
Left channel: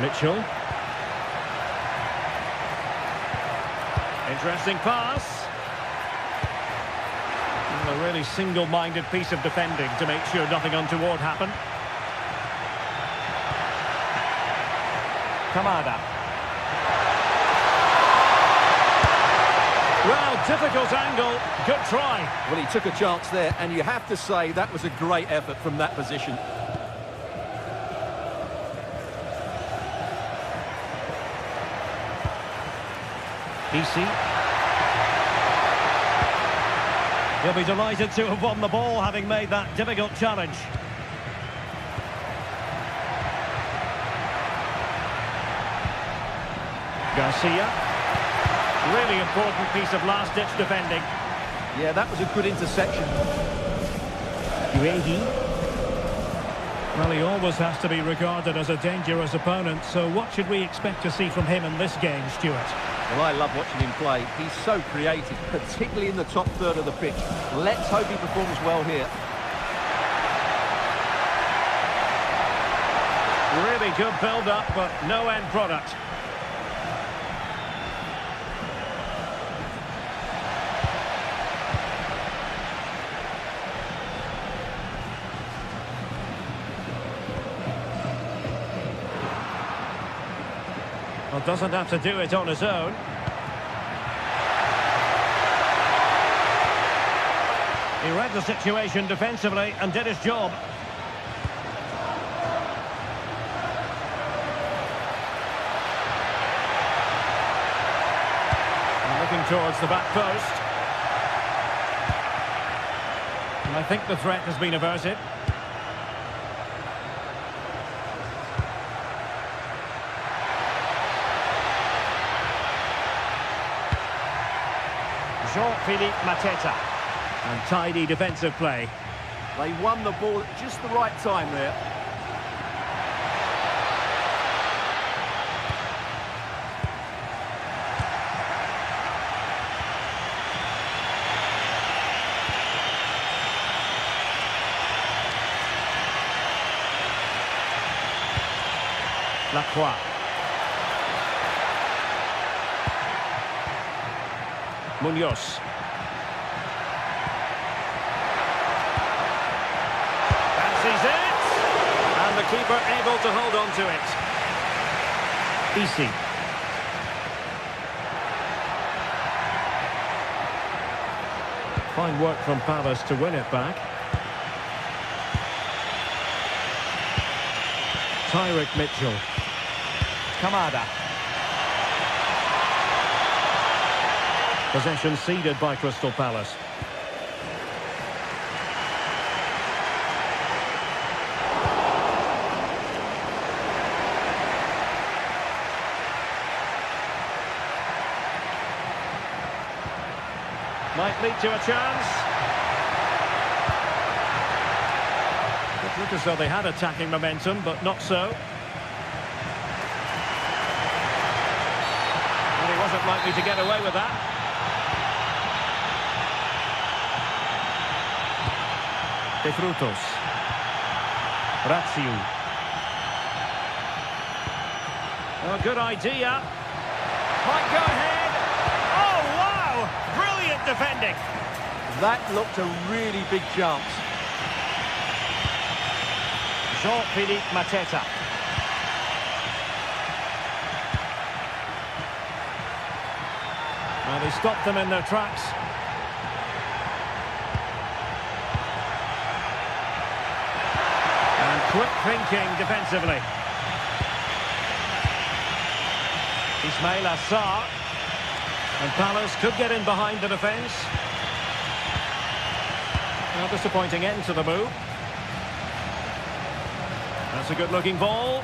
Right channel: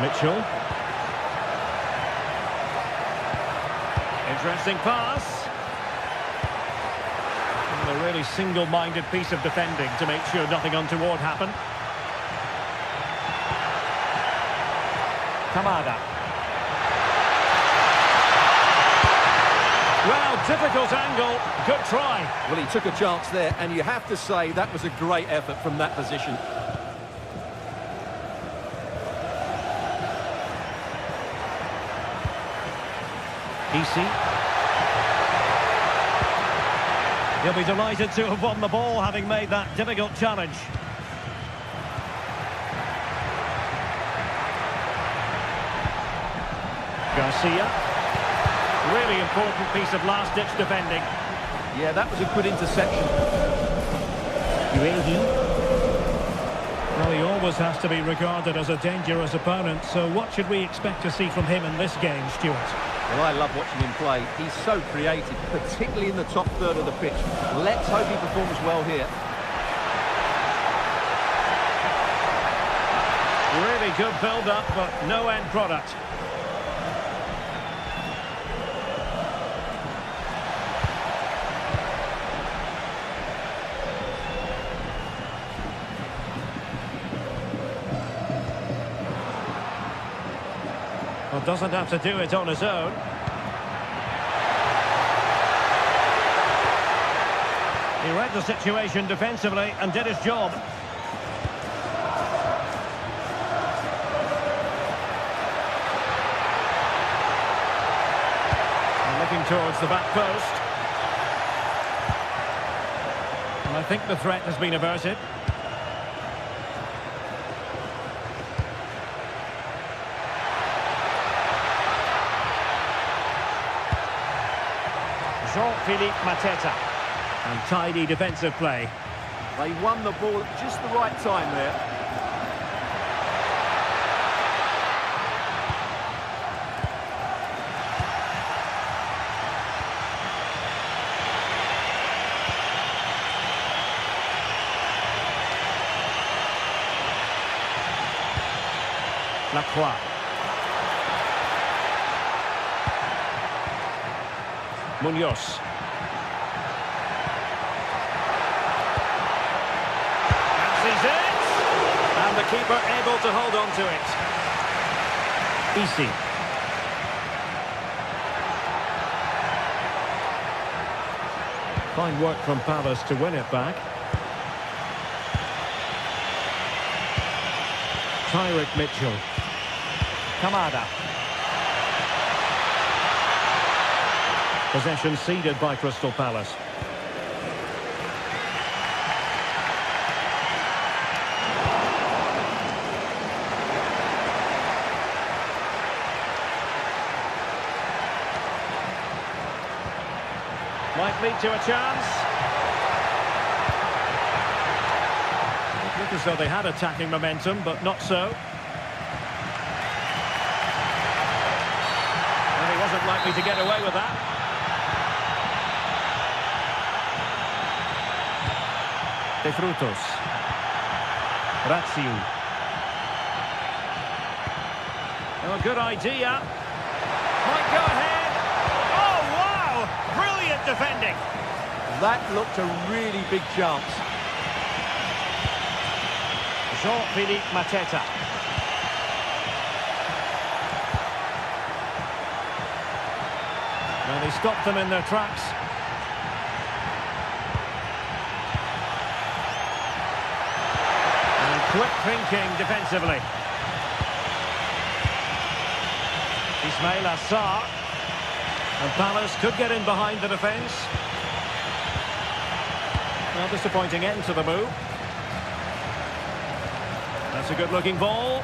Mitchell. Interesting pass. And a really single-minded piece of defending to make sure nothing untoward happened. Kamada. Well, difficult angle. Good try. Well, he took a chance there, and you have to say that was a great effort from that position. Easy. He'll be delighted to have won the ball, having made that difficult challenge. Garcia. Really important piece of last-ditch defending. Yeah, that was a good interception. Uehi. Well, he always has to be regarded as a dangerous opponent, so what should we expect to see from him in this game, Stuart? Well, I love watching him play. He's so creative, particularly in the top third of the pitch. Let's hope he performs well here. Really good build-up, but no end product. Well, doesn't have to do it on his own. He read the situation defensively and did his job. And looking towards the back post. And I think the threat has been averted. Jean-Philippe Mateta. And tidy defensive play. They won the ball at just the right time there. Lacroix. Munoz. Fancies it! And the keeper able to hold on to it. Easy. Fine work from Palace to win it back. Tyrick Mitchell. Kamada. Possession ceded by Crystal Palace. Might lead to a chance. It looked as though they had attacking momentum, but not so. And he wasn't likely to get away with that. De Frutos. Razziu. Oh, good idea. Might go ahead. Oh, wow! Brilliant defending. That looked a really big chance. Jean-Philippe Mateta. And he stopped them in their tracks. And quick thinking defensively. Ismail Assar. And Palace could get in behind the defence. Well, disappointing end to the move. That's a good-looking ball.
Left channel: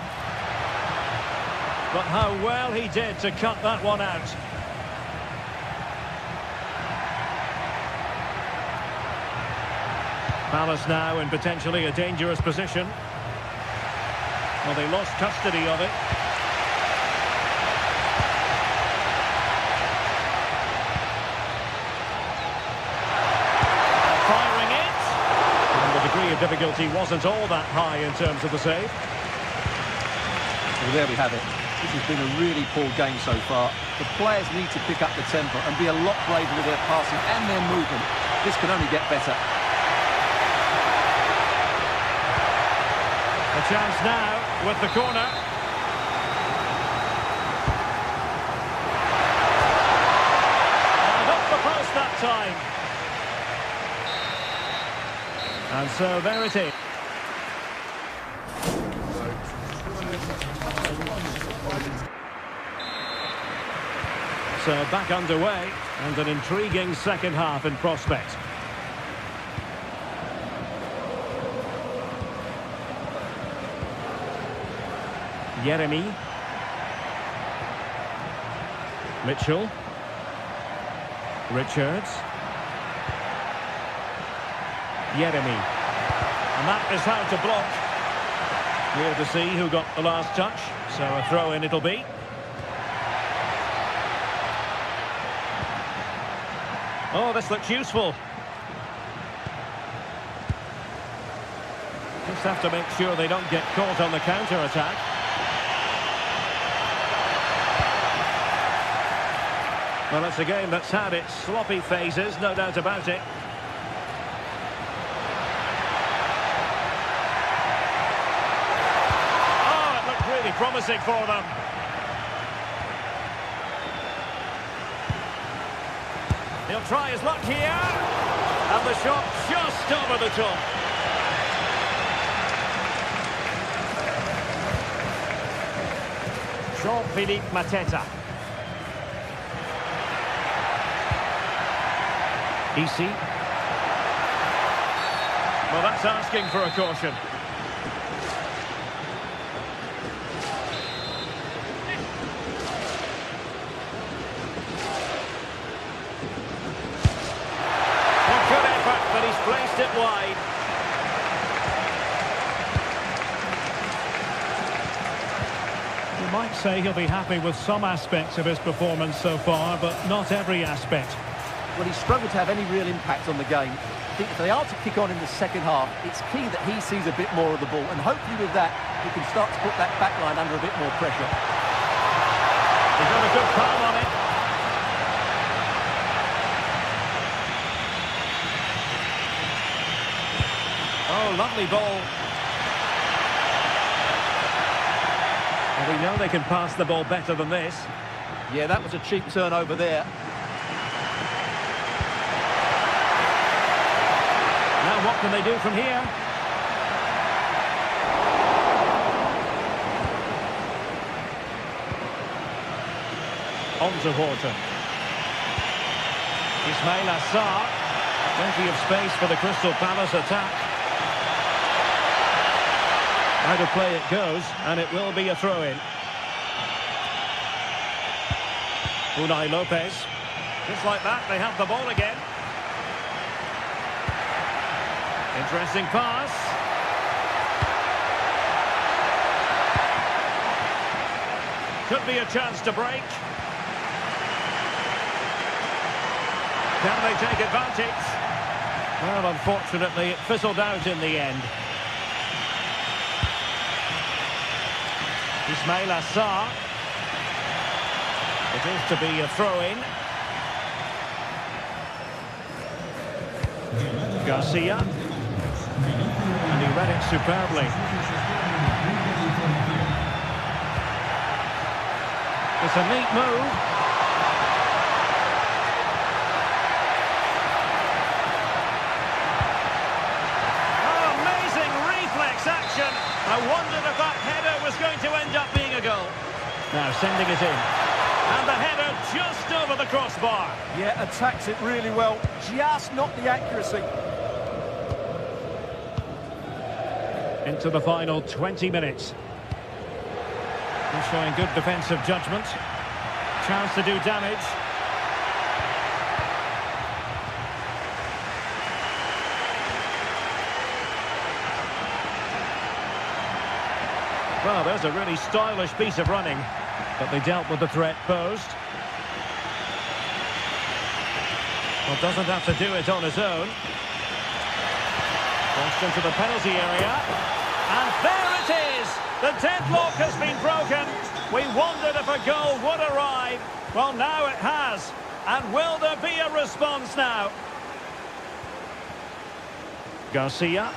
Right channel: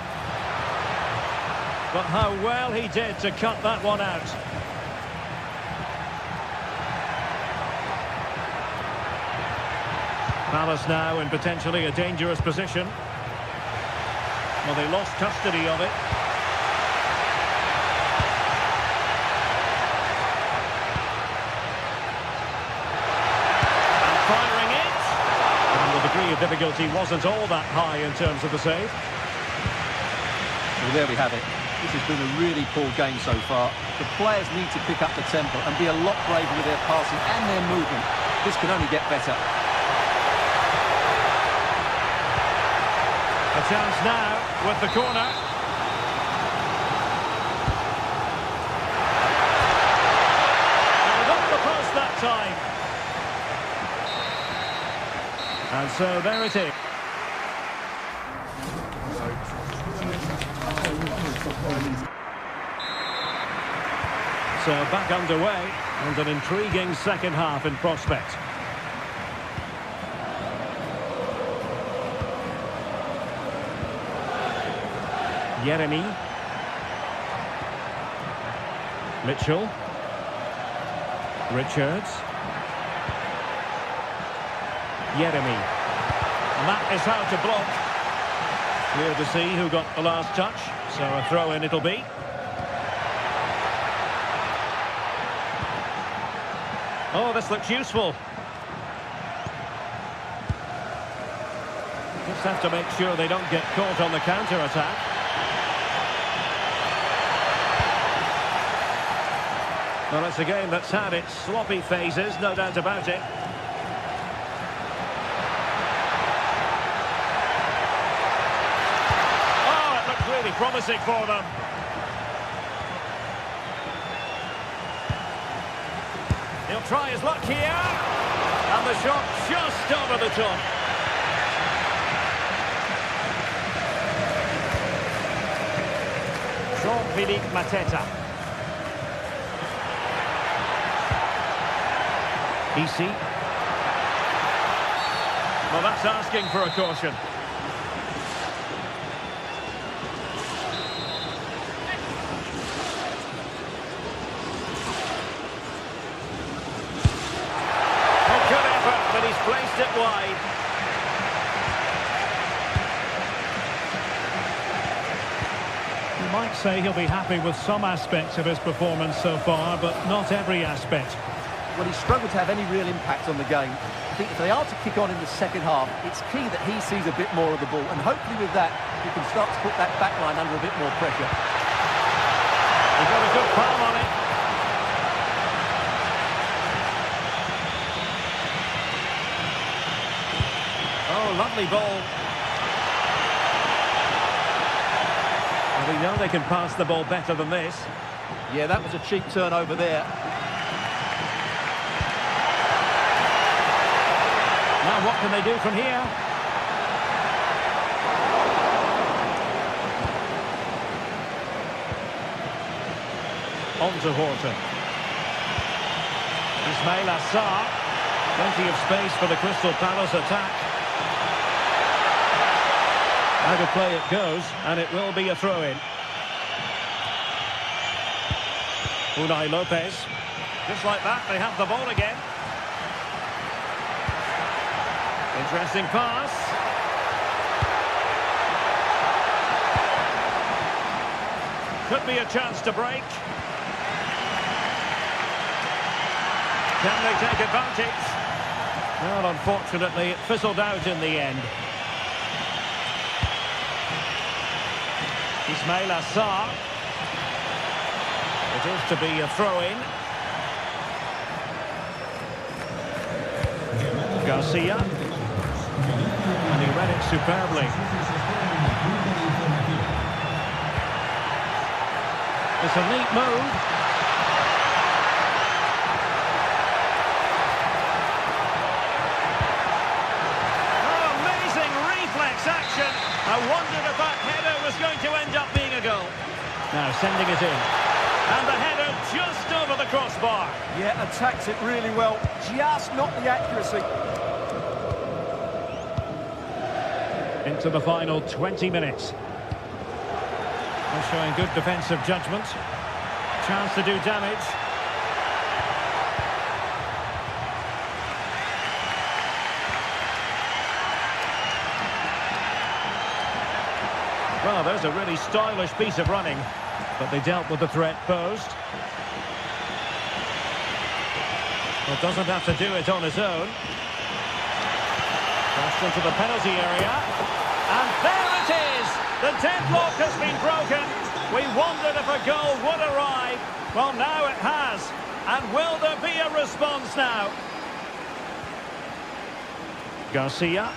But how well he did to cut that one out. Palace now in potentially a dangerous position. Well, they lost custody of it. And firing it. And the degree of difficulty wasn't all that high in terms of the save. Well, there we have it. This has been a really poor game so far. The players need to pick up the tempo and be a lot braver with their passing and their movement. This can only get better. A chance now with the corner. And up the post that time. And so there it is. So back underway and an intriguing second half in prospect. Yeremy. Mitchell. Richards. Yeremy. And that is how to block. Clear to see who got the last touch. So a throw-in it'll be. Oh, this looks useful. Just have to make sure they don't get caught on the counter-attack. Well, it's a game that's had its sloppy phases, no doubt about it. Oh, it looked really promising for them. He'll try his luck here. And the shot just over the top. Jean-Philippe Mateta. Easy. Well, that's asking for a caution. Oh, good effort, but he's placed it wide. You might say he'll be happy with some aspects of his performance so far, but not every aspect. Well, he's struggled to have any real impact on the game. I think if they are to kick on in the second half, it's key that he sees a bit more of the ball. And hopefully with that, he can start to put that back line under a bit more pressure. He got a good palm on it. Oh, lovely ball. Well, we know they can pass the ball better than this. Yeah, that was a cheap turnover there. Now what can they do from here? On to Horton. Ismail Assar. Plenty of space for the Crystal Palace attack. Out of play it goes, and it will be a throw-in. Unai Lopez. Just like that, they have the ball again. Interesting pass. Could be a chance to break. Can they take advantage? Well, unfortunately, it fizzled out in the end. Ismail Assar. It is to be a throw-in. Garcia. And he read it superbly. It's a neat move. this action. I wondered if that header was going to end up being a goal. Now sending it in. And the header just over the crossbar. Yeah, attacks it really well, just not the accuracy. Into the final 20 minutes. They're showing good defensive judgment. Chance to do damage. Well, there's a really stylish piece of running, but they dealt with the threat posed. Well, doesn't have to do it on his own. Crossed into the penalty area. And there it is! The deadlock has been broken. We wondered if a goal would arrive. Well, now it has. And will there be a response now? Garcia.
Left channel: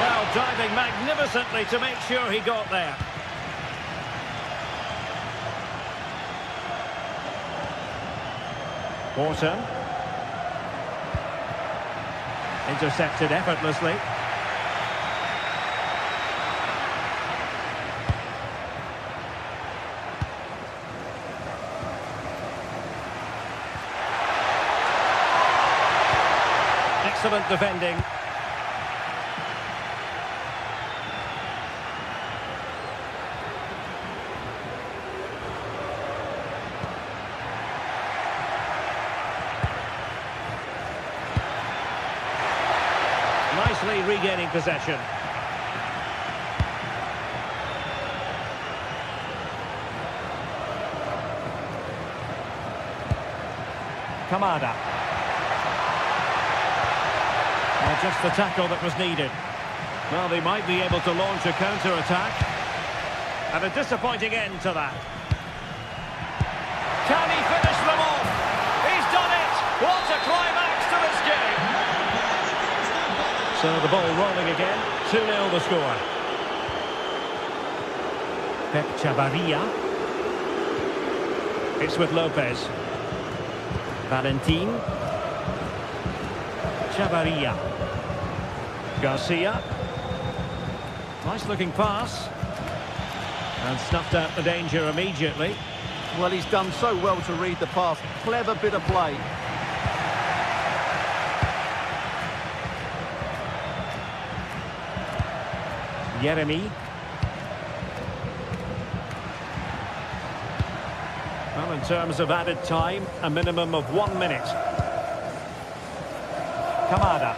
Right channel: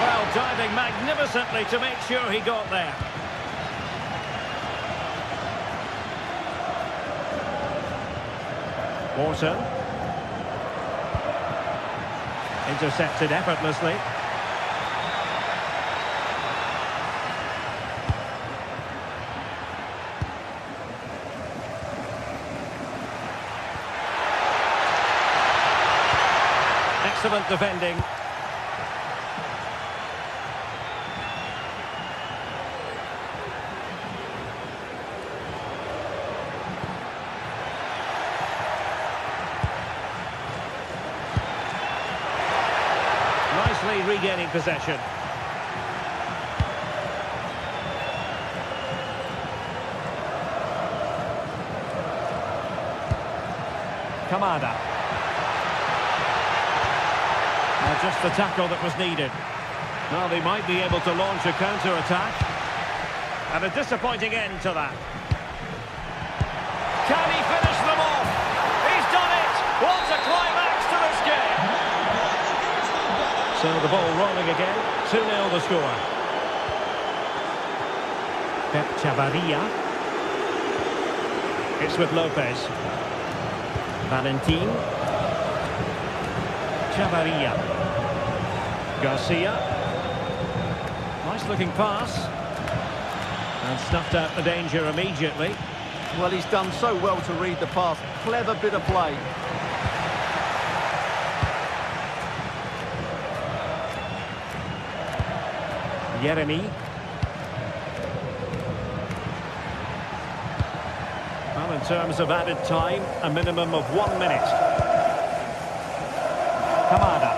Well, diving magnificently to make sure he got there. Morton. Intercepted effortlessly. Excellent defending. Nicely regaining possession. Kamada. Just the tackle that was needed. Well, they might be able to launch a counter-attack. And a disappointing end to that. Can he finish them off? He's done it! What a climax to this game! So the ball rolling again. 2-0 the score. Pep Chavarria. It's with Lopez. Valentin. Chavarria. Garcia. Nice looking pass. And snuffed out the danger immediately. Well, he's done so well to read the pass. Clever bit of play. Jeremy. Well, in terms of added time, a minimum of 1 minute. Kamada.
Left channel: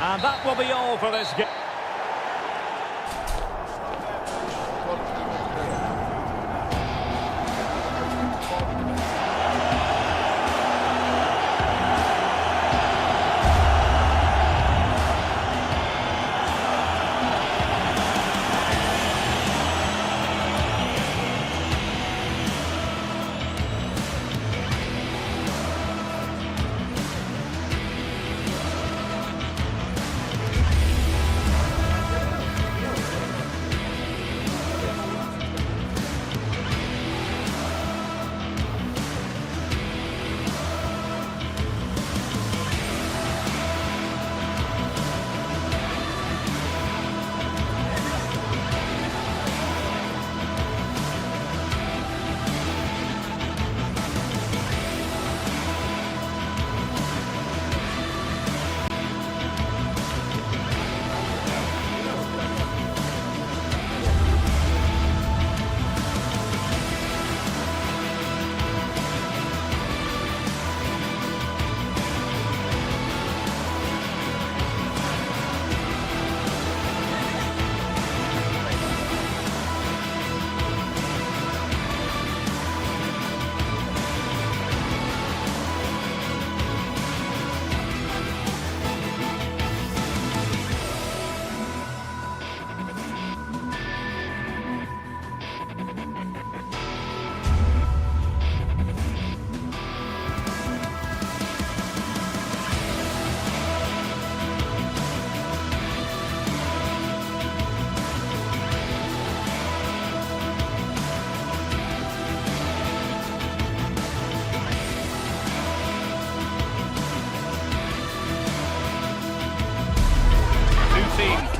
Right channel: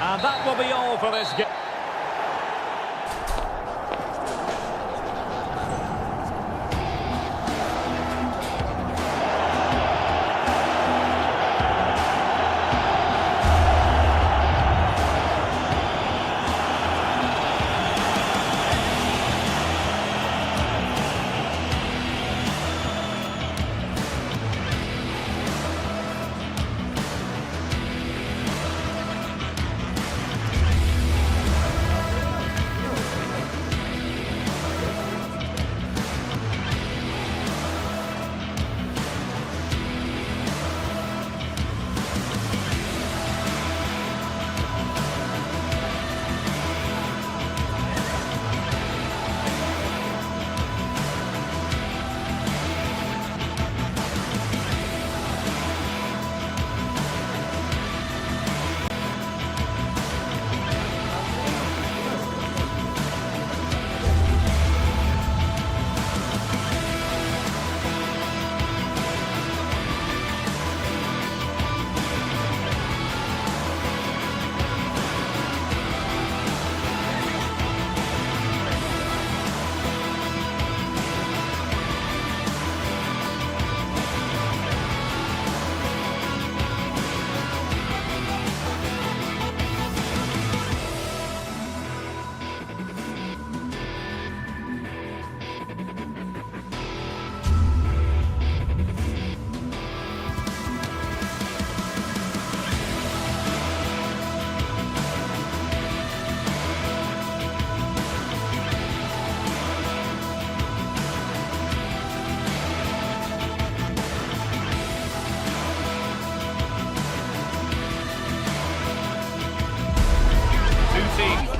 And that will be all for this game.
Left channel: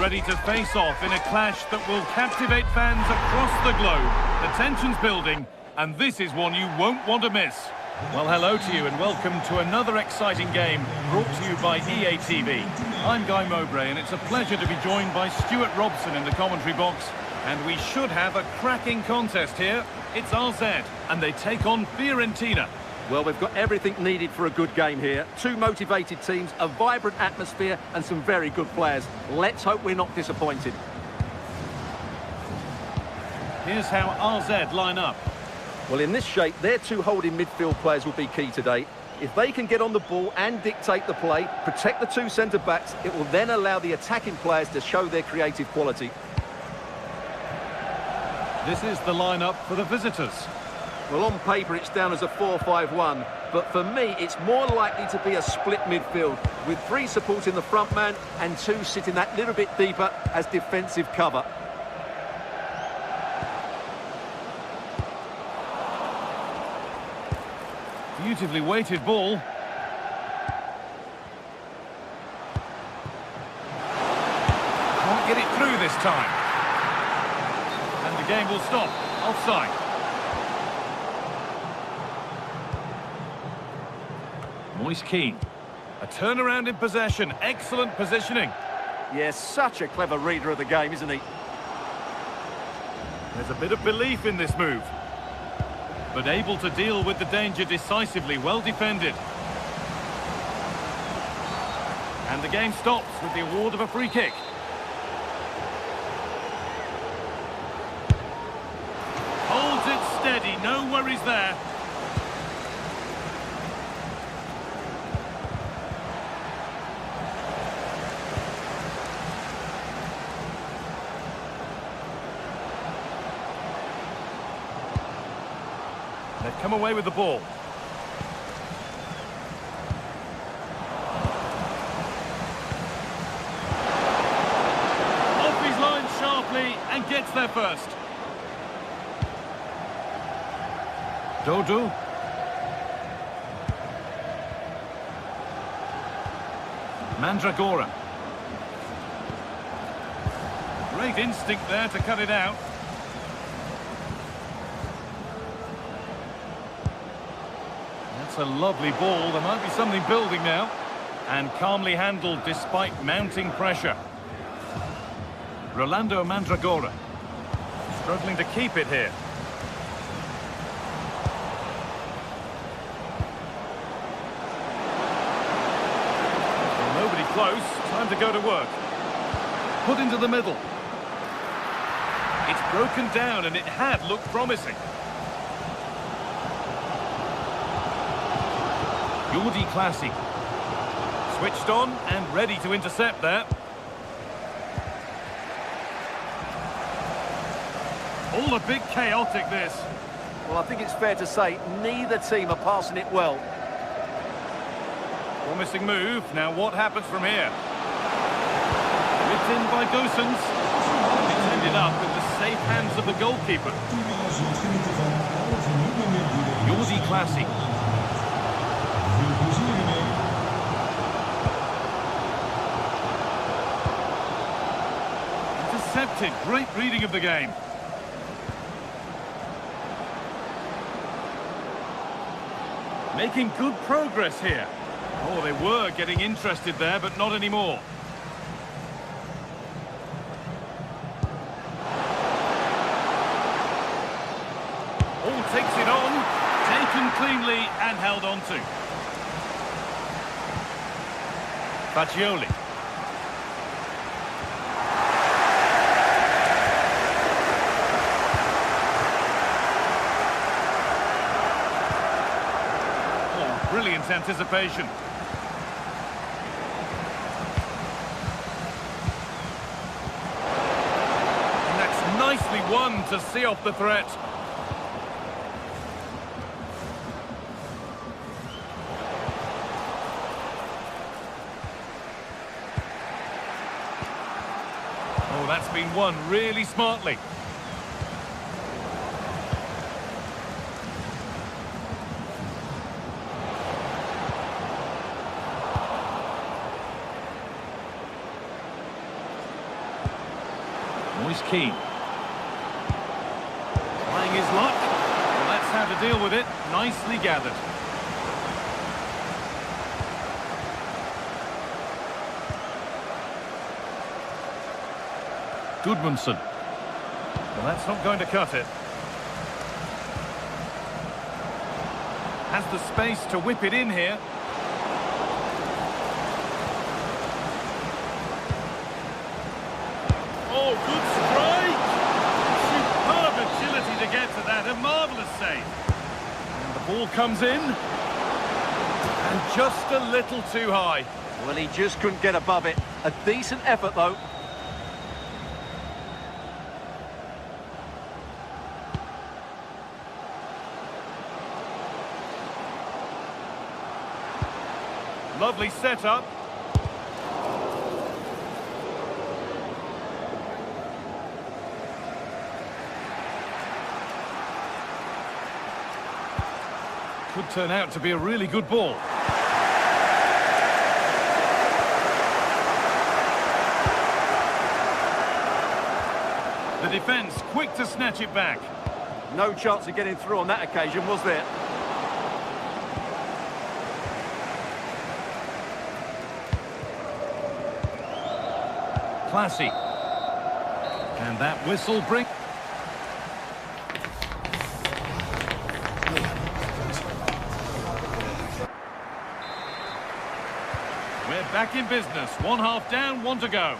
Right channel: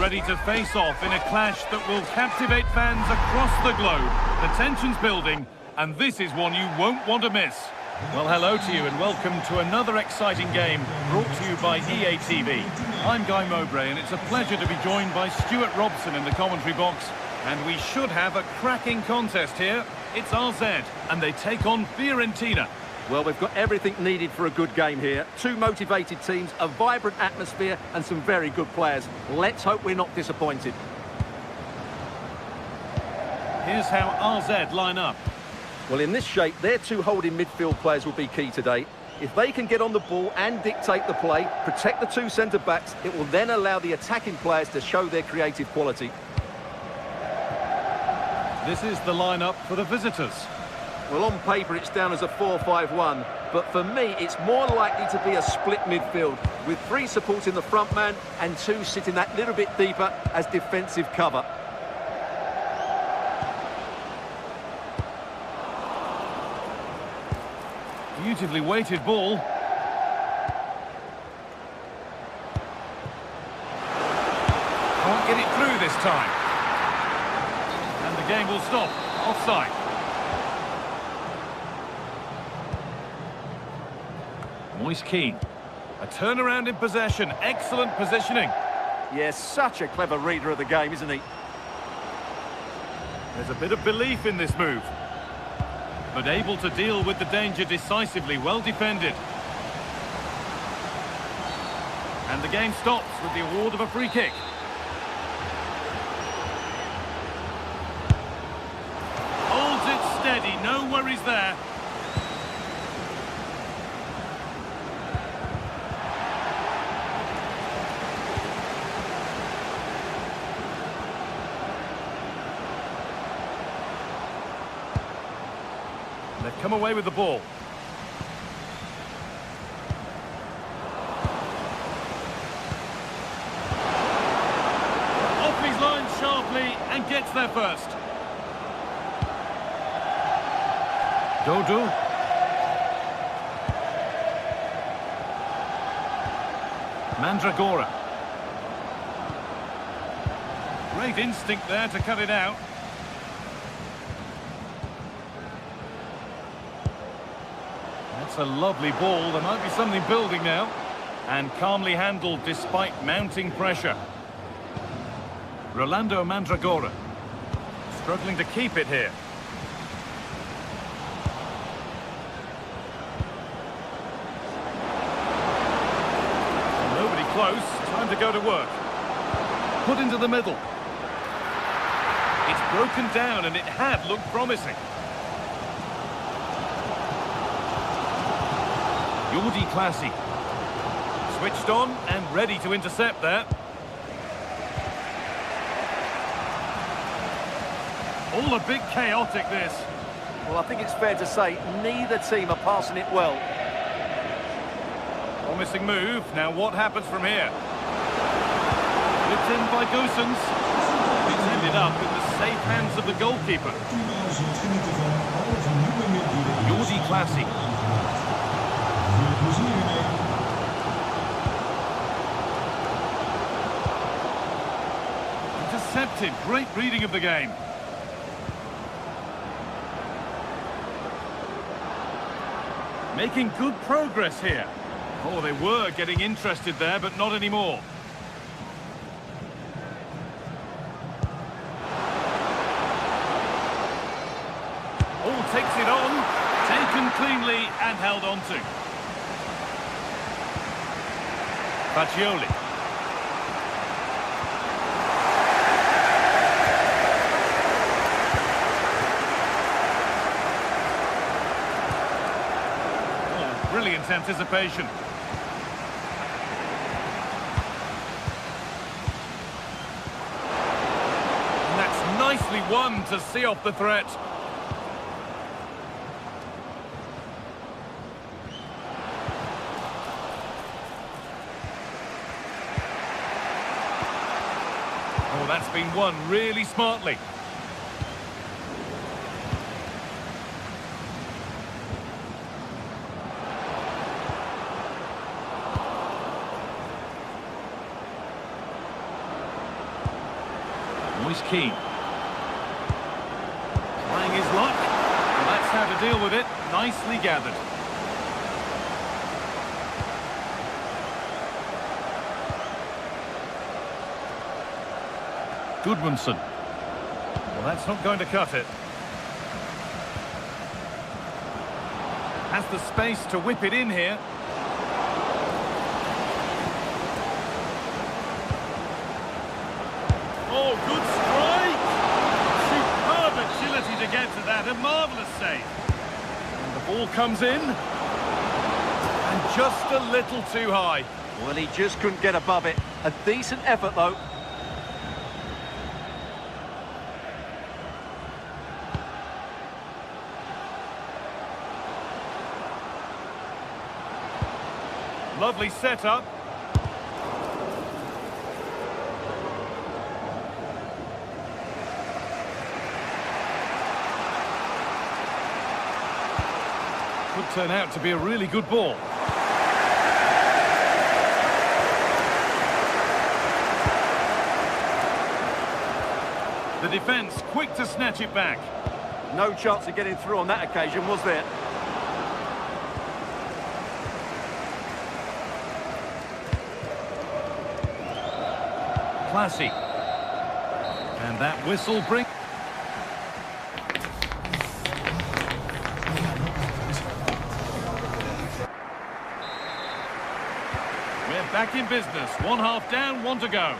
ready to face off in a clash that will captivate fans across the globe. The tension's building, and this is one you won't want to miss. Well, hello to you and welcome to another exciting game brought to you by EA TV. I'm Guy Mowbray and it's a pleasure to be joined by Stuart Robson in the commentary box. And we should have a cracking contest here. It's RZ and they take on Fiorentina. Well, we've got everything needed for a good game here. Two motivated teams, a vibrant atmosphere and some very good players. Let's hope we're not disappointed. Here's how RZ line up. Well, in this shape, their two holding midfield players will be key today. If they can get on the ball and dictate the play, protect the two centre-backs, it will then allow the attacking players to show their creative quality. This is the lineup for the visitors. Well, on paper, it's down as a 4-5-1, but for me, it's more likely to be a split midfield, with three supporting the front man and two sitting that little bit deeper as defensive cover. Beautifully weighted ball. Can't get it through this time. And the game will stop. Offside. Moise Keane. A turnaround in possession. Excellent positioning. Yes, such a clever reader of the game, isn't he? There's a bit of belief in this move. But able to deal with the danger decisively. Well defended. And the game stops with the award of a free kick. Holds it steady. No worries there. They've come away with the ball. Off his line sharply and gets there first. Dodo. Mandragora. Great instinct there to cut it out. That's a lovely ball. There might be something building now. And calmly handled despite mounting pressure. Rolando Mandragora. Struggling to keep it here. Well, nobody close. Time to go to work. Put into the middle. It's broken down and it had looked promising. Jordi Classy. Switched on and ready to intercept there. All a bit chaotic, this. Well, I think it's fair to say neither team are passing it well. Promising move. Now what happens from here? Whipped in by Goossens. It's ended up in the safe hands of the goalkeeper. Jordi Classy. Intercepted. Great reading of the game. Making good progress here. Oh, they were getting interested there, but not anymore. Oh, takes it on. Taken cleanly and held on to. Fagioli. Oh, brilliant anticipation. And that's nicely won to see off the threat. Oh, that's been won really smartly. Moise Keane. Trying his luck. Well, that's how to deal with it. Nicely gathered. Goodmanson. Well, that's not going to cut it. Has the space to whip it in here. Oh, good strike! Superb agility to get to that. A marvellous save. And the ball comes in. And just a little too high. Well, he just couldn't get above it. A decent effort, though. Lovely setup. Could turn out to be a really good ball. The defence quick to snatch it back. No chance of getting through on that occasion, was there? Classy. And that whistle brings... We're back in business. 1 half down, 1 to go.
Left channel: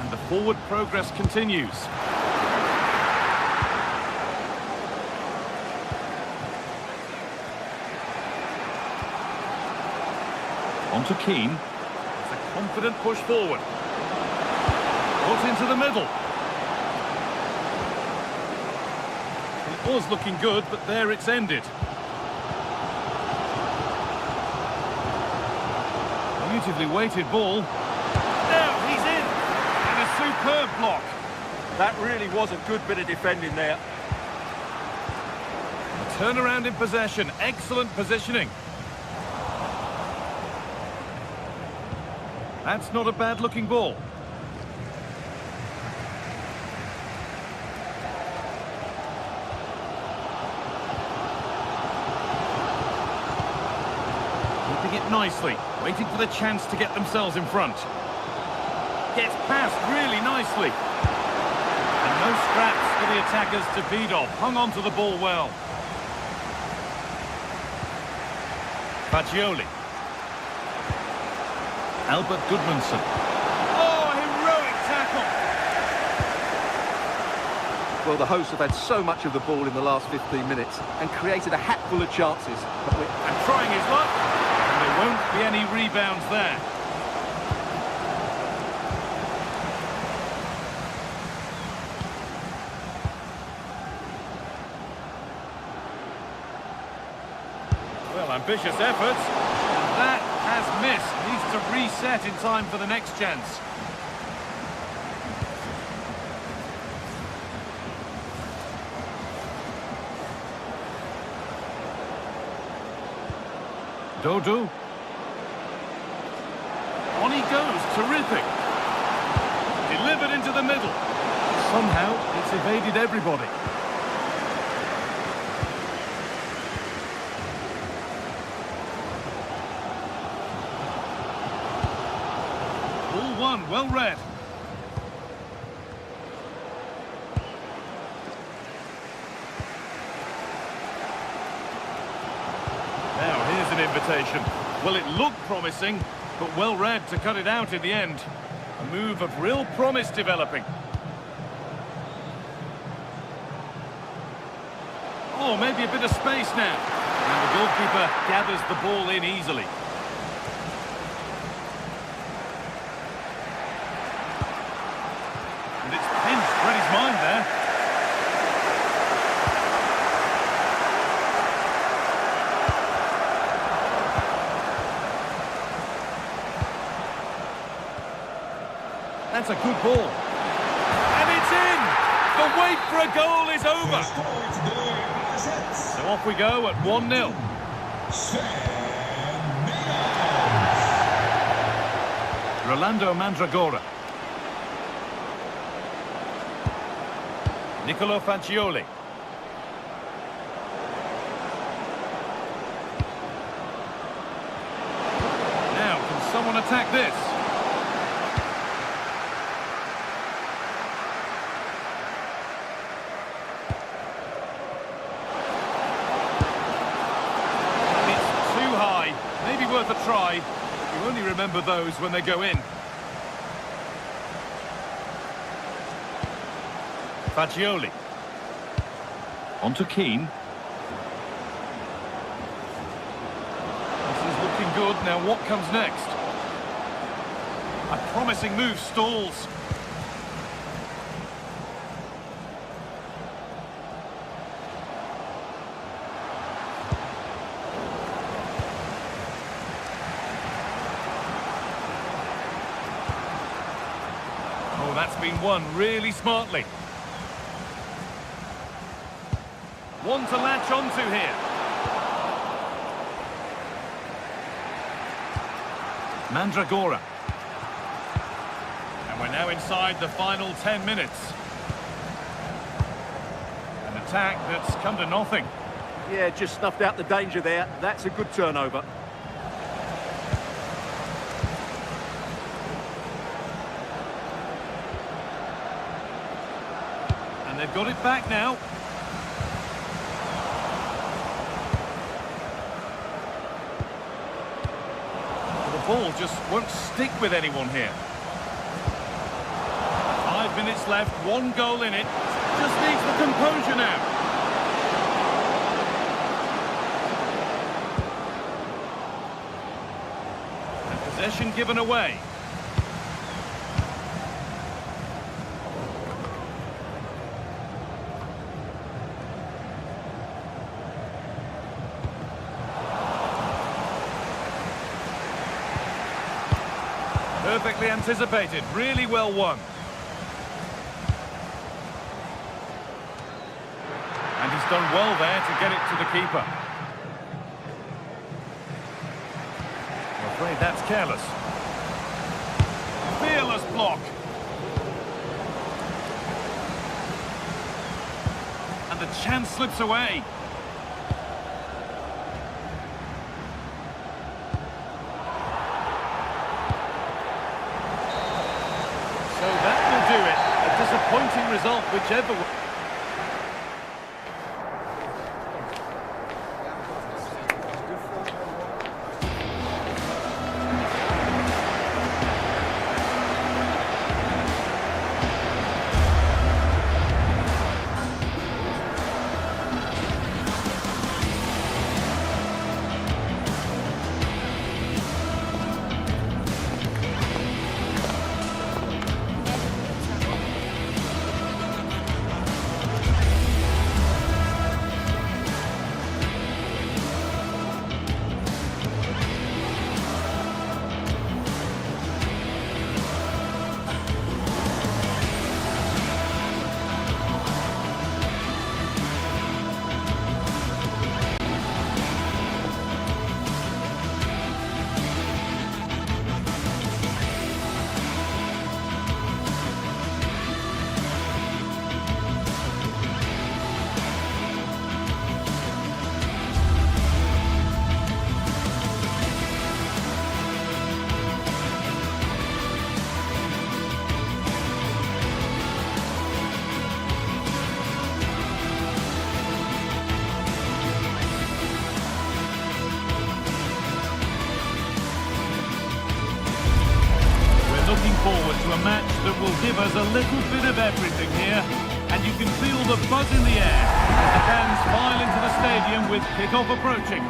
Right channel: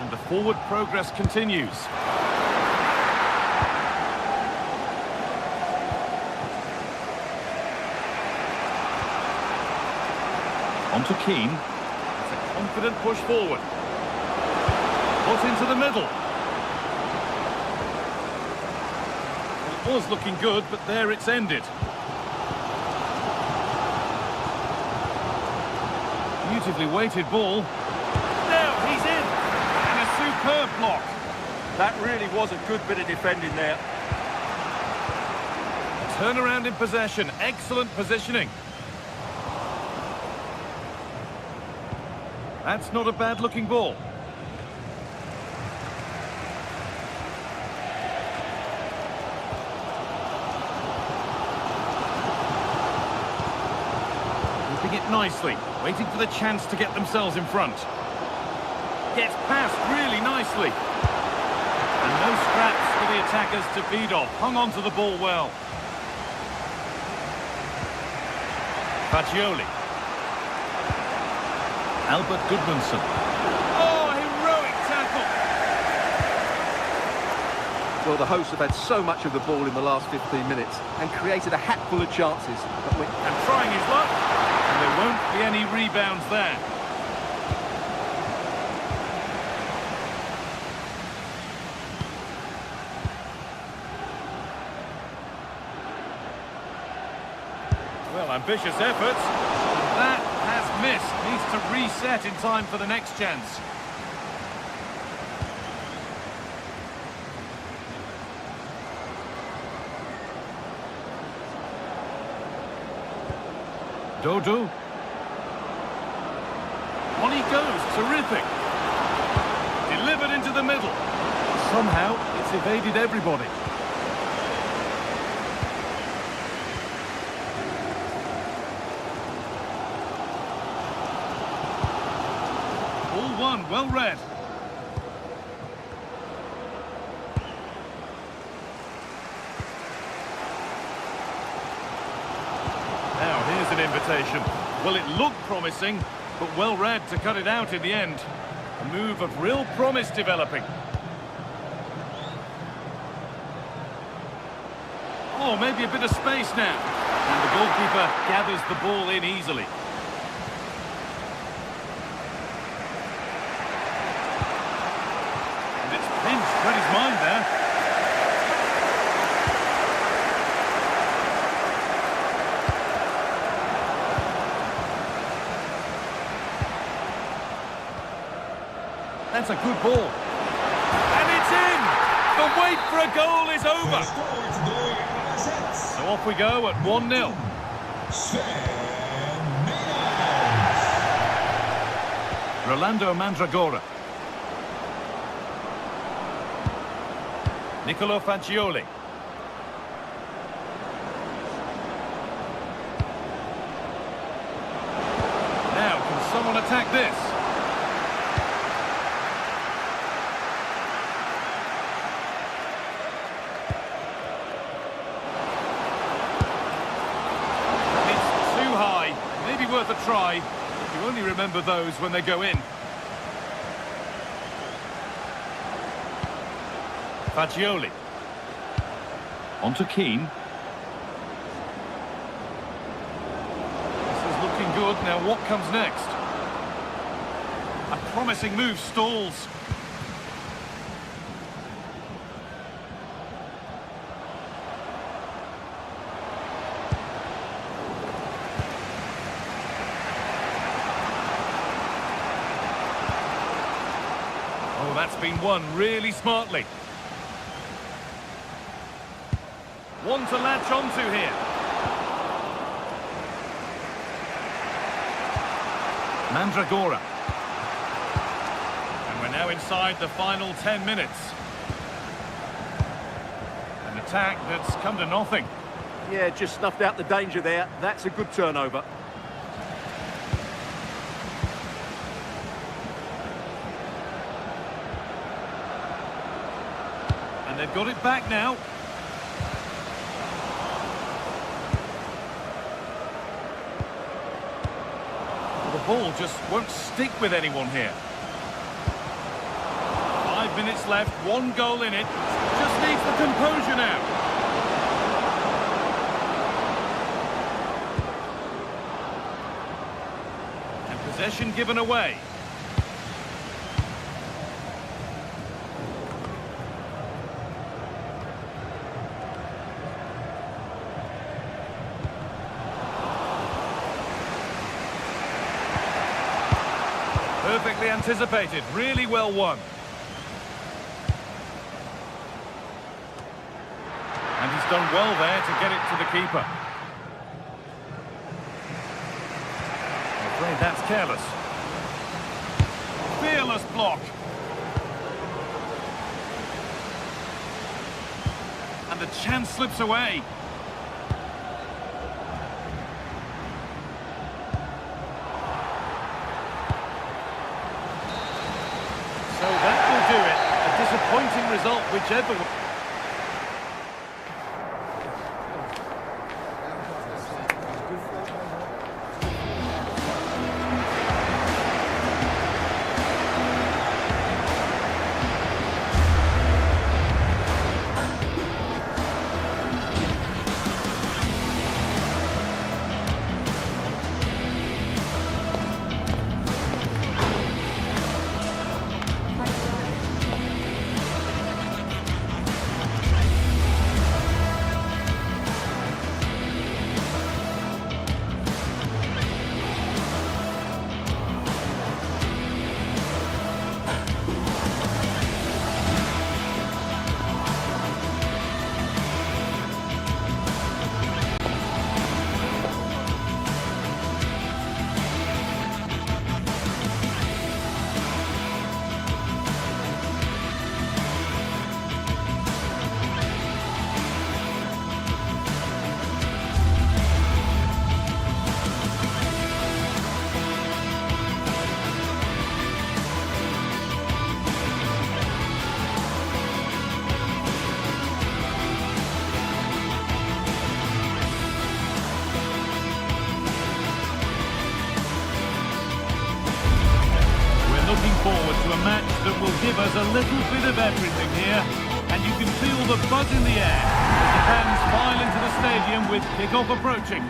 And the forward progress continues. On to Keane. It's a confident push forward. Put into the middle. Well, it was looking good, but there it's ended. Beautifully weighted ball. Now he's in. And a superb block. That really was a good bit of defending there. A turnaround in possession. Excellent positioning. That's not a bad-looking ball. Keeping it nicely, waiting for the chance to get themselves in front. Gets past really nicely. And no scraps for the attackers to feed off. Hung on to the ball well. Fagioli. Albert Goodmanson. Oh, heroic tackle! Well, the hosts have had so much of the ball in the last 15 minutes and created a hatful of chances. But And trying his luck, and there won't be any rebounds there. Well, ambitious efforts. That has missed. Needs to reset in time for the next chance. Dodo. On he goes. Terrific. Delivered into the middle. Somehow, it's evaded everybody. Ball one, well read. Now here's an invitation. Well, it looked promising, but well read to cut it out in the end. A move of real promise developing. Oh, maybe a bit of space now. And the goalkeeper gathers the ball in easily. And it's pinched, read his mind there. That's a good ball. And it's in! The wait for a goal is over! So off we go at 1-0. Rolando Mandragora. Nicolo Fagioli. Now, can someone attack this? It's too high. Maybe worth a try. You only remember those when they go in. Fagioli. On to Keane. This is looking good. Now what comes next? A promising move stalls. Oh, that's been won really smartly. One to latch onto here. Mandragora. And we're now inside the final 10 minutes. An attack that's come to nothing. Yeah, just snuffed out the danger there. That's a good turnover. And they've got it back now. Well, the ball just won't stick with anyone here. 5 minutes left, 1 goal in it. Just needs the composure now. And possession given away. Perfectly anticipated, really well won. And he's done well there to get it to the keeper. I'm afraid that's careless. Fearless block. And the chance slips away. So that will do it. A disappointing result, whichever way. Looking forward to a match that will give us a little bit of everything here. And you can feel the buzz in the air as the fans file into the stadium with kick-off approaching.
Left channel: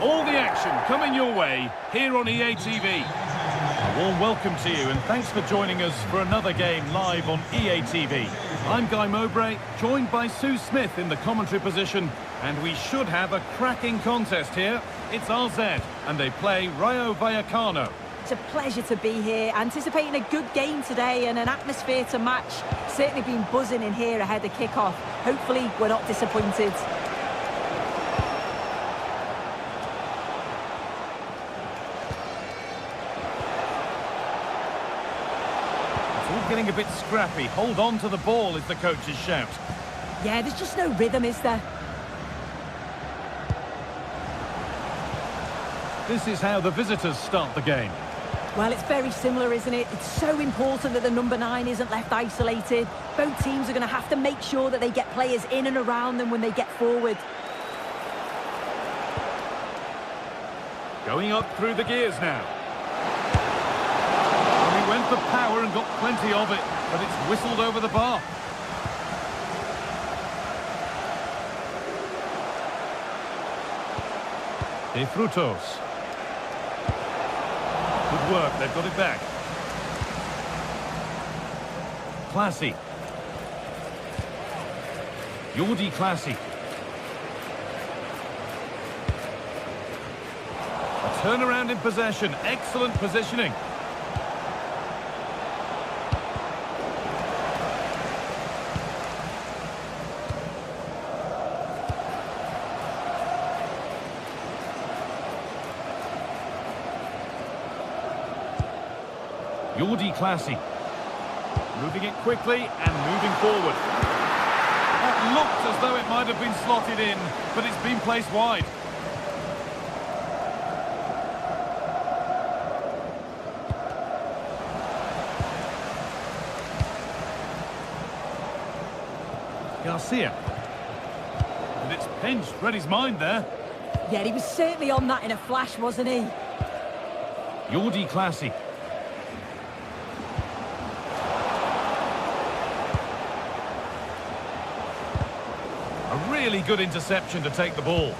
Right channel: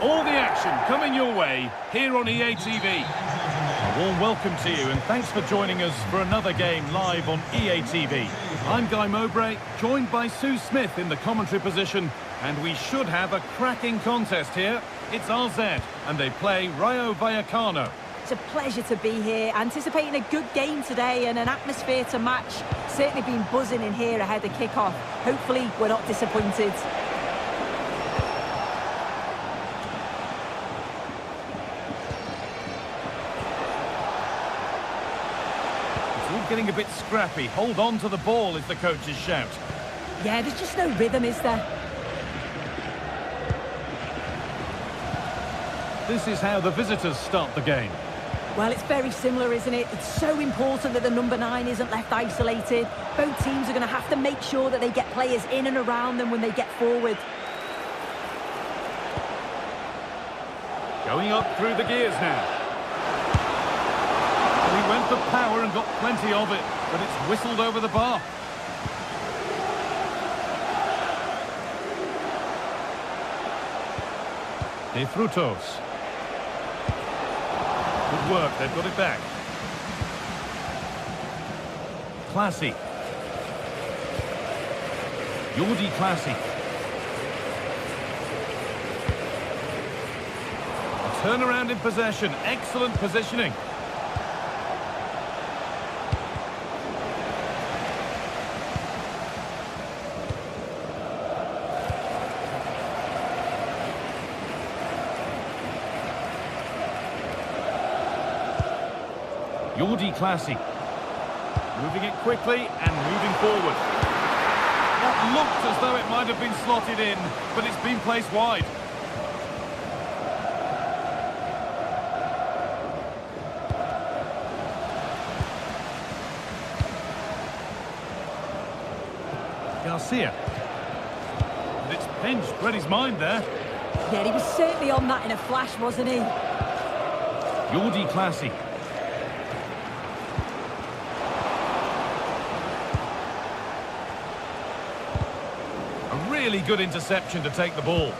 All the action coming your way here on EA TV. A warm welcome to you and thanks for joining us for another game live on EA TV. I'm Guy Mowbray, joined by Sue Smith in the commentary position, and we should have a cracking contest here. It's RZ, and they play Rayo Vallecano. It's a pleasure to be here, anticipating a good game today and an atmosphere to match. Certainly been buzzing in here ahead of kick-off. Hopefully we're not disappointed. It's all getting a bit scrappy. Hold on to the ball is the coach's shout. Yeah, there's just no rhythm, is there? This is how the visitors start the game. Well, it's very similar, isn't it? It's so important that the number 9 isn't left isolated. Both teams are going to have to make sure that they get players in and around them when they get forward. Going up through the gears now. Well, he went for power and got plenty of it, but it's whistled over the bar. De Frutos. Good work, they've got it back. Classy. Jordi Classy. A turnaround in possession, excellent positioning. Jordi Classy. Moving it quickly and moving forward. That looked as though it might have been slotted in, but it's been placed wide. Garcia. And it's pinched, read his mind there. Yeah, he was certainly on that in a flash, wasn't he? Jordi Classy. A really good interception to take the ball.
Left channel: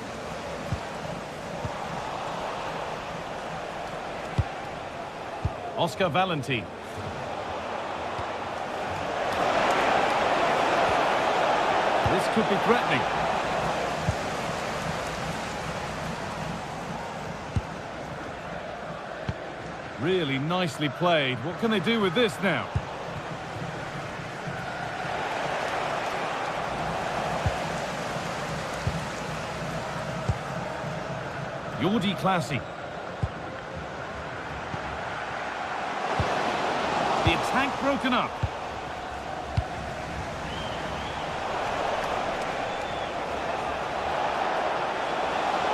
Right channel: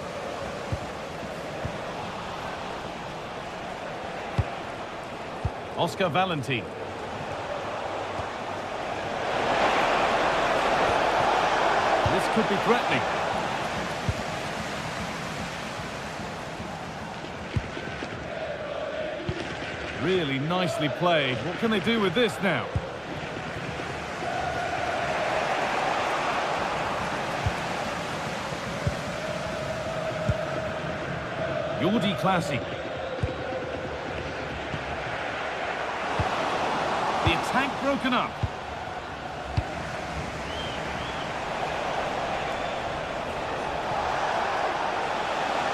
Oscar Valentin. This could be threatening. Really nicely played. What can they do with this now? Jordi Classy. The attack broken up.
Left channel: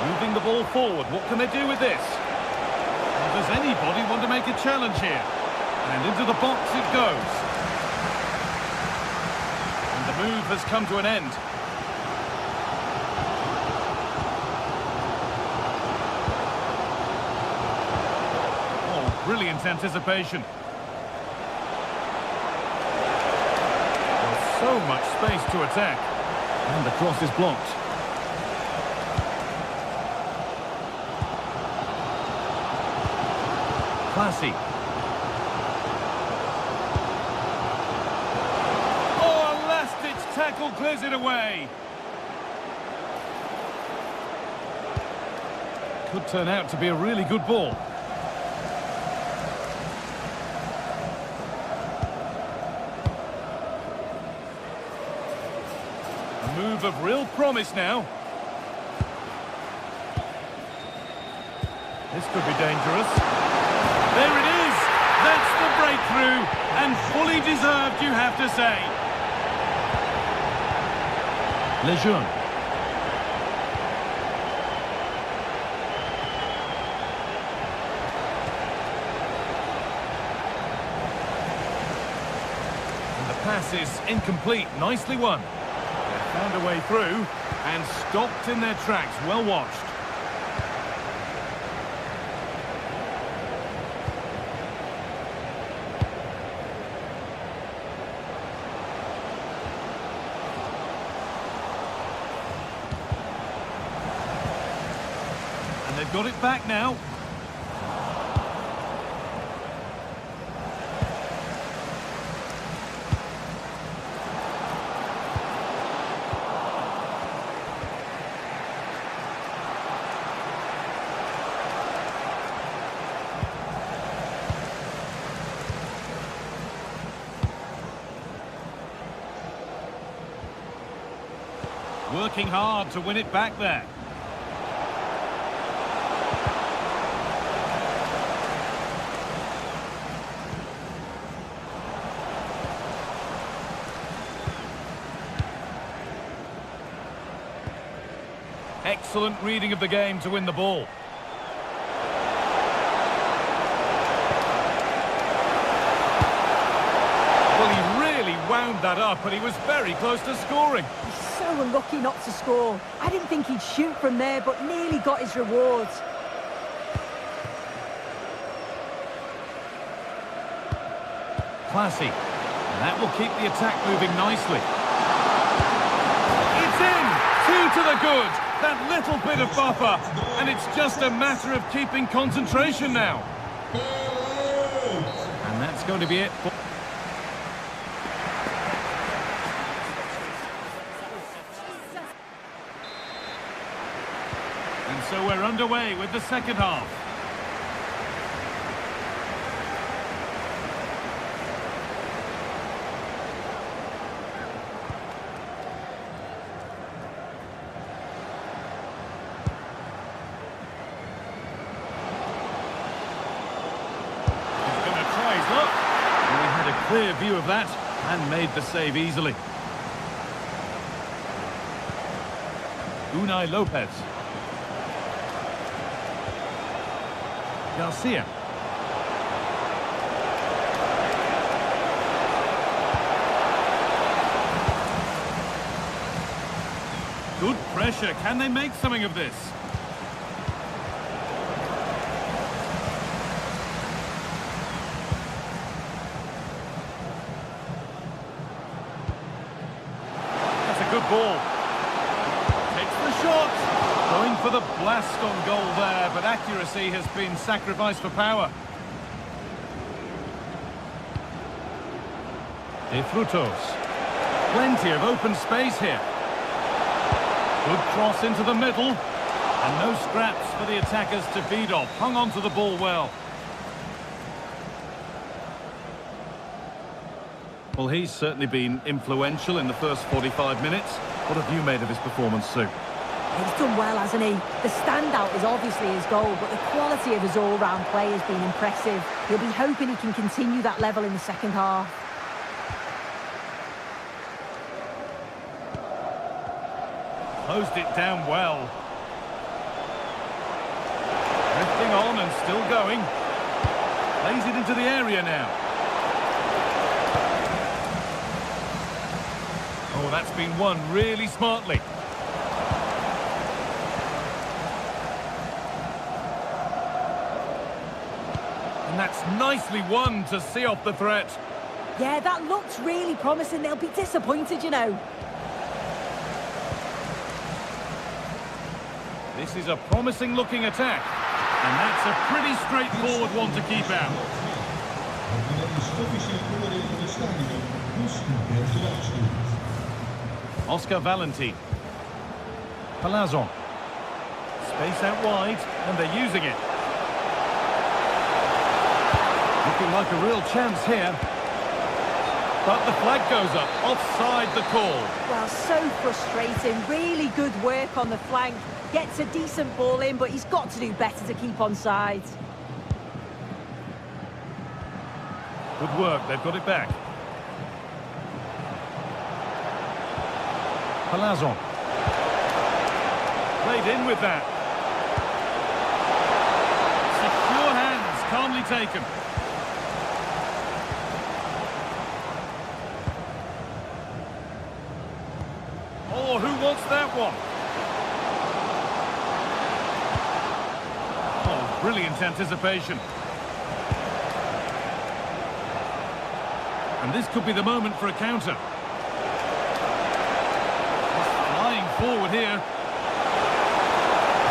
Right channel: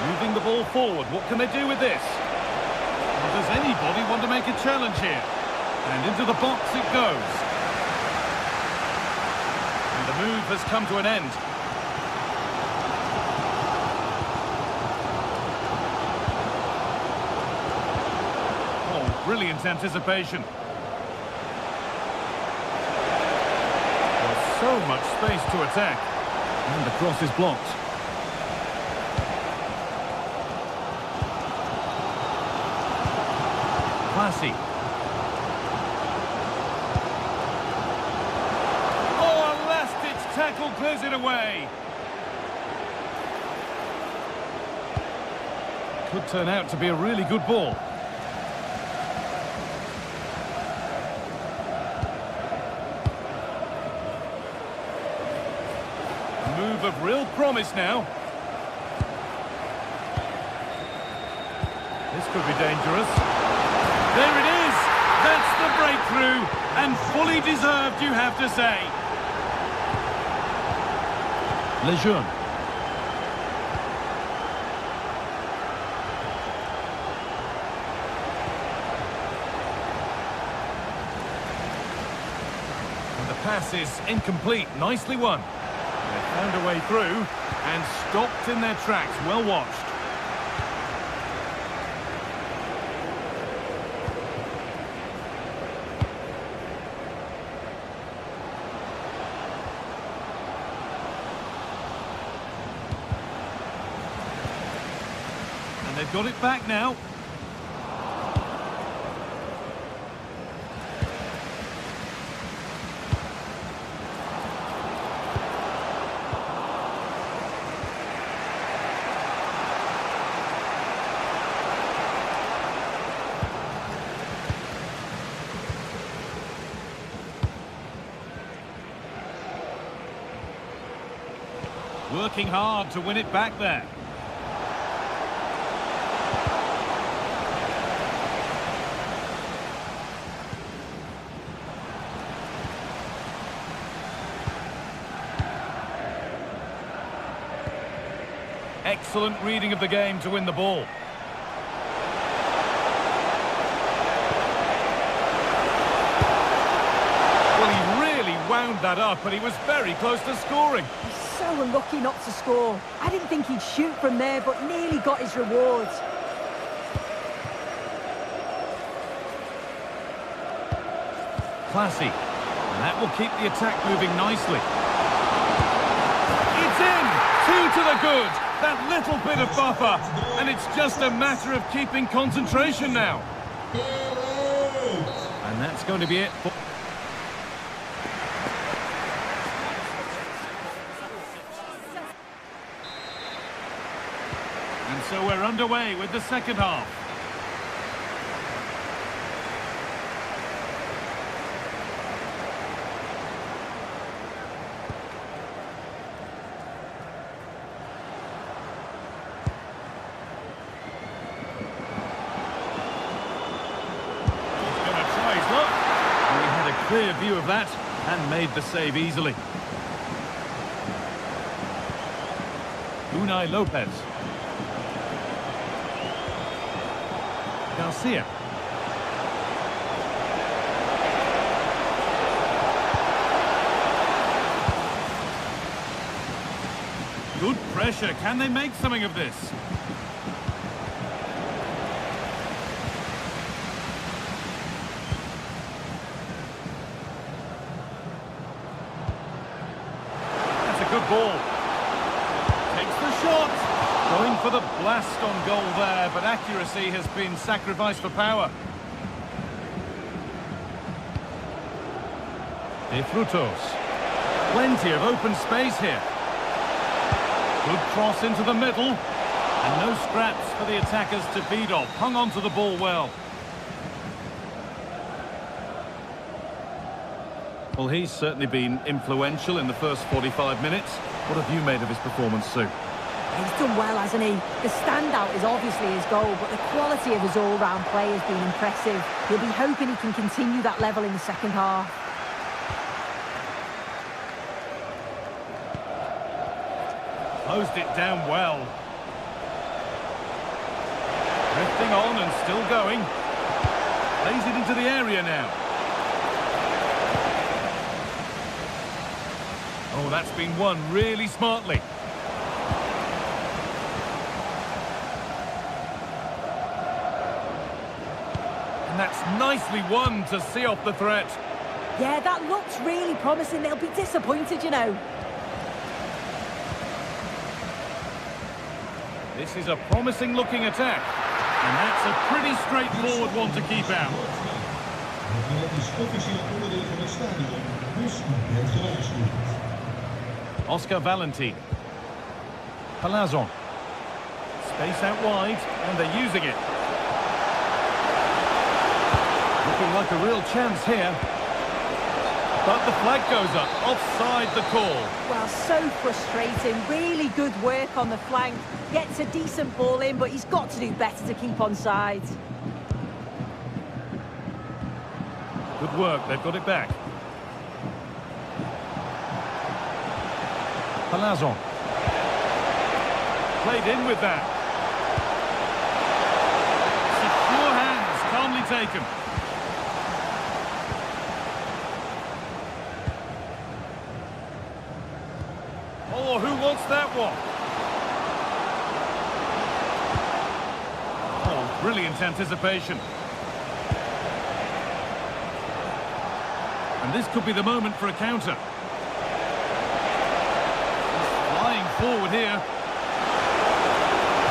Moving the ball forward. What can they do with this? Well, does anybody want to make a challenge here? And into the box it goes. And the move has come to an end. Oh, brilliant anticipation. There's so much space to attack. And the cross is blocked. Classy. Oh, a last-ditch tackle clears it away. Could turn out to be a really good ball. A move of real promise now. This could be dangerous. There it is! That's the breakthrough, and fully deserved, you have to say. Lejeune. And the pass is incomplete, nicely won. They found a way through, and stopped in their tracks, well watched. And they've got it back now. Working hard to win it back there. Excellent reading of the game to win the ball. Well, he really wound that up, and he was very close to scoring. He's so unlucky not to score. I didn't think he'd shoot from there, but nearly got his rewards. Classy. And that will keep the attack moving nicely. It's in! 2 to the good. That little bit of buffer. And it's just a matter of keeping concentration now. And that's going to be it for... And so we're underway with the second half. He's going to try his luck. And he had a clear view of that and made the save easily. Unai Lopez. Garcia. Good pressure. Can they make something of this? That's a good ball. Takes the shot. Going for the blast on goal there, but accuracy has been sacrificed for power. De Frutos. Plenty of open space here. Good cross into the middle. And no scraps for the attackers to feed off. Hung on to the ball well. Well, he's certainly been influential in the first 45 minutes. What have you made of his performance, Sue? He's done well, hasn't he? The standout is obviously his goal, but the quality of his all-round play has been impressive. He'll be hoping he can continue that level in the second half. Closed it down well. Drifting on and still going. Plays it into the area now. Oh, that's been won really smartly. And that's nicely won to see off the threat. Yeah, that looks really promising. They'll be disappointed, you know. This is a promising-looking attack. And that's a pretty straightforward one to keep out. Oscar Valentin. Palazon. Space out wide, and they're using it. Looking like a real chance here. But the flag goes up. Offside the call. Well, so frustrating. Really good work on the flank. Gets a decent ball in, but he's got to do better to keep onside. Good work. They've got it back. Palazon. Played in with that. Secure hands. Calmly taken. Oh, who wants that one? Oh, brilliant anticipation. And this could be the moment for a counter. He's flying forward here.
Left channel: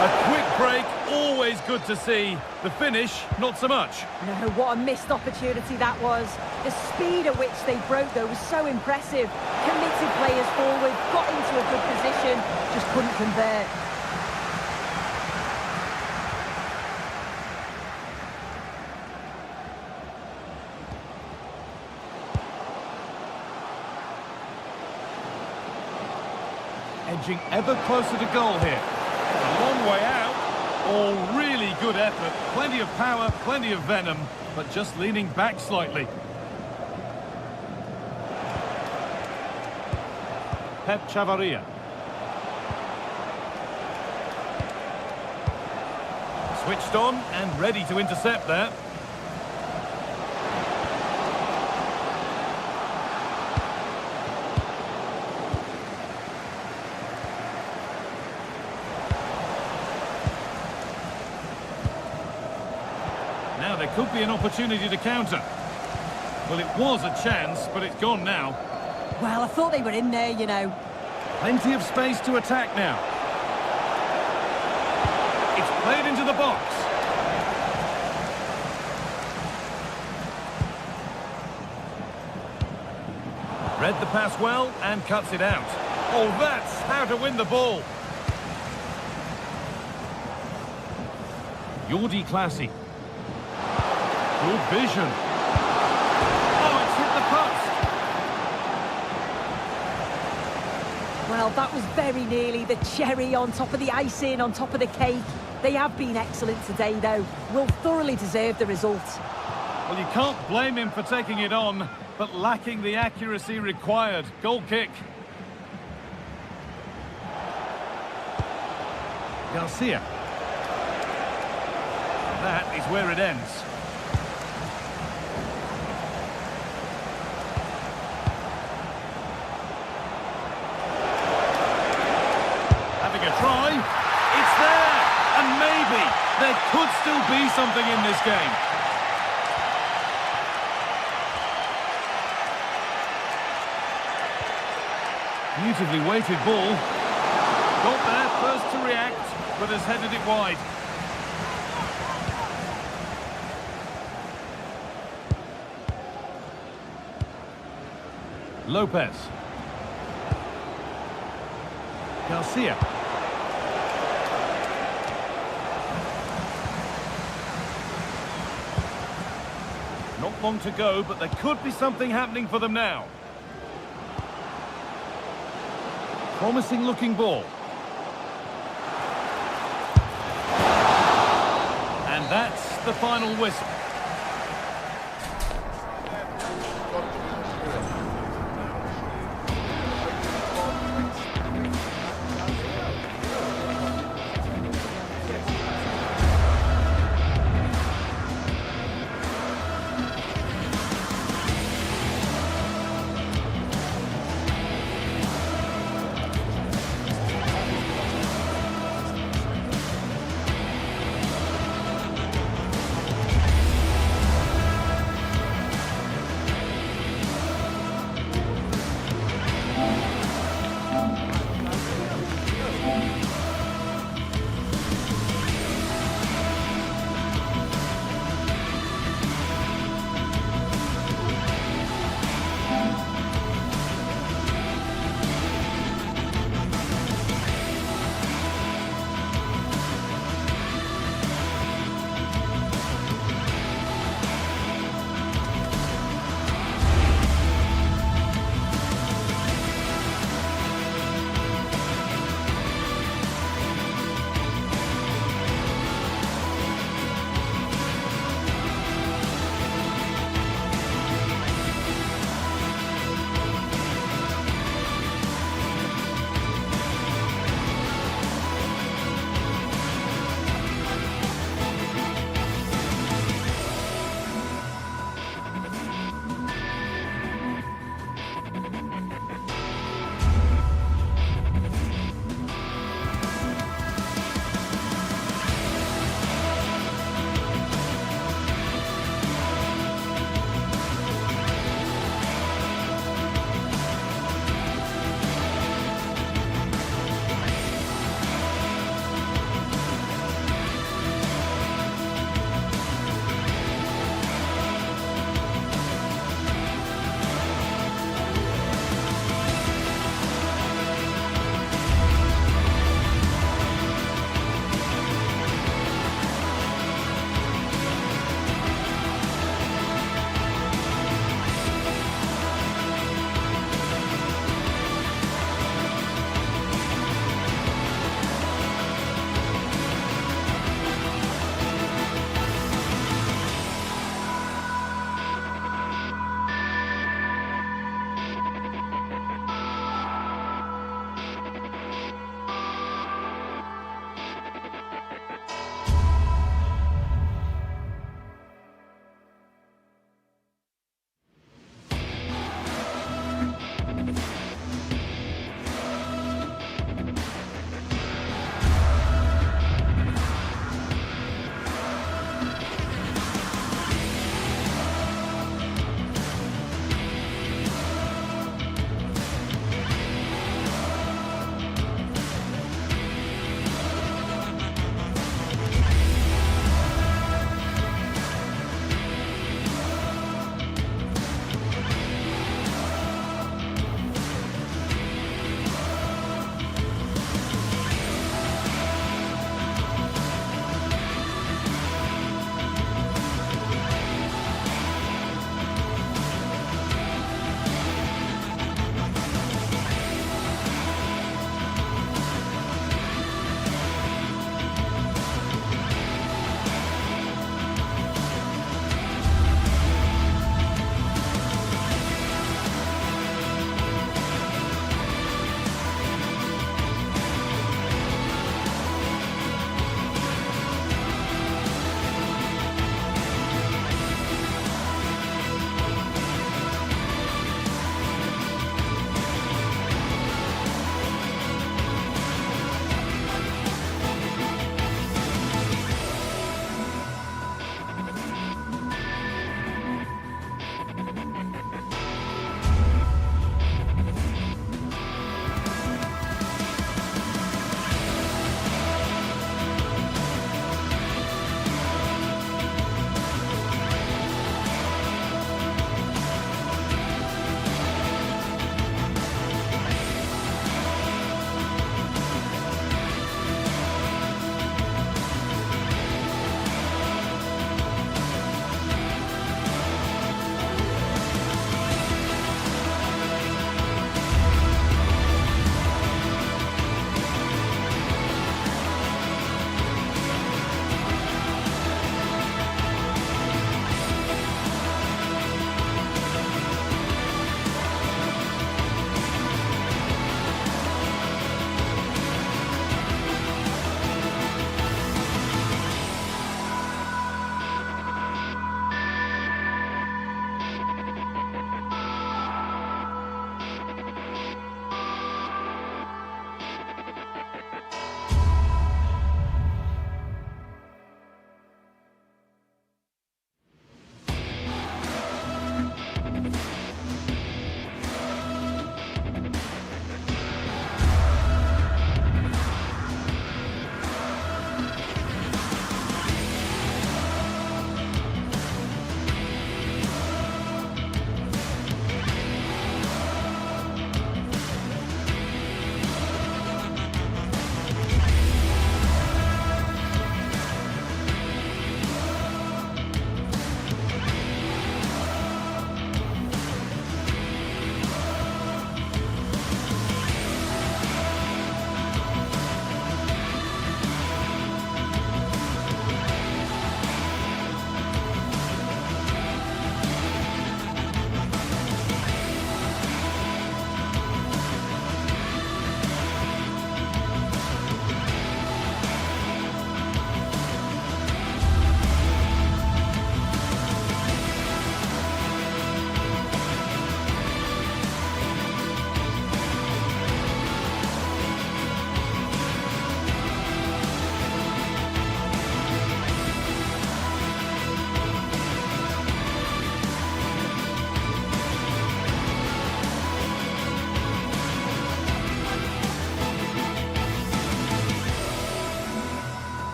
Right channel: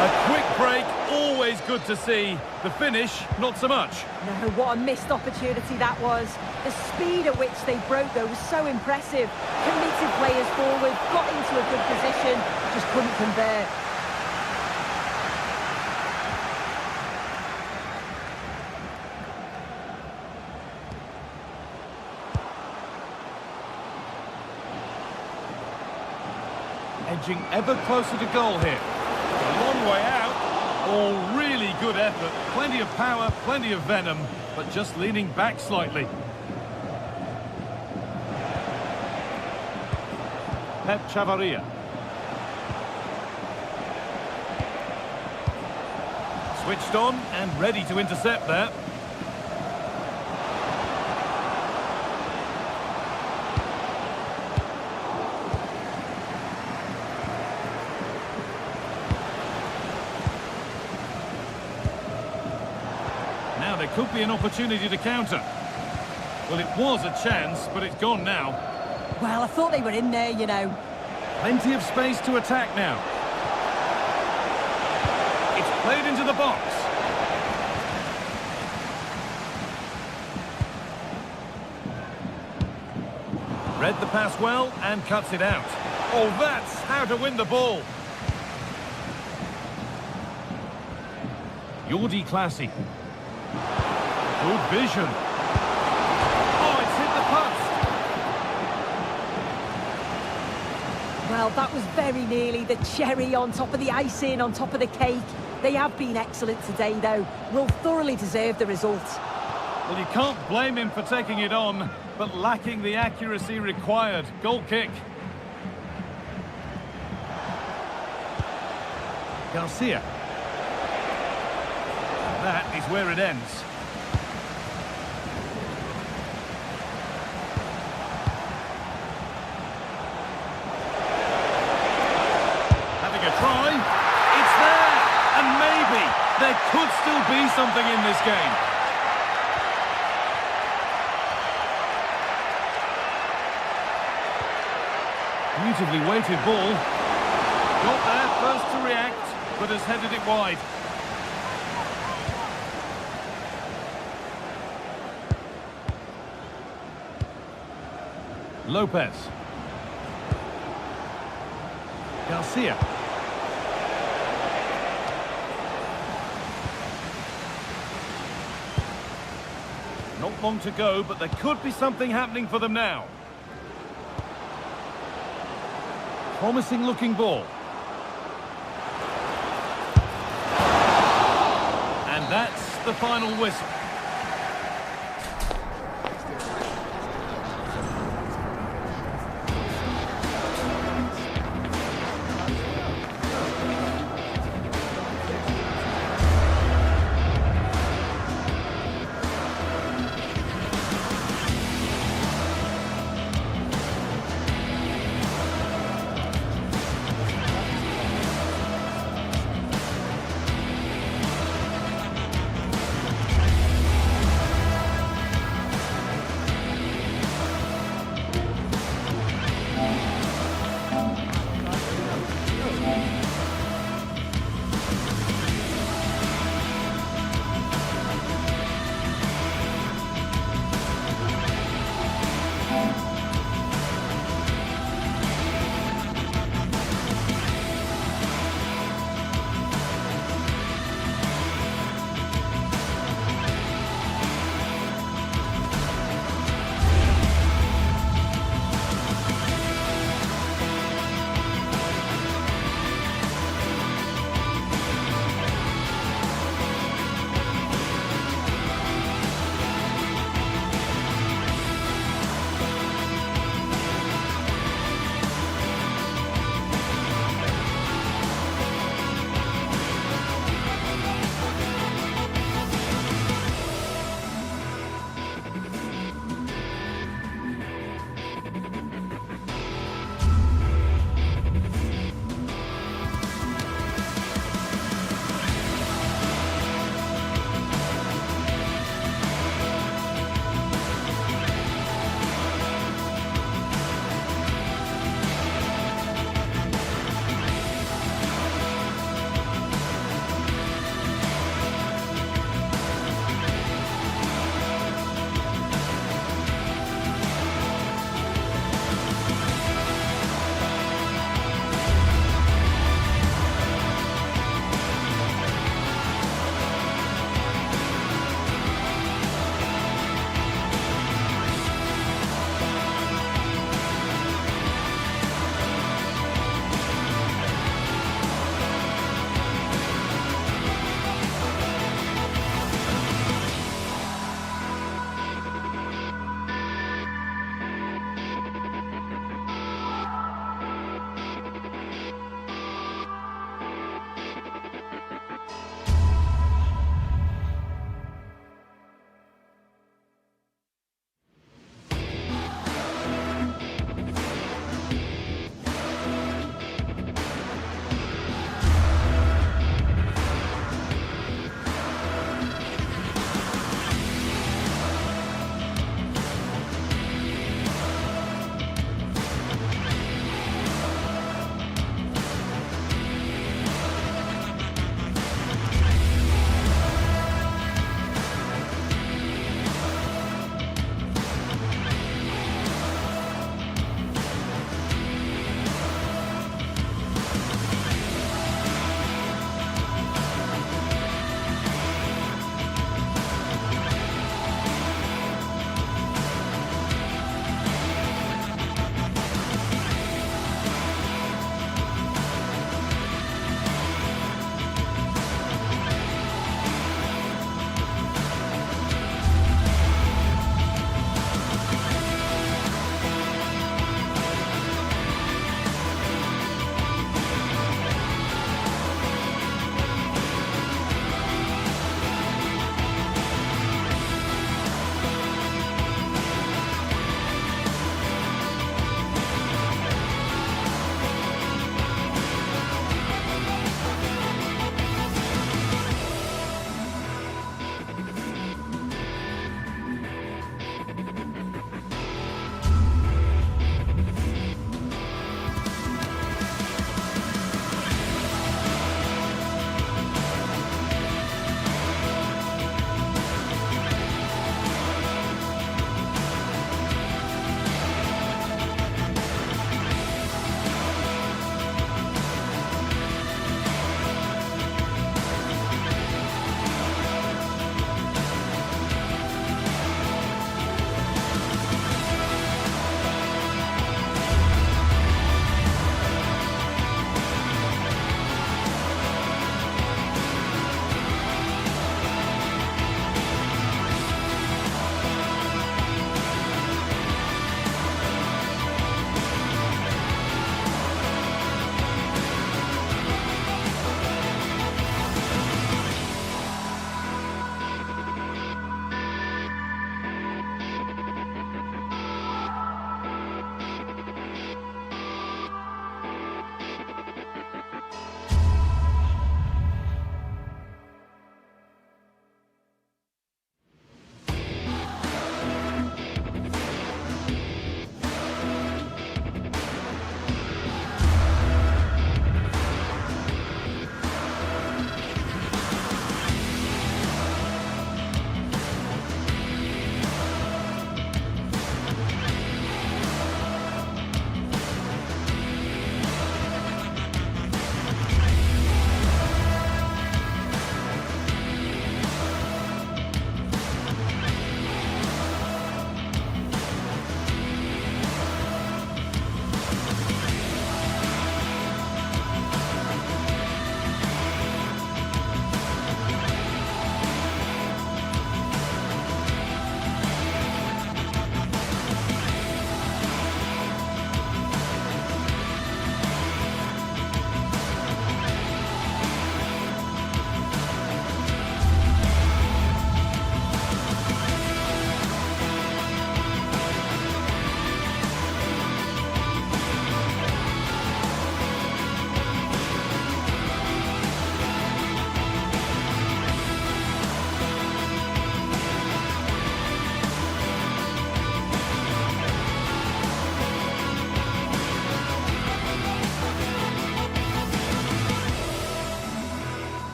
A quick break, always good to see. The finish, not so much. No, what a missed opportunity that was. The speed at which they broke, though, was so impressive. Committed players forward, got into a good position, just couldn't convert. Edging ever closer to goal here. A long way out. All really good effort. Plenty of power, plenty of venom, but just leaning back slightly. Pep Chavaria. Switched on and ready to intercept there. Now there could be an opportunity to counter. Well, it was a chance, but it's gone now. Well, I thought they were in there, you know. Plenty of space to attack now. It's played into the box. Read the pass well and cuts it out. Oh, that's how to win the ball. Jordi Classy. Good vision. Oh, it's hit the post. Well, that was very nearly the cherry on top of the icing, on top of the cake. They have been excellent today, though. Will thoroughly deserve the result. Well, you can't blame him for taking it on, but lacking the accuracy required. Goal kick. Garcia. That is where it ends. Having a try. It's there. And maybe there could still be something in this game. Beautifully weighted ball. Got there first to react, but has headed it wide. Lopez. Garcia. Not long to go, but there could be something happening for them now. Promising looking ball. And that's the final whistle.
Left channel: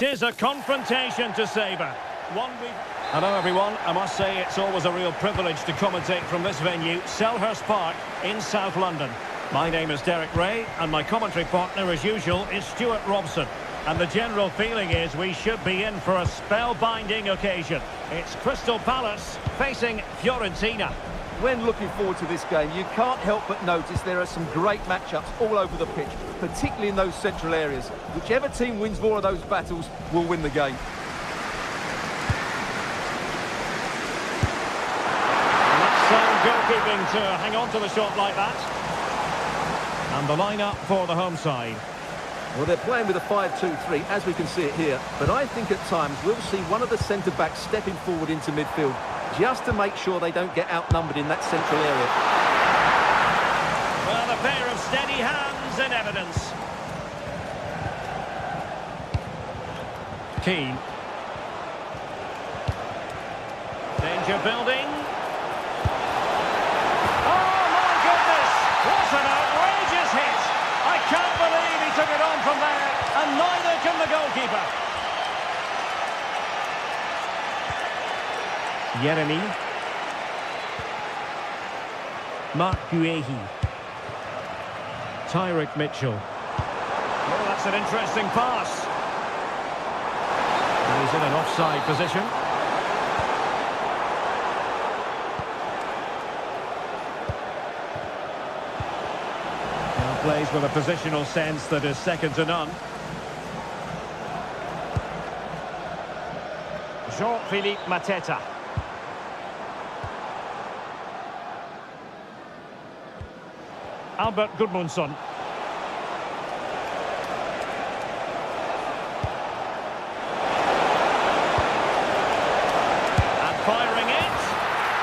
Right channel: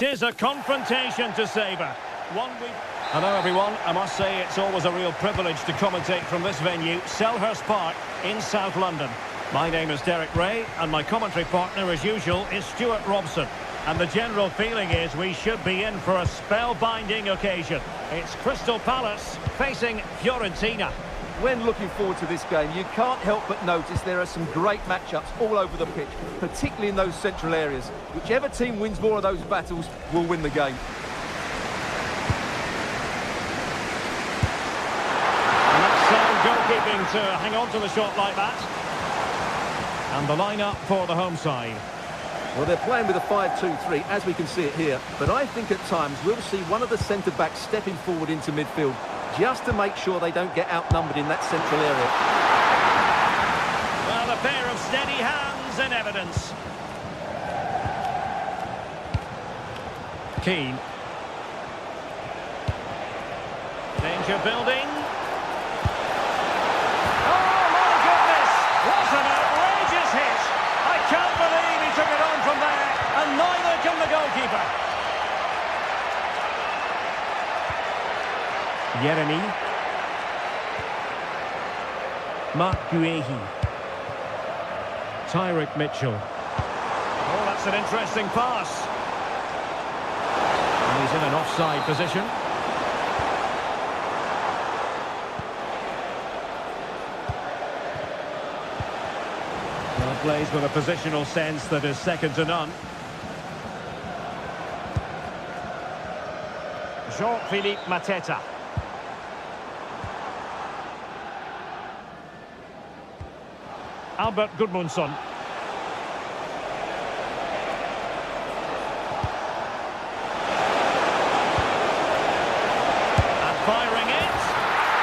It is a confrontation to savour. Hello everyone, I must say it's always a real privilege to commentate from this venue, Selhurst Park in South London. My name is Derek Ray and my commentary partner as usual is Stuart Robson. And the general feeling is we should be in for a spellbinding occasion. It's Crystal Palace facing Fiorentina. When looking forward to this game, you can't help but notice there are some great matchups all over the pitch, particularly in those central areas. Whichever team wins more of those battles will win the game. And that's sound goalkeeping to hang on to the shot like that. And the lineup for the home side. Well, they're playing with a 5-2-3, as we can see it here. But I think at times we'll see one of the centre-backs stepping forward into midfield, just to make sure they don't get outnumbered in that central area. Well, a pair of steady hands in evidence. Keane. Danger building. Oh, my goodness! What an outrageous hit! I can't believe he took it on from there, and neither can the goalkeeper. Yeremy. Mark Guehi. Tyrick Mitchell. Oh, that's an interesting pass. And he's in an offside position. Well, plays with a positional sense that is second to none. Jean-Philippe Mateta. Albert Gudmundsson. And firing it.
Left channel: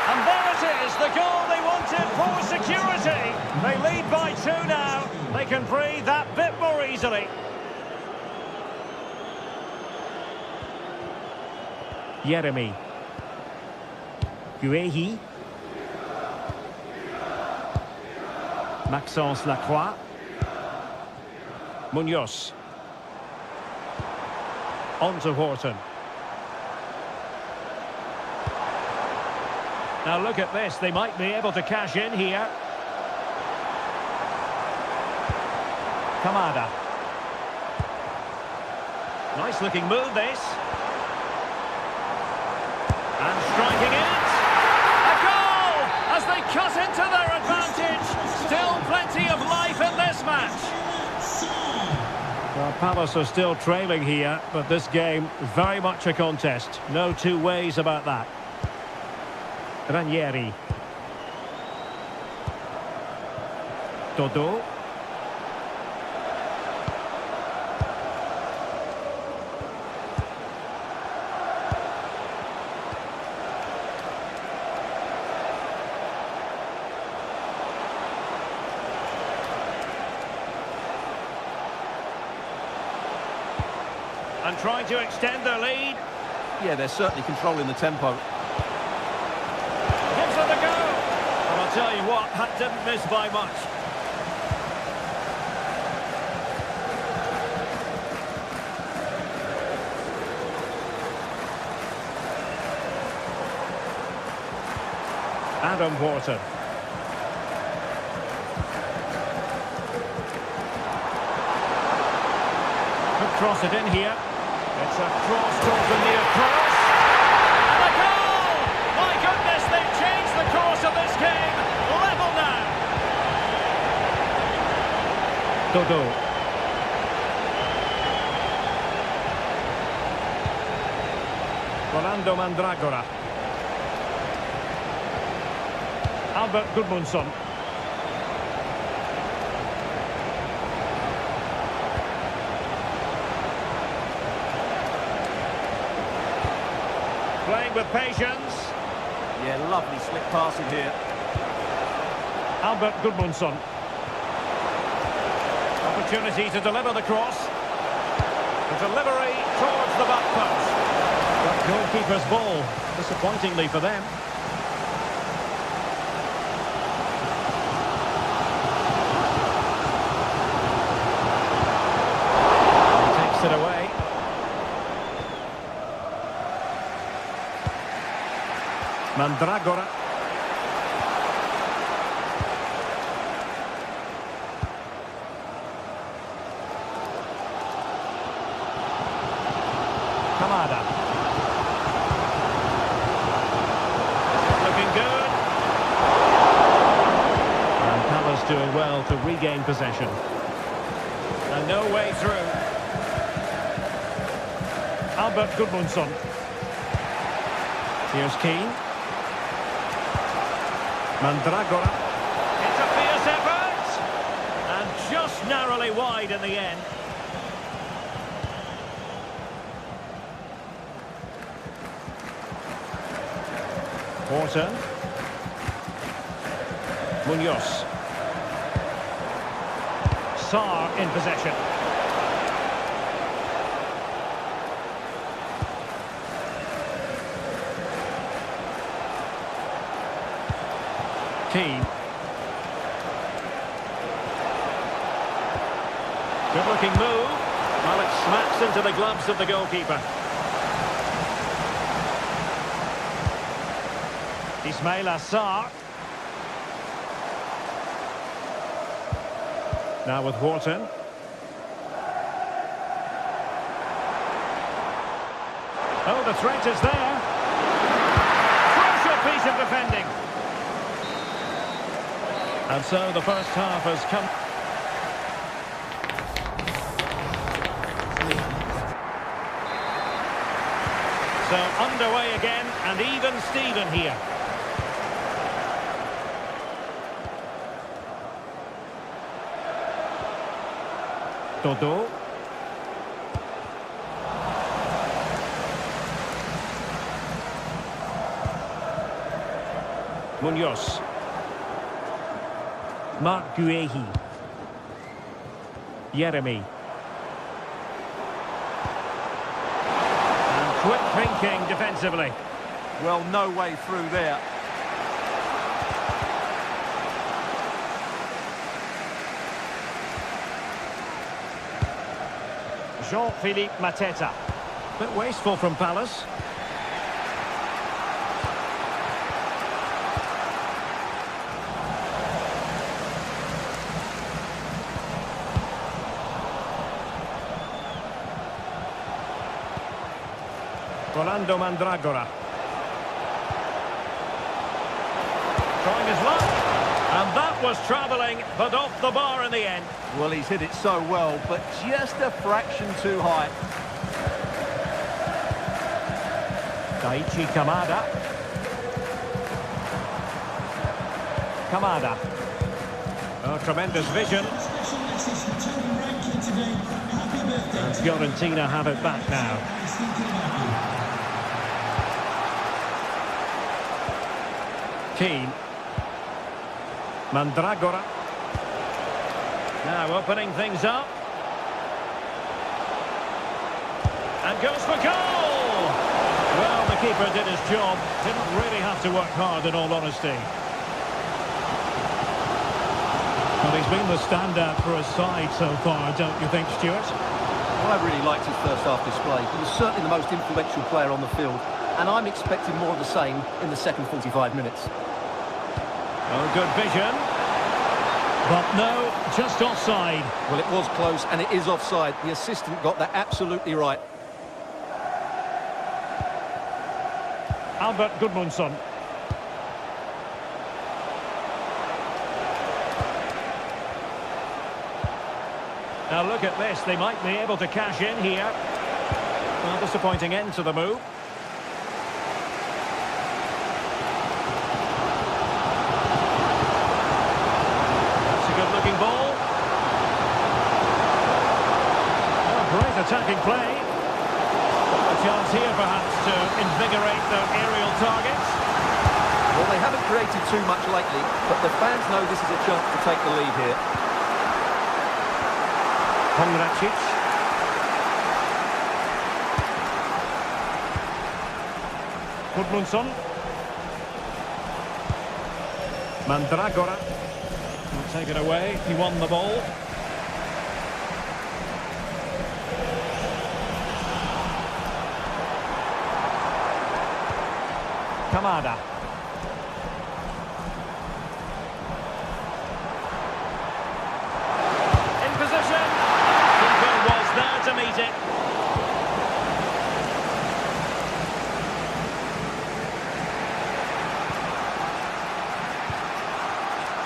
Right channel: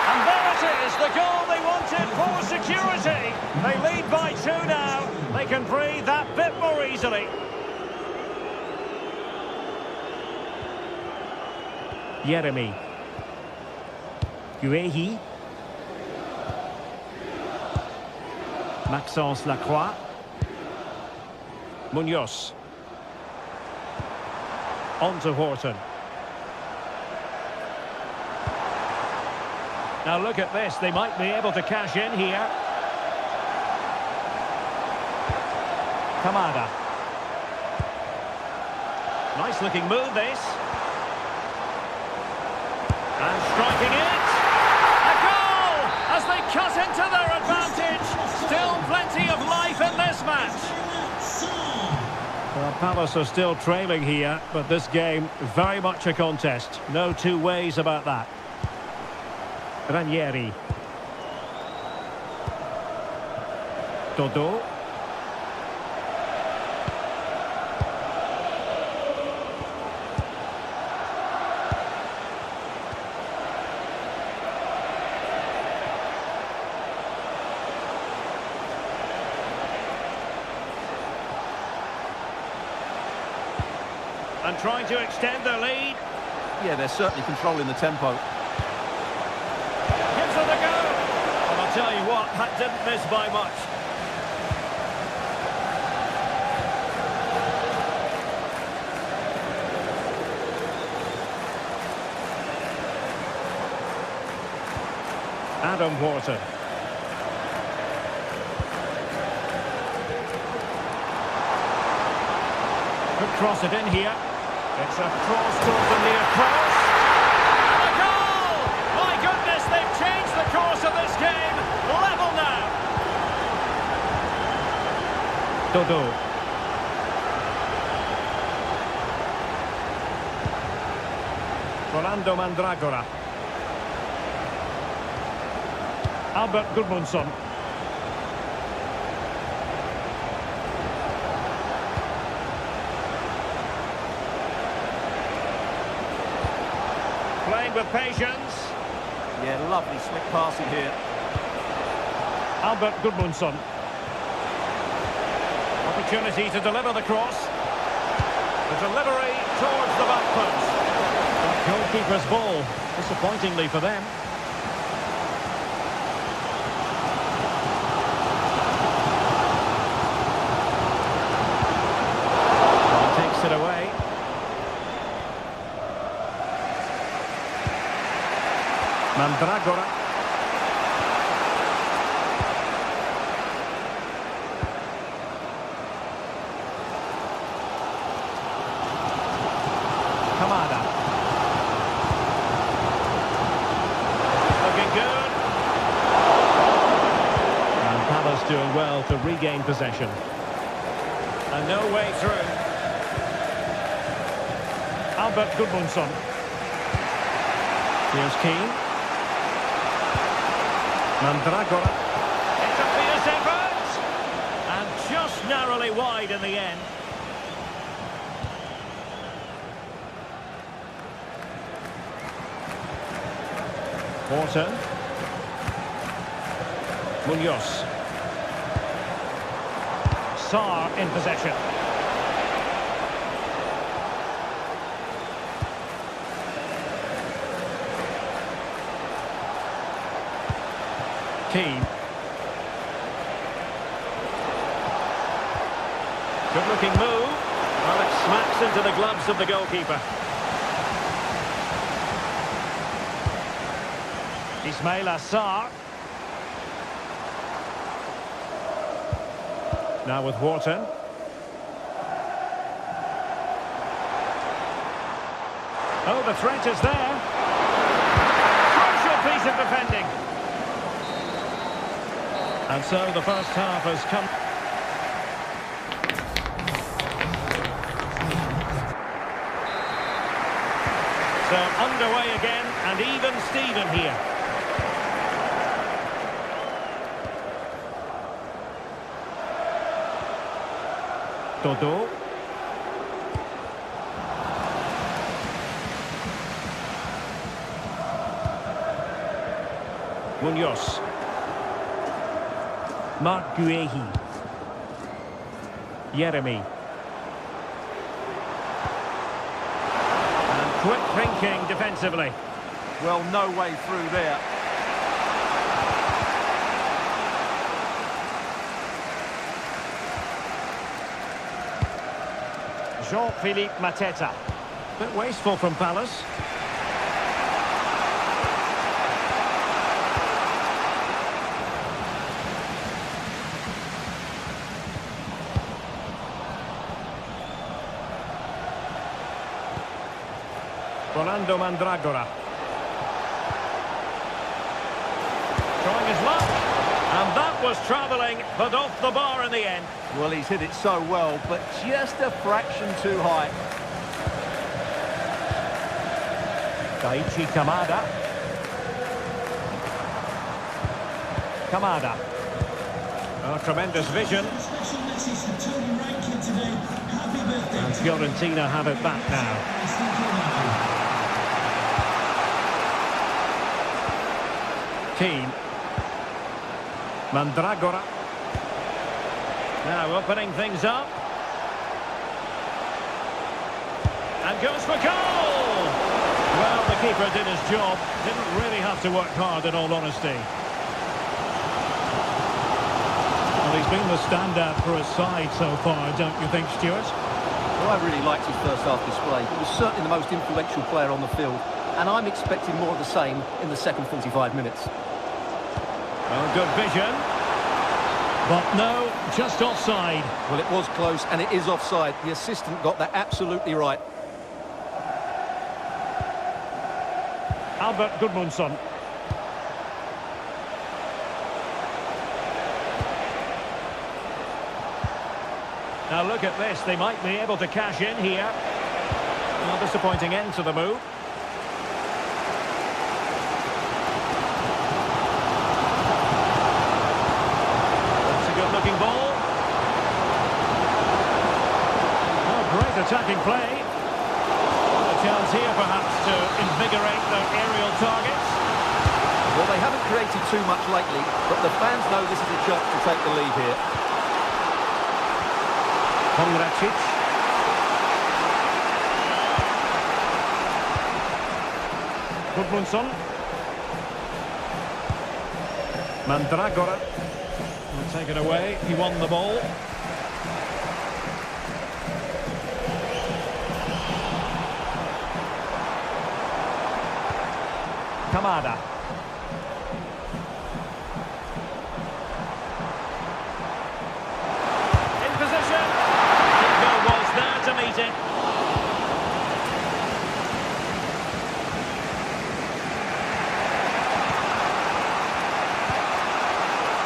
And there it is, the goal they wanted for security. They lead by 2 now. They can breathe that bit more easily. Yeremy. Guehi. Maxence Lacroix. Munoz. On to Horton. Now look at this, they might be able to cash in here. Kamada. Nice looking move this. And striking it. A goal! As they cut into their advantage. Still plenty of life in this match. Well, Palace are still trailing here, but this game very much a contest. No two ways about that. Ranieri. Dodo. And trying to extend their lead. Yeah, they're certainly controlling the tempo. Gives it a go. And I'll tell you what, that didn't miss by much. Adam Horton. Could cross it in here. It's a cross towards the near post. And a goal! My goodness, they've changed the course of this game. Level now. Dodo. Rolando Mandragora. Albert Gudmundsson. Playing with patience. Yeah, lovely slick passing here. Albert Gudmundsson. Opportunity to deliver the cross. The delivery towards the back post. But goalkeeper's ball, disappointingly for them. And he takes it away. Mandragora. Kamada. This is looking good. And Palace doing well to regain possession. And no way through. Albert Gudmundsson. Here's Keane. Mandragora. It's a fierce effort! And just narrowly wide in the end. Horton. Munoz. Sarr in possession. Keane. Good looking move. Well, it smacks into the gloves of the goalkeeper. Ismaila Sarr. Now with Horton. Oh, the threat is there. Crucial piece of defending. And so the first half has come. So underway again, and even Steven here. Dodo. Munoz. Mark Guehi. Yeremy. And quick thinking defensively. Well, no way through there. Jean-Philippe Mateta. Bit wasteful from Palace. Rolando Mandragora. Trying his luck. And that was travelling, but off the bar in the end. Well, he's hit it so well, but just a fraction too high. Daichi Kamada. Kamada. Oh, tremendous vision. Special message to Tony Rankin today. Happy birthday. And Fiorentina have it back now. Keane. Mandragora. Now opening things up. And goes for goal! Well, the keeper did his job. Didn't really have to work hard, in all honesty. Well, he's been the standout for his side so far, don't you think, Stuart? Well, I really liked his first half display. He was certainly the most influential player on the field, and I'm expecting more of the same in the second 45 minutes. Oh, good vision. But no, just offside. Well, it was close, and it is offside. The assistant got that absolutely right. Albert Gudmundsson. Now look at this, they might be able to cash in here. Well, disappointing end to the move. That's a good-looking ball. Oh, great attacking play. Well, a chance here perhaps to invigorate their aerial targets. Well, they haven't created too much lately, but the fans know this is a chance to take the lead here. Pongracic. Gudmundsson. Mandragora will take it away. He won the ball. Kamada.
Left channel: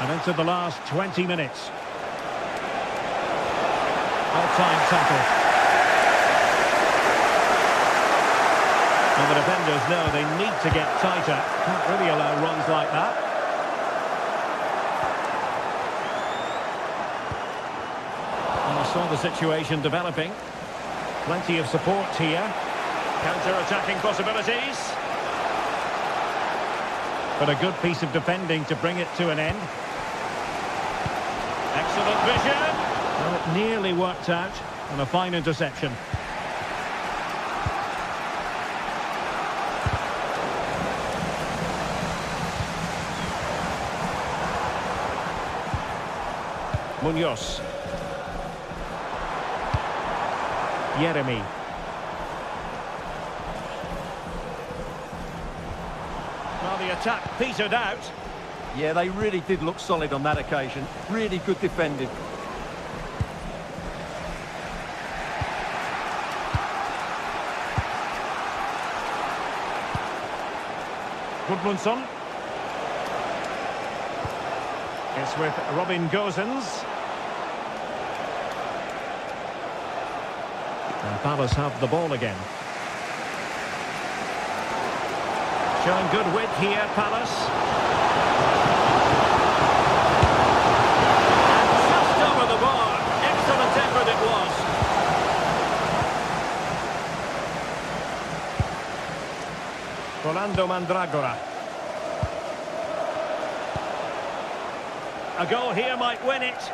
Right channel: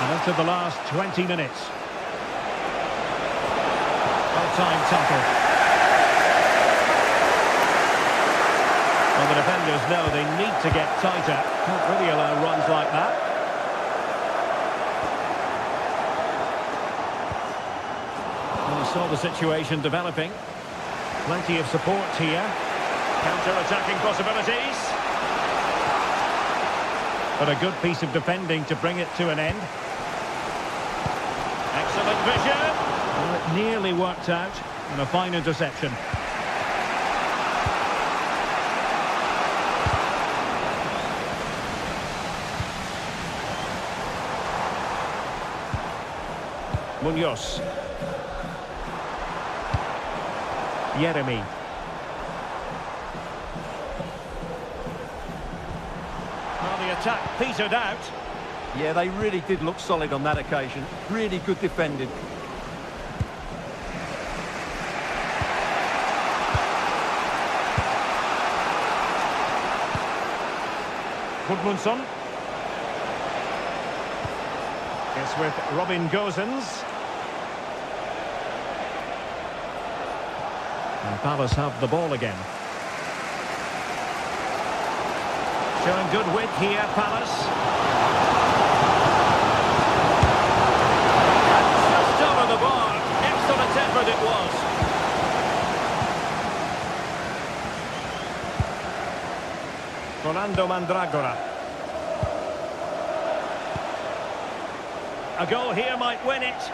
And into the last 20 minutes. Well-timed tackle. Well, the defenders know they need to get tighter. Can't really allow runs like that. And he saw the situation developing. Plenty of support here. Counter-attacking possibilities. But a good piece of defending to bring it to an end. Excellent vision. Well, it nearly worked out. And a fine interception. Munoz. Yeremy. Well, the attack petered out. Yeah, they really did look solid on that occasion. Really good defending. Gudmundsson. It's with Robin Gosens. And Palace have the ball again. Showing good width here, Palace. And just over the bar. Excellent effort it was. Rolando Mandragora. A goal here might win it.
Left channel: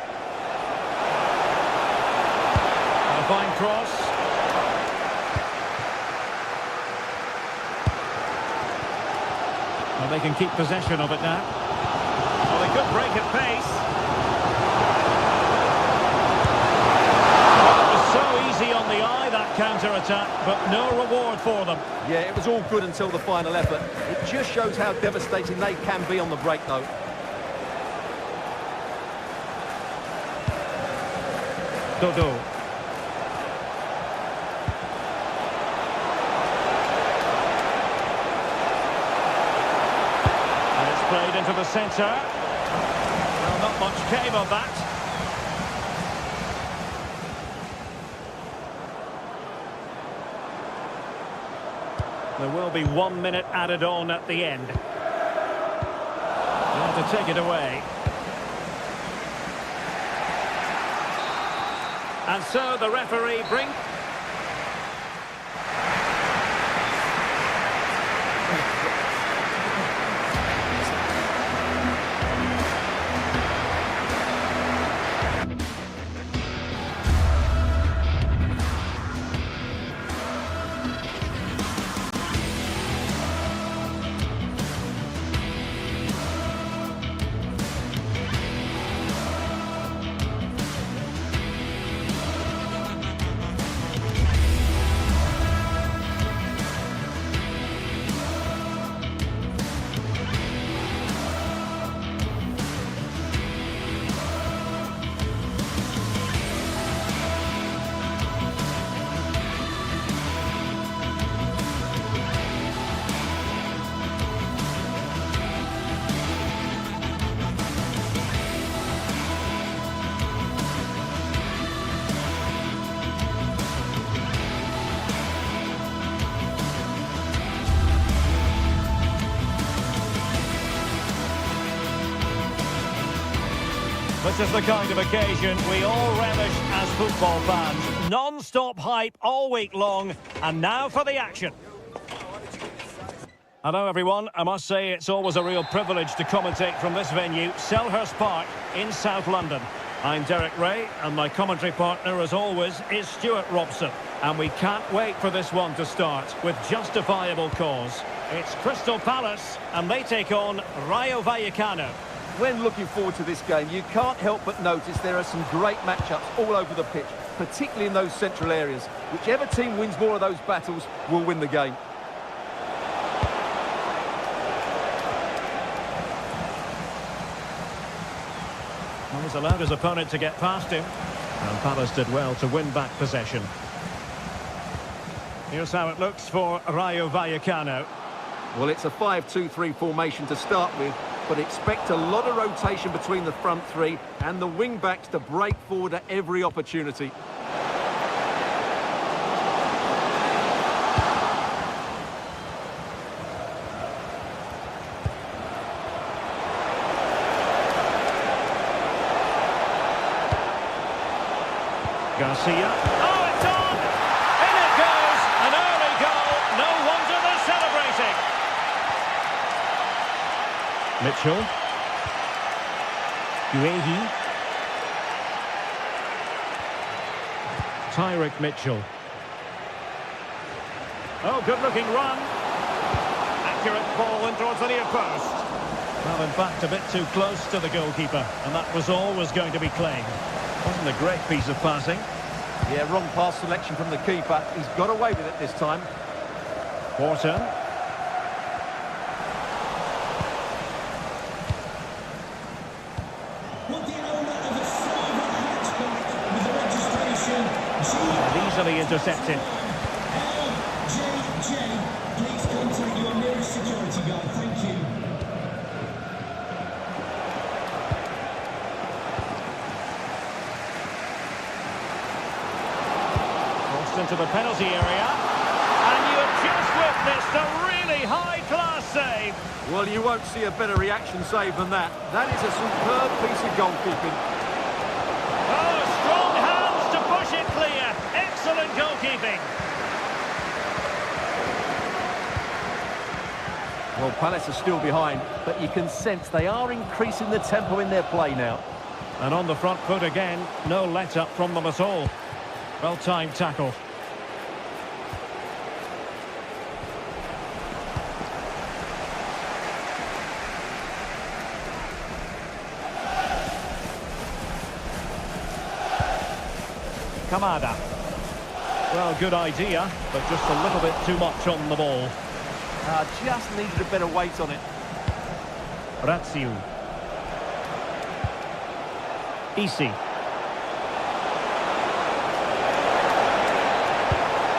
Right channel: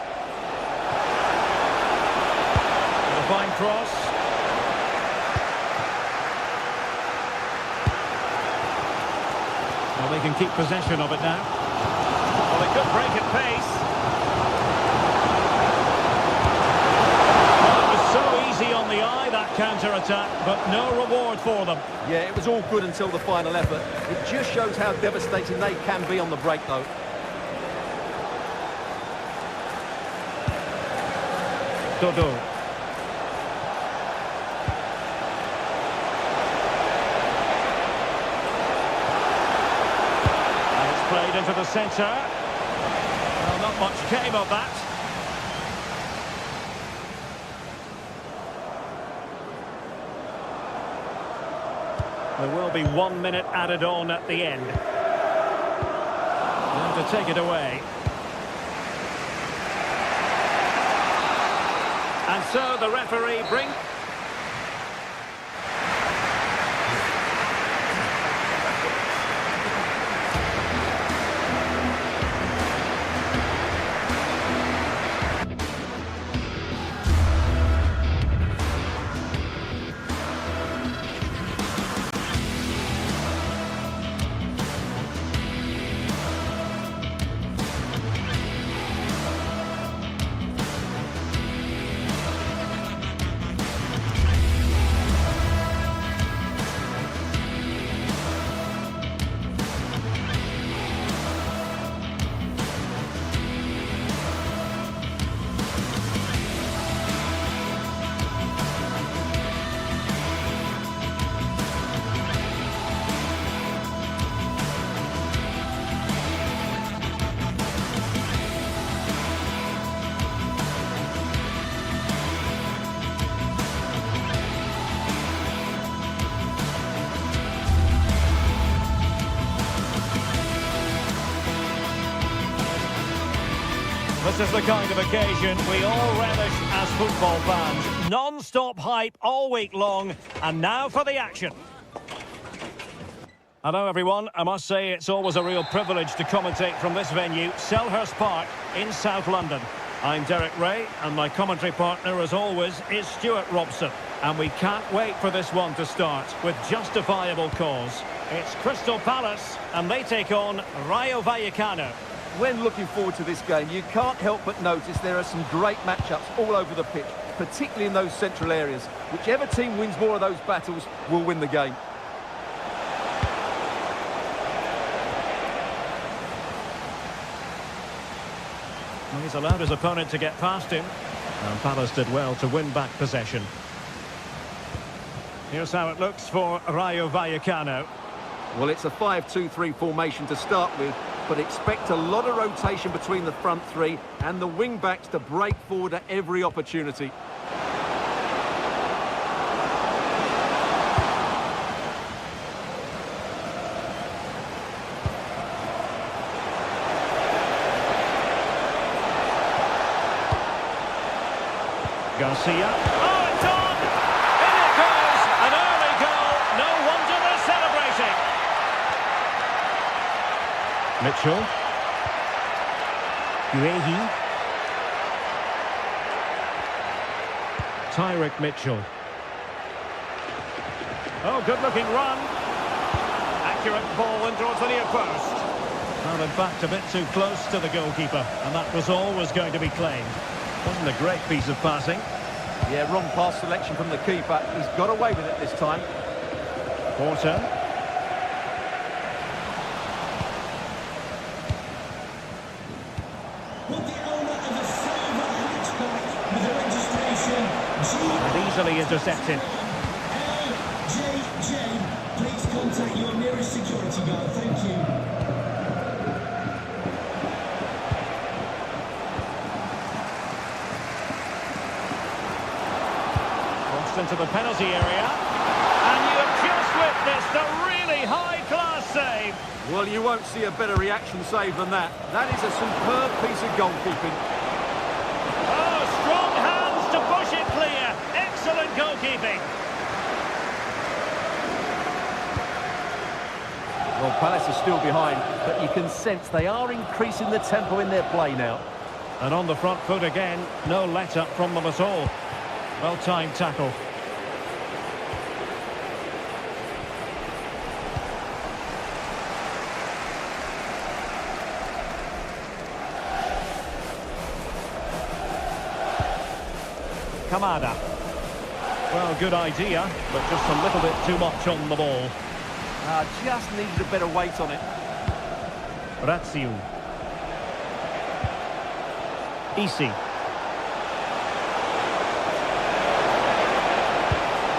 And a fine cross. Well, they can keep possession of it now. Well, they could break at pace. Well, it was so easy on the eye, that counter-attack, but no reward for them. Yeah, it was all good until the final effort. It just shows how devastating they can be on the break, though. Dodo. Played into the centre. Well, not much came of that. There will be 1 minute added on at the end. There to take it away. And so the referee brings... This is the kind of occasion we all relish as football fans. Non-stop hype all week long, and now for the action. Hello everyone, I must say it's always a real privilege to commentate from this venue, Selhurst Park in South London. I'm Derek Ray, and my commentary partner as always is Stuart Robson. And we can't wait for this one to start with justifiable cause. It's Crystal Palace, and they take on Rayo Vallecano. When looking forward to this game, you can't help but notice there are some great matchups all over the pitch, particularly in those central areas. Whichever team wins more of those battles will win the game. Well, he's allowed his opponent to get past him, and Palace did well to win back possession. Here's how it looks for Rayo Vallecano. Well, it's a 5-2-3 formation to start with. but expect a lot of rotation between the front three and the wing-backs to break forward at every opportunity. Garcia. Oh, it's on! In it goes! An early goal. No wonder they're celebrating. Mitchell. Guehi. Tyrick Mitchell. Oh, good-looking run. Accurate ball in towards the near post. Well, in fact, a bit too close to the goalkeeper, and that was always going to be claimed. Wasn't a great piece of passing. Yeah, wrong pass selection from the keeper. He's got away with it this time. Wharton. With the owner of a silver hatchback with the registration And easily intercepted. LJJ. Please contact your nearest security guard. Thank you. Crossed into the penalty area. And you have just witnessed a really high-class save. Well, you won't see a better reaction save than that. That is a superb piece of goalkeeping. Oh, strong hands to push it clear. Excellent goalkeeping. Well, Palace are still behind, but you can sense they are increasing the tempo in their play now. And on the front foot again, no let-up from them at all. Well-timed tackle. Kamada. Well, good idea, but just a little bit too much on the ball. Just needed a better weight on it. Ratsiu. Isi.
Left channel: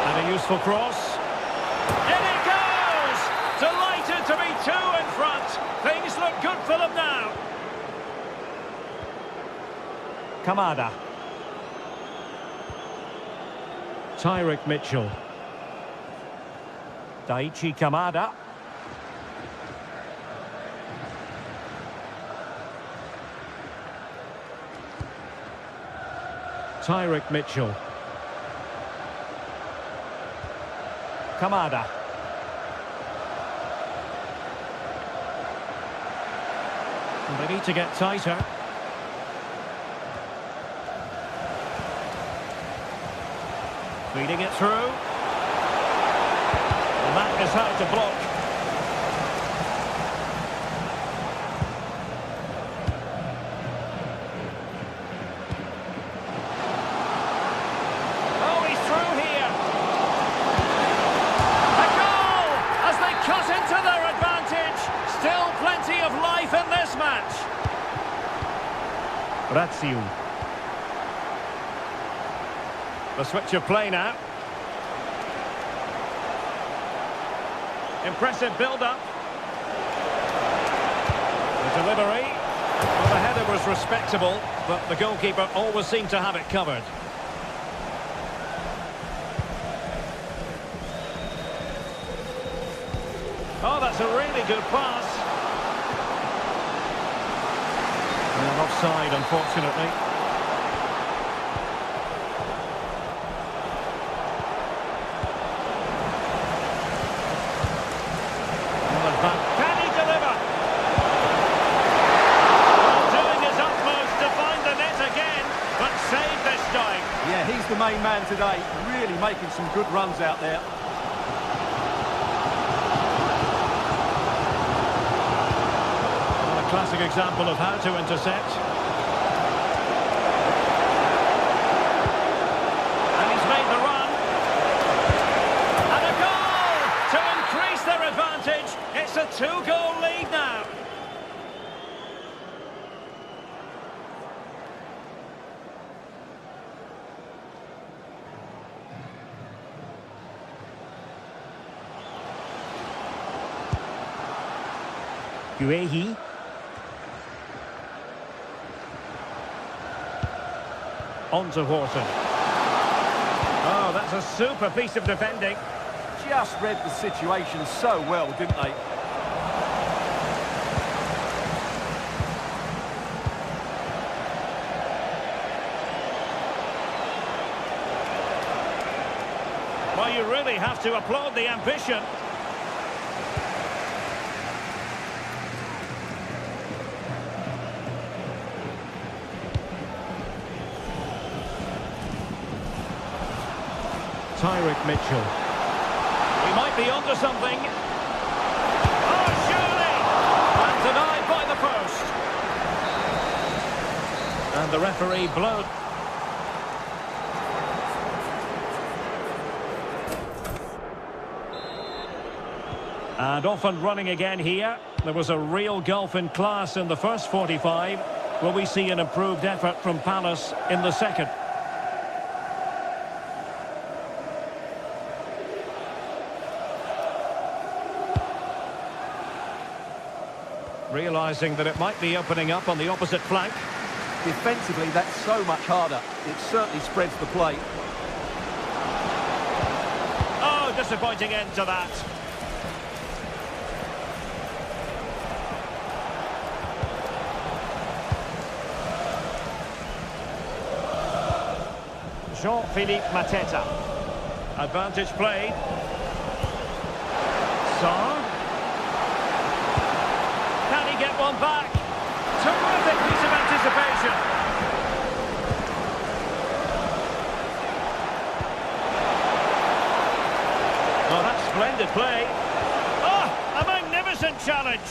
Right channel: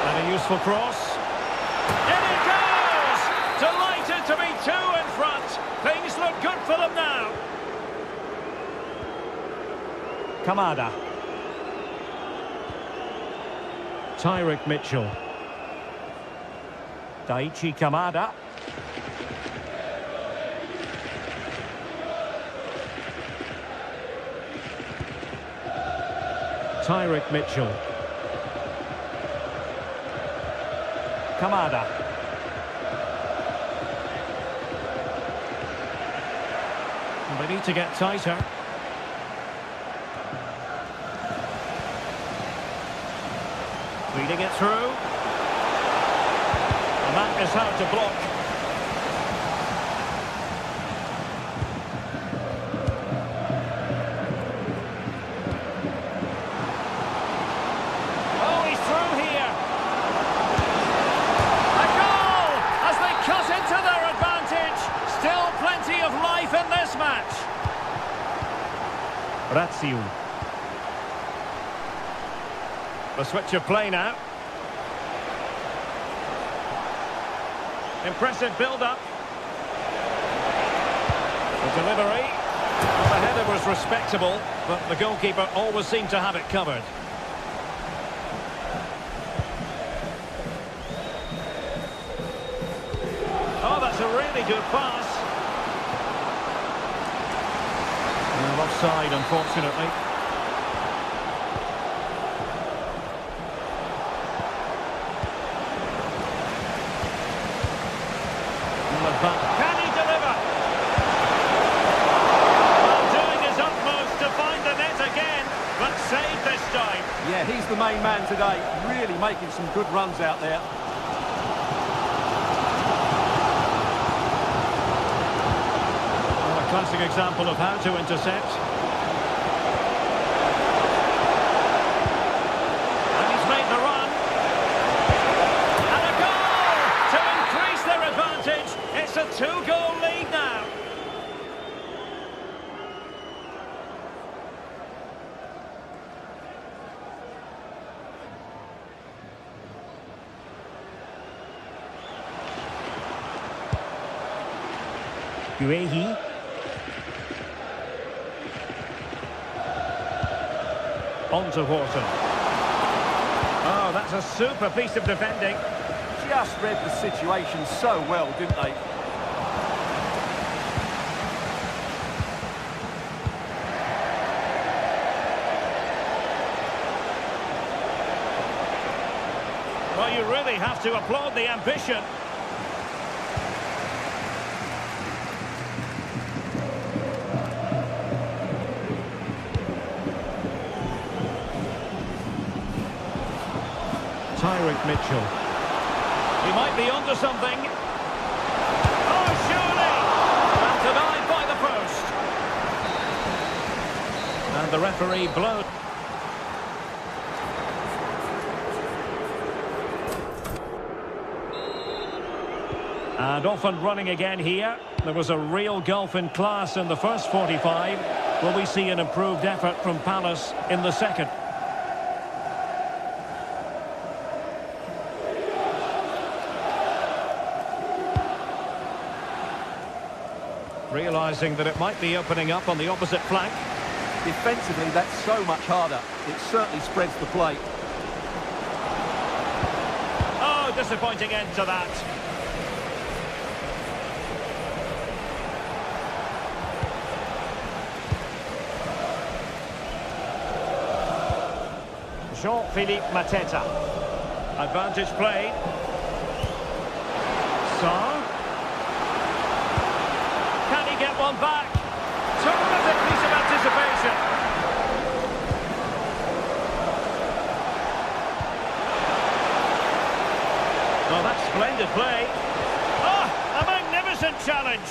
And a useful cross. In it goes! Delighted to be two in front. Things look good for them now. Kamada. Tyrick Mitchell. Daichi Kamada. Tyrick Mitchell. Kamada. And they need to get tighter. Feeding it through. And that is how to block. Oh, he's through here. A goal as they cut into their advantage. Still plenty of life in this match. Ratsiu. The switch of play now. Impressive build-up. The delivery. Well, the header was respectable, but the goalkeeper always seemed to have it covered. Oh, that's a really good pass. Well, offside, unfortunately. Can he deliver? Well, doing his utmost to find the net again, but saved this time. Yeah, he's the main man today, really making some good runs out there. Well, a classic example of how to intercept. And he's made the run. And a goal to increase their advantage. It's a two-goal lead now. Guehi. On to Horton. Oh, that's a super piece of defending. Just read the situation so well, didn't they? Well, you really have to applaud the ambition. Tyrick Mitchell. He might be onto something. Oh, surely! And denied by the post. And the referee blows. And off and running again here. There was a real gulf in class in the first 45. Will we see an improved effort from Palace in the second? Realising that it might be opening up on the opposite flank. Defensively, that's so much harder. It certainly spreads the play. Oh, disappointing end to that. Jean-Philippe Mateta. Advantage played. Sarr. Can he get one back? Terrific piece of anticipation. Oh, that's splendid play. Oh, a magnificent challenge.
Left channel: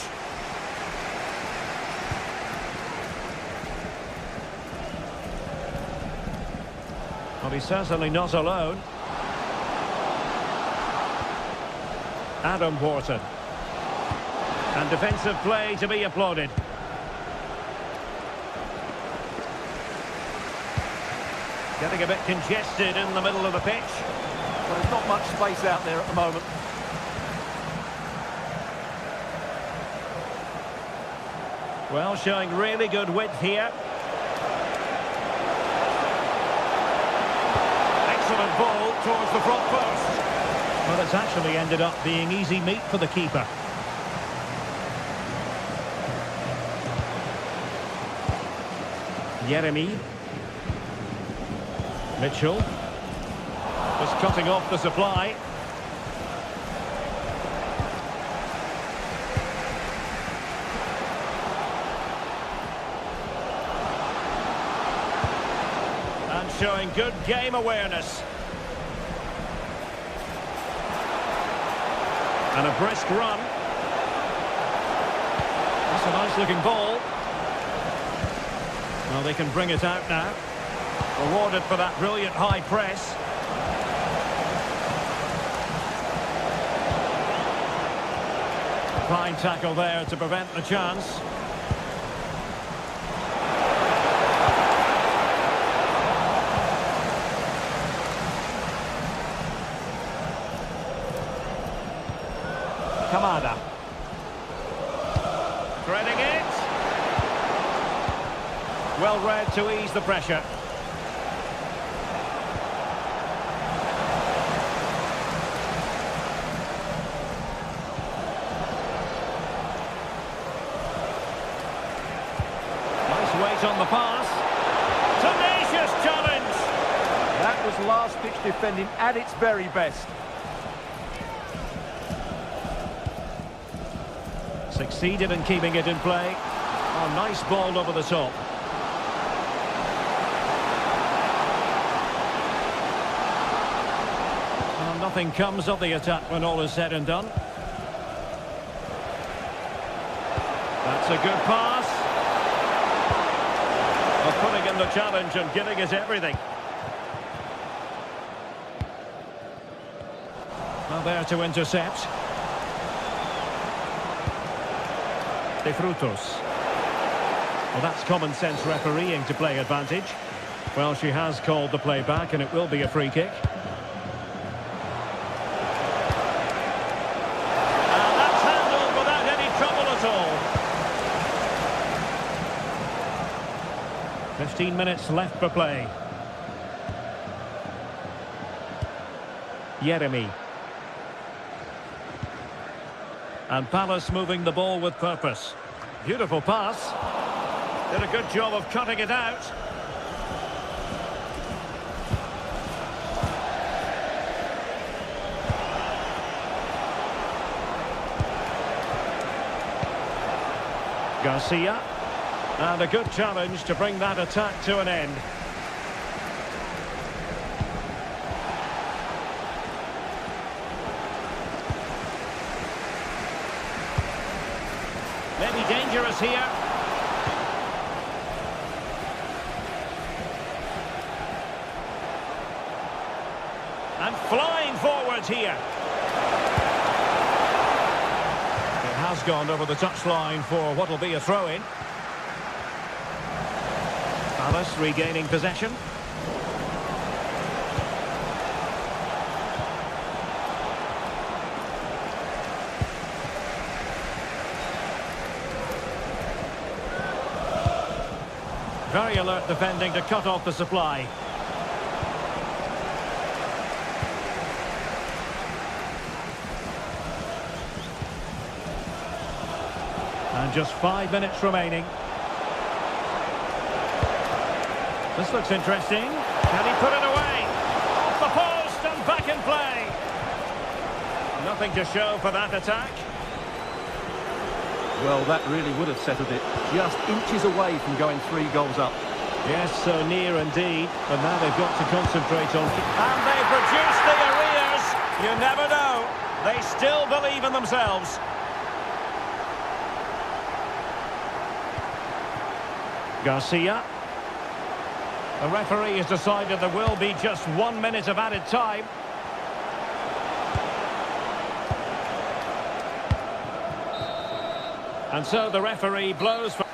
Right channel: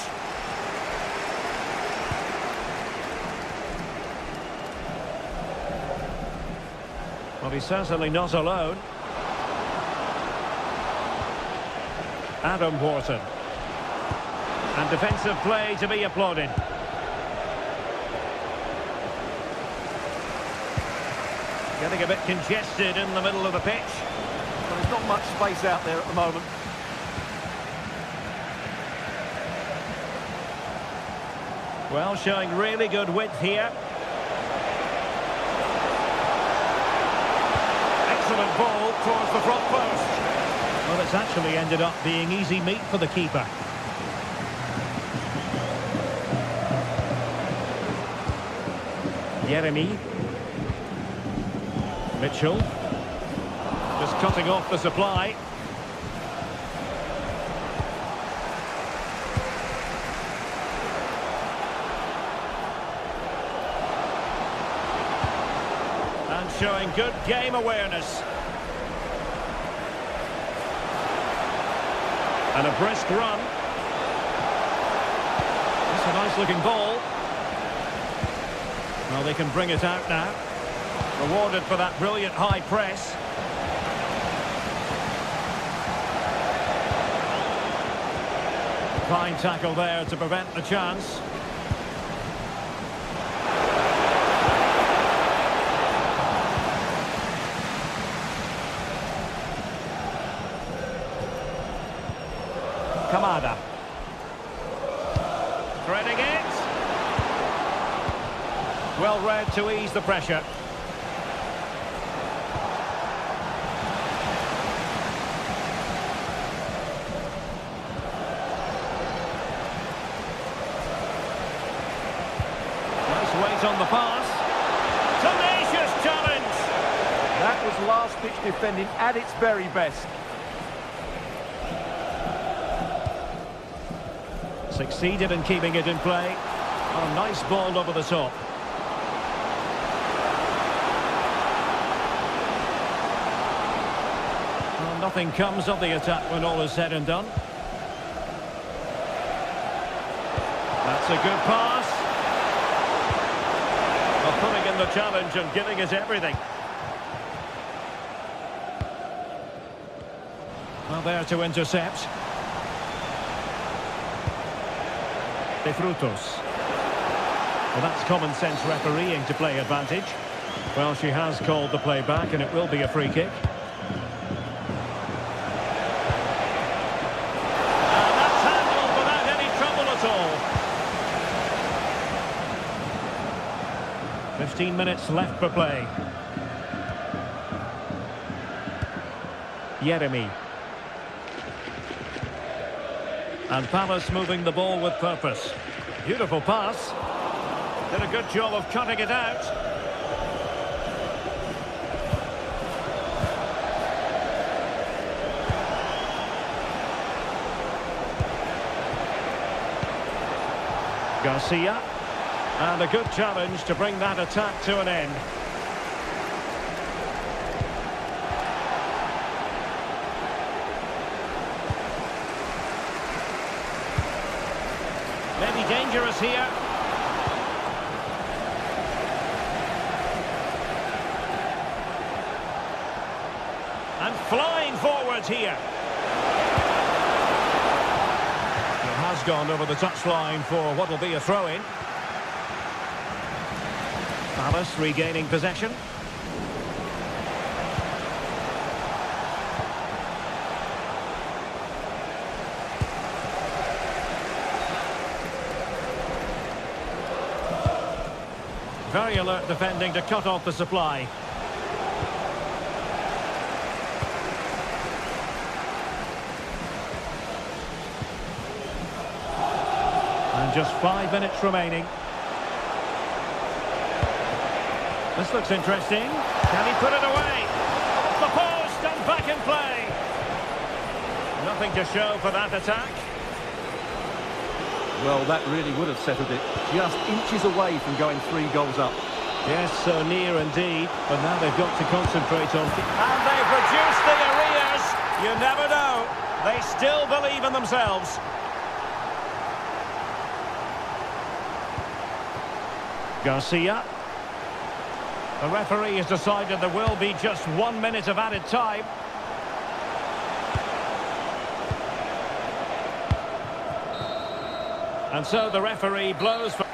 Well, he's certainly not alone. Adam Horton. And defensive play to be applauded. Getting a bit congested in the middle of the pitch. Well, there's not much space out there at the moment. Well, showing really good width here. Excellent ball towards the front post. Well, it's actually ended up being easy meat for the keeper. Yeremy. Mitchell. Just cutting off the supply. And showing good game awareness. And a brisk run. That's a nice looking ball. Well, they can bring it out now. Rewarded for that brilliant high press. Fine tackle there to prevent the chance. Kamada. Threading it. Well read to ease the pressure. Nice weight on the pass. Tenacious challenge. That was last-ditch defending at its very best. Succeeded in keeping it in play. Oh, nice ball over the top. Well, nothing comes of the attack when all is said and done. That's a good pass. Well, putting in the challenge and giving it everything. Well, there to intercept. De Frutos. Well, that's common sense refereeing to play advantage. Well, she has called the play back and it will be a free kick. And that's handled without any trouble at all. 15 minutes left for play. Jeremy. And Palace moving the ball with purpose. Beautiful pass. Did a good job of cutting it out. Garcia. And a good challenge to bring that attack to an end. Maybe dangerous here. And flying forwards here. It has gone over the touchline for what will be a throw-in. Palace regaining possession. Very alert defending to cut off the supply. And just 5 minutes remaining. This looks interesting. Can he put it away? Off the post and back in play. Nothing to show for that attack. Well, that really would have settled it. Just inches away from going 3 goals up. Yes, so near indeed. But now they've got to concentrate on... And they've reduced the arrears. You never know. They still believe in themselves. Garcia. The referee has decided there will be just 1 minute of added time. And so the referee blows for...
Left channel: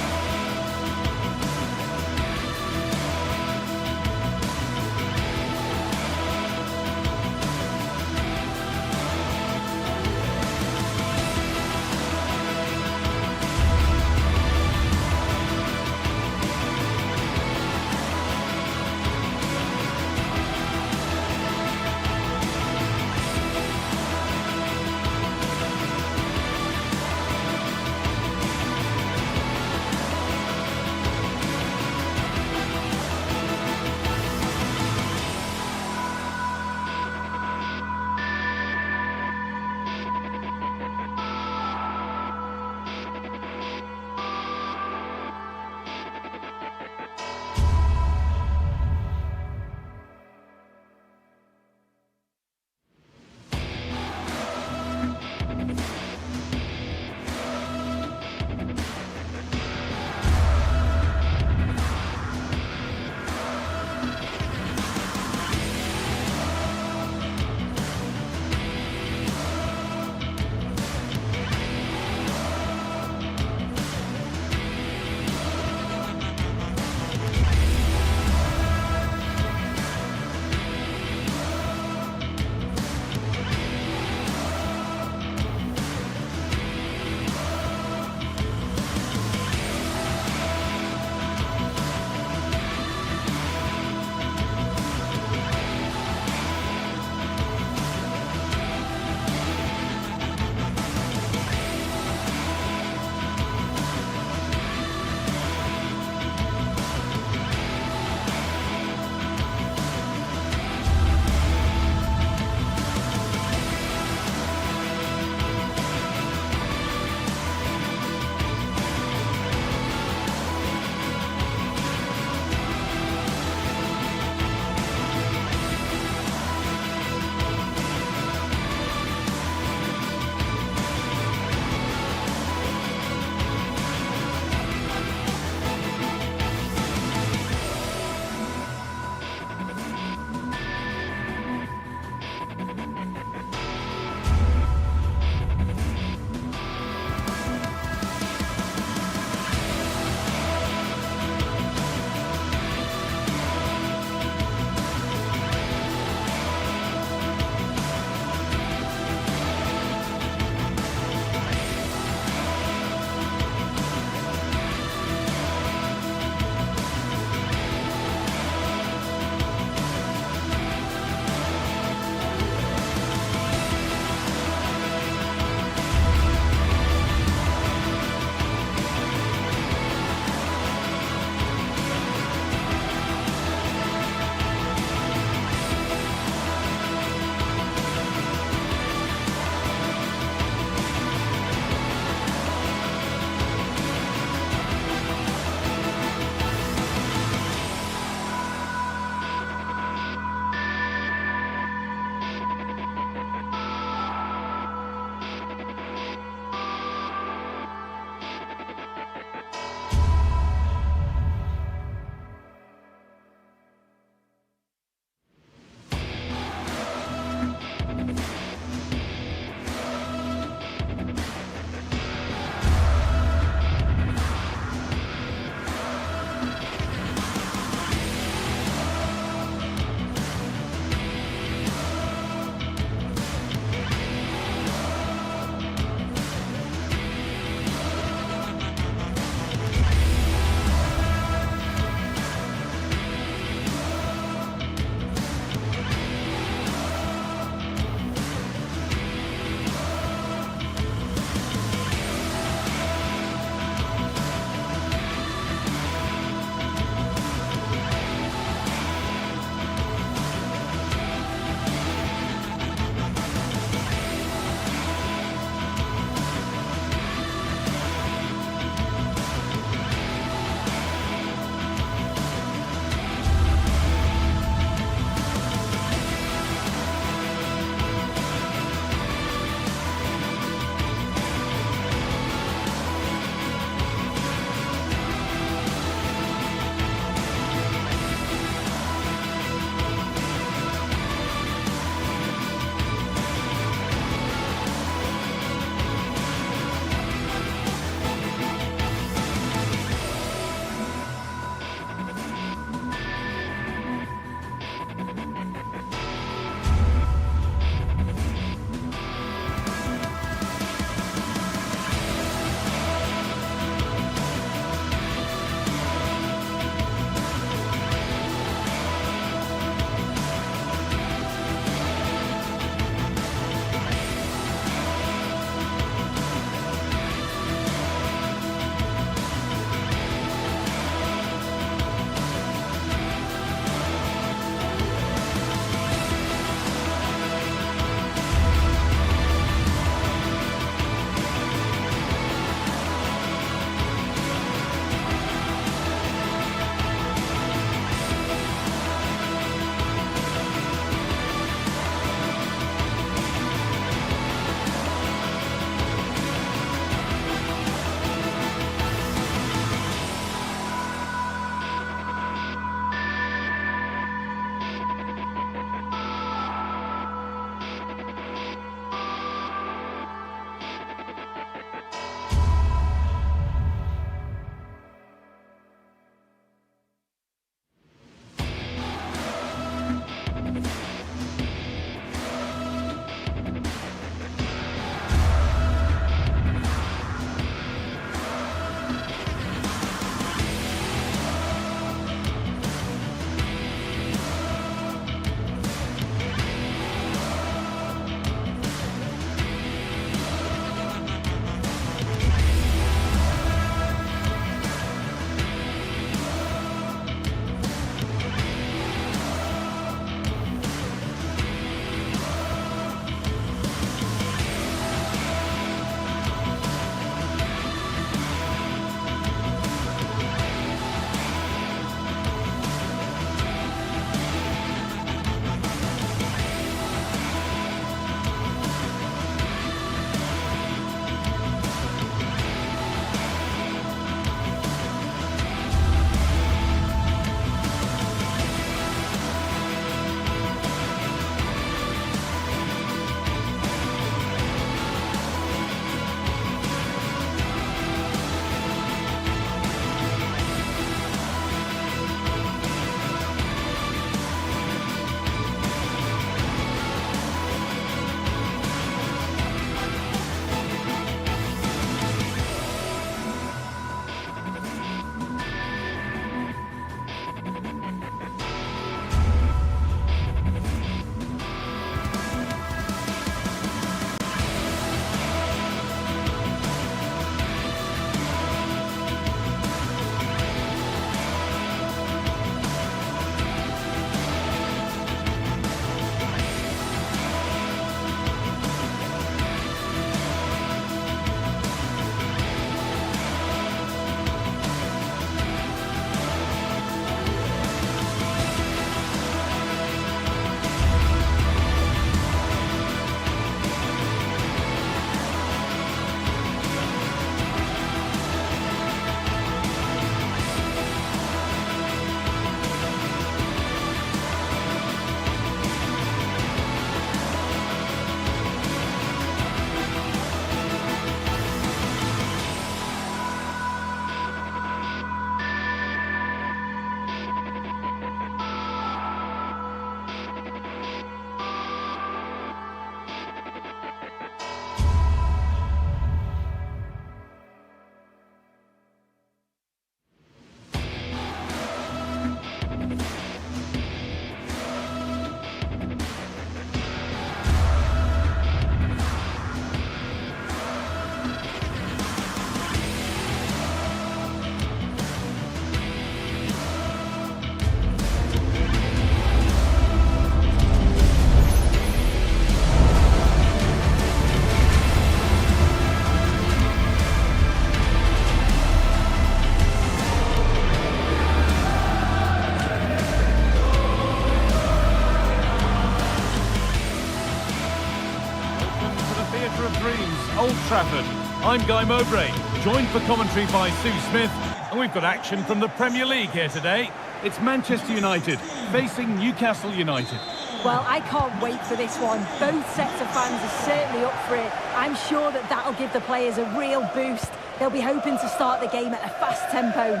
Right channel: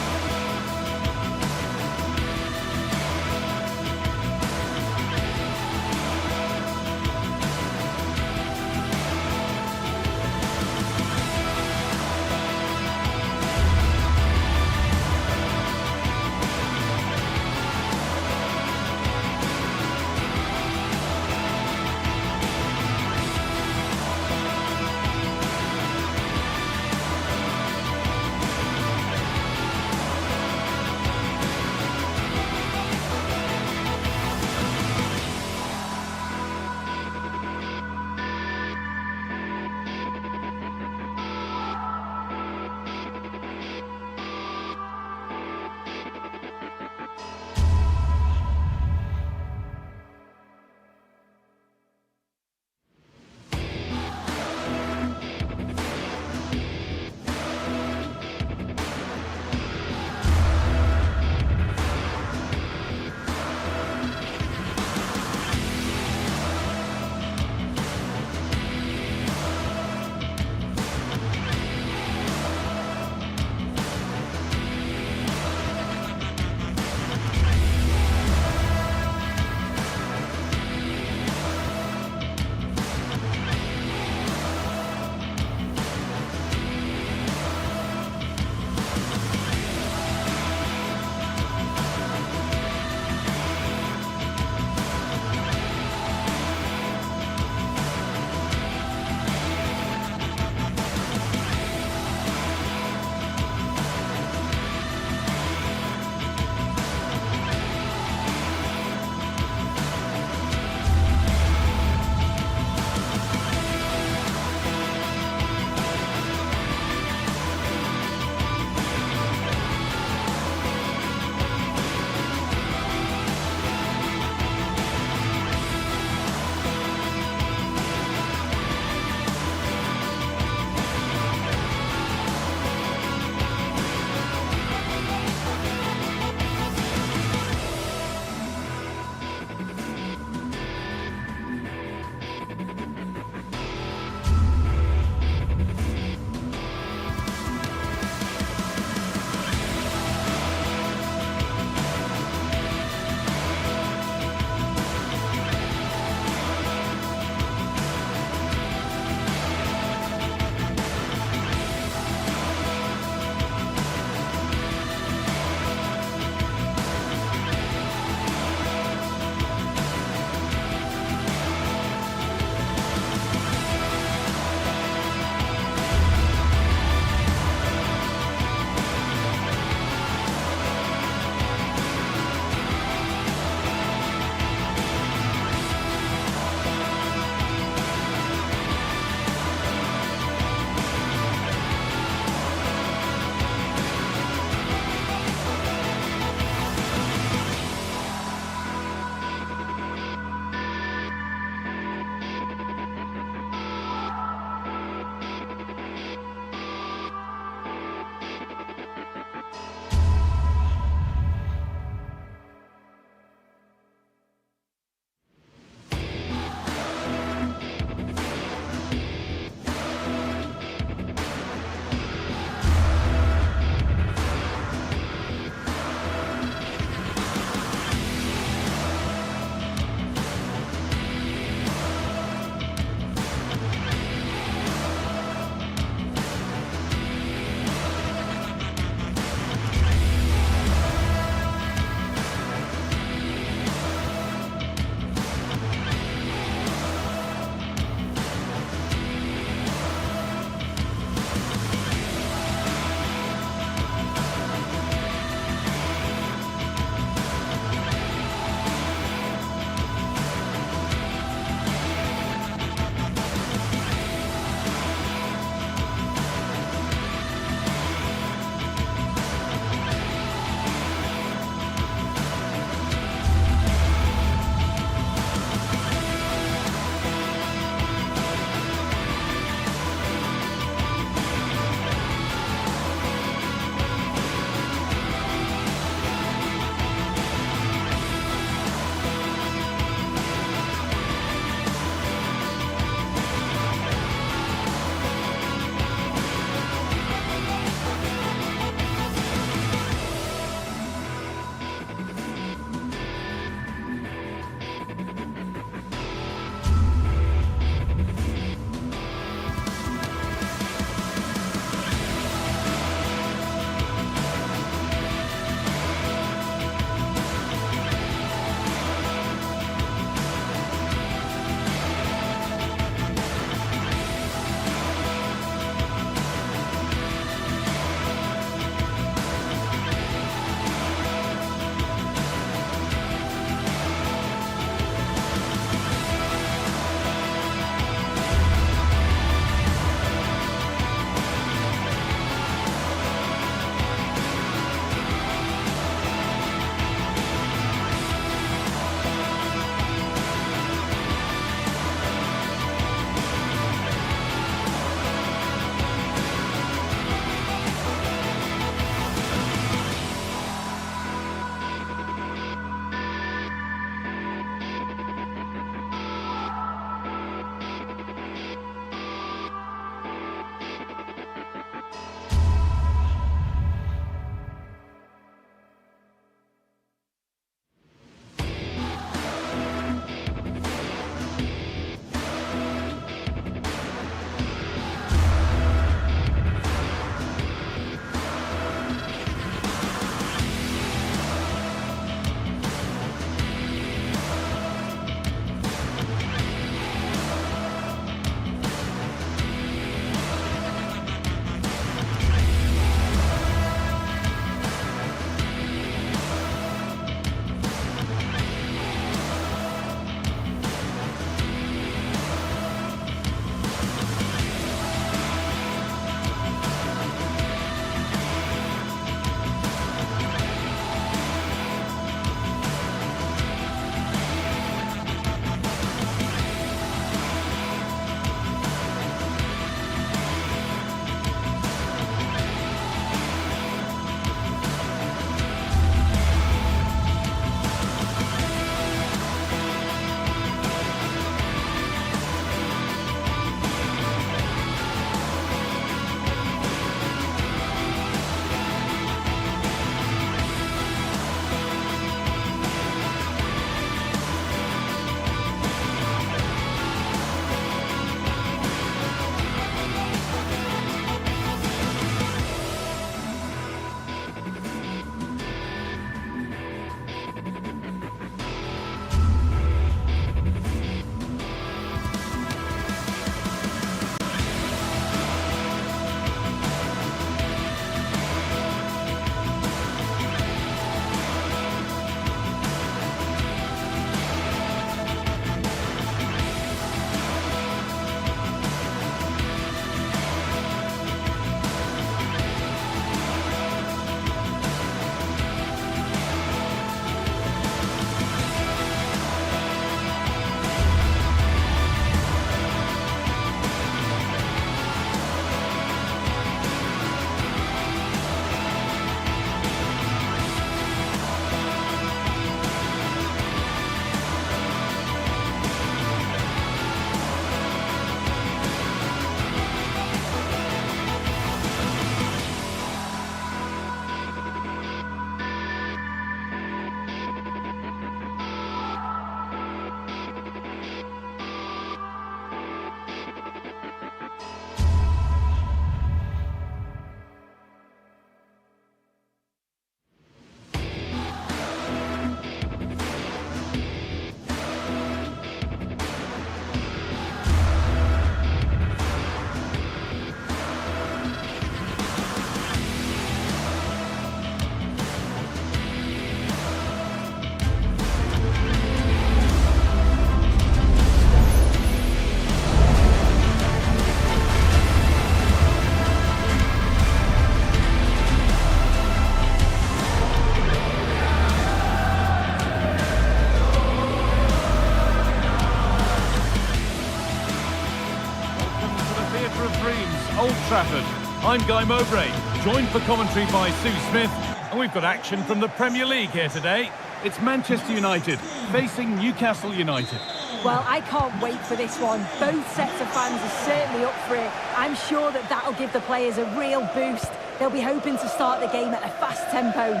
Dreams, Old Trafford. I'm Guy Mowbray, joined for commentary by Sue Smith, and we've got action from the Premier League here today. It's Manchester United facing Newcastle United. Well, I can't wait for this one. Both sets of fans are certainly up for it. I'm sure that that'll give the players a real boost. They'll be hoping to start the game at a fast tempo.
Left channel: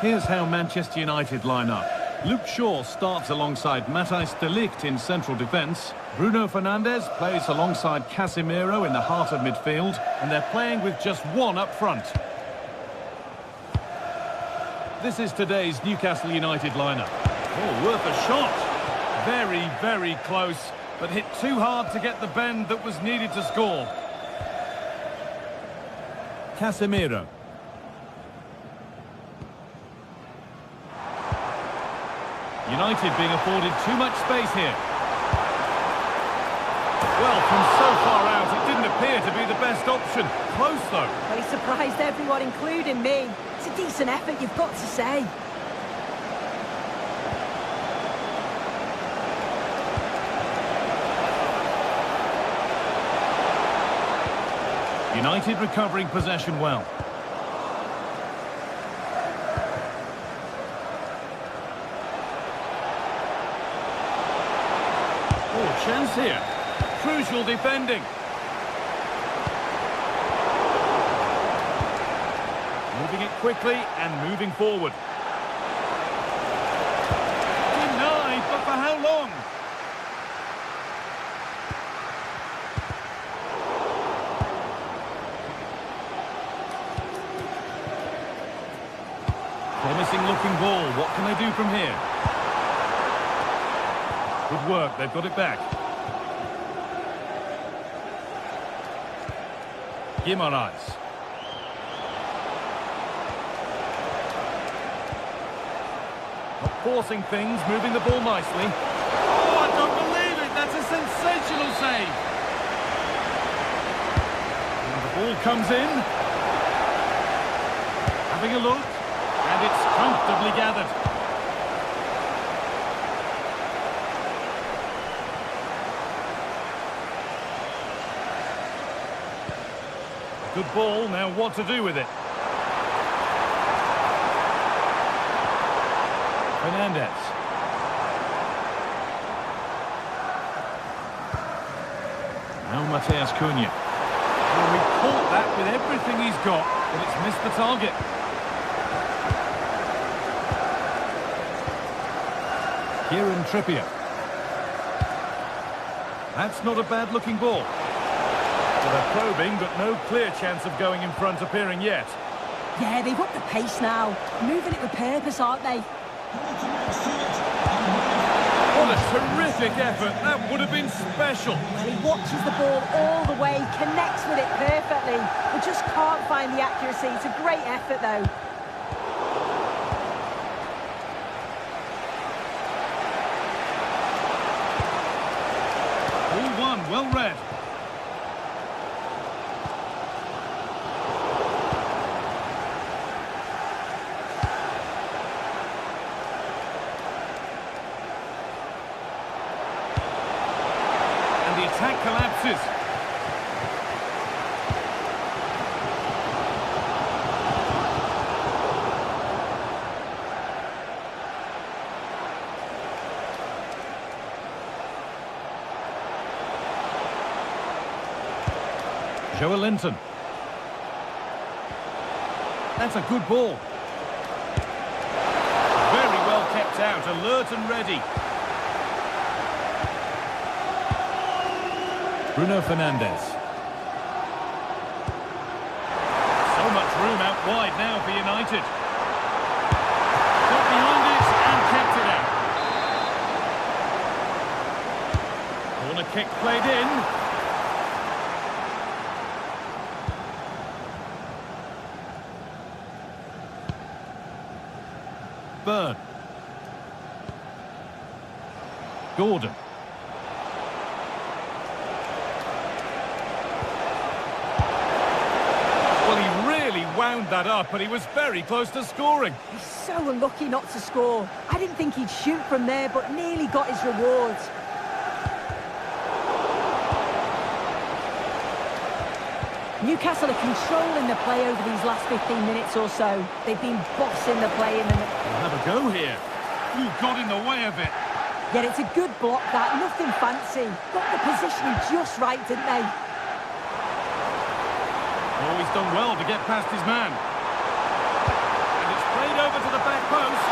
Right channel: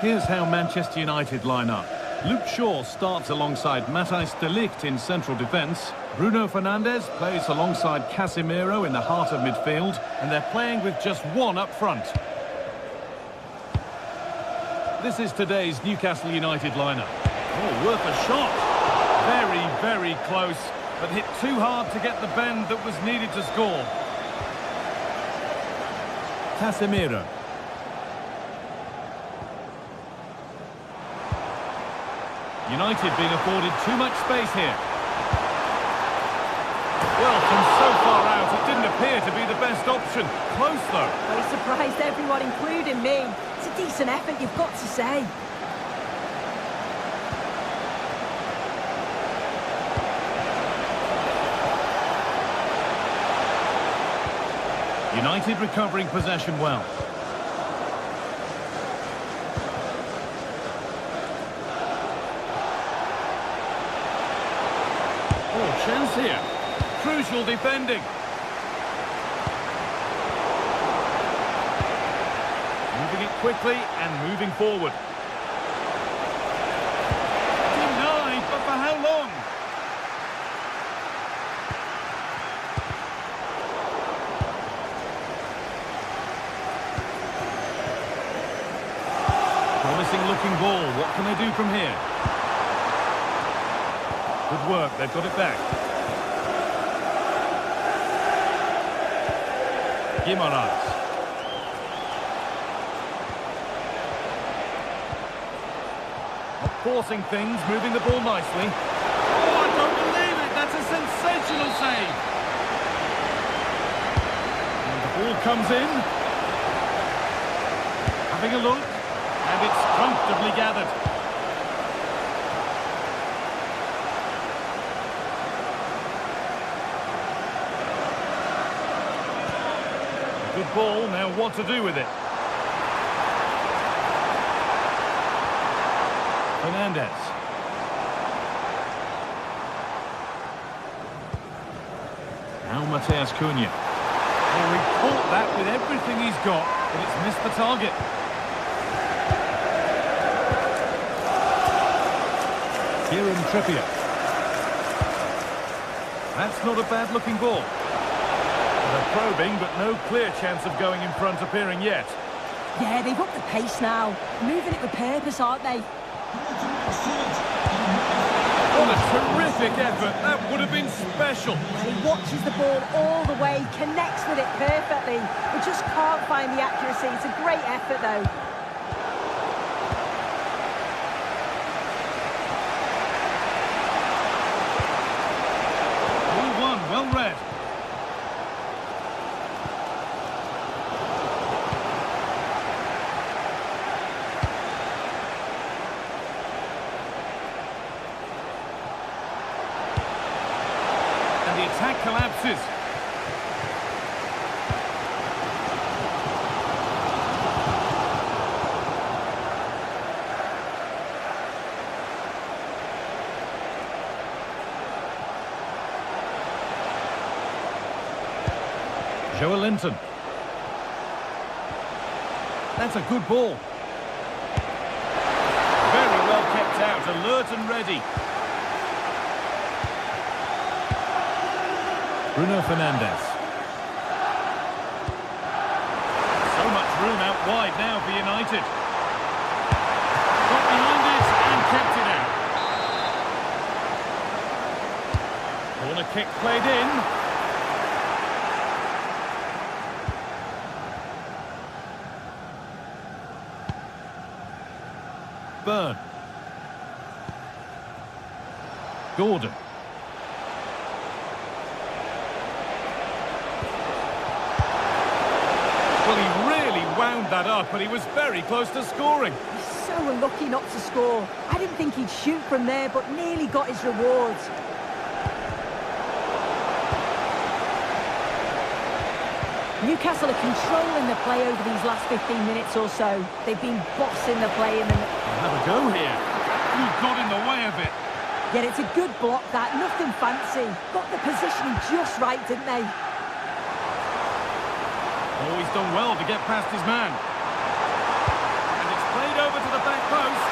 Here's how Manchester United line up. Luke Shaw starts alongside Matthijs de Ligt in central defence. Bruno Fernandes plays alongside Casemiro in the heart of midfield, and they're playing with just one up front. This is today's Newcastle United lineup. Oh, worth a shot. Very, very close, but hit too hard to get the bend that was needed to score. Casemiro. United being afforded too much space here. Well, from so far out, it didn't appear to be the best option. Close, though. Well, he surprised everyone, including me. It's a decent effort, you've got to say. United recovering possession well. Oh, chance here. Crucial defending. Moving it quickly and moving forward. Denied, but for how long? Promising looking ball. What can they do from here? Good work, they've got it back. Guimaraes. Not forcing things, moving the ball nicely. Oh, I don't believe it! That's a sensational save! And the ball comes in. Having a look. And it's comfortably gathered. Good ball, now what to do with it? Fernandes. Now Matheus Cunha. Oh, he caught that with everything he's got, but it's missed the target. Kieran Trippier. That's not a bad-looking ball. They're probing, but no clear chance of going in front appearing yet. Yeah, they've upped the pace now. Moving it with purpose, aren't they? What a terrific effort. That would have been special. Well, he watches the ball all the way, connects with it perfectly, but just can't find the accuracy. It's a great effort, though. Well read. And the attack collapses. Joelinton. That's a good ball. Very well kept out, alert and ready. Bruno Fernandes. So much room out wide now for United. Got behind it and kept it out. Corner kick played in. Burn. Gordon. Well, he really wound that up, but he was very close to scoring. He's so unlucky not to score. I didn't think he'd shoot from there, but nearly got his rewards. Newcastle are controlling the play over these last 15 minutes or so. They've been bossing the play in the... Have a go here. You got in the way of it. Yet it's a good block, that. Nothing fancy. Got the positioning just right, didn't they? Oh, he's done well to get past his man. And it's played over to the back post.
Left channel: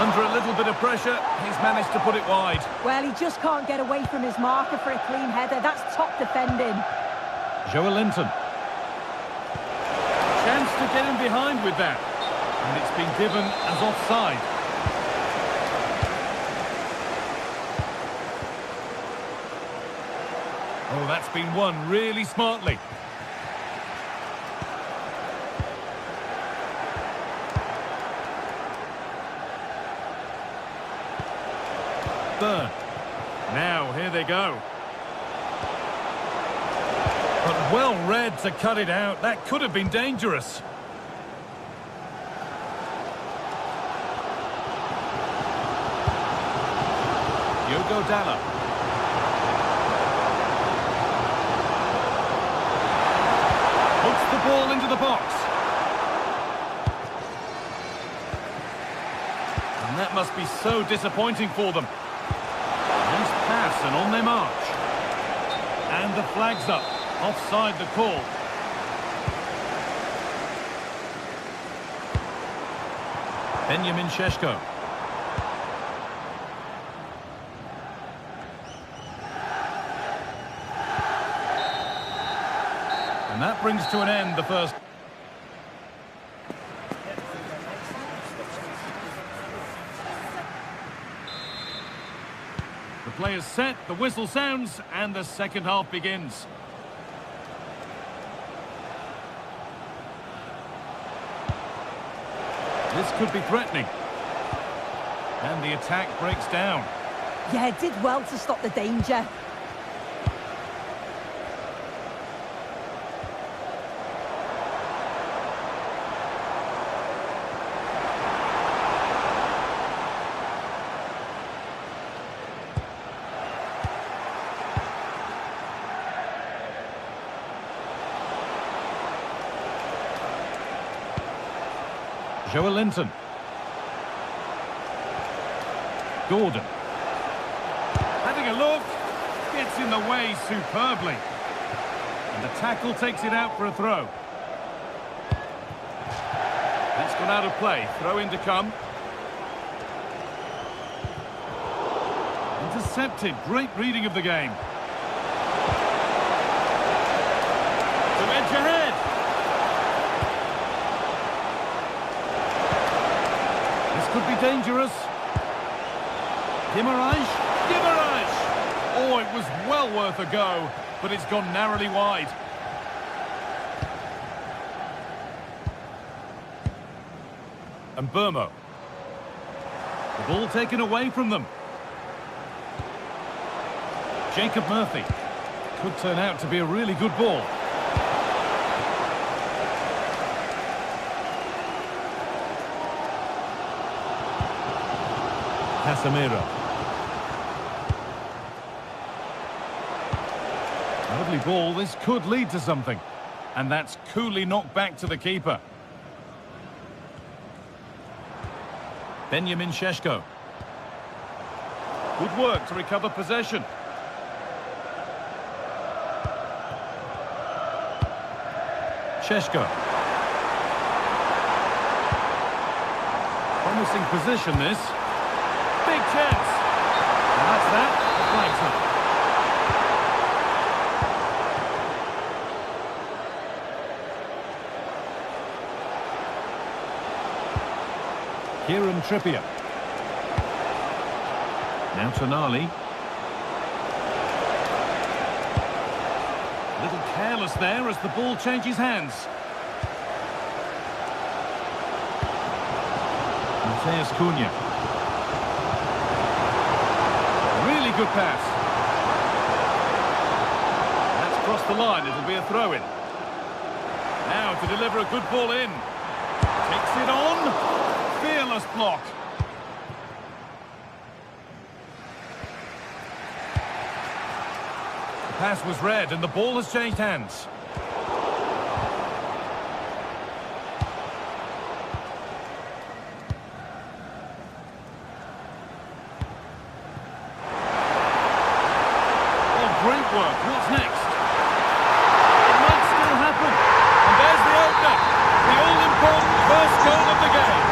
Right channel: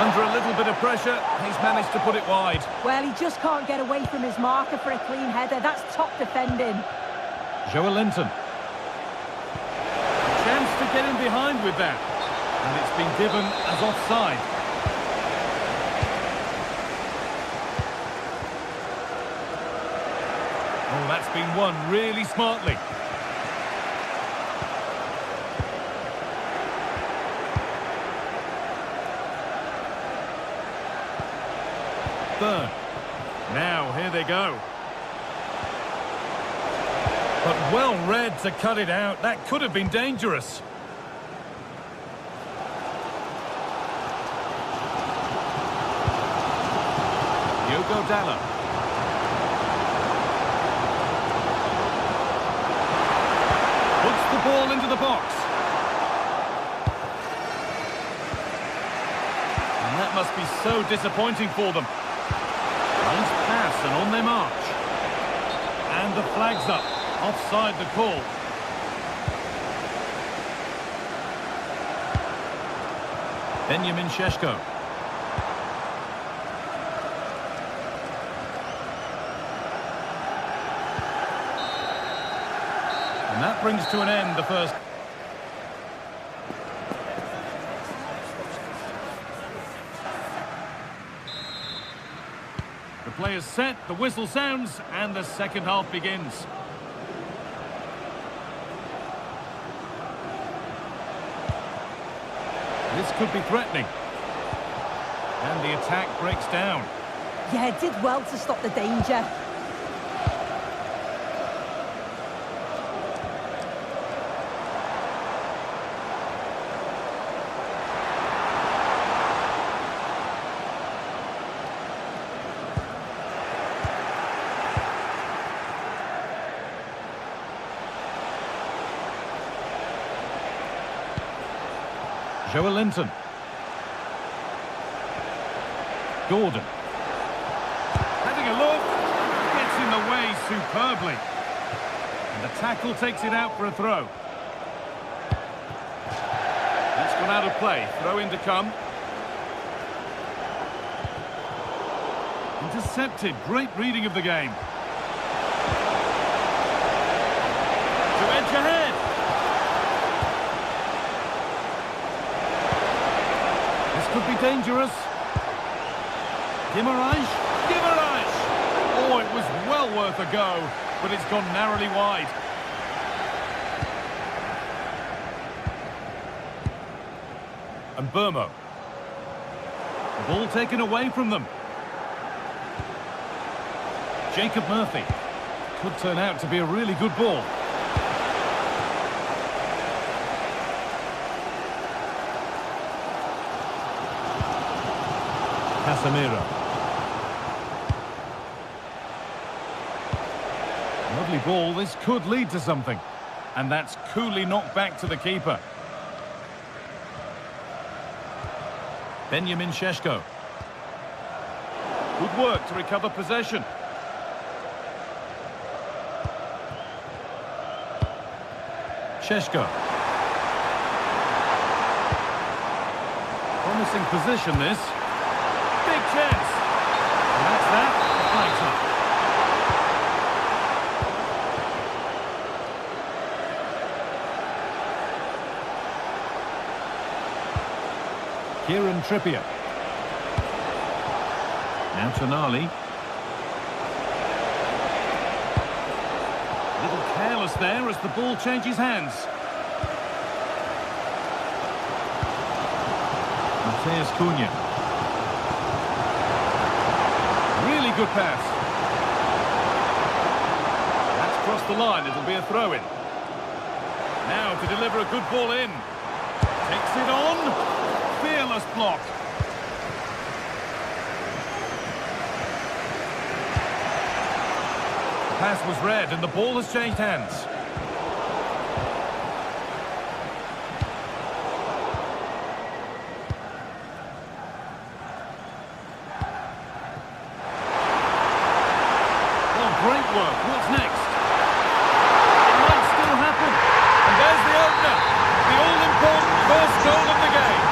Under a little bit of pressure, he's managed to put it wide. Well, he just can't get away from his marker for a clean header. That's top defending. Joelinton. Chance to get in behind with that. And it's been given as offside. Oh, that's been won really smartly. Burn. Now, here they go. But well read to cut it out. That could have been dangerous. Diogo Dalot. Puts the ball into the box. And that must be so disappointing for them. Nice pass and on their march. And the flag's up. Offside the call. Benjamin Šeško. And that brings to an end the first. The play is set, the whistle sounds, and the second half begins. This could be threatening. And the attack breaks down. Yeah, did well to stop the danger. Joelinton. Gordon. Having a look. Gets in the way superbly. And the tackle takes it out for a throw. That's gone out of play. Throw in to come. Intercepted. Great reading of the game. To edge ahead. This could be dangerous. Guimaraes. Oh, it was well worth a go, but it's gone narrowly wide. And Burmo. The ball taken away from them. Jacob Murphy. Could turn out to be a really good ball. Casemiro. Lovely ball, this could lead to something. And that's coolly knocked back to the keeper. Benjamin Šeško. Good work to recover possession. Šeško. Promising position this. Big chance. And that's that. The flag's up. Kieran Trippier. Now Tonali. A little careless there as the ball changes hands. Matheus Cunha. Really good pass. That's crossed the line. It'll be a throw-in. Now to deliver a good ball in. Takes it on. Fearless block. The pass was read and the ball has changed hands. footwork. What's next? It might still happen. And there's the opener. The all-important first goal of the game.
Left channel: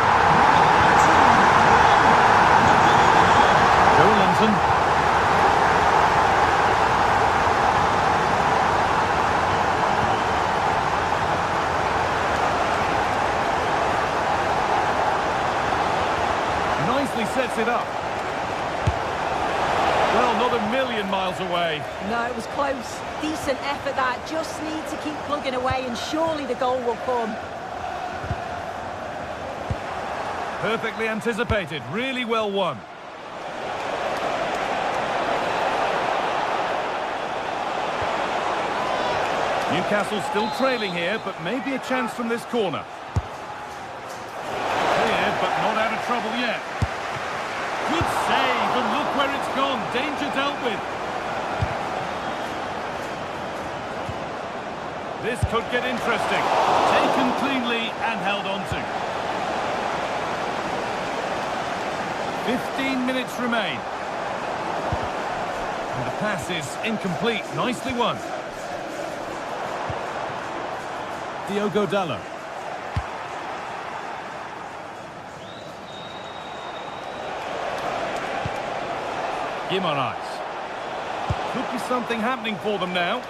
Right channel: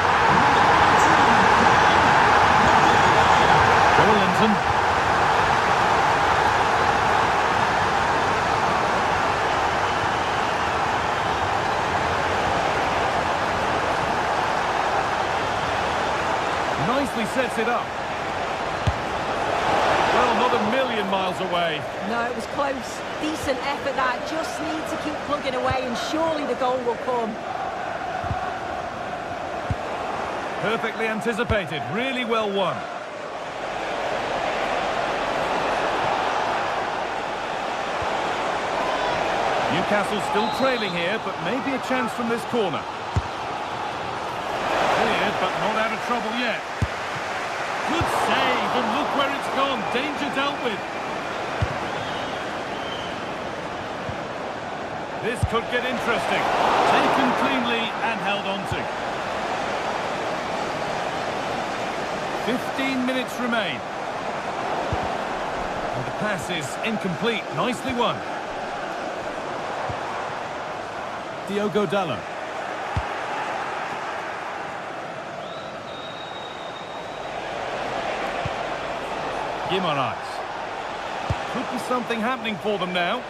Joe Linton. Nicely sets it up. Well, not a million miles away. No, it was close. Decent effort that. Just need to keep plugging away and surely the goal will come. Perfectly anticipated. Really well won. Newcastle still trailing here, but maybe a chance from this corner. Cleared, but not out of trouble yet. Good save, and look where it's gone. Danger dealt with. This could get interesting. Taken cleanly and held on to. 15 minutes remain. And the pass is incomplete. Nicely won. Diogo Dalot. Guimaraes. Could be something happening for them now.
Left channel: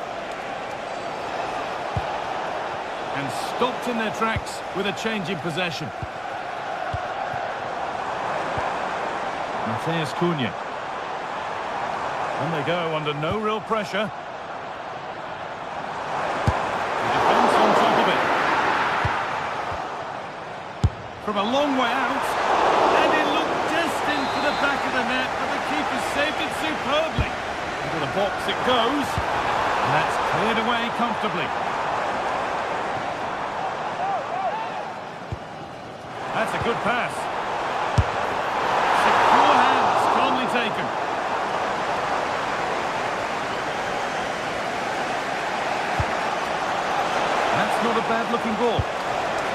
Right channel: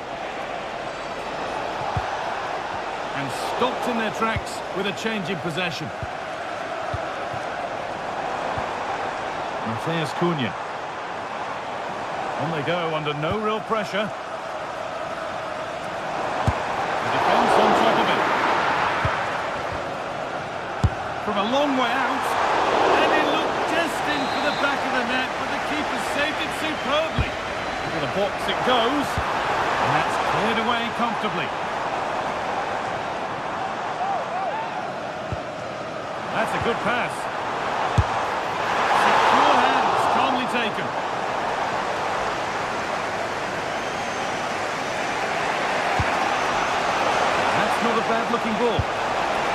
And stopped in their tracks with a change in possession. Matheus Cunha. On they go under no real pressure. The defence on top of it. From a long way out. And it looked destined for the back of the net, but the keeper saved it superbly. Into the box it goes. And that's cleared away comfortably. That's a good pass. Secure hands, calmly taken. That's not a bad-looking ball.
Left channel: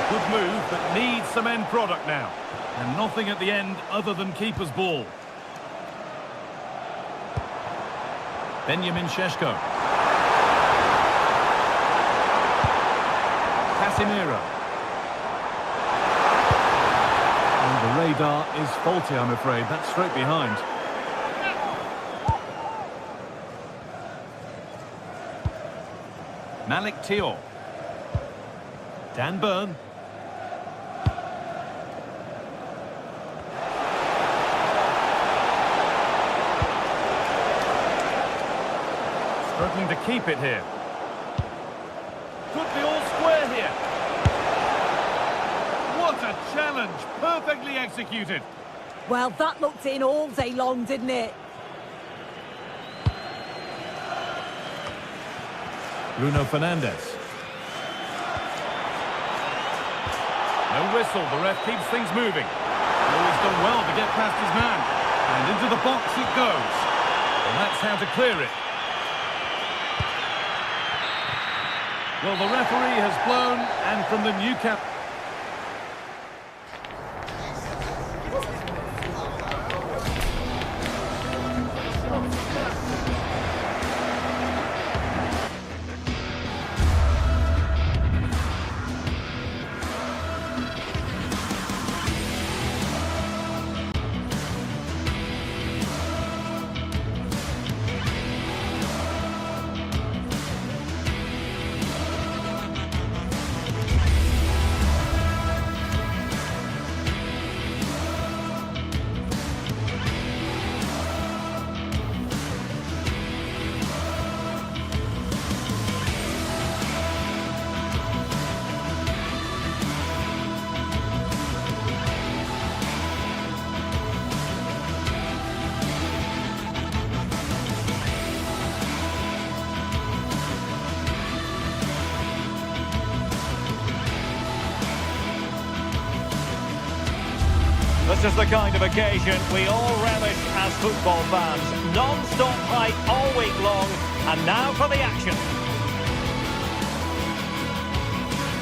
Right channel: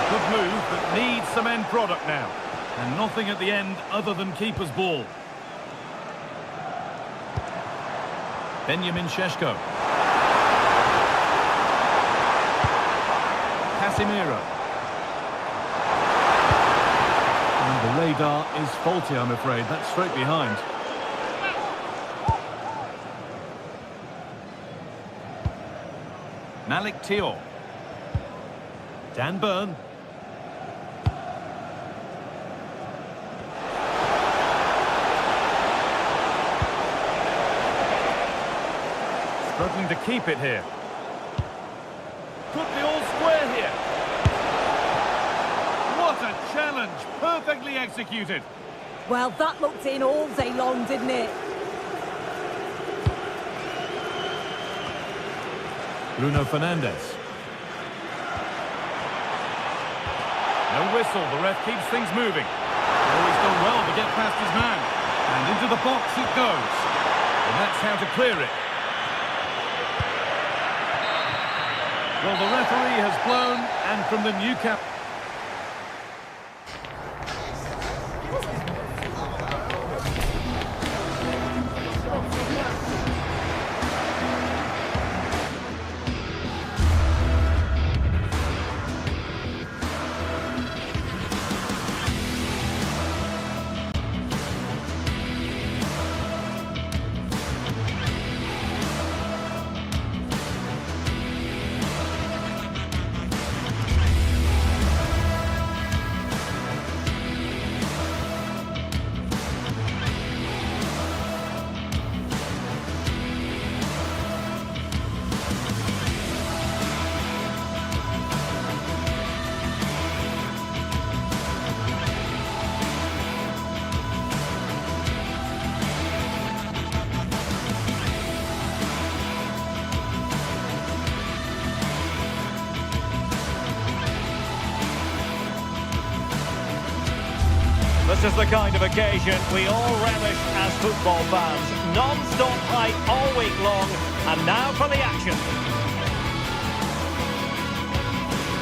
Good move, but needs some end product now. And nothing at the end other than keeper's ball. Benjamin Šeško. Casemiro. And the radar is faulty, I'm afraid. That's straight behind. Malik Thiaw. Dan Burn. Struggling to keep it here. Could be all square here. What a challenge! Perfectly executed. Well, that looked in all day long, didn't it? Bruno Fernandes. No whistle, the ref keeps things moving. Oh, he's done well to get past his man. And into the box it goes. And that's how to clear it. Well, the referee has blown, and from the Newcastle... This is the kind of occasion we all relish as football fans. Non-stop hype all week long, and now for the action.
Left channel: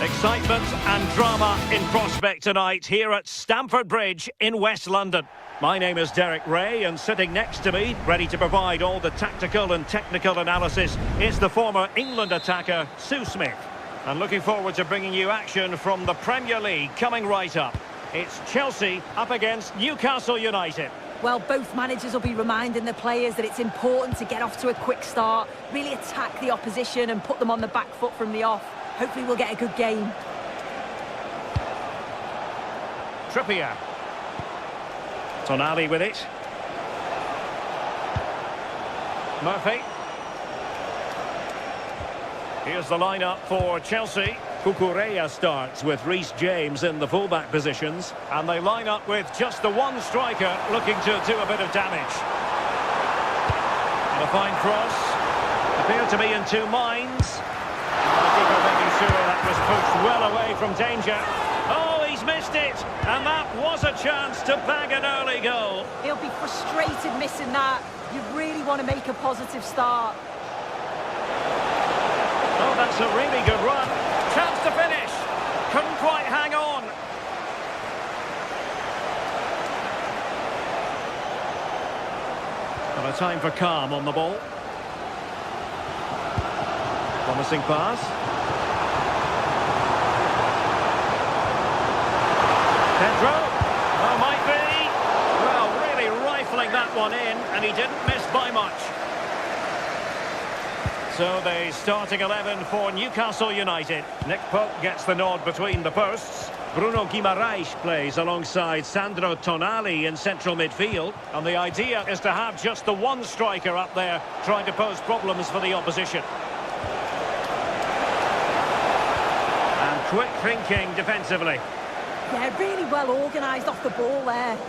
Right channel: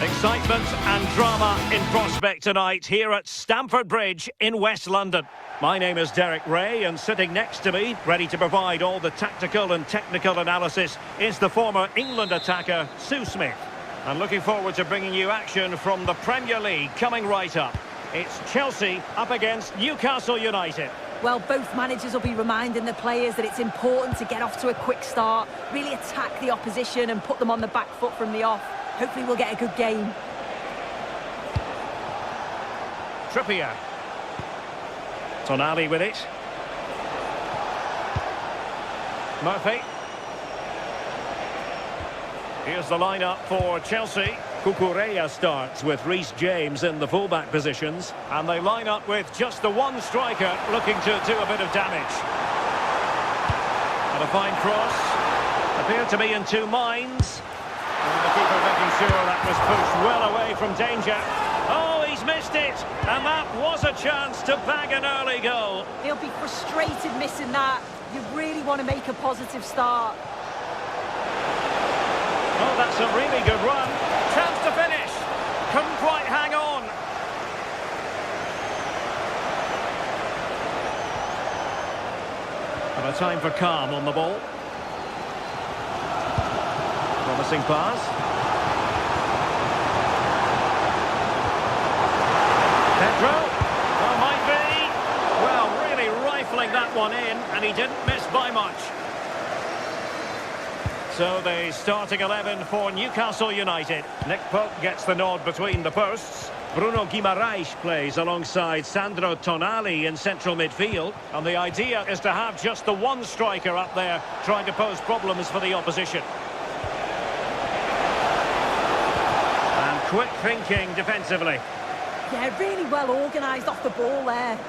Excitement and drama in prospect tonight here at Stamford Bridge in West London. My name is Derek Ray, and sitting next to me, ready to provide all the tactical and technical analysis, is the former England attacker, Sue Smith. And looking forward to bringing you action from the Premier League coming right up. It's Chelsea up against Newcastle United. Well, both managers will be reminding the players that it's important to get off to a quick start, really attack the opposition and put them on the back foot from the off. Hopefully we'll get a good game. Trippier. Tonali with it. Murphy. Here's the lineup for Chelsea. Cucurella starts with Reece James in the fullback positions. And they line up with just the one striker looking to do a bit of damage. And a fine cross. Appeared to be in two minds. And the keeper making sure that was pushed well away from danger. Oh, he's missed it. And that was a chance to bag an early goal. He'll be frustrated missing that. You really want to make a positive start. Oh, that's a really good run. Chance to finish. Couldn't quite hang on. And a time for calm on the ball. Promising pass. Pedro. Oh, might be. Well, really rifling that one in, and he didn't miss by much. So the starting 11 for Newcastle United. Nick Pope gets the nod between the posts. Bruno Guimaraes plays alongside Sandro Tonali in central midfield. And the idea is to have just the one striker up there trying to pose problems for the opposition. And quick thinking defensively. Yeah, really well organised off the ball there.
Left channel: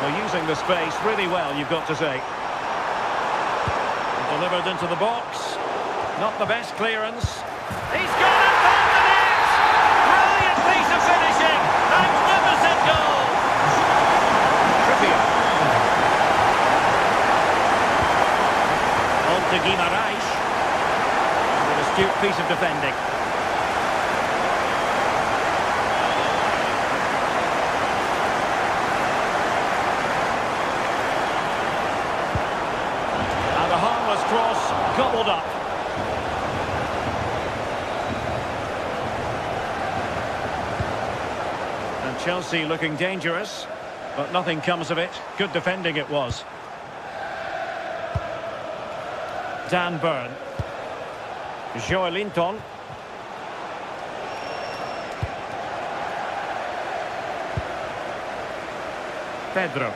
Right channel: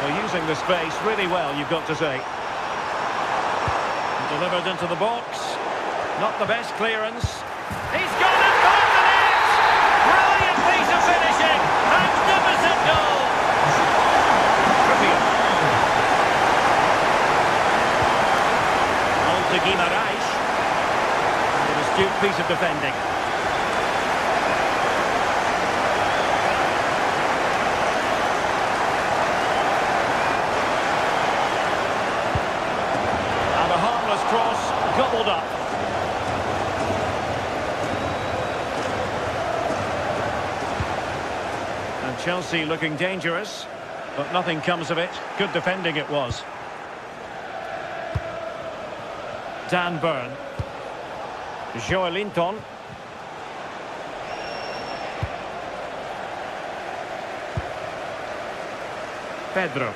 Well, using the space really well, you've got to say. Delivered into the box. Not the best clearance. He's gone and found the net! Brilliant piece of finishing! Magnificent goal! Trippier. On to Guimaraes. And an astute piece of defending. And a harmless cross gobbled up. And Chelsea looking dangerous, but nothing comes of it. Good defending it was. Dan Burn. Joelinton. Pedro.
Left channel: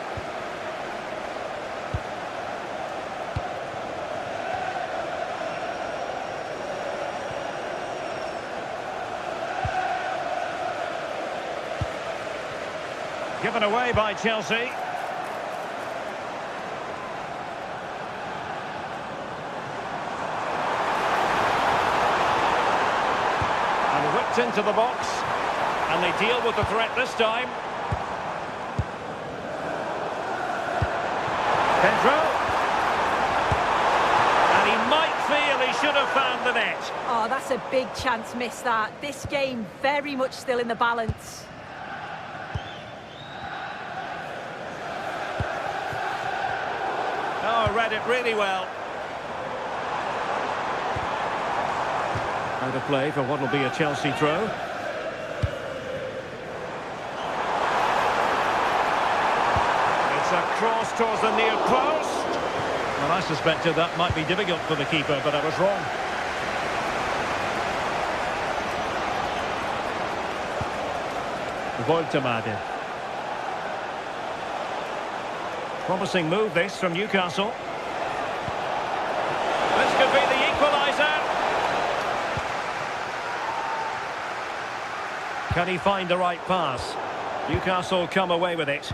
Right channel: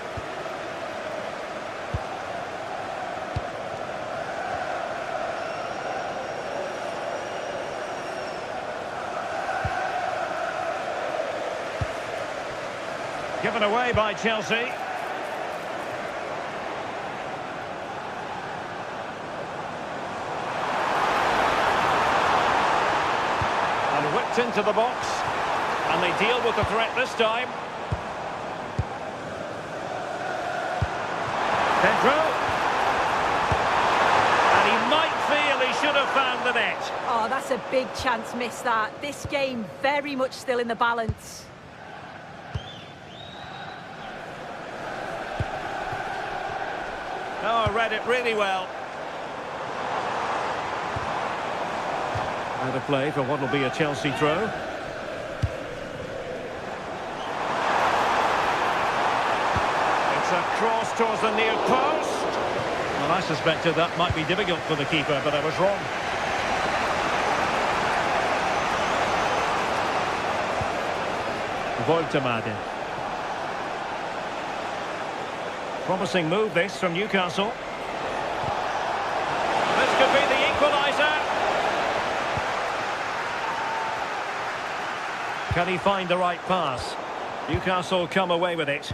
Given away by Chelsea. And whipped into the box. And they deal with the threat this time. Pedro. And he might feel he should have found the net. Oh, that's a big chance missed that. This game very much still in the balance. Oh, read it really well. Out of play for what will be a Chelsea throw. It's a cross towards the near post. Well, I suspected that might be difficult for the keeper, but I was wrong. Voltemade. Promising move this from Newcastle. This could be the equaliser. Can he find the right pass? Newcastle come away with it.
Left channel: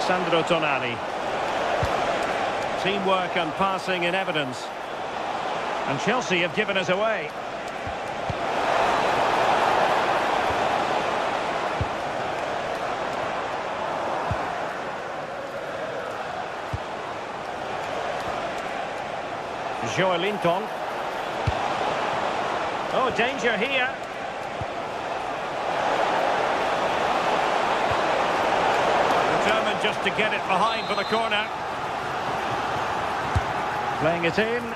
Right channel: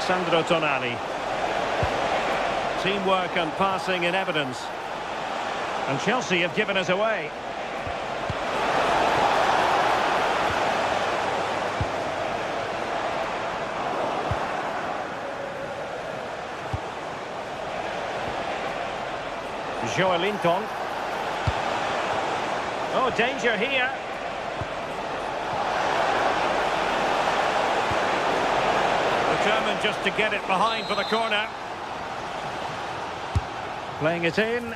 Sandro Tonali. Teamwork and passing in evidence. And Chelsea have given us away. Joelinton. Oh, danger here. Determined just to get it behind for the corner. Playing it in.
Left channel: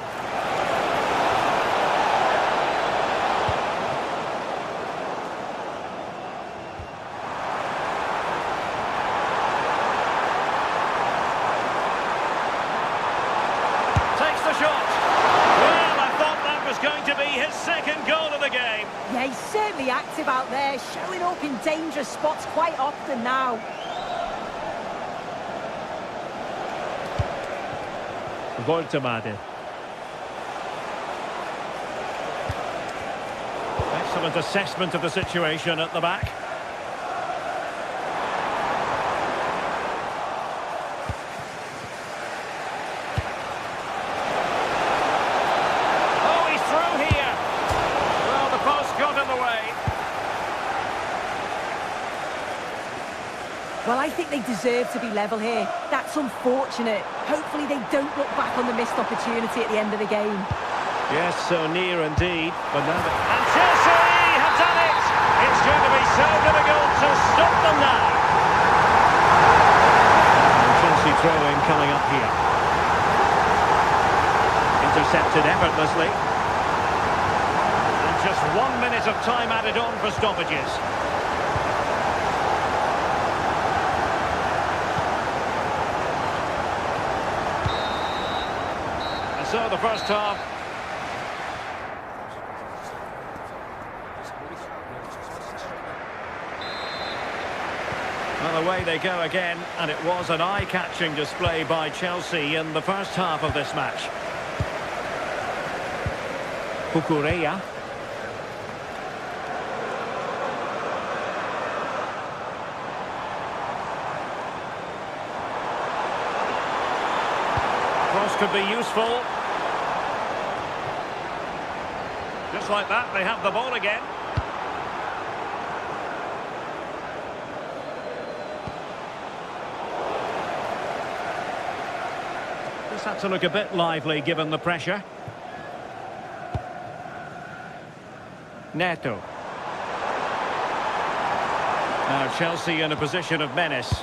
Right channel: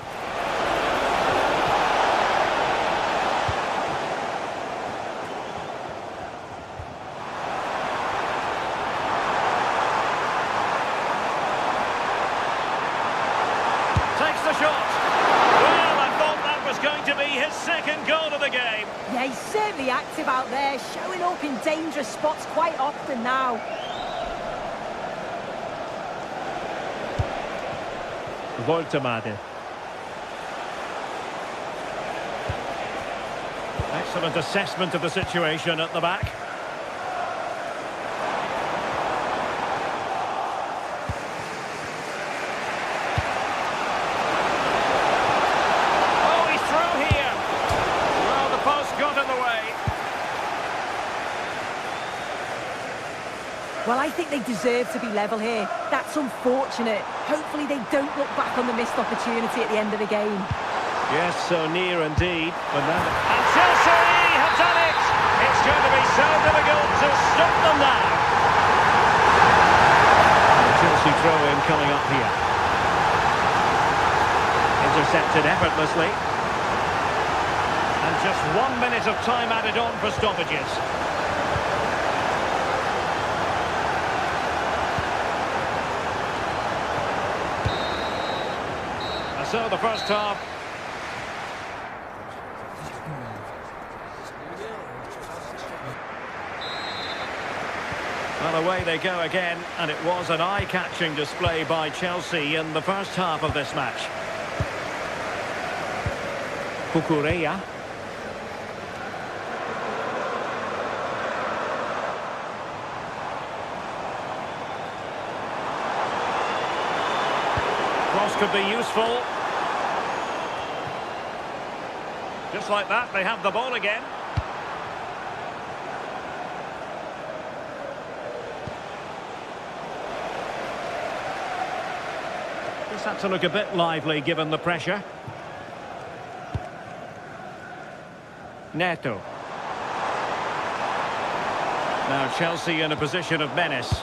Takes the shot. Well, I thought that was going to be his second goal of the game. Yeah, he's certainly active out there, showing up in dangerous spots quite often now. Woltemade. Excellent assessment of the situation at the back. Oh, he's through here. Well, the post got in the way. Well, I think they deserve to be level here. That's unfortunate. Hopefully they don't look back on the missed opportunity at the end of the game. Yes, so near indeed. But now and Chelsea have done it! It's going to be so difficult to stop them now. And Chelsea throw-in coming up here. Intercepted effortlessly. And just 1 minute of time added on for stoppages. And so the first half. Well, away they go again, and it was an eye-catching display by Chelsea in the first half of this match. Cucurella. Cross could be useful. Just like that, they have the ball again. Just had to look a bit lively given the pressure. Neto. Now Chelsea in a position of menace,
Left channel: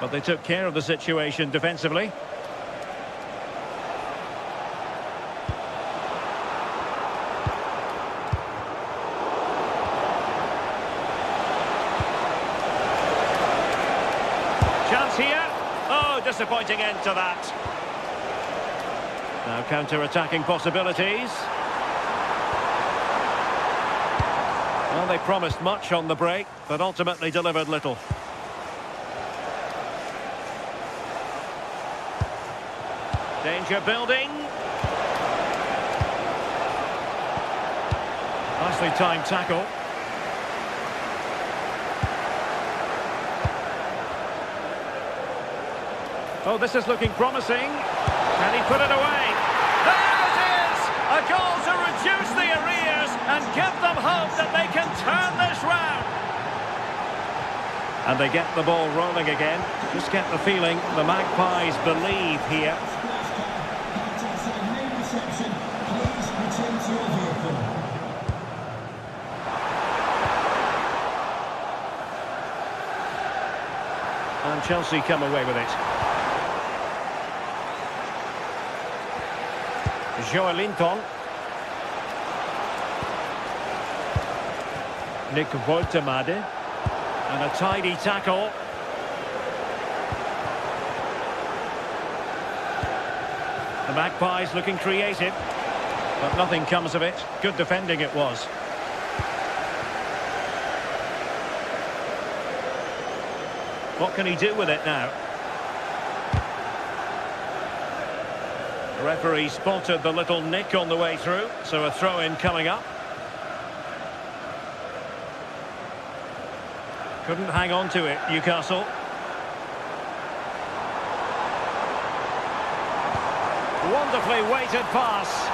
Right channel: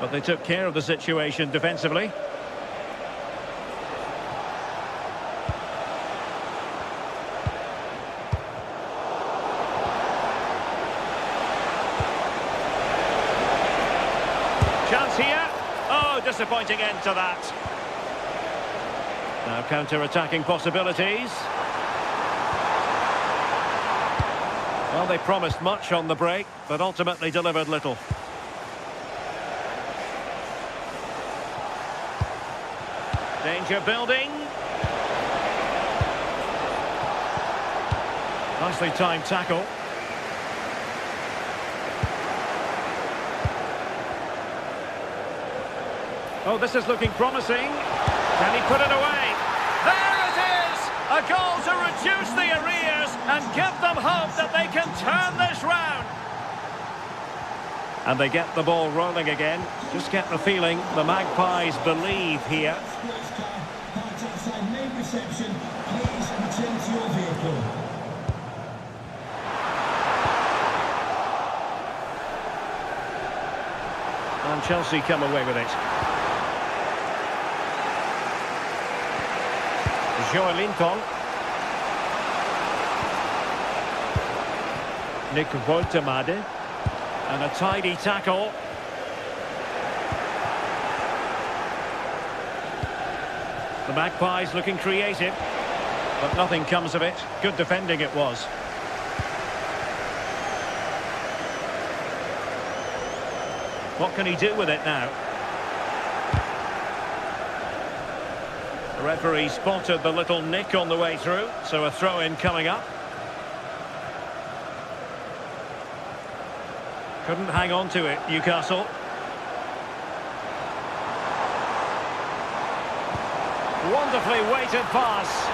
but they took care of the situation defensively. Chance here. Oh, disappointing end to that. Now counter-attacking possibilities. Well, they promised much on the break, but ultimately delivered little. Danger building. Nicely timed tackle. Oh, this is looking promising. Can he put it away? There it is! A goal to reduce the arrears and give them hope that they can turn this round. And they get the ball rolling again. Just get the feeling the Magpies believe here. Parked outside main reception. Please return to your vehicle. And Chelsea come away with it. Joelinton. Nick Woltemade. And a tidy tackle. The Magpies looking creative, but nothing comes of it. Good defending it was. What can he do with it now? The referee spotted the little nick on the way through, so a throw-in coming up. Couldn't hang on to it, Newcastle. Wonderfully weighted pass.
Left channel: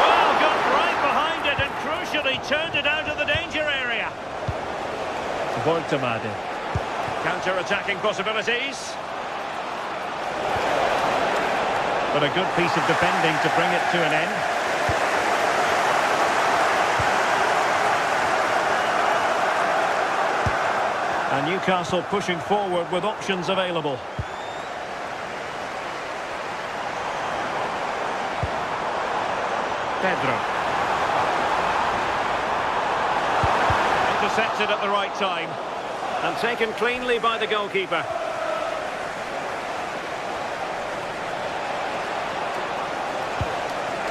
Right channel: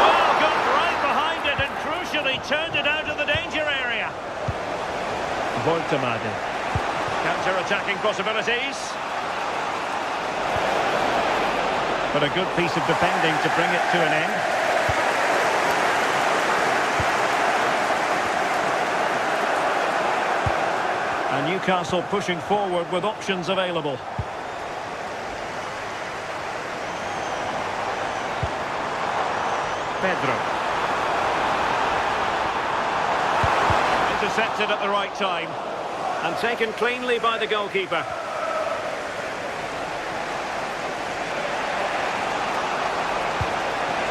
Well, got right behind it and crucially turned it out of the danger area. Woltemade. Counter-attacking possibilities. But a good piece of defending to bring it to an end. And Newcastle pushing forward with options available. Pedro. Intercepted at the right time. And taken cleanly by the goalkeeper.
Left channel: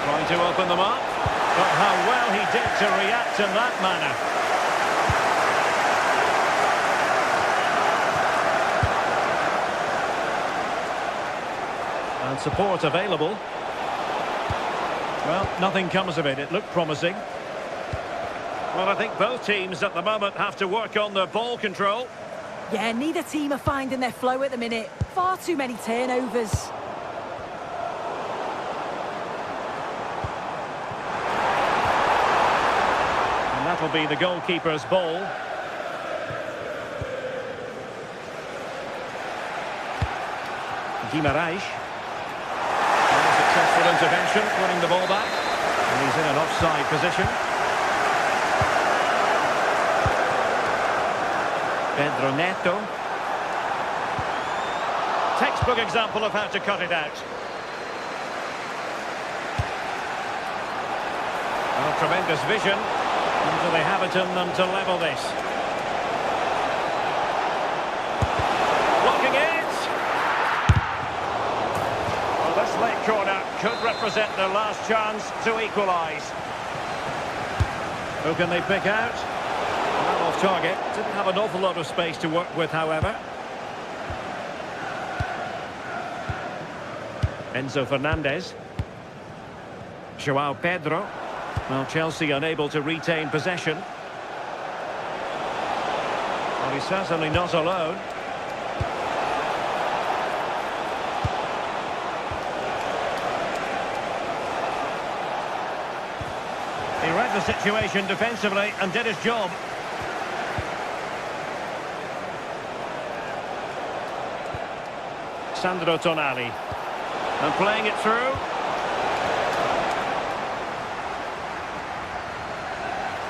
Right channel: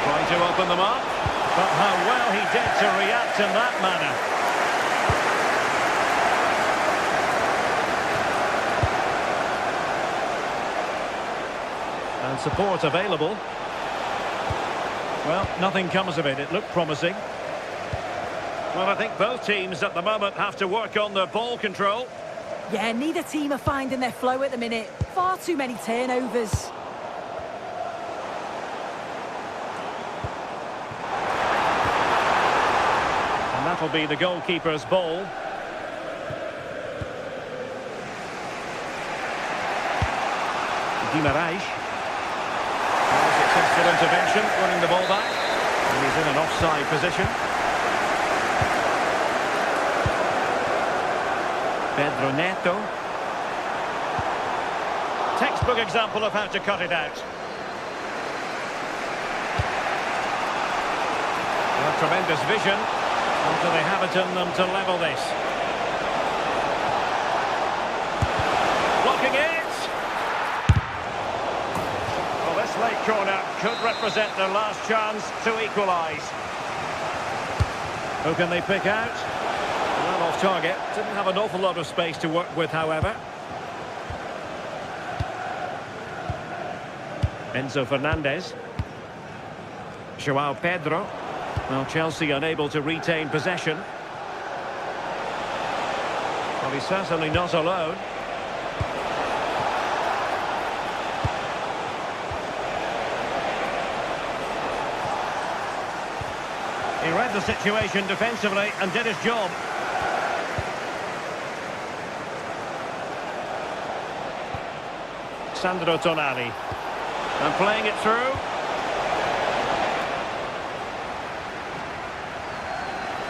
Trying to open them up. But how well he did to react in that manner. And support available. Well, nothing comes of it. It looked promising. Well, I think both teams at the moment have to work on their ball control. Yeah, neither team are finding their flow at the minute. Far too many turnovers. And that'll be the goalkeeper's ball. Guimaraes. Successful intervention, winning the ball back. And he's in an offside position. Pedro Neto. Textbook example of how to cut it out. A tremendous vision. And do they have it in them to level this? Blocking it. Well, this late corner could represent their last chance to equalise. Who can they pick out? Well, off target. Didn't have an awful lot of space to work with, however. Enzo Fernandez. Joao Pedro. Well, Chelsea unable to retain possession. Well, he's certainly not alone. He read the situation defensively and did his job. Sandro Tonali. And playing it through.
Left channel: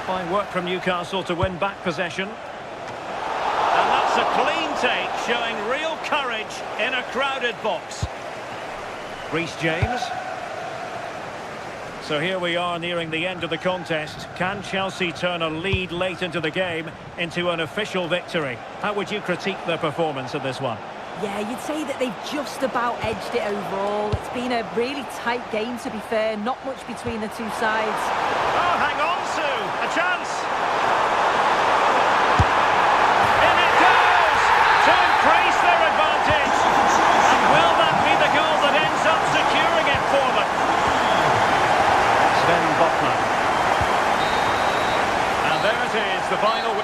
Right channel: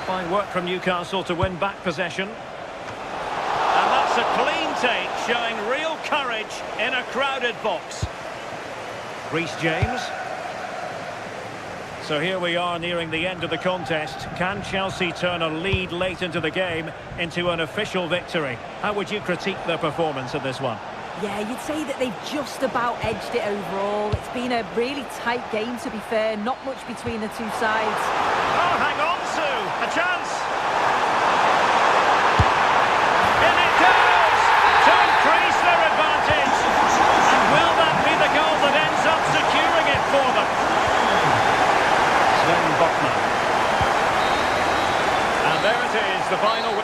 Fine work from Newcastle to win back possession. And that's a clean take, showing real courage in a crowded box. Reece James. So here we are nearing the end of the contest. Can Chelsea turn a lead late into the game into an official victory? How would you critique their performance in this one? Yeah, you'd say that they've just about edged it overall. It's been a really tight game, to be fair. Not much between the two sides. Oh, hang on, Sue. A chance. In it goes to increase their advantage. And will that be the goal that ends up securing it for them? Sven Botman. And there it is, the final.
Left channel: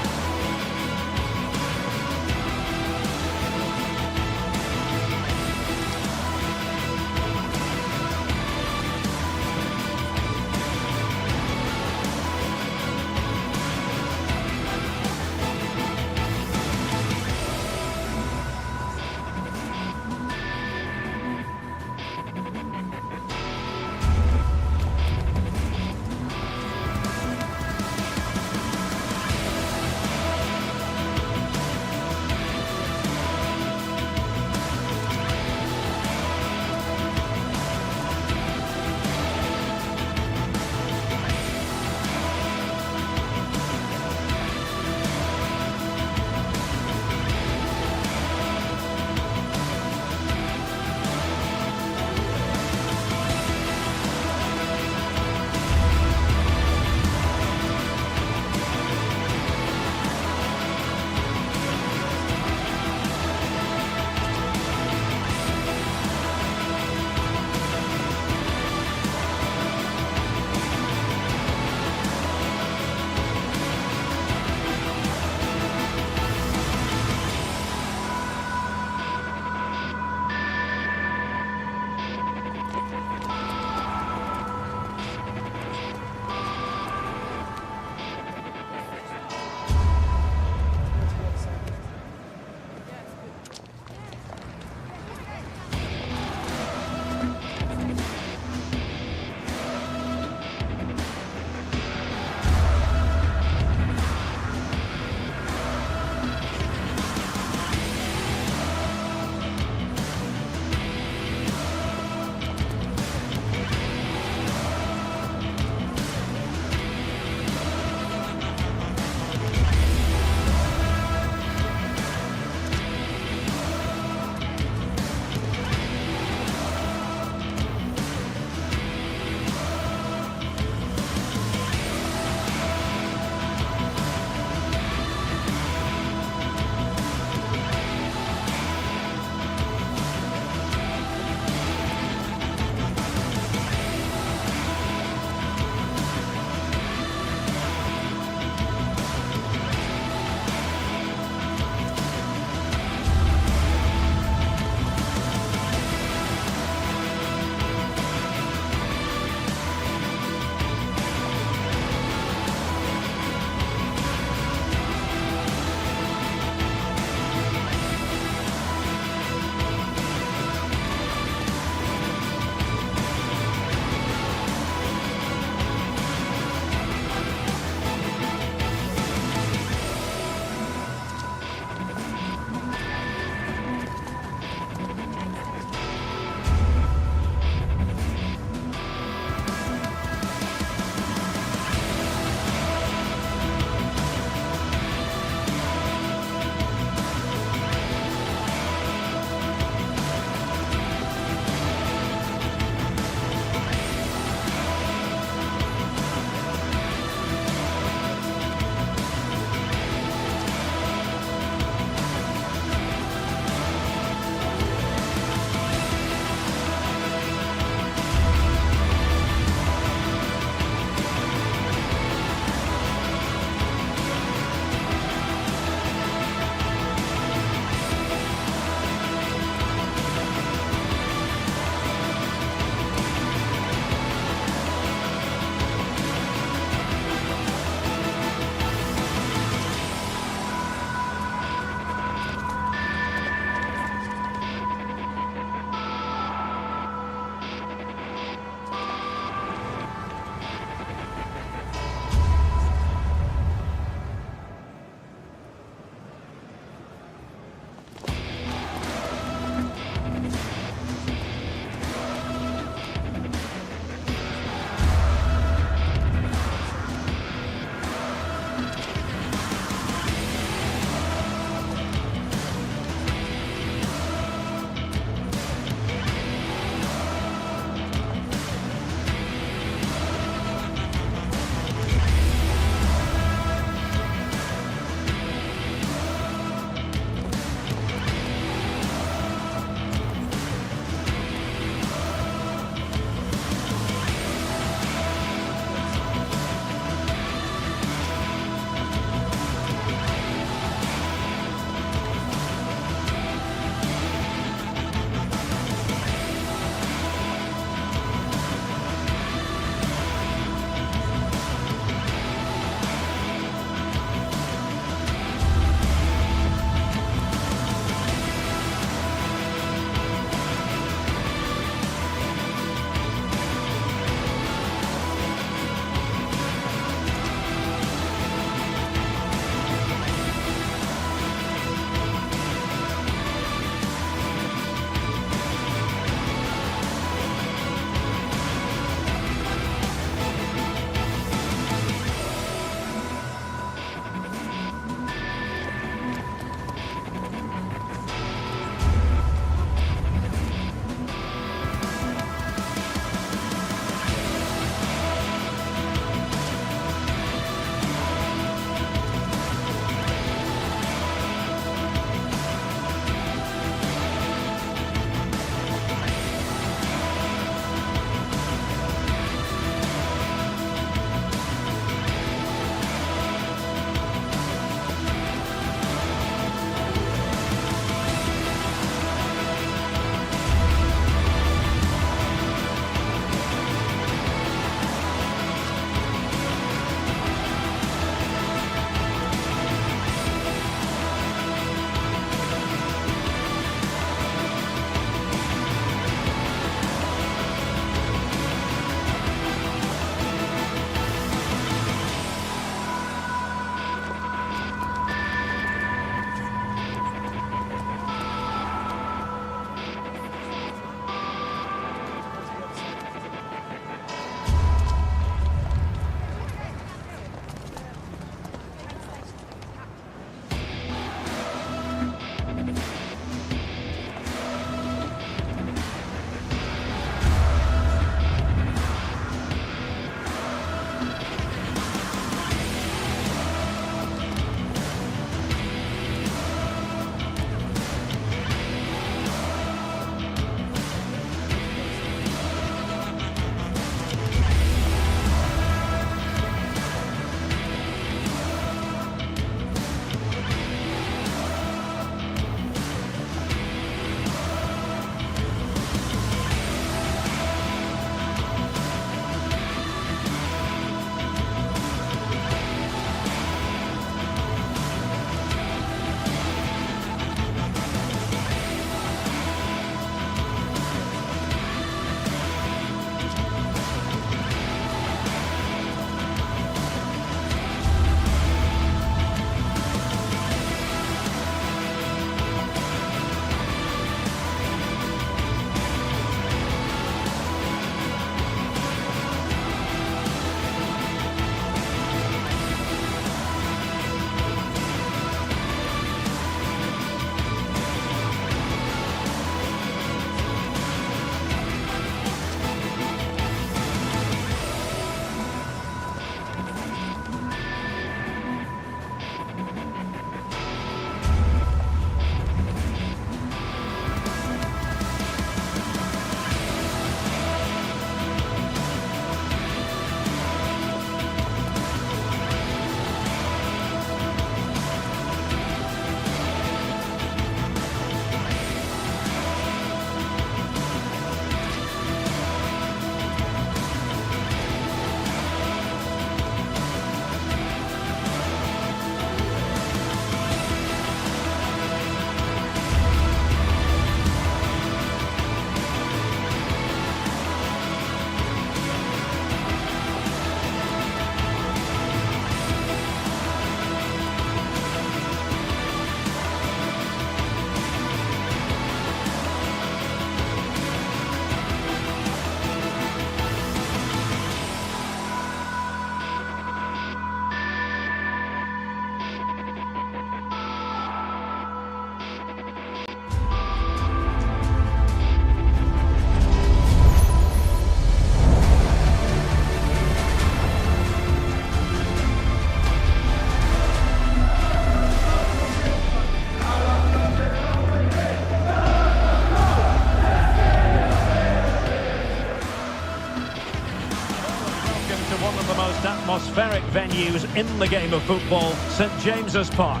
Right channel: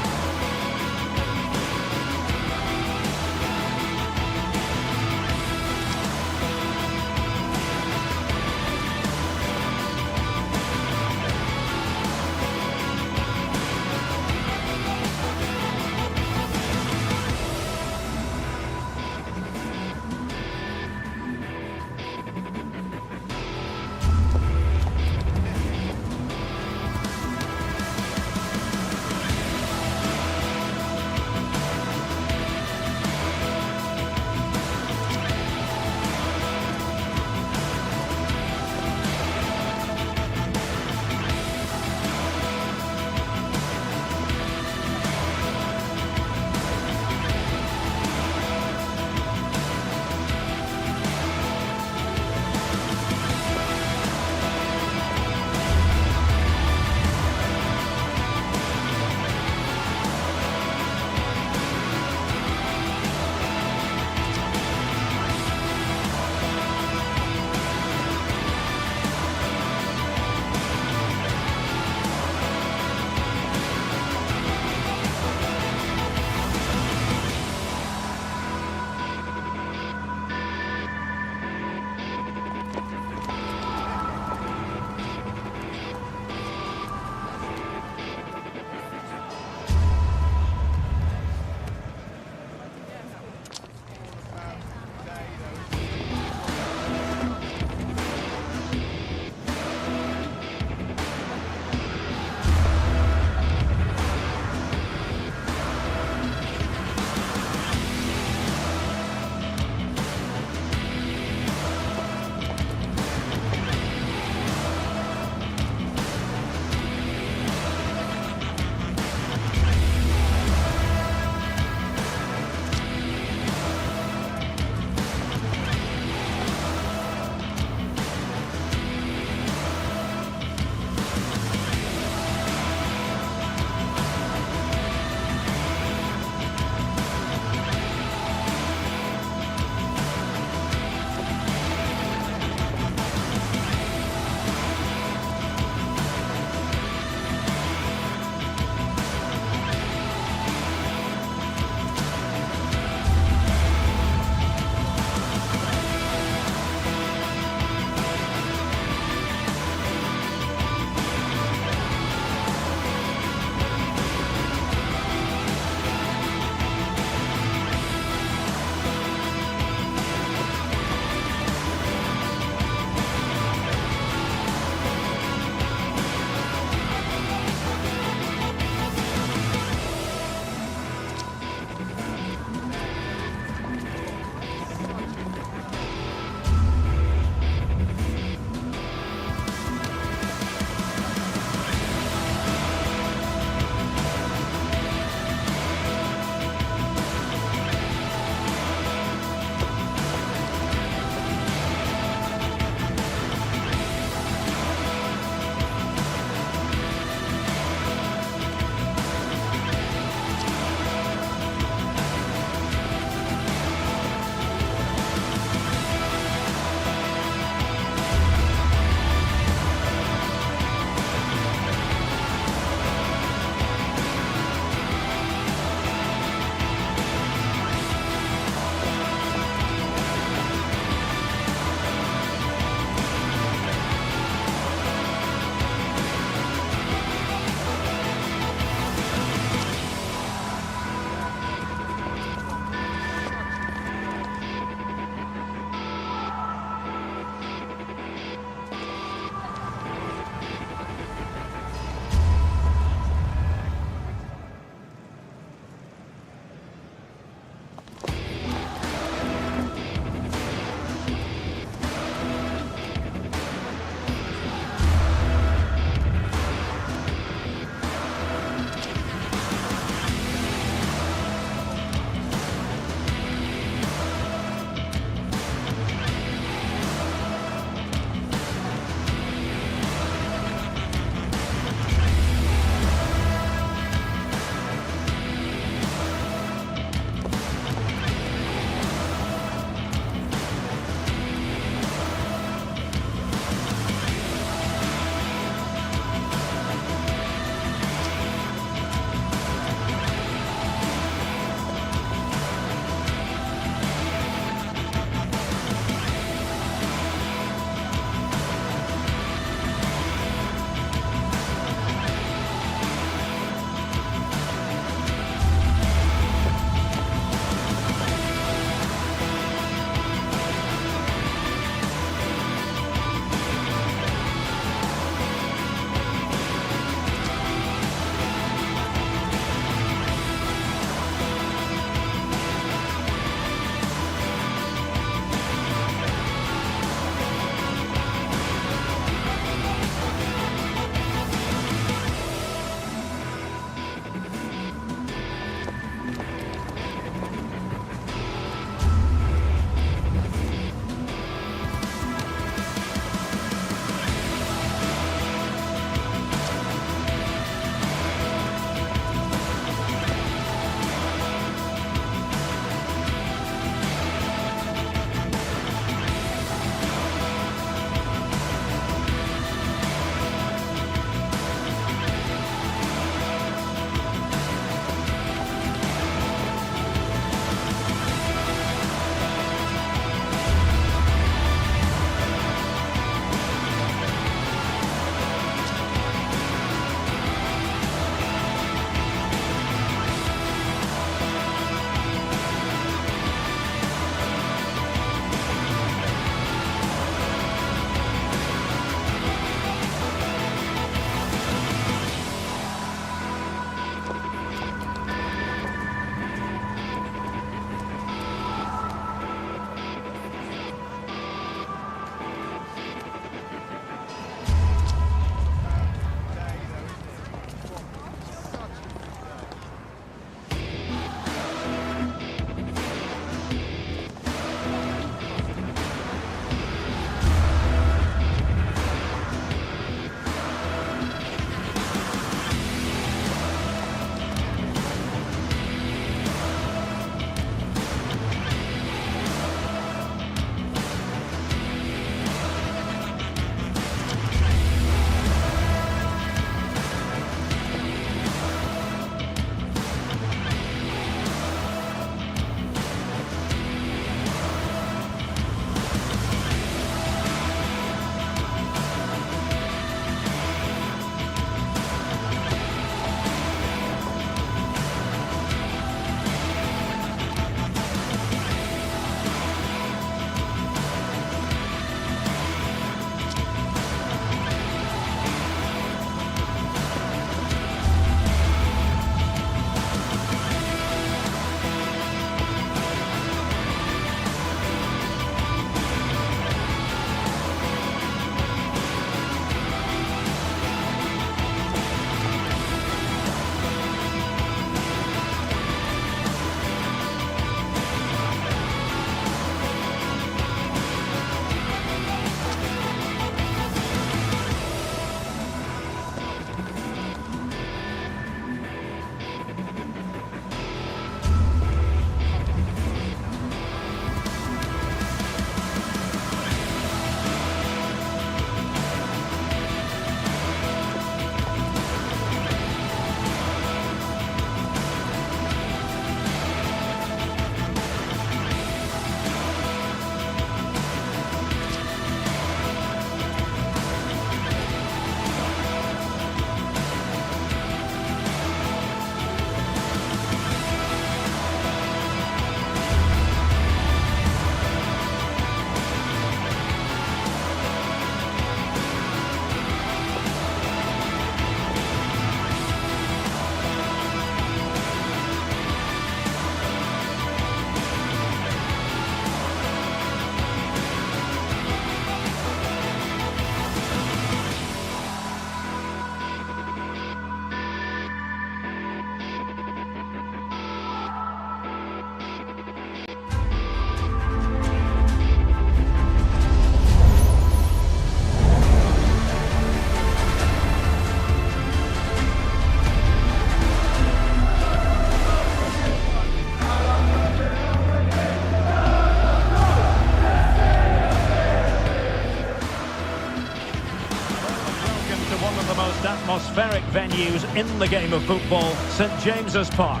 to one of the most atmospheric venues in the game of football, St James's Park.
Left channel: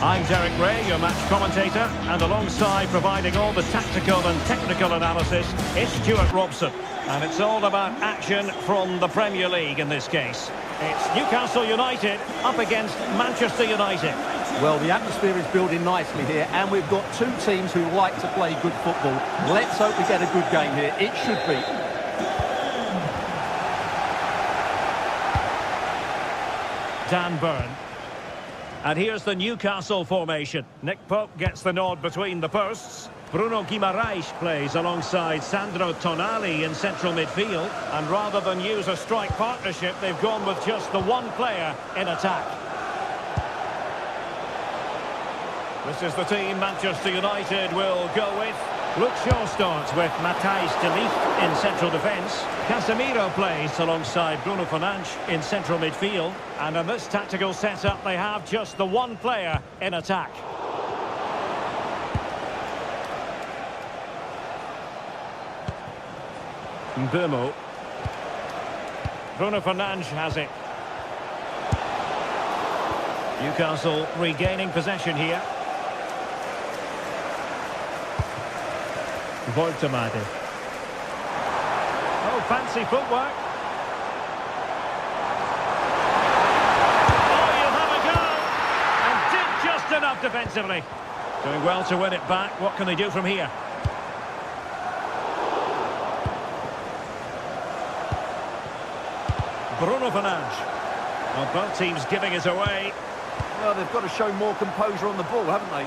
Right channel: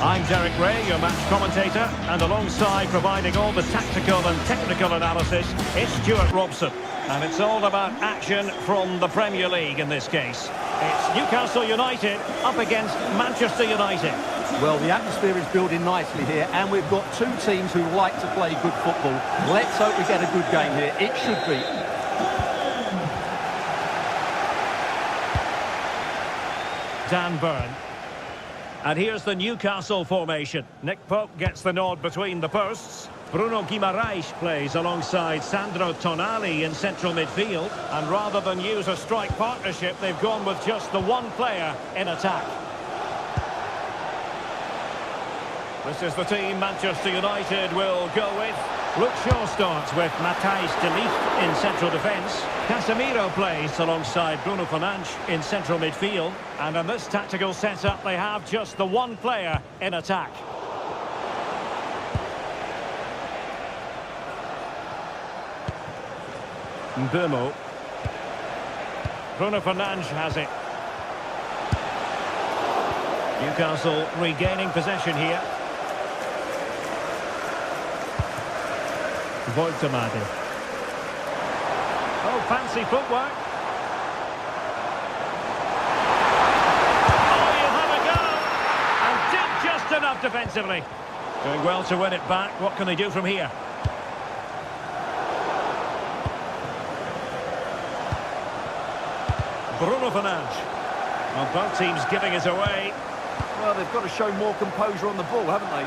I'm Derek Ray, your match commentator, and alongside providing all the tactical and technical analysis, it's Stuart Robson. And it's all about action from the Premier League in this case. It's Newcastle United up against Manchester United. Well, the atmosphere is building nicely here, and we've got two teams who like to play good football. Let's hope we get a good game here. It should be. Dan Burn. And here's the Newcastle formation. Nick Pope gets the nod between the posts. Bruno Guimaraes plays alongside Sandro Tonali in central midfield. And rather than use a strike partnership, they've gone with just the one player in attack. This is the team Manchester United will go with. Luke Shaw starts with Matthijs de Ligt in central defence. Casemiro plays alongside Bruno Fernandes in central midfield. And in this tactical setup, they have just the one player in attack. Mbeumo. Bruno Fernandes has it. Newcastle regaining possession here. Voltemade. Oh, fancy footwork. Oh, you'll have a go. And did just enough defensively. Doing well to win it back. What can they do from here? Bruno Fernandes. Well, both teams giving it away. Well, they've got to show more composure on the ball, haven't they?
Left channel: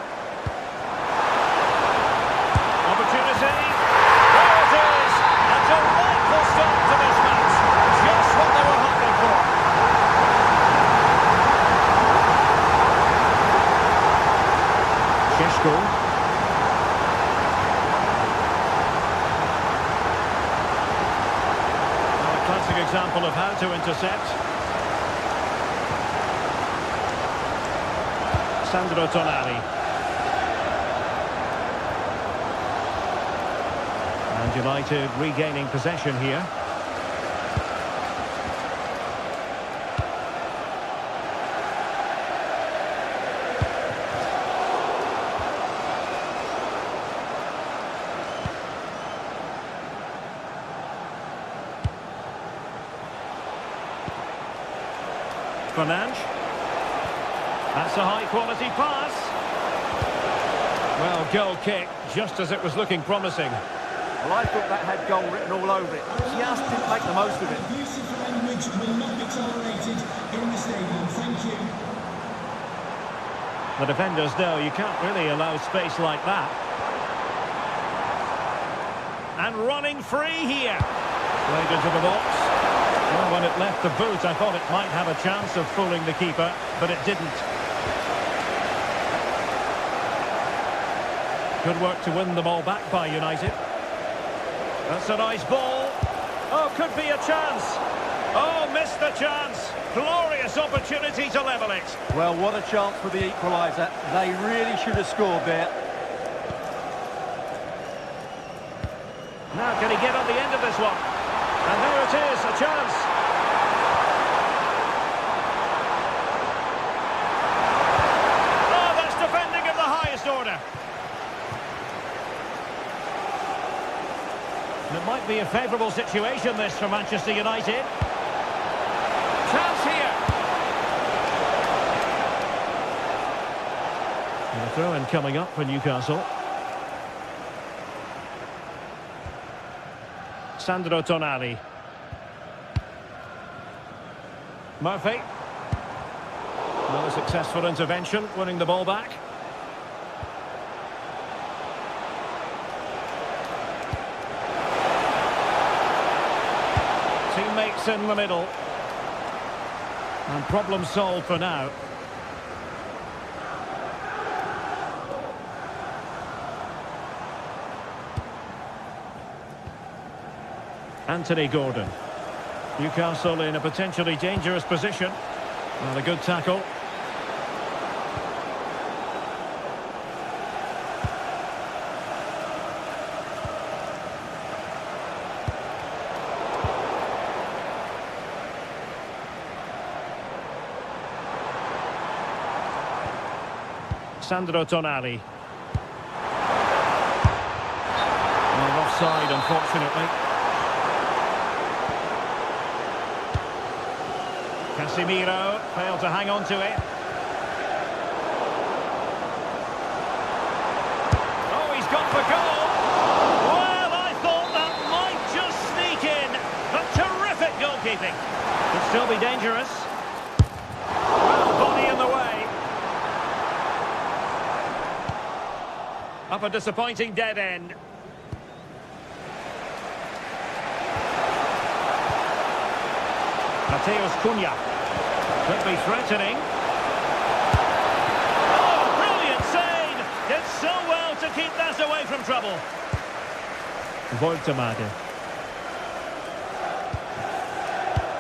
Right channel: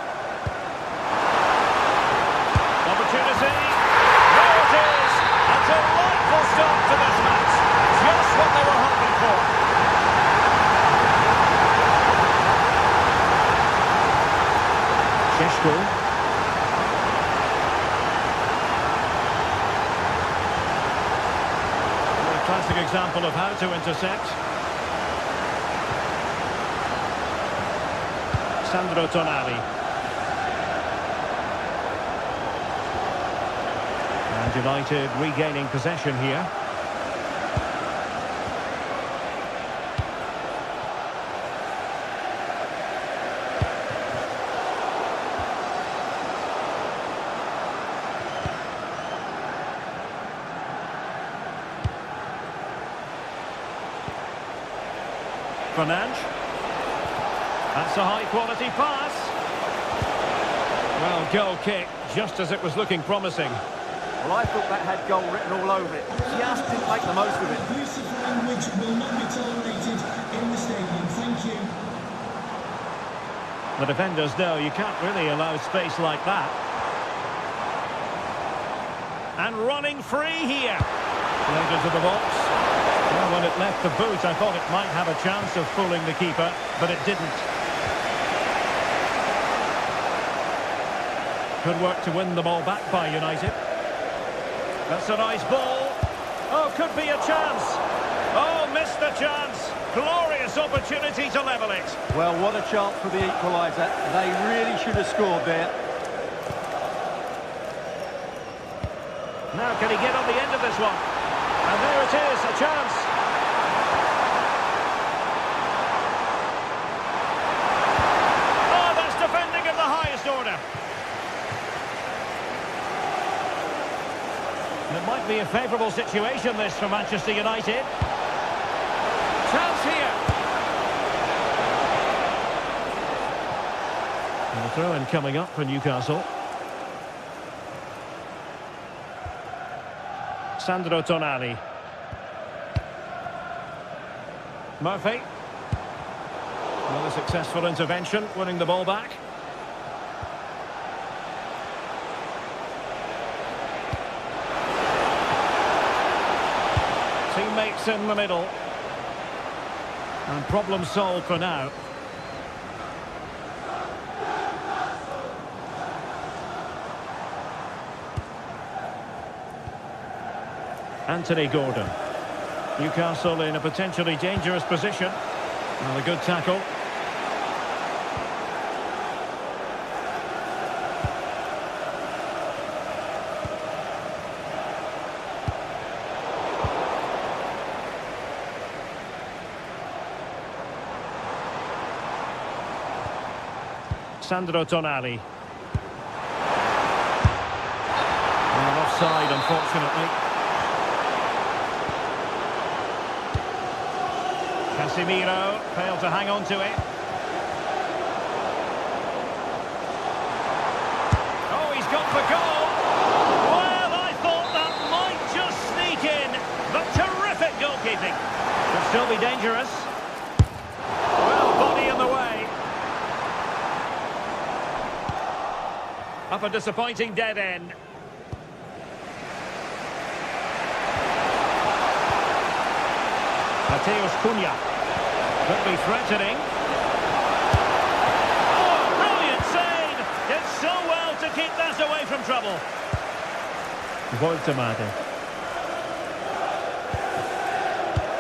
Opportunity. There it is. A delightful start to this match. Just what they were hoping for. Šeško. A classic example of how to intercept. Sandro Tonali. And United regaining possession here. Fernandes. That's a high-quality pass. Well, goal kick, just as it was looking promising. Well, I thought that had goal written all over it. Just didn't make the most of it. Abusive language will not be tolerated in the stadium. Thank you. The defenders know you can't really allow space like that. And running free here. Played into the box. Well, when it left the boot, I thought it might have a chance of fooling the keeper, but it didn't. Good work to win the ball back by United. That's a nice ball. Oh, could be a chance. Oh, missed the chance. Glorious opportunity to level it. Well, what a chance for the equaliser. They really should have scored there. Now, can he get on the end of this one? And there it is, a chance. Oh, that's defending of the highest order. And it might be a favourable situation, this, for Manchester United. Chance here. And a throw-in coming up for Newcastle. Sandro Tonali. Murphy. Another successful intervention, winning the ball back. Teammates in the middle. And problem solved for now. Anthony Gordon. Newcastle in a potentially dangerous position. Well, a good tackle. Sandro Tonali. Well, offside, unfortunately. Casemiro failed to hang on to it. Oh, he's gone for goal. Well, I thought that might just sneak in. But terrific goalkeeping. Could still be dangerous. Well, body in the way. Up a disappointing dead end. Mateus Cunha. Could be threatening. Oh, brilliant save! Did so well to keep that away from trouble. Woltemade.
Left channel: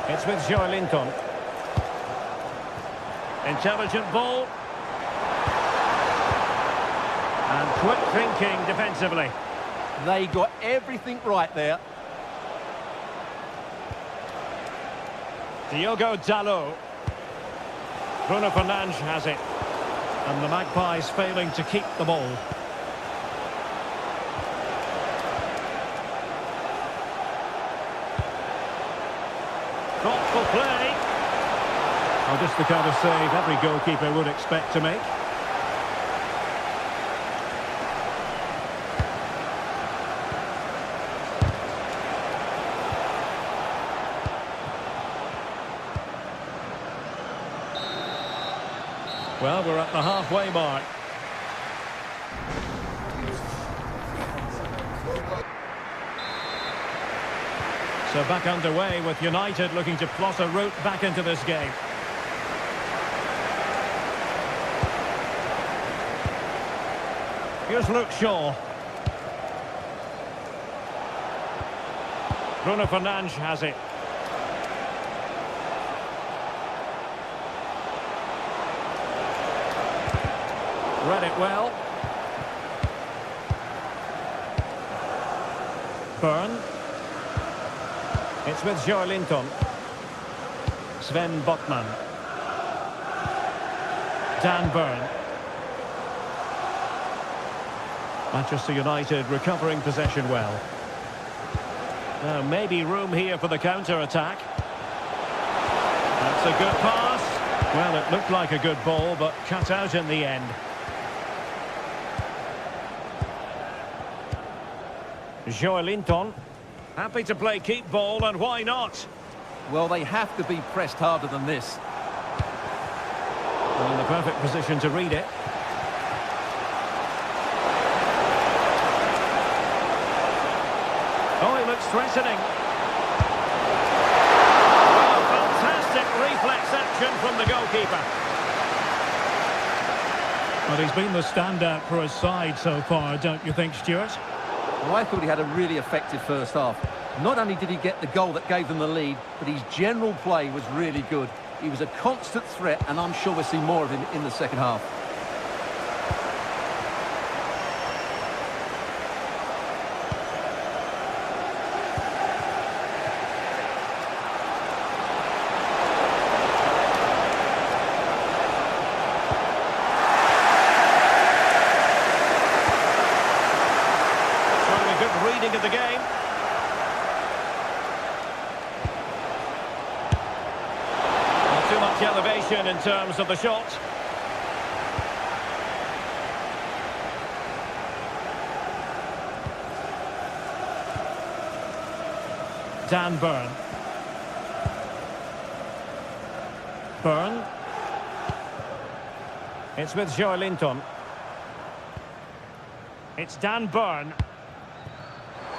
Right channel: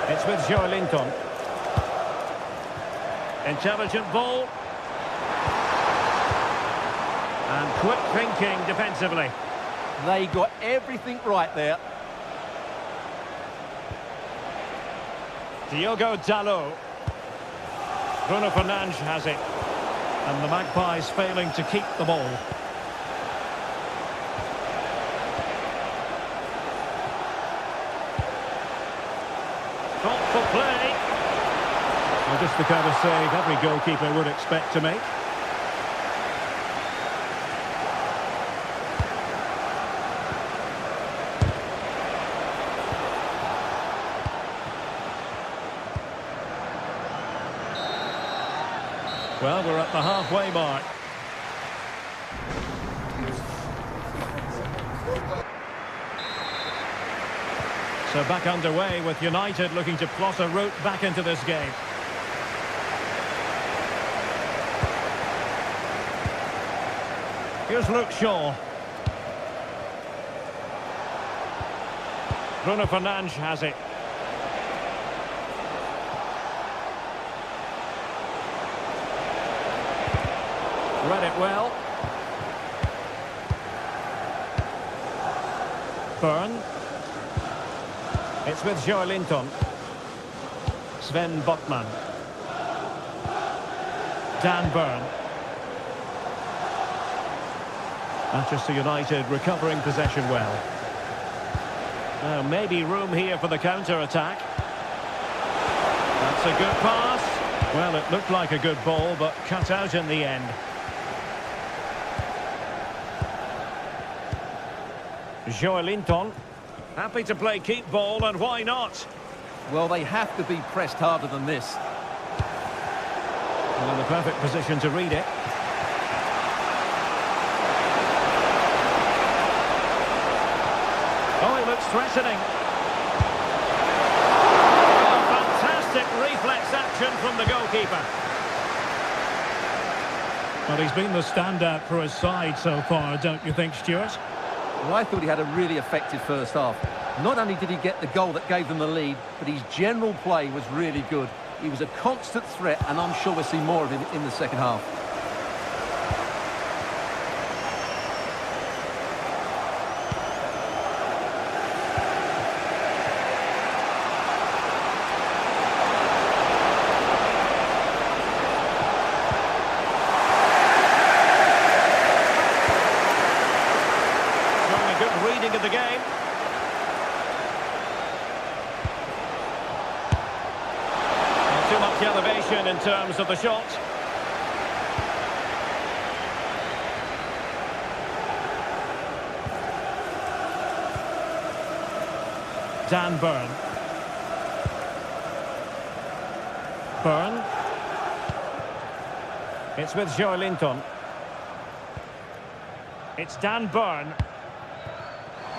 It's with Joelinton. Intelligent ball. And quick thinking defensively. They got everything right there. Diogo Dalot. Bruno Fernandes has it. And the Magpies failing to keep the ball. Thoughtful play. Well, just the kind of save every goalkeeper would expect to make. Well, we're at the halfway mark. So back underway with United looking to plot a route back into this game. Here's Luke Shaw. Bruno Fernandes has it. Read it well. Byrne. It's with Joelinton. Sven Botman. Dan Byrne. Manchester United recovering possession well. Now maybe room here for the counter-attack. That's a good pass. Well, it looked like a good ball, but cut out in the end. Joelinton, happy to play keep ball, and why not? Well, they have to be pressed harder than this. Well, in the perfect position to read it. Oh, he looks threatening. Oh, fantastic reflex action from the goalkeeper. Well, he's been the standout for his side so far, don't you think, Stuart? Well, I thought he had a really effective first half. Not only did he get the goal that gave them the lead, but his general play was really good. He was a constant threat, and I'm sure we'll see more of him in the second half. Showing a good reading of the game. Not too much elevation in terms of the shot. Dan Byrne. Byrne. It's with Joelinton. It's Dan Byrne.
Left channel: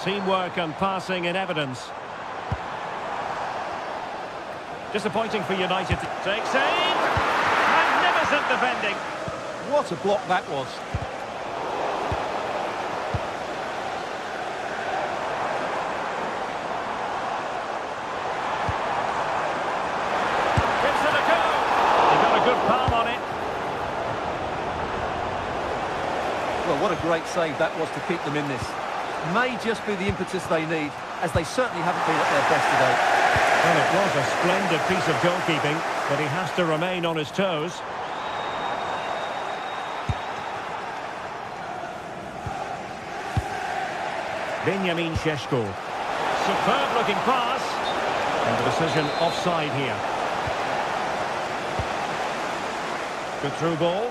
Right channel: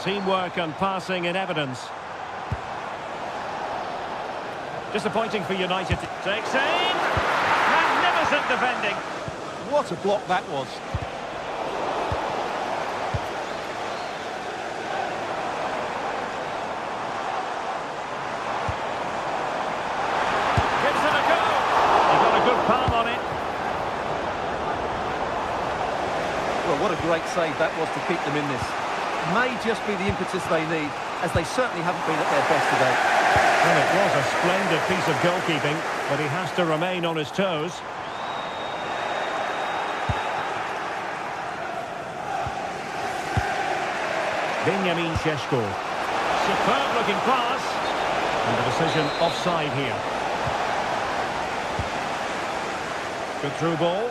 Teamwork and passing in evidence. Disappointing for United. Takes aim. Magnificent defending. What a block that was. Gives it a go. He got a good palm on it. Well, what a great save that was to keep them in this. May just be the impetus they need, as they certainly haven't been at their best today. Well, it was a splendid piece of goalkeeping, but he has to remain on his toes. Benjamin Šeško. Superb looking pass. And the decision offside here. Good through ball.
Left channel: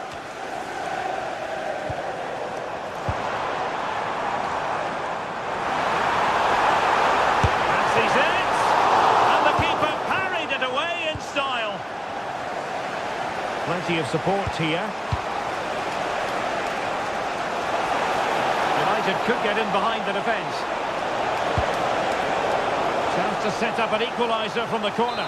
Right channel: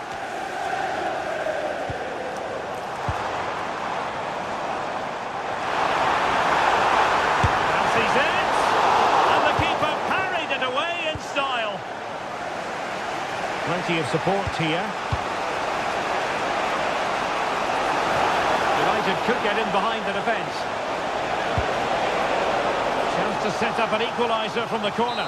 Fancies it. And the keeper parried it away in style. Plenty of support here. United could get in behind the defence. Chance to set up an equaliser from the corner.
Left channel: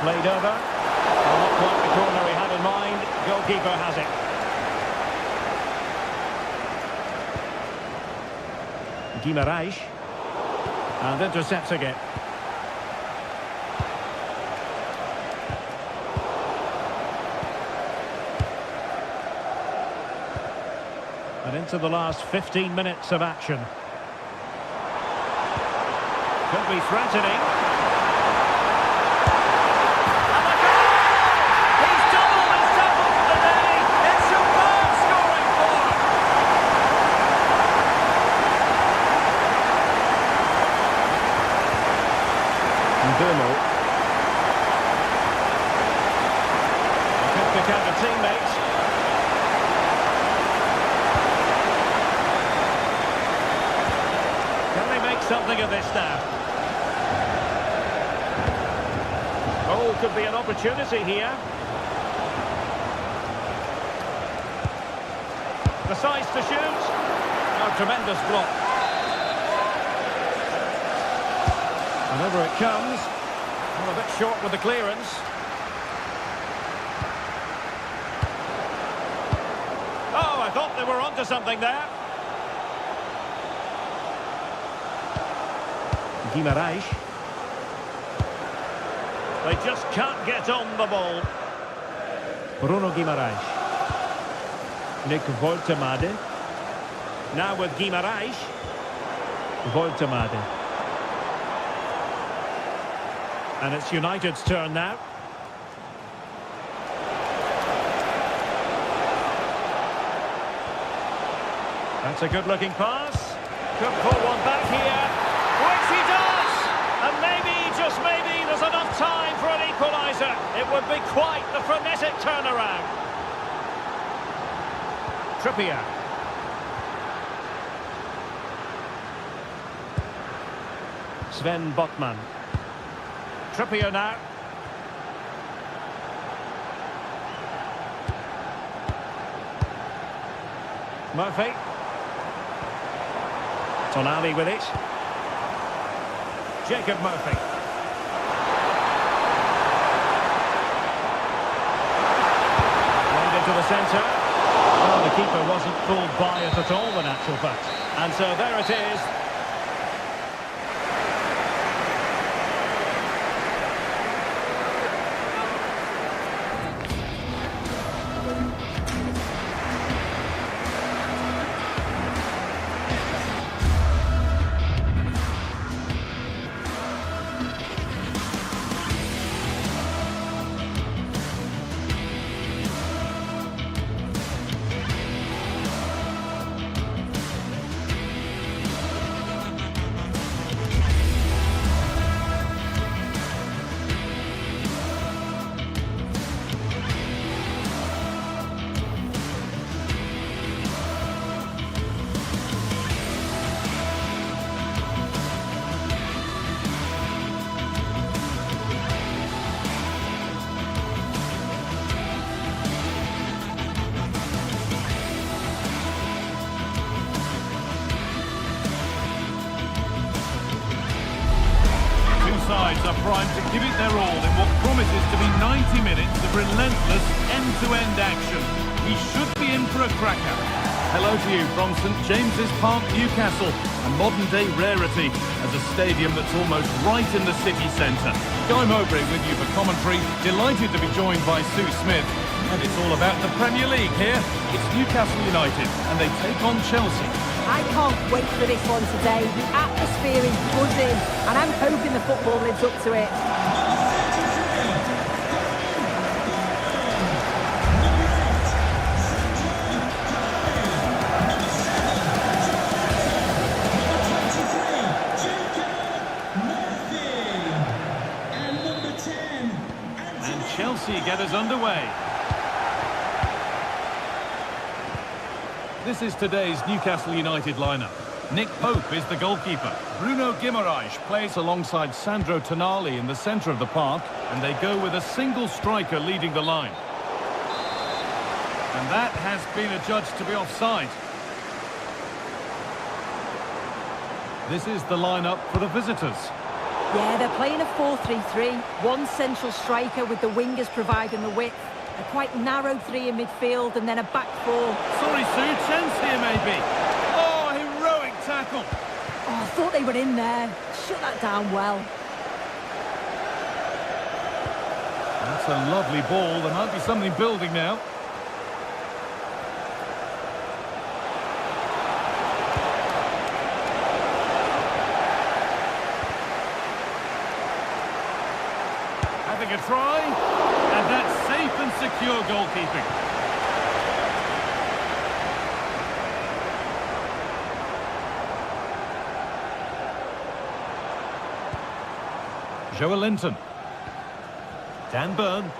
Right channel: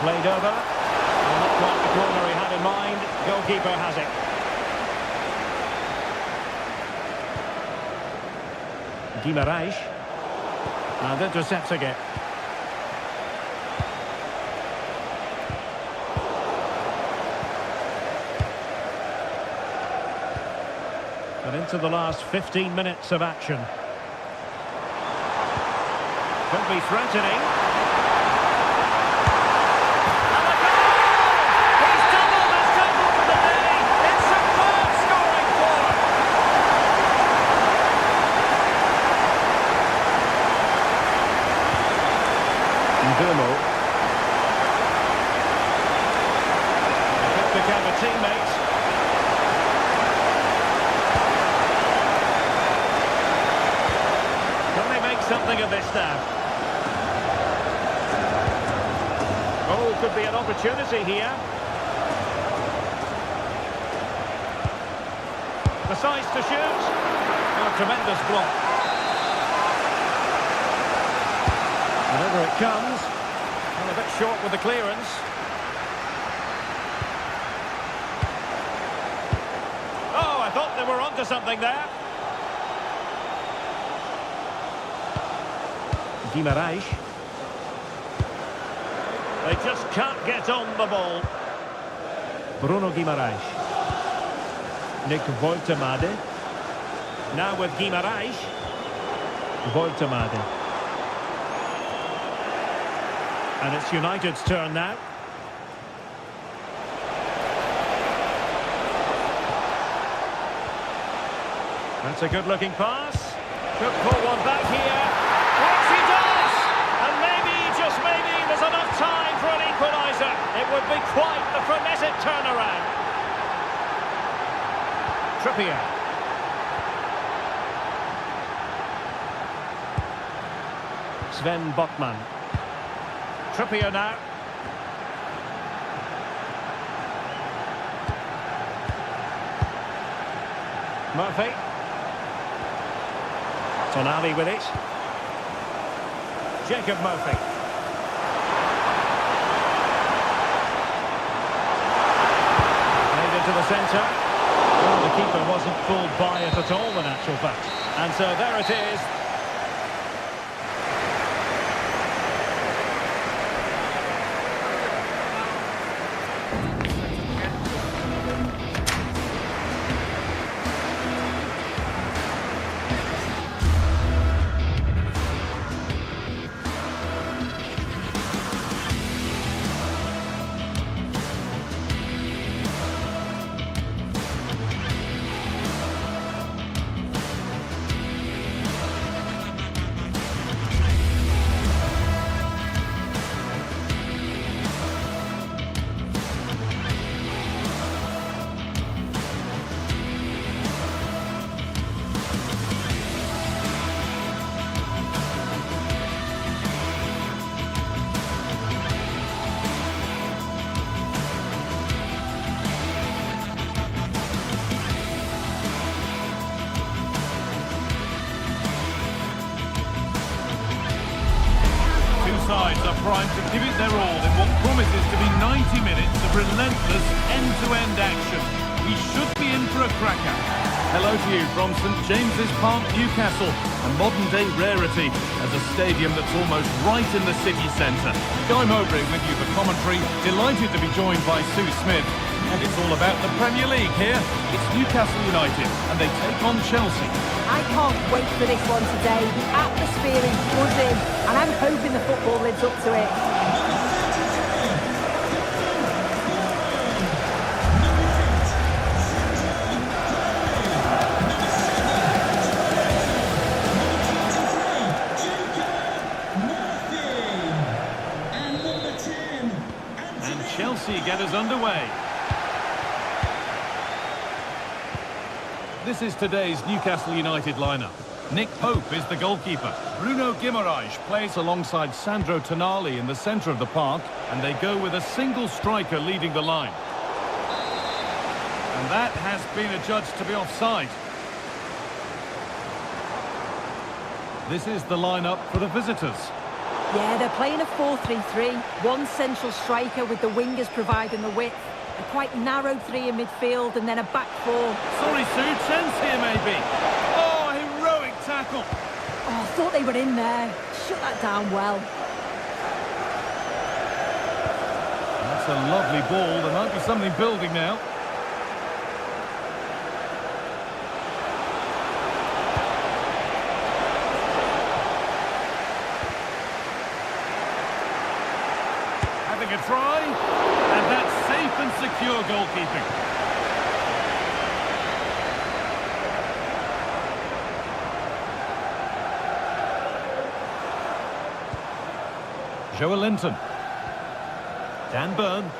Played over. Well, not quite the corner he had in mind. Goalkeeper has it. Guimarães. And intercepts again. And into the last 15 minutes of action. Could be threatening. And a goal! He's doubled his total for the day. It's superb scoring form. Ndumo. He could pick out a teammate. Can they make something of this now? Oh, could be an opportunity here. The size to shoot. Oh, tremendous block. And over it comes. Well, a bit short with the clearance. Oh, I thought they were onto something there. Guimarães. They just can't get on the ball. Bruno Guimarães. Nick Woltemade. Now with Guimarães. Woltemade. And it's United's turn now. That's a good-looking pass. Could pull one back here. Which he does! And maybe, just maybe, there's enough time for an equaliser. It would be quite the frenetic turnaround. Trippier. Sven Botman. Trippier now. Murphy. Tonali with it. Jacob Murphy. Played into the centre. Well, the keeper wasn't fooled by it at all, in actual fact. And so there it is. Sides are primed to give it their all in what promises to be 90 minutes of relentless end-to-end action. We should be in for a cracker. Hello to you from St James's Park, Newcastle, a modern-day rarity as a stadium that's almost right in the city centre. Guy Mowbray with you for commentary, delighted to be joined by Sue Smith. And it's all about the Premier League here. It's Newcastle United, and they take on Chelsea. I can't wait for this one today. The atmosphere is buzzing, and I'm hoping the football lives up to it. Chelsea get us underway. This is today's Newcastle United lineup. Nick Pope is the goalkeeper. Bruno Guimaraes plays alongside Sandro Tonali in the centre of the park, and they go with a single striker leading the line. And that has been adjudged to be offside. This is the lineup for the visitors. Yeah, they're playing a 4-3-3. One central striker with the wingers providing the width. A quite narrow three in midfield and then a back four. Sorry, Sue, chance here maybe. Oh, heroic tackle. Oh, I thought they were in there. Shut that down well. That's a lovely ball. There might be something building now. Having a try, and that's safe and secure goalkeeping. Joelinton. Dan Burn.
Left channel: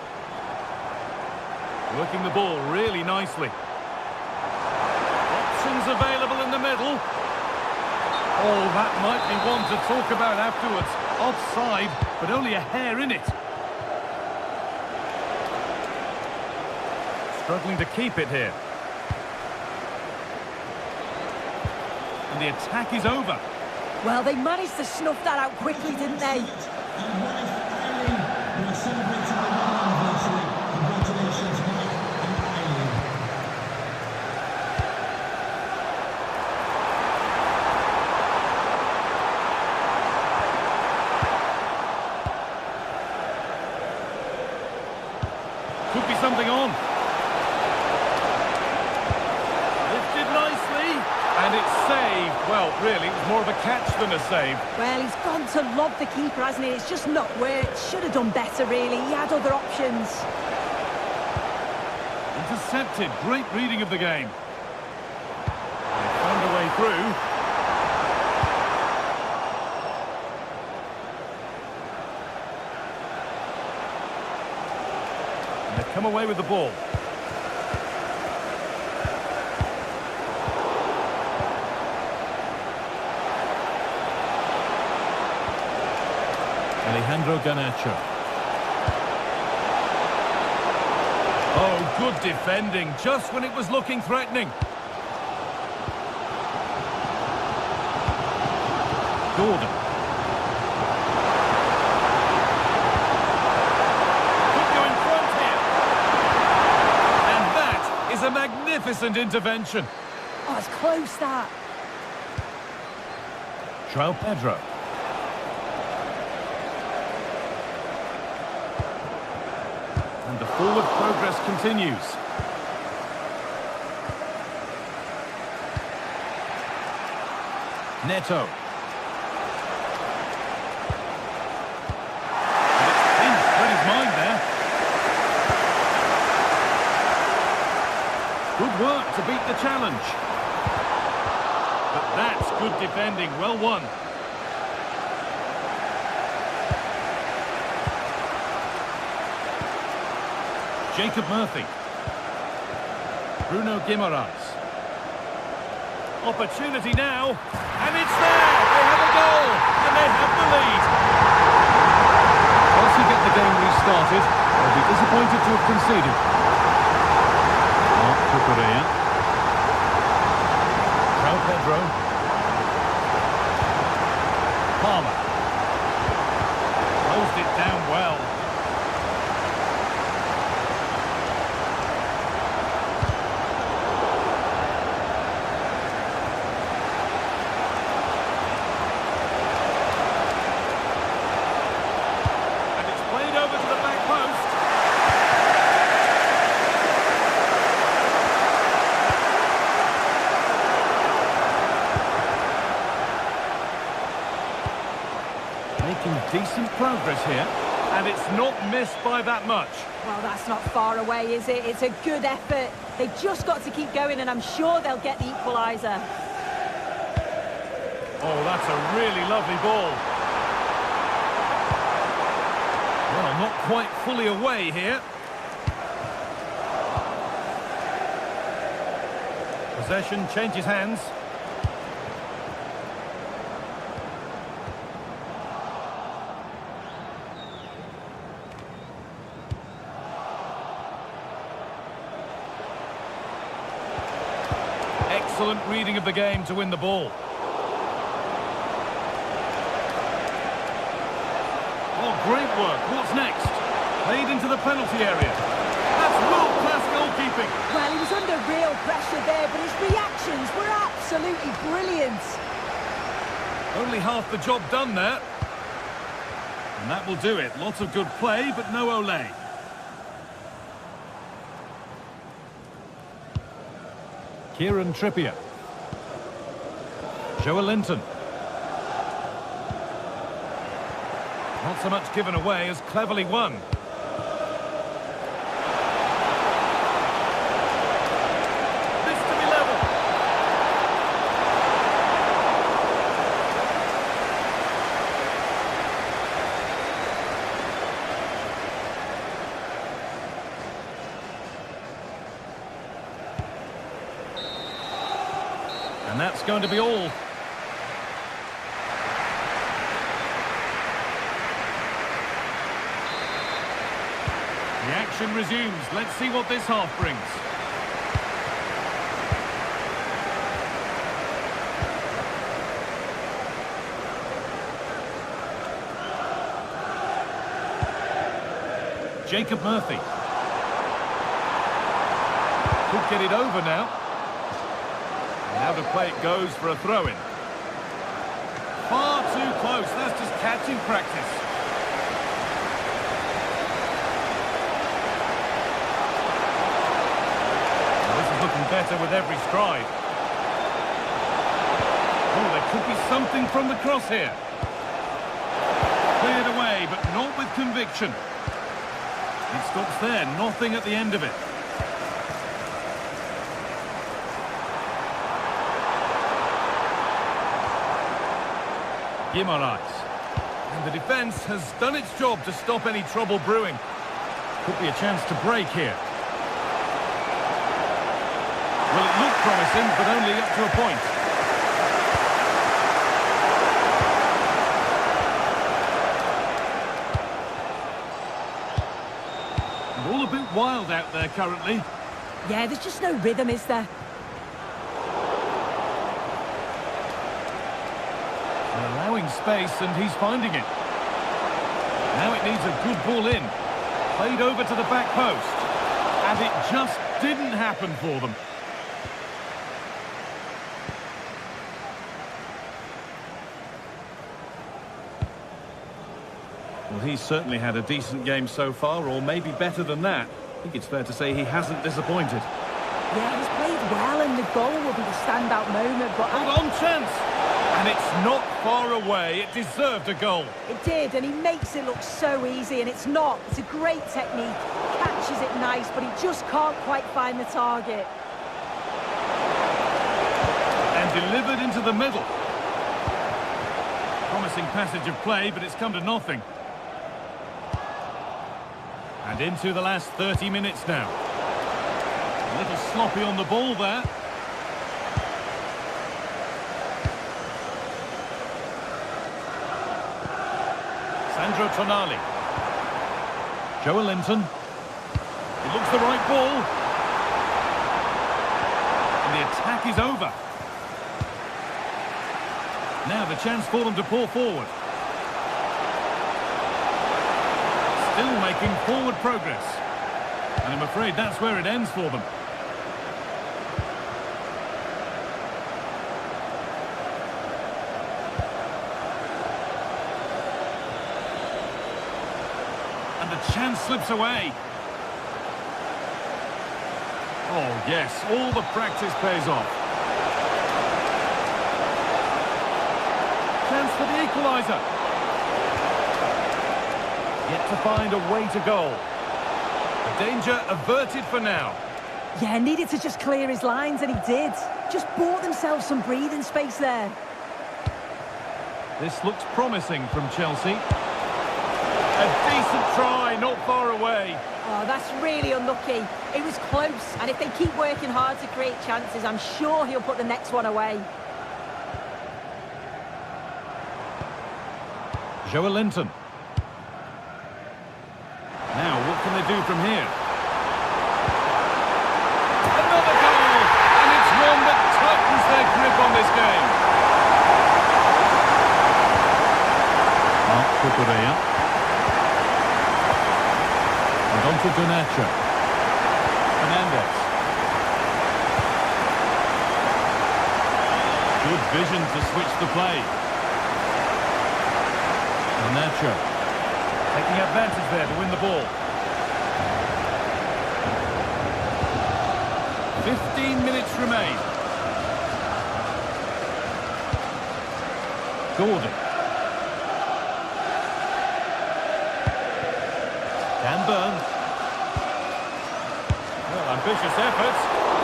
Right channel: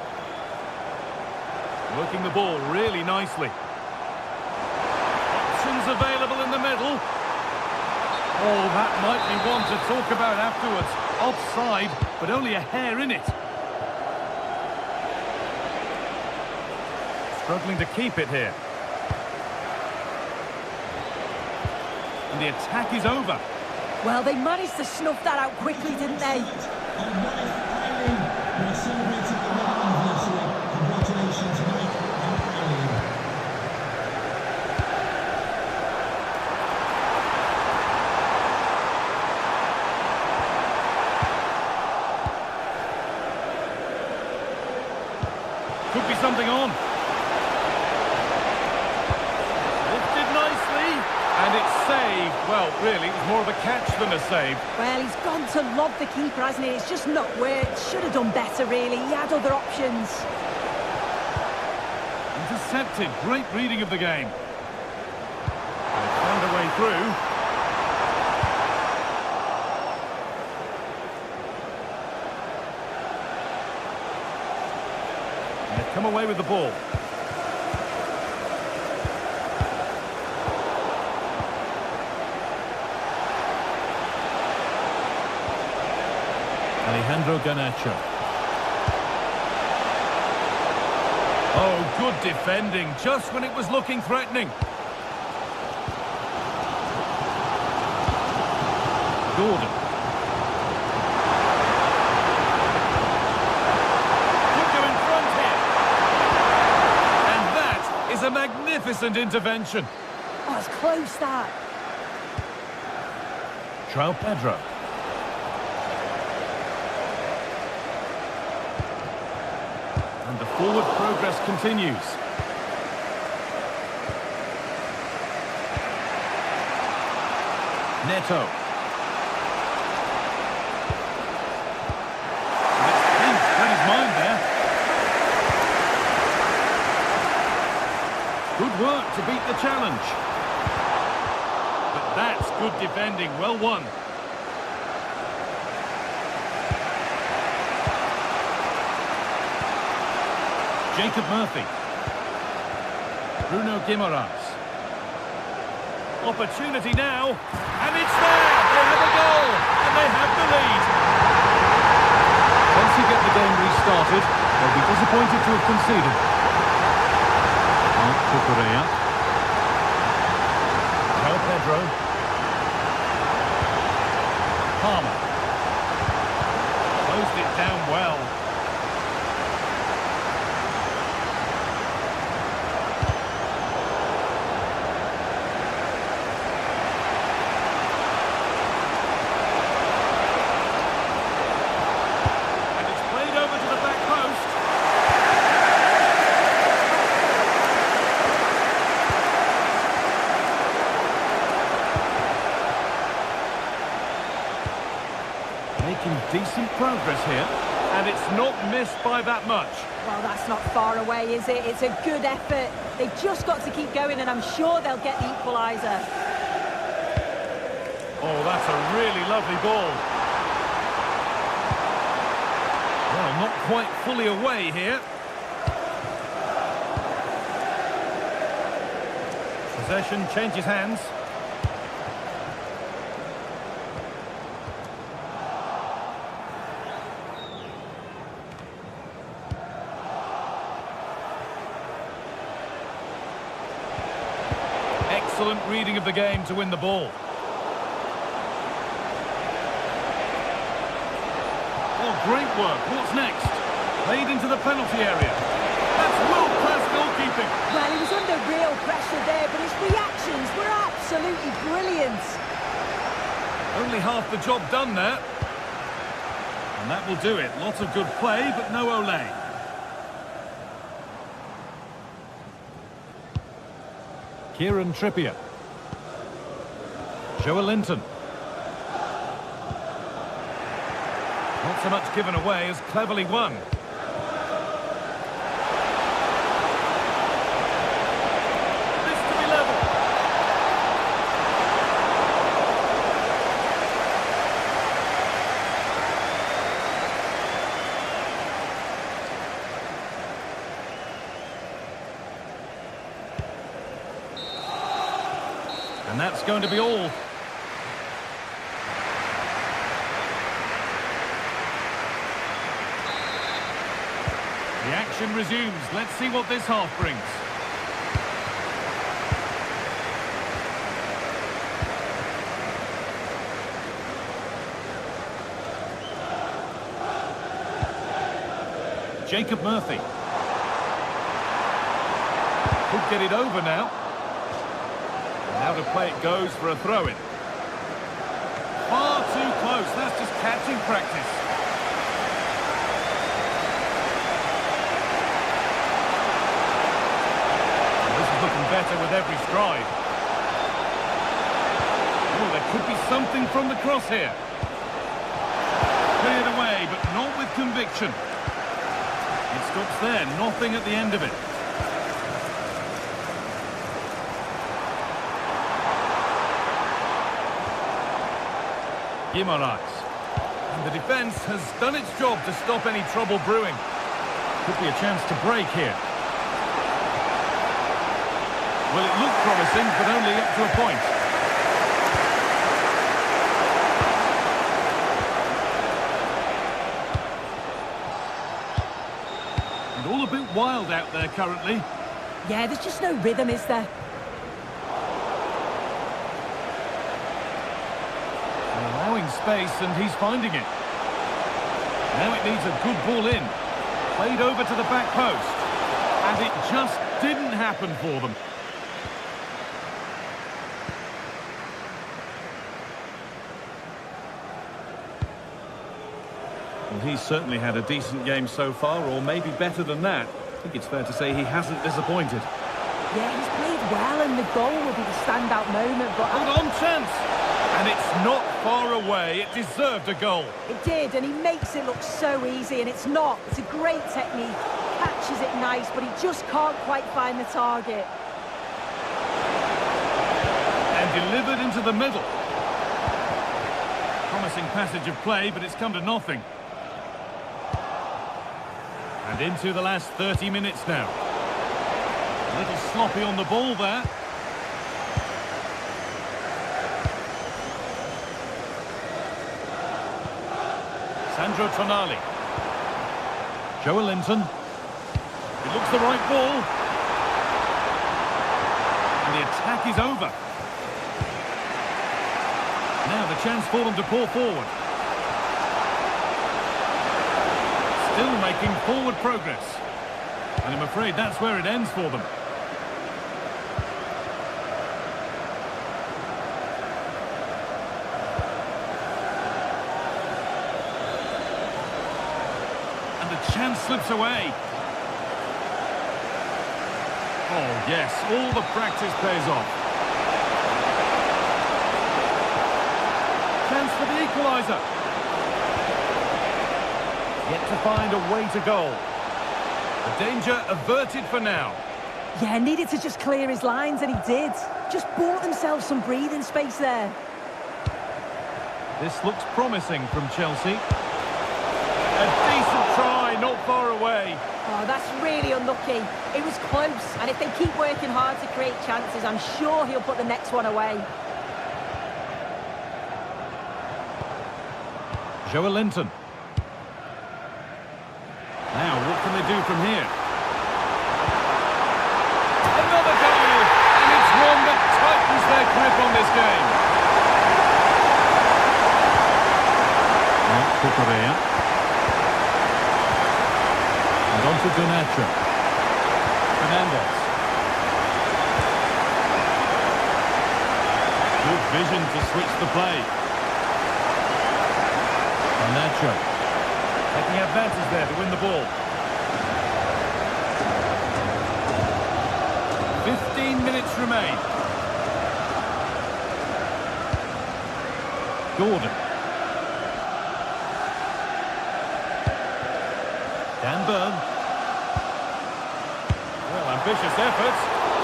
Working the ball really nicely. Options available in the middle. Oh, that might be one to talk about afterwards. Offside, but only a hair in it. Struggling to keep it here. And the attack is over. Well, they managed to snuff that out quickly, didn't they? And wife Eileen, who are celebrating the wedding anniversary. Congratulations, Mike and Eileen. Could be something on. Lifted nicely. And it's saved. Well, really, it was more of a catch than a save. Well, he's gone to lob the keeper, hasn't he? It's just not worked. Should have done better, really. He had other options. Intercepted. Great reading of the game. They found a way through. And they've come away with the ball. Alejandro Garnacho. Oh, good defending, just when it was looking threatening. Gordon. Could go in front here. And that is a magnificent intervention. Oh, it's close, that. João Pedro. And the forward progress continues. Neto. And it's pinched, read his mind there. Good work to beat the challenge. But that's good defending, well won. Jacob Murphy. Bruno Guimaraes. Opportunity now, and it's there! They have a goal, and they have the lead. Chelsea get the game restarted. They'll be disappointed to have conceded. Marc Cucurella. João Pedro. Palmer. Closed it down well. Over to the back post. Making decent progress here, and it's not missed by that much. Well, that's not far away, is it? It's a good effort. They've just got to keep going, and I'm sure they'll get the equaliser. Oh, that's a really lovely ball. Well, Well, not quite fully away here. Possession changes hands. Excellent reading of the game to win the ball. Oh, great work. What's next? Played into the penalty area. That's world-class goalkeeping. Well, he was under real pressure there, but his reactions were absolutely brilliant. Only half the job done there. And that will do it. Lots of good play, but no Olé. Kieran Trippier. Joelinton. Not so much given away as cleverly won. This to be level. And that's going to be all. The action resumes. Let's see what this half brings. Jacob Murphy. Could get it over now. And now to play it goes for a throw-in. Far too close. That's just catching practice. This is looking better with every stride. Oh, there could be something from the cross here. Cleared away, but not with conviction. It stops there, nothing at the end of it. Guimaraes. And the defence has done its job to stop any trouble brewing. Could be a chance to break here. Well, it looked promising, but only up to a point. And all a bit wild out there currently. Yeah, there's just no rhythm, is there? They're allowing space, and he's finding it. Now it needs a good ball in. Played over to the back post. And it just didn't happen for them. Well, he's certainly had a decent game so far, or maybe better than that. I think it's fair to say he hasn't disappointed. Yeah, he's played well, and the goal will be the standout moment, but... Hold on, chance! And it's not far away. It deserved a goal. It did, and he makes it look so easy, and it's not. It's a great technique. Catches it nice, but he just can't quite find the target. And delivered into the middle. Promising passage of play, but it's come to nothing. And into the last 30 minutes now. A little sloppy on the ball there. Sandro Tonali. Joelinton. It looks the right ball. And the attack is over. Now the chance for them to pour forward. Still making forward progress. And I'm afraid that's where it ends for them. And the chance slips away. Oh, yes, all the practice pays off. Chance for the equaliser. Yet to find a way to goal. The danger averted for now. Yeah, needed to just clear his lines, and he did. Just bought themselves some breathing space there. This looks promising from Chelsea. A decent try, not far away. Oh, that's really unlucky. It was close, and if they keep working hard to create chances, I'm sure he'll put the next one away. Joelinton. Now, what can they do from here? Another goal! And it's one that tightens their grip on this game. Mark Cucurella. And on to Garnacho. Fernandez. Good vision to switch the play. Garnacho. Taking advantage there to win the ball. 15 minutes remain. Gordon. Dan Burn. Well, ambitious effort.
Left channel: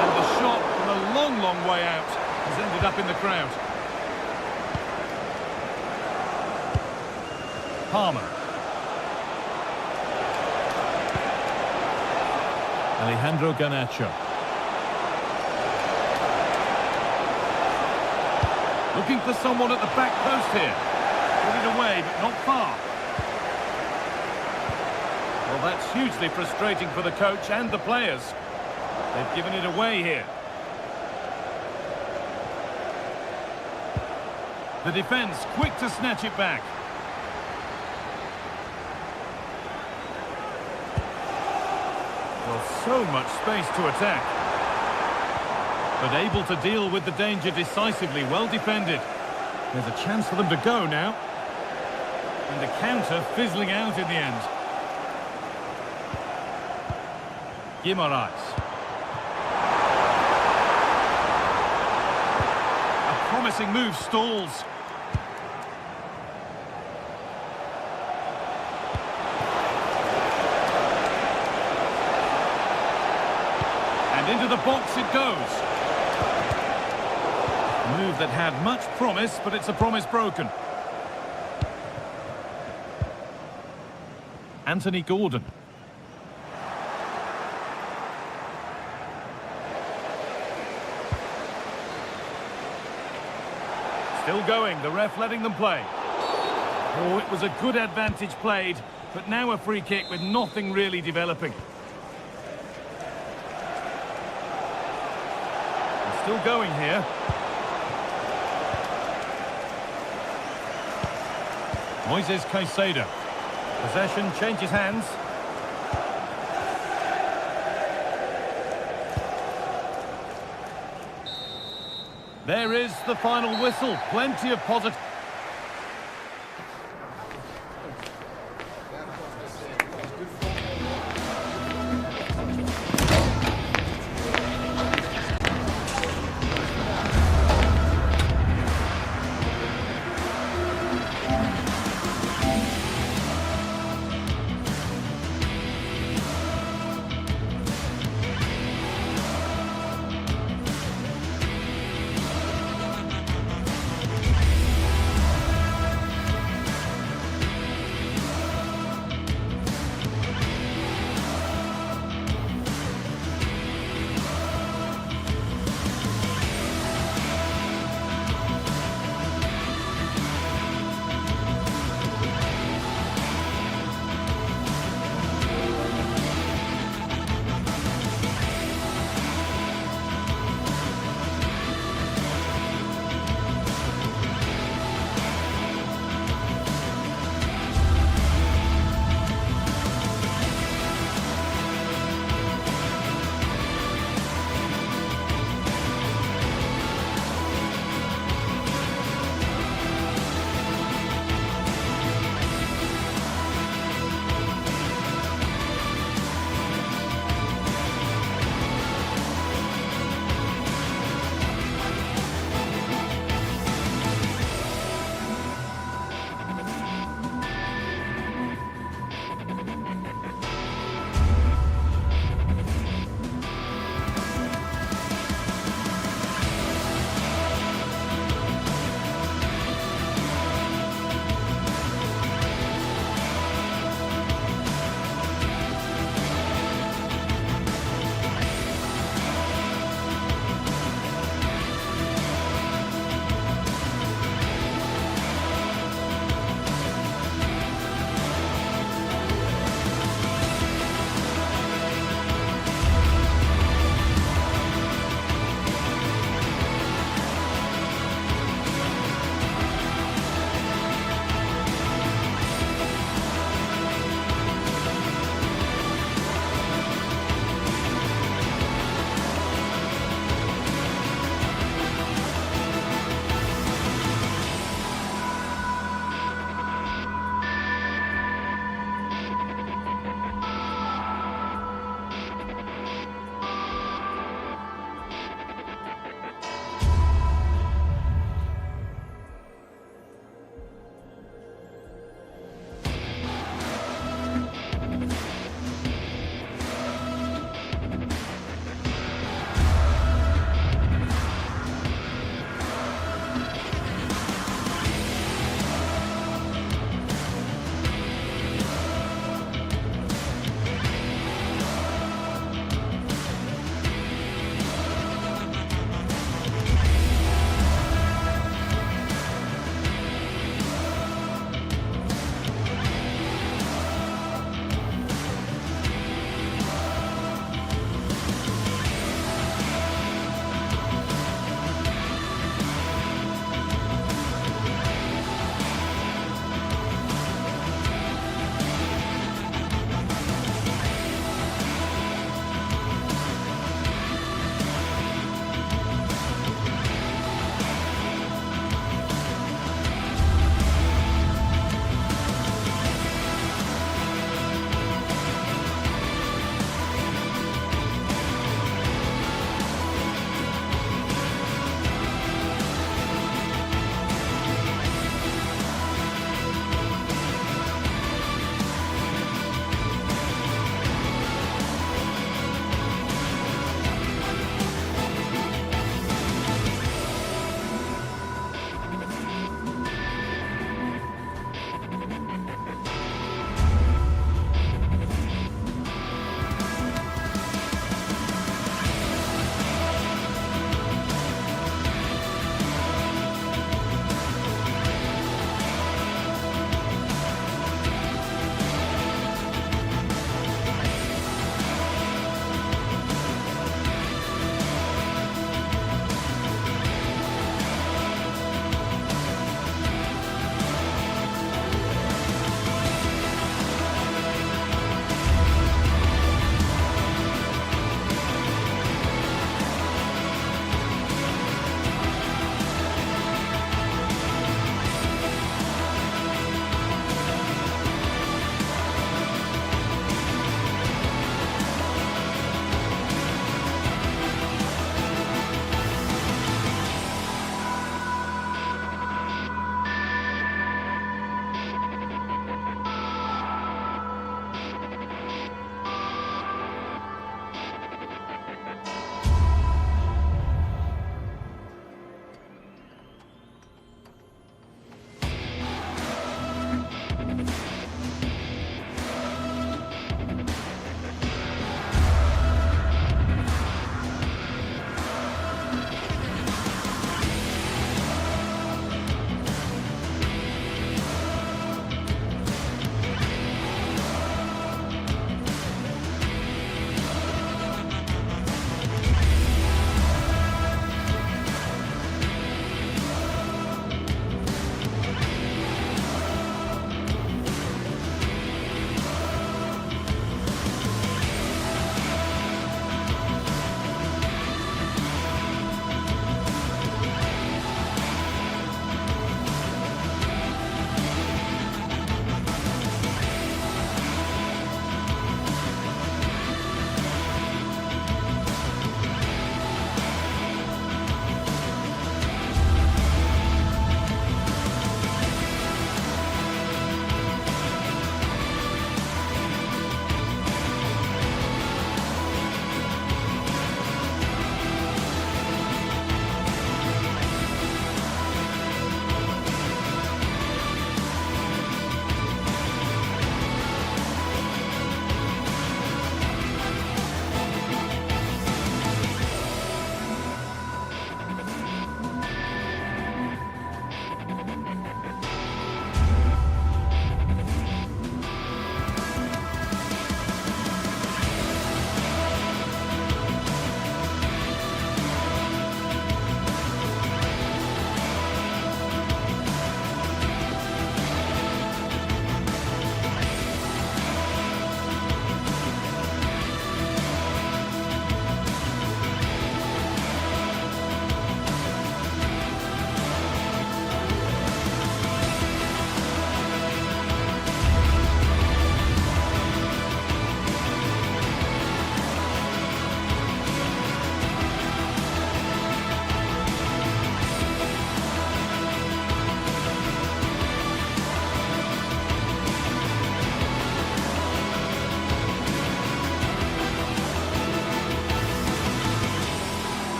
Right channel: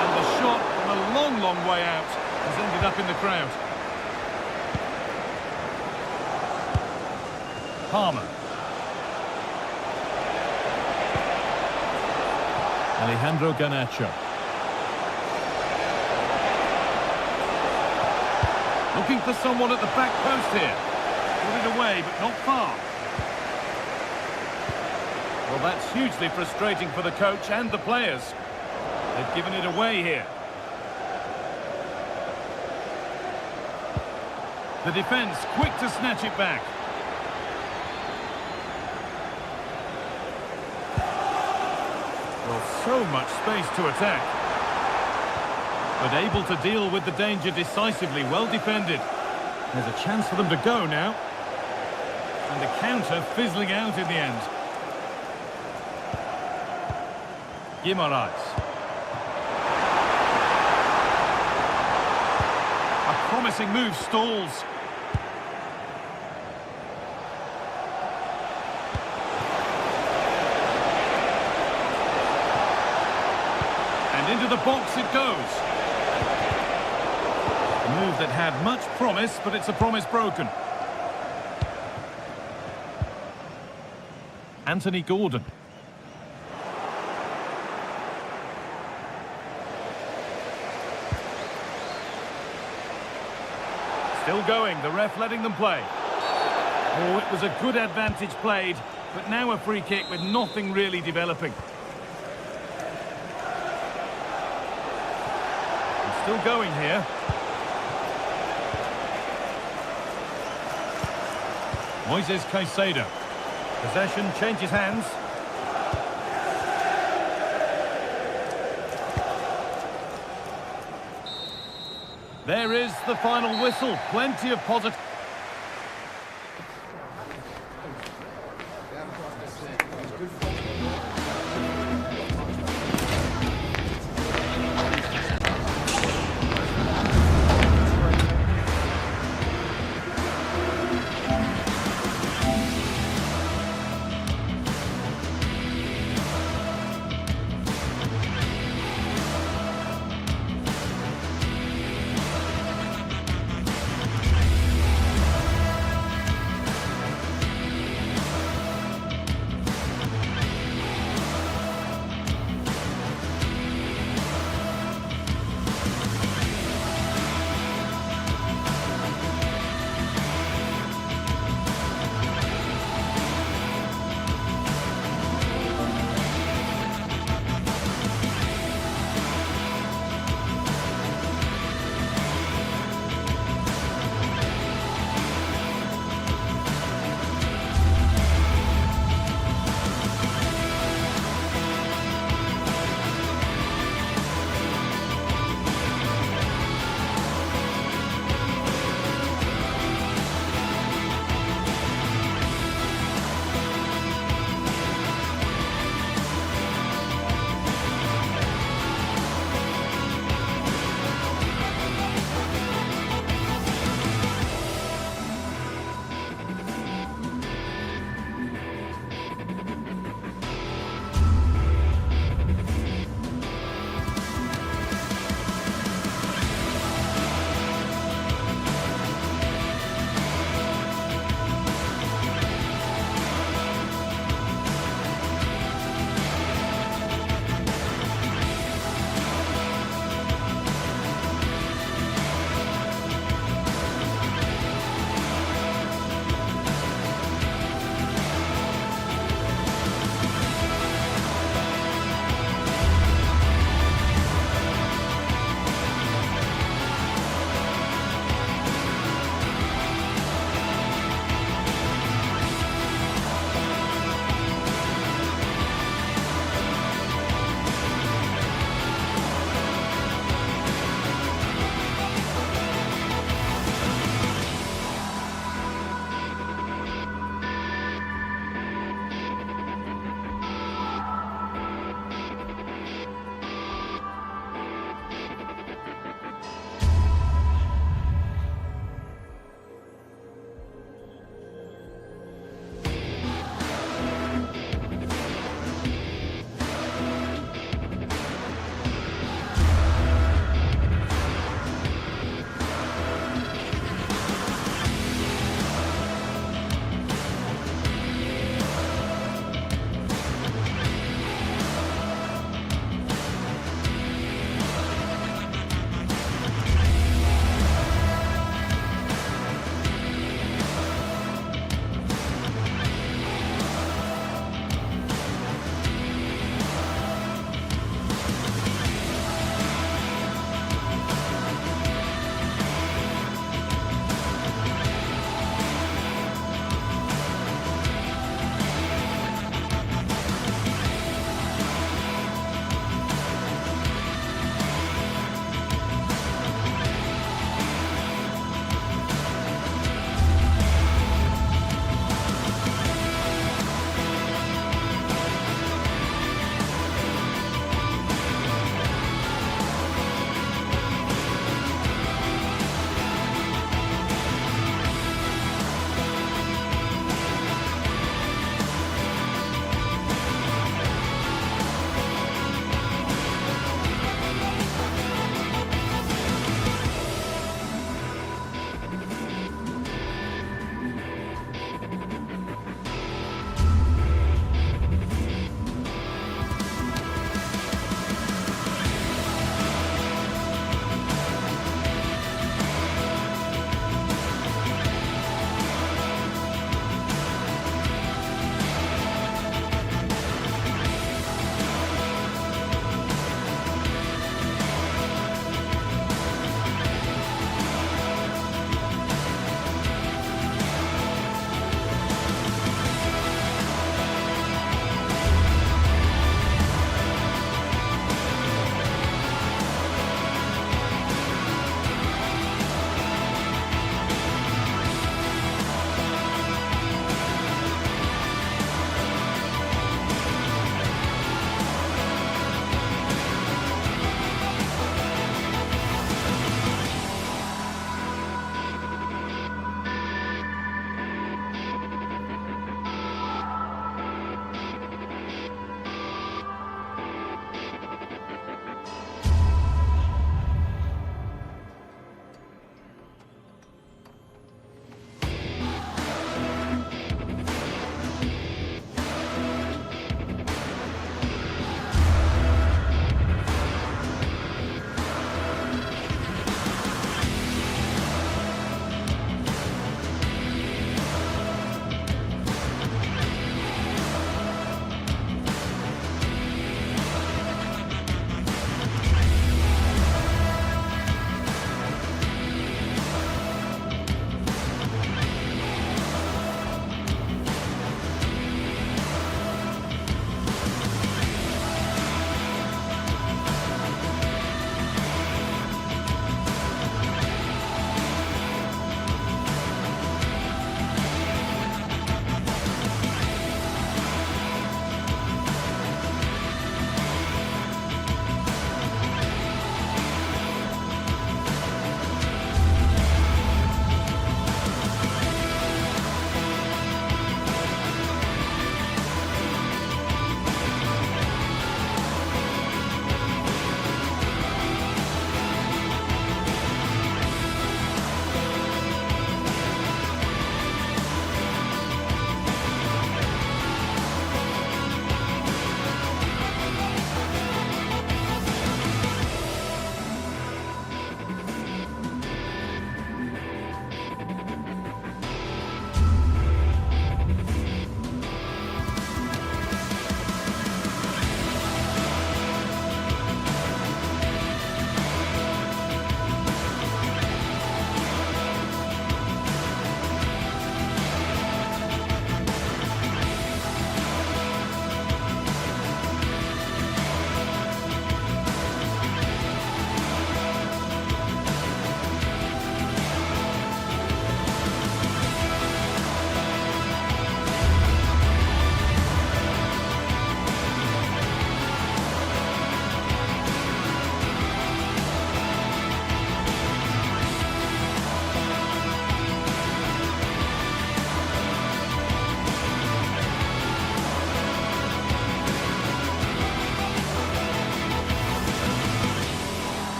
And the shot from a long, long way out has ended up in the crowd. Palmer. Alejandro Garnacho. Looking for someone at the back post here. Put it away, but not far. Well, that's hugely frustrating for the coach and the players. They've given it away here. The defence quick to snatch it back. Well, so much space to attack. But able to deal with the danger decisively, well defended. There's a chance for them to go now. And the counter fizzling out in the end. Guimaraes. A promising move stalls. And into the box it goes. A move that had much promise, but it's a promise broken. Anthony Gordon. Still going, the ref letting them play. Oh, it was a good advantage played, but now a free kick with nothing really developing. And still going here. Moises Caicedo. Possession changes hands. There is the final whistle. Plenty of positive.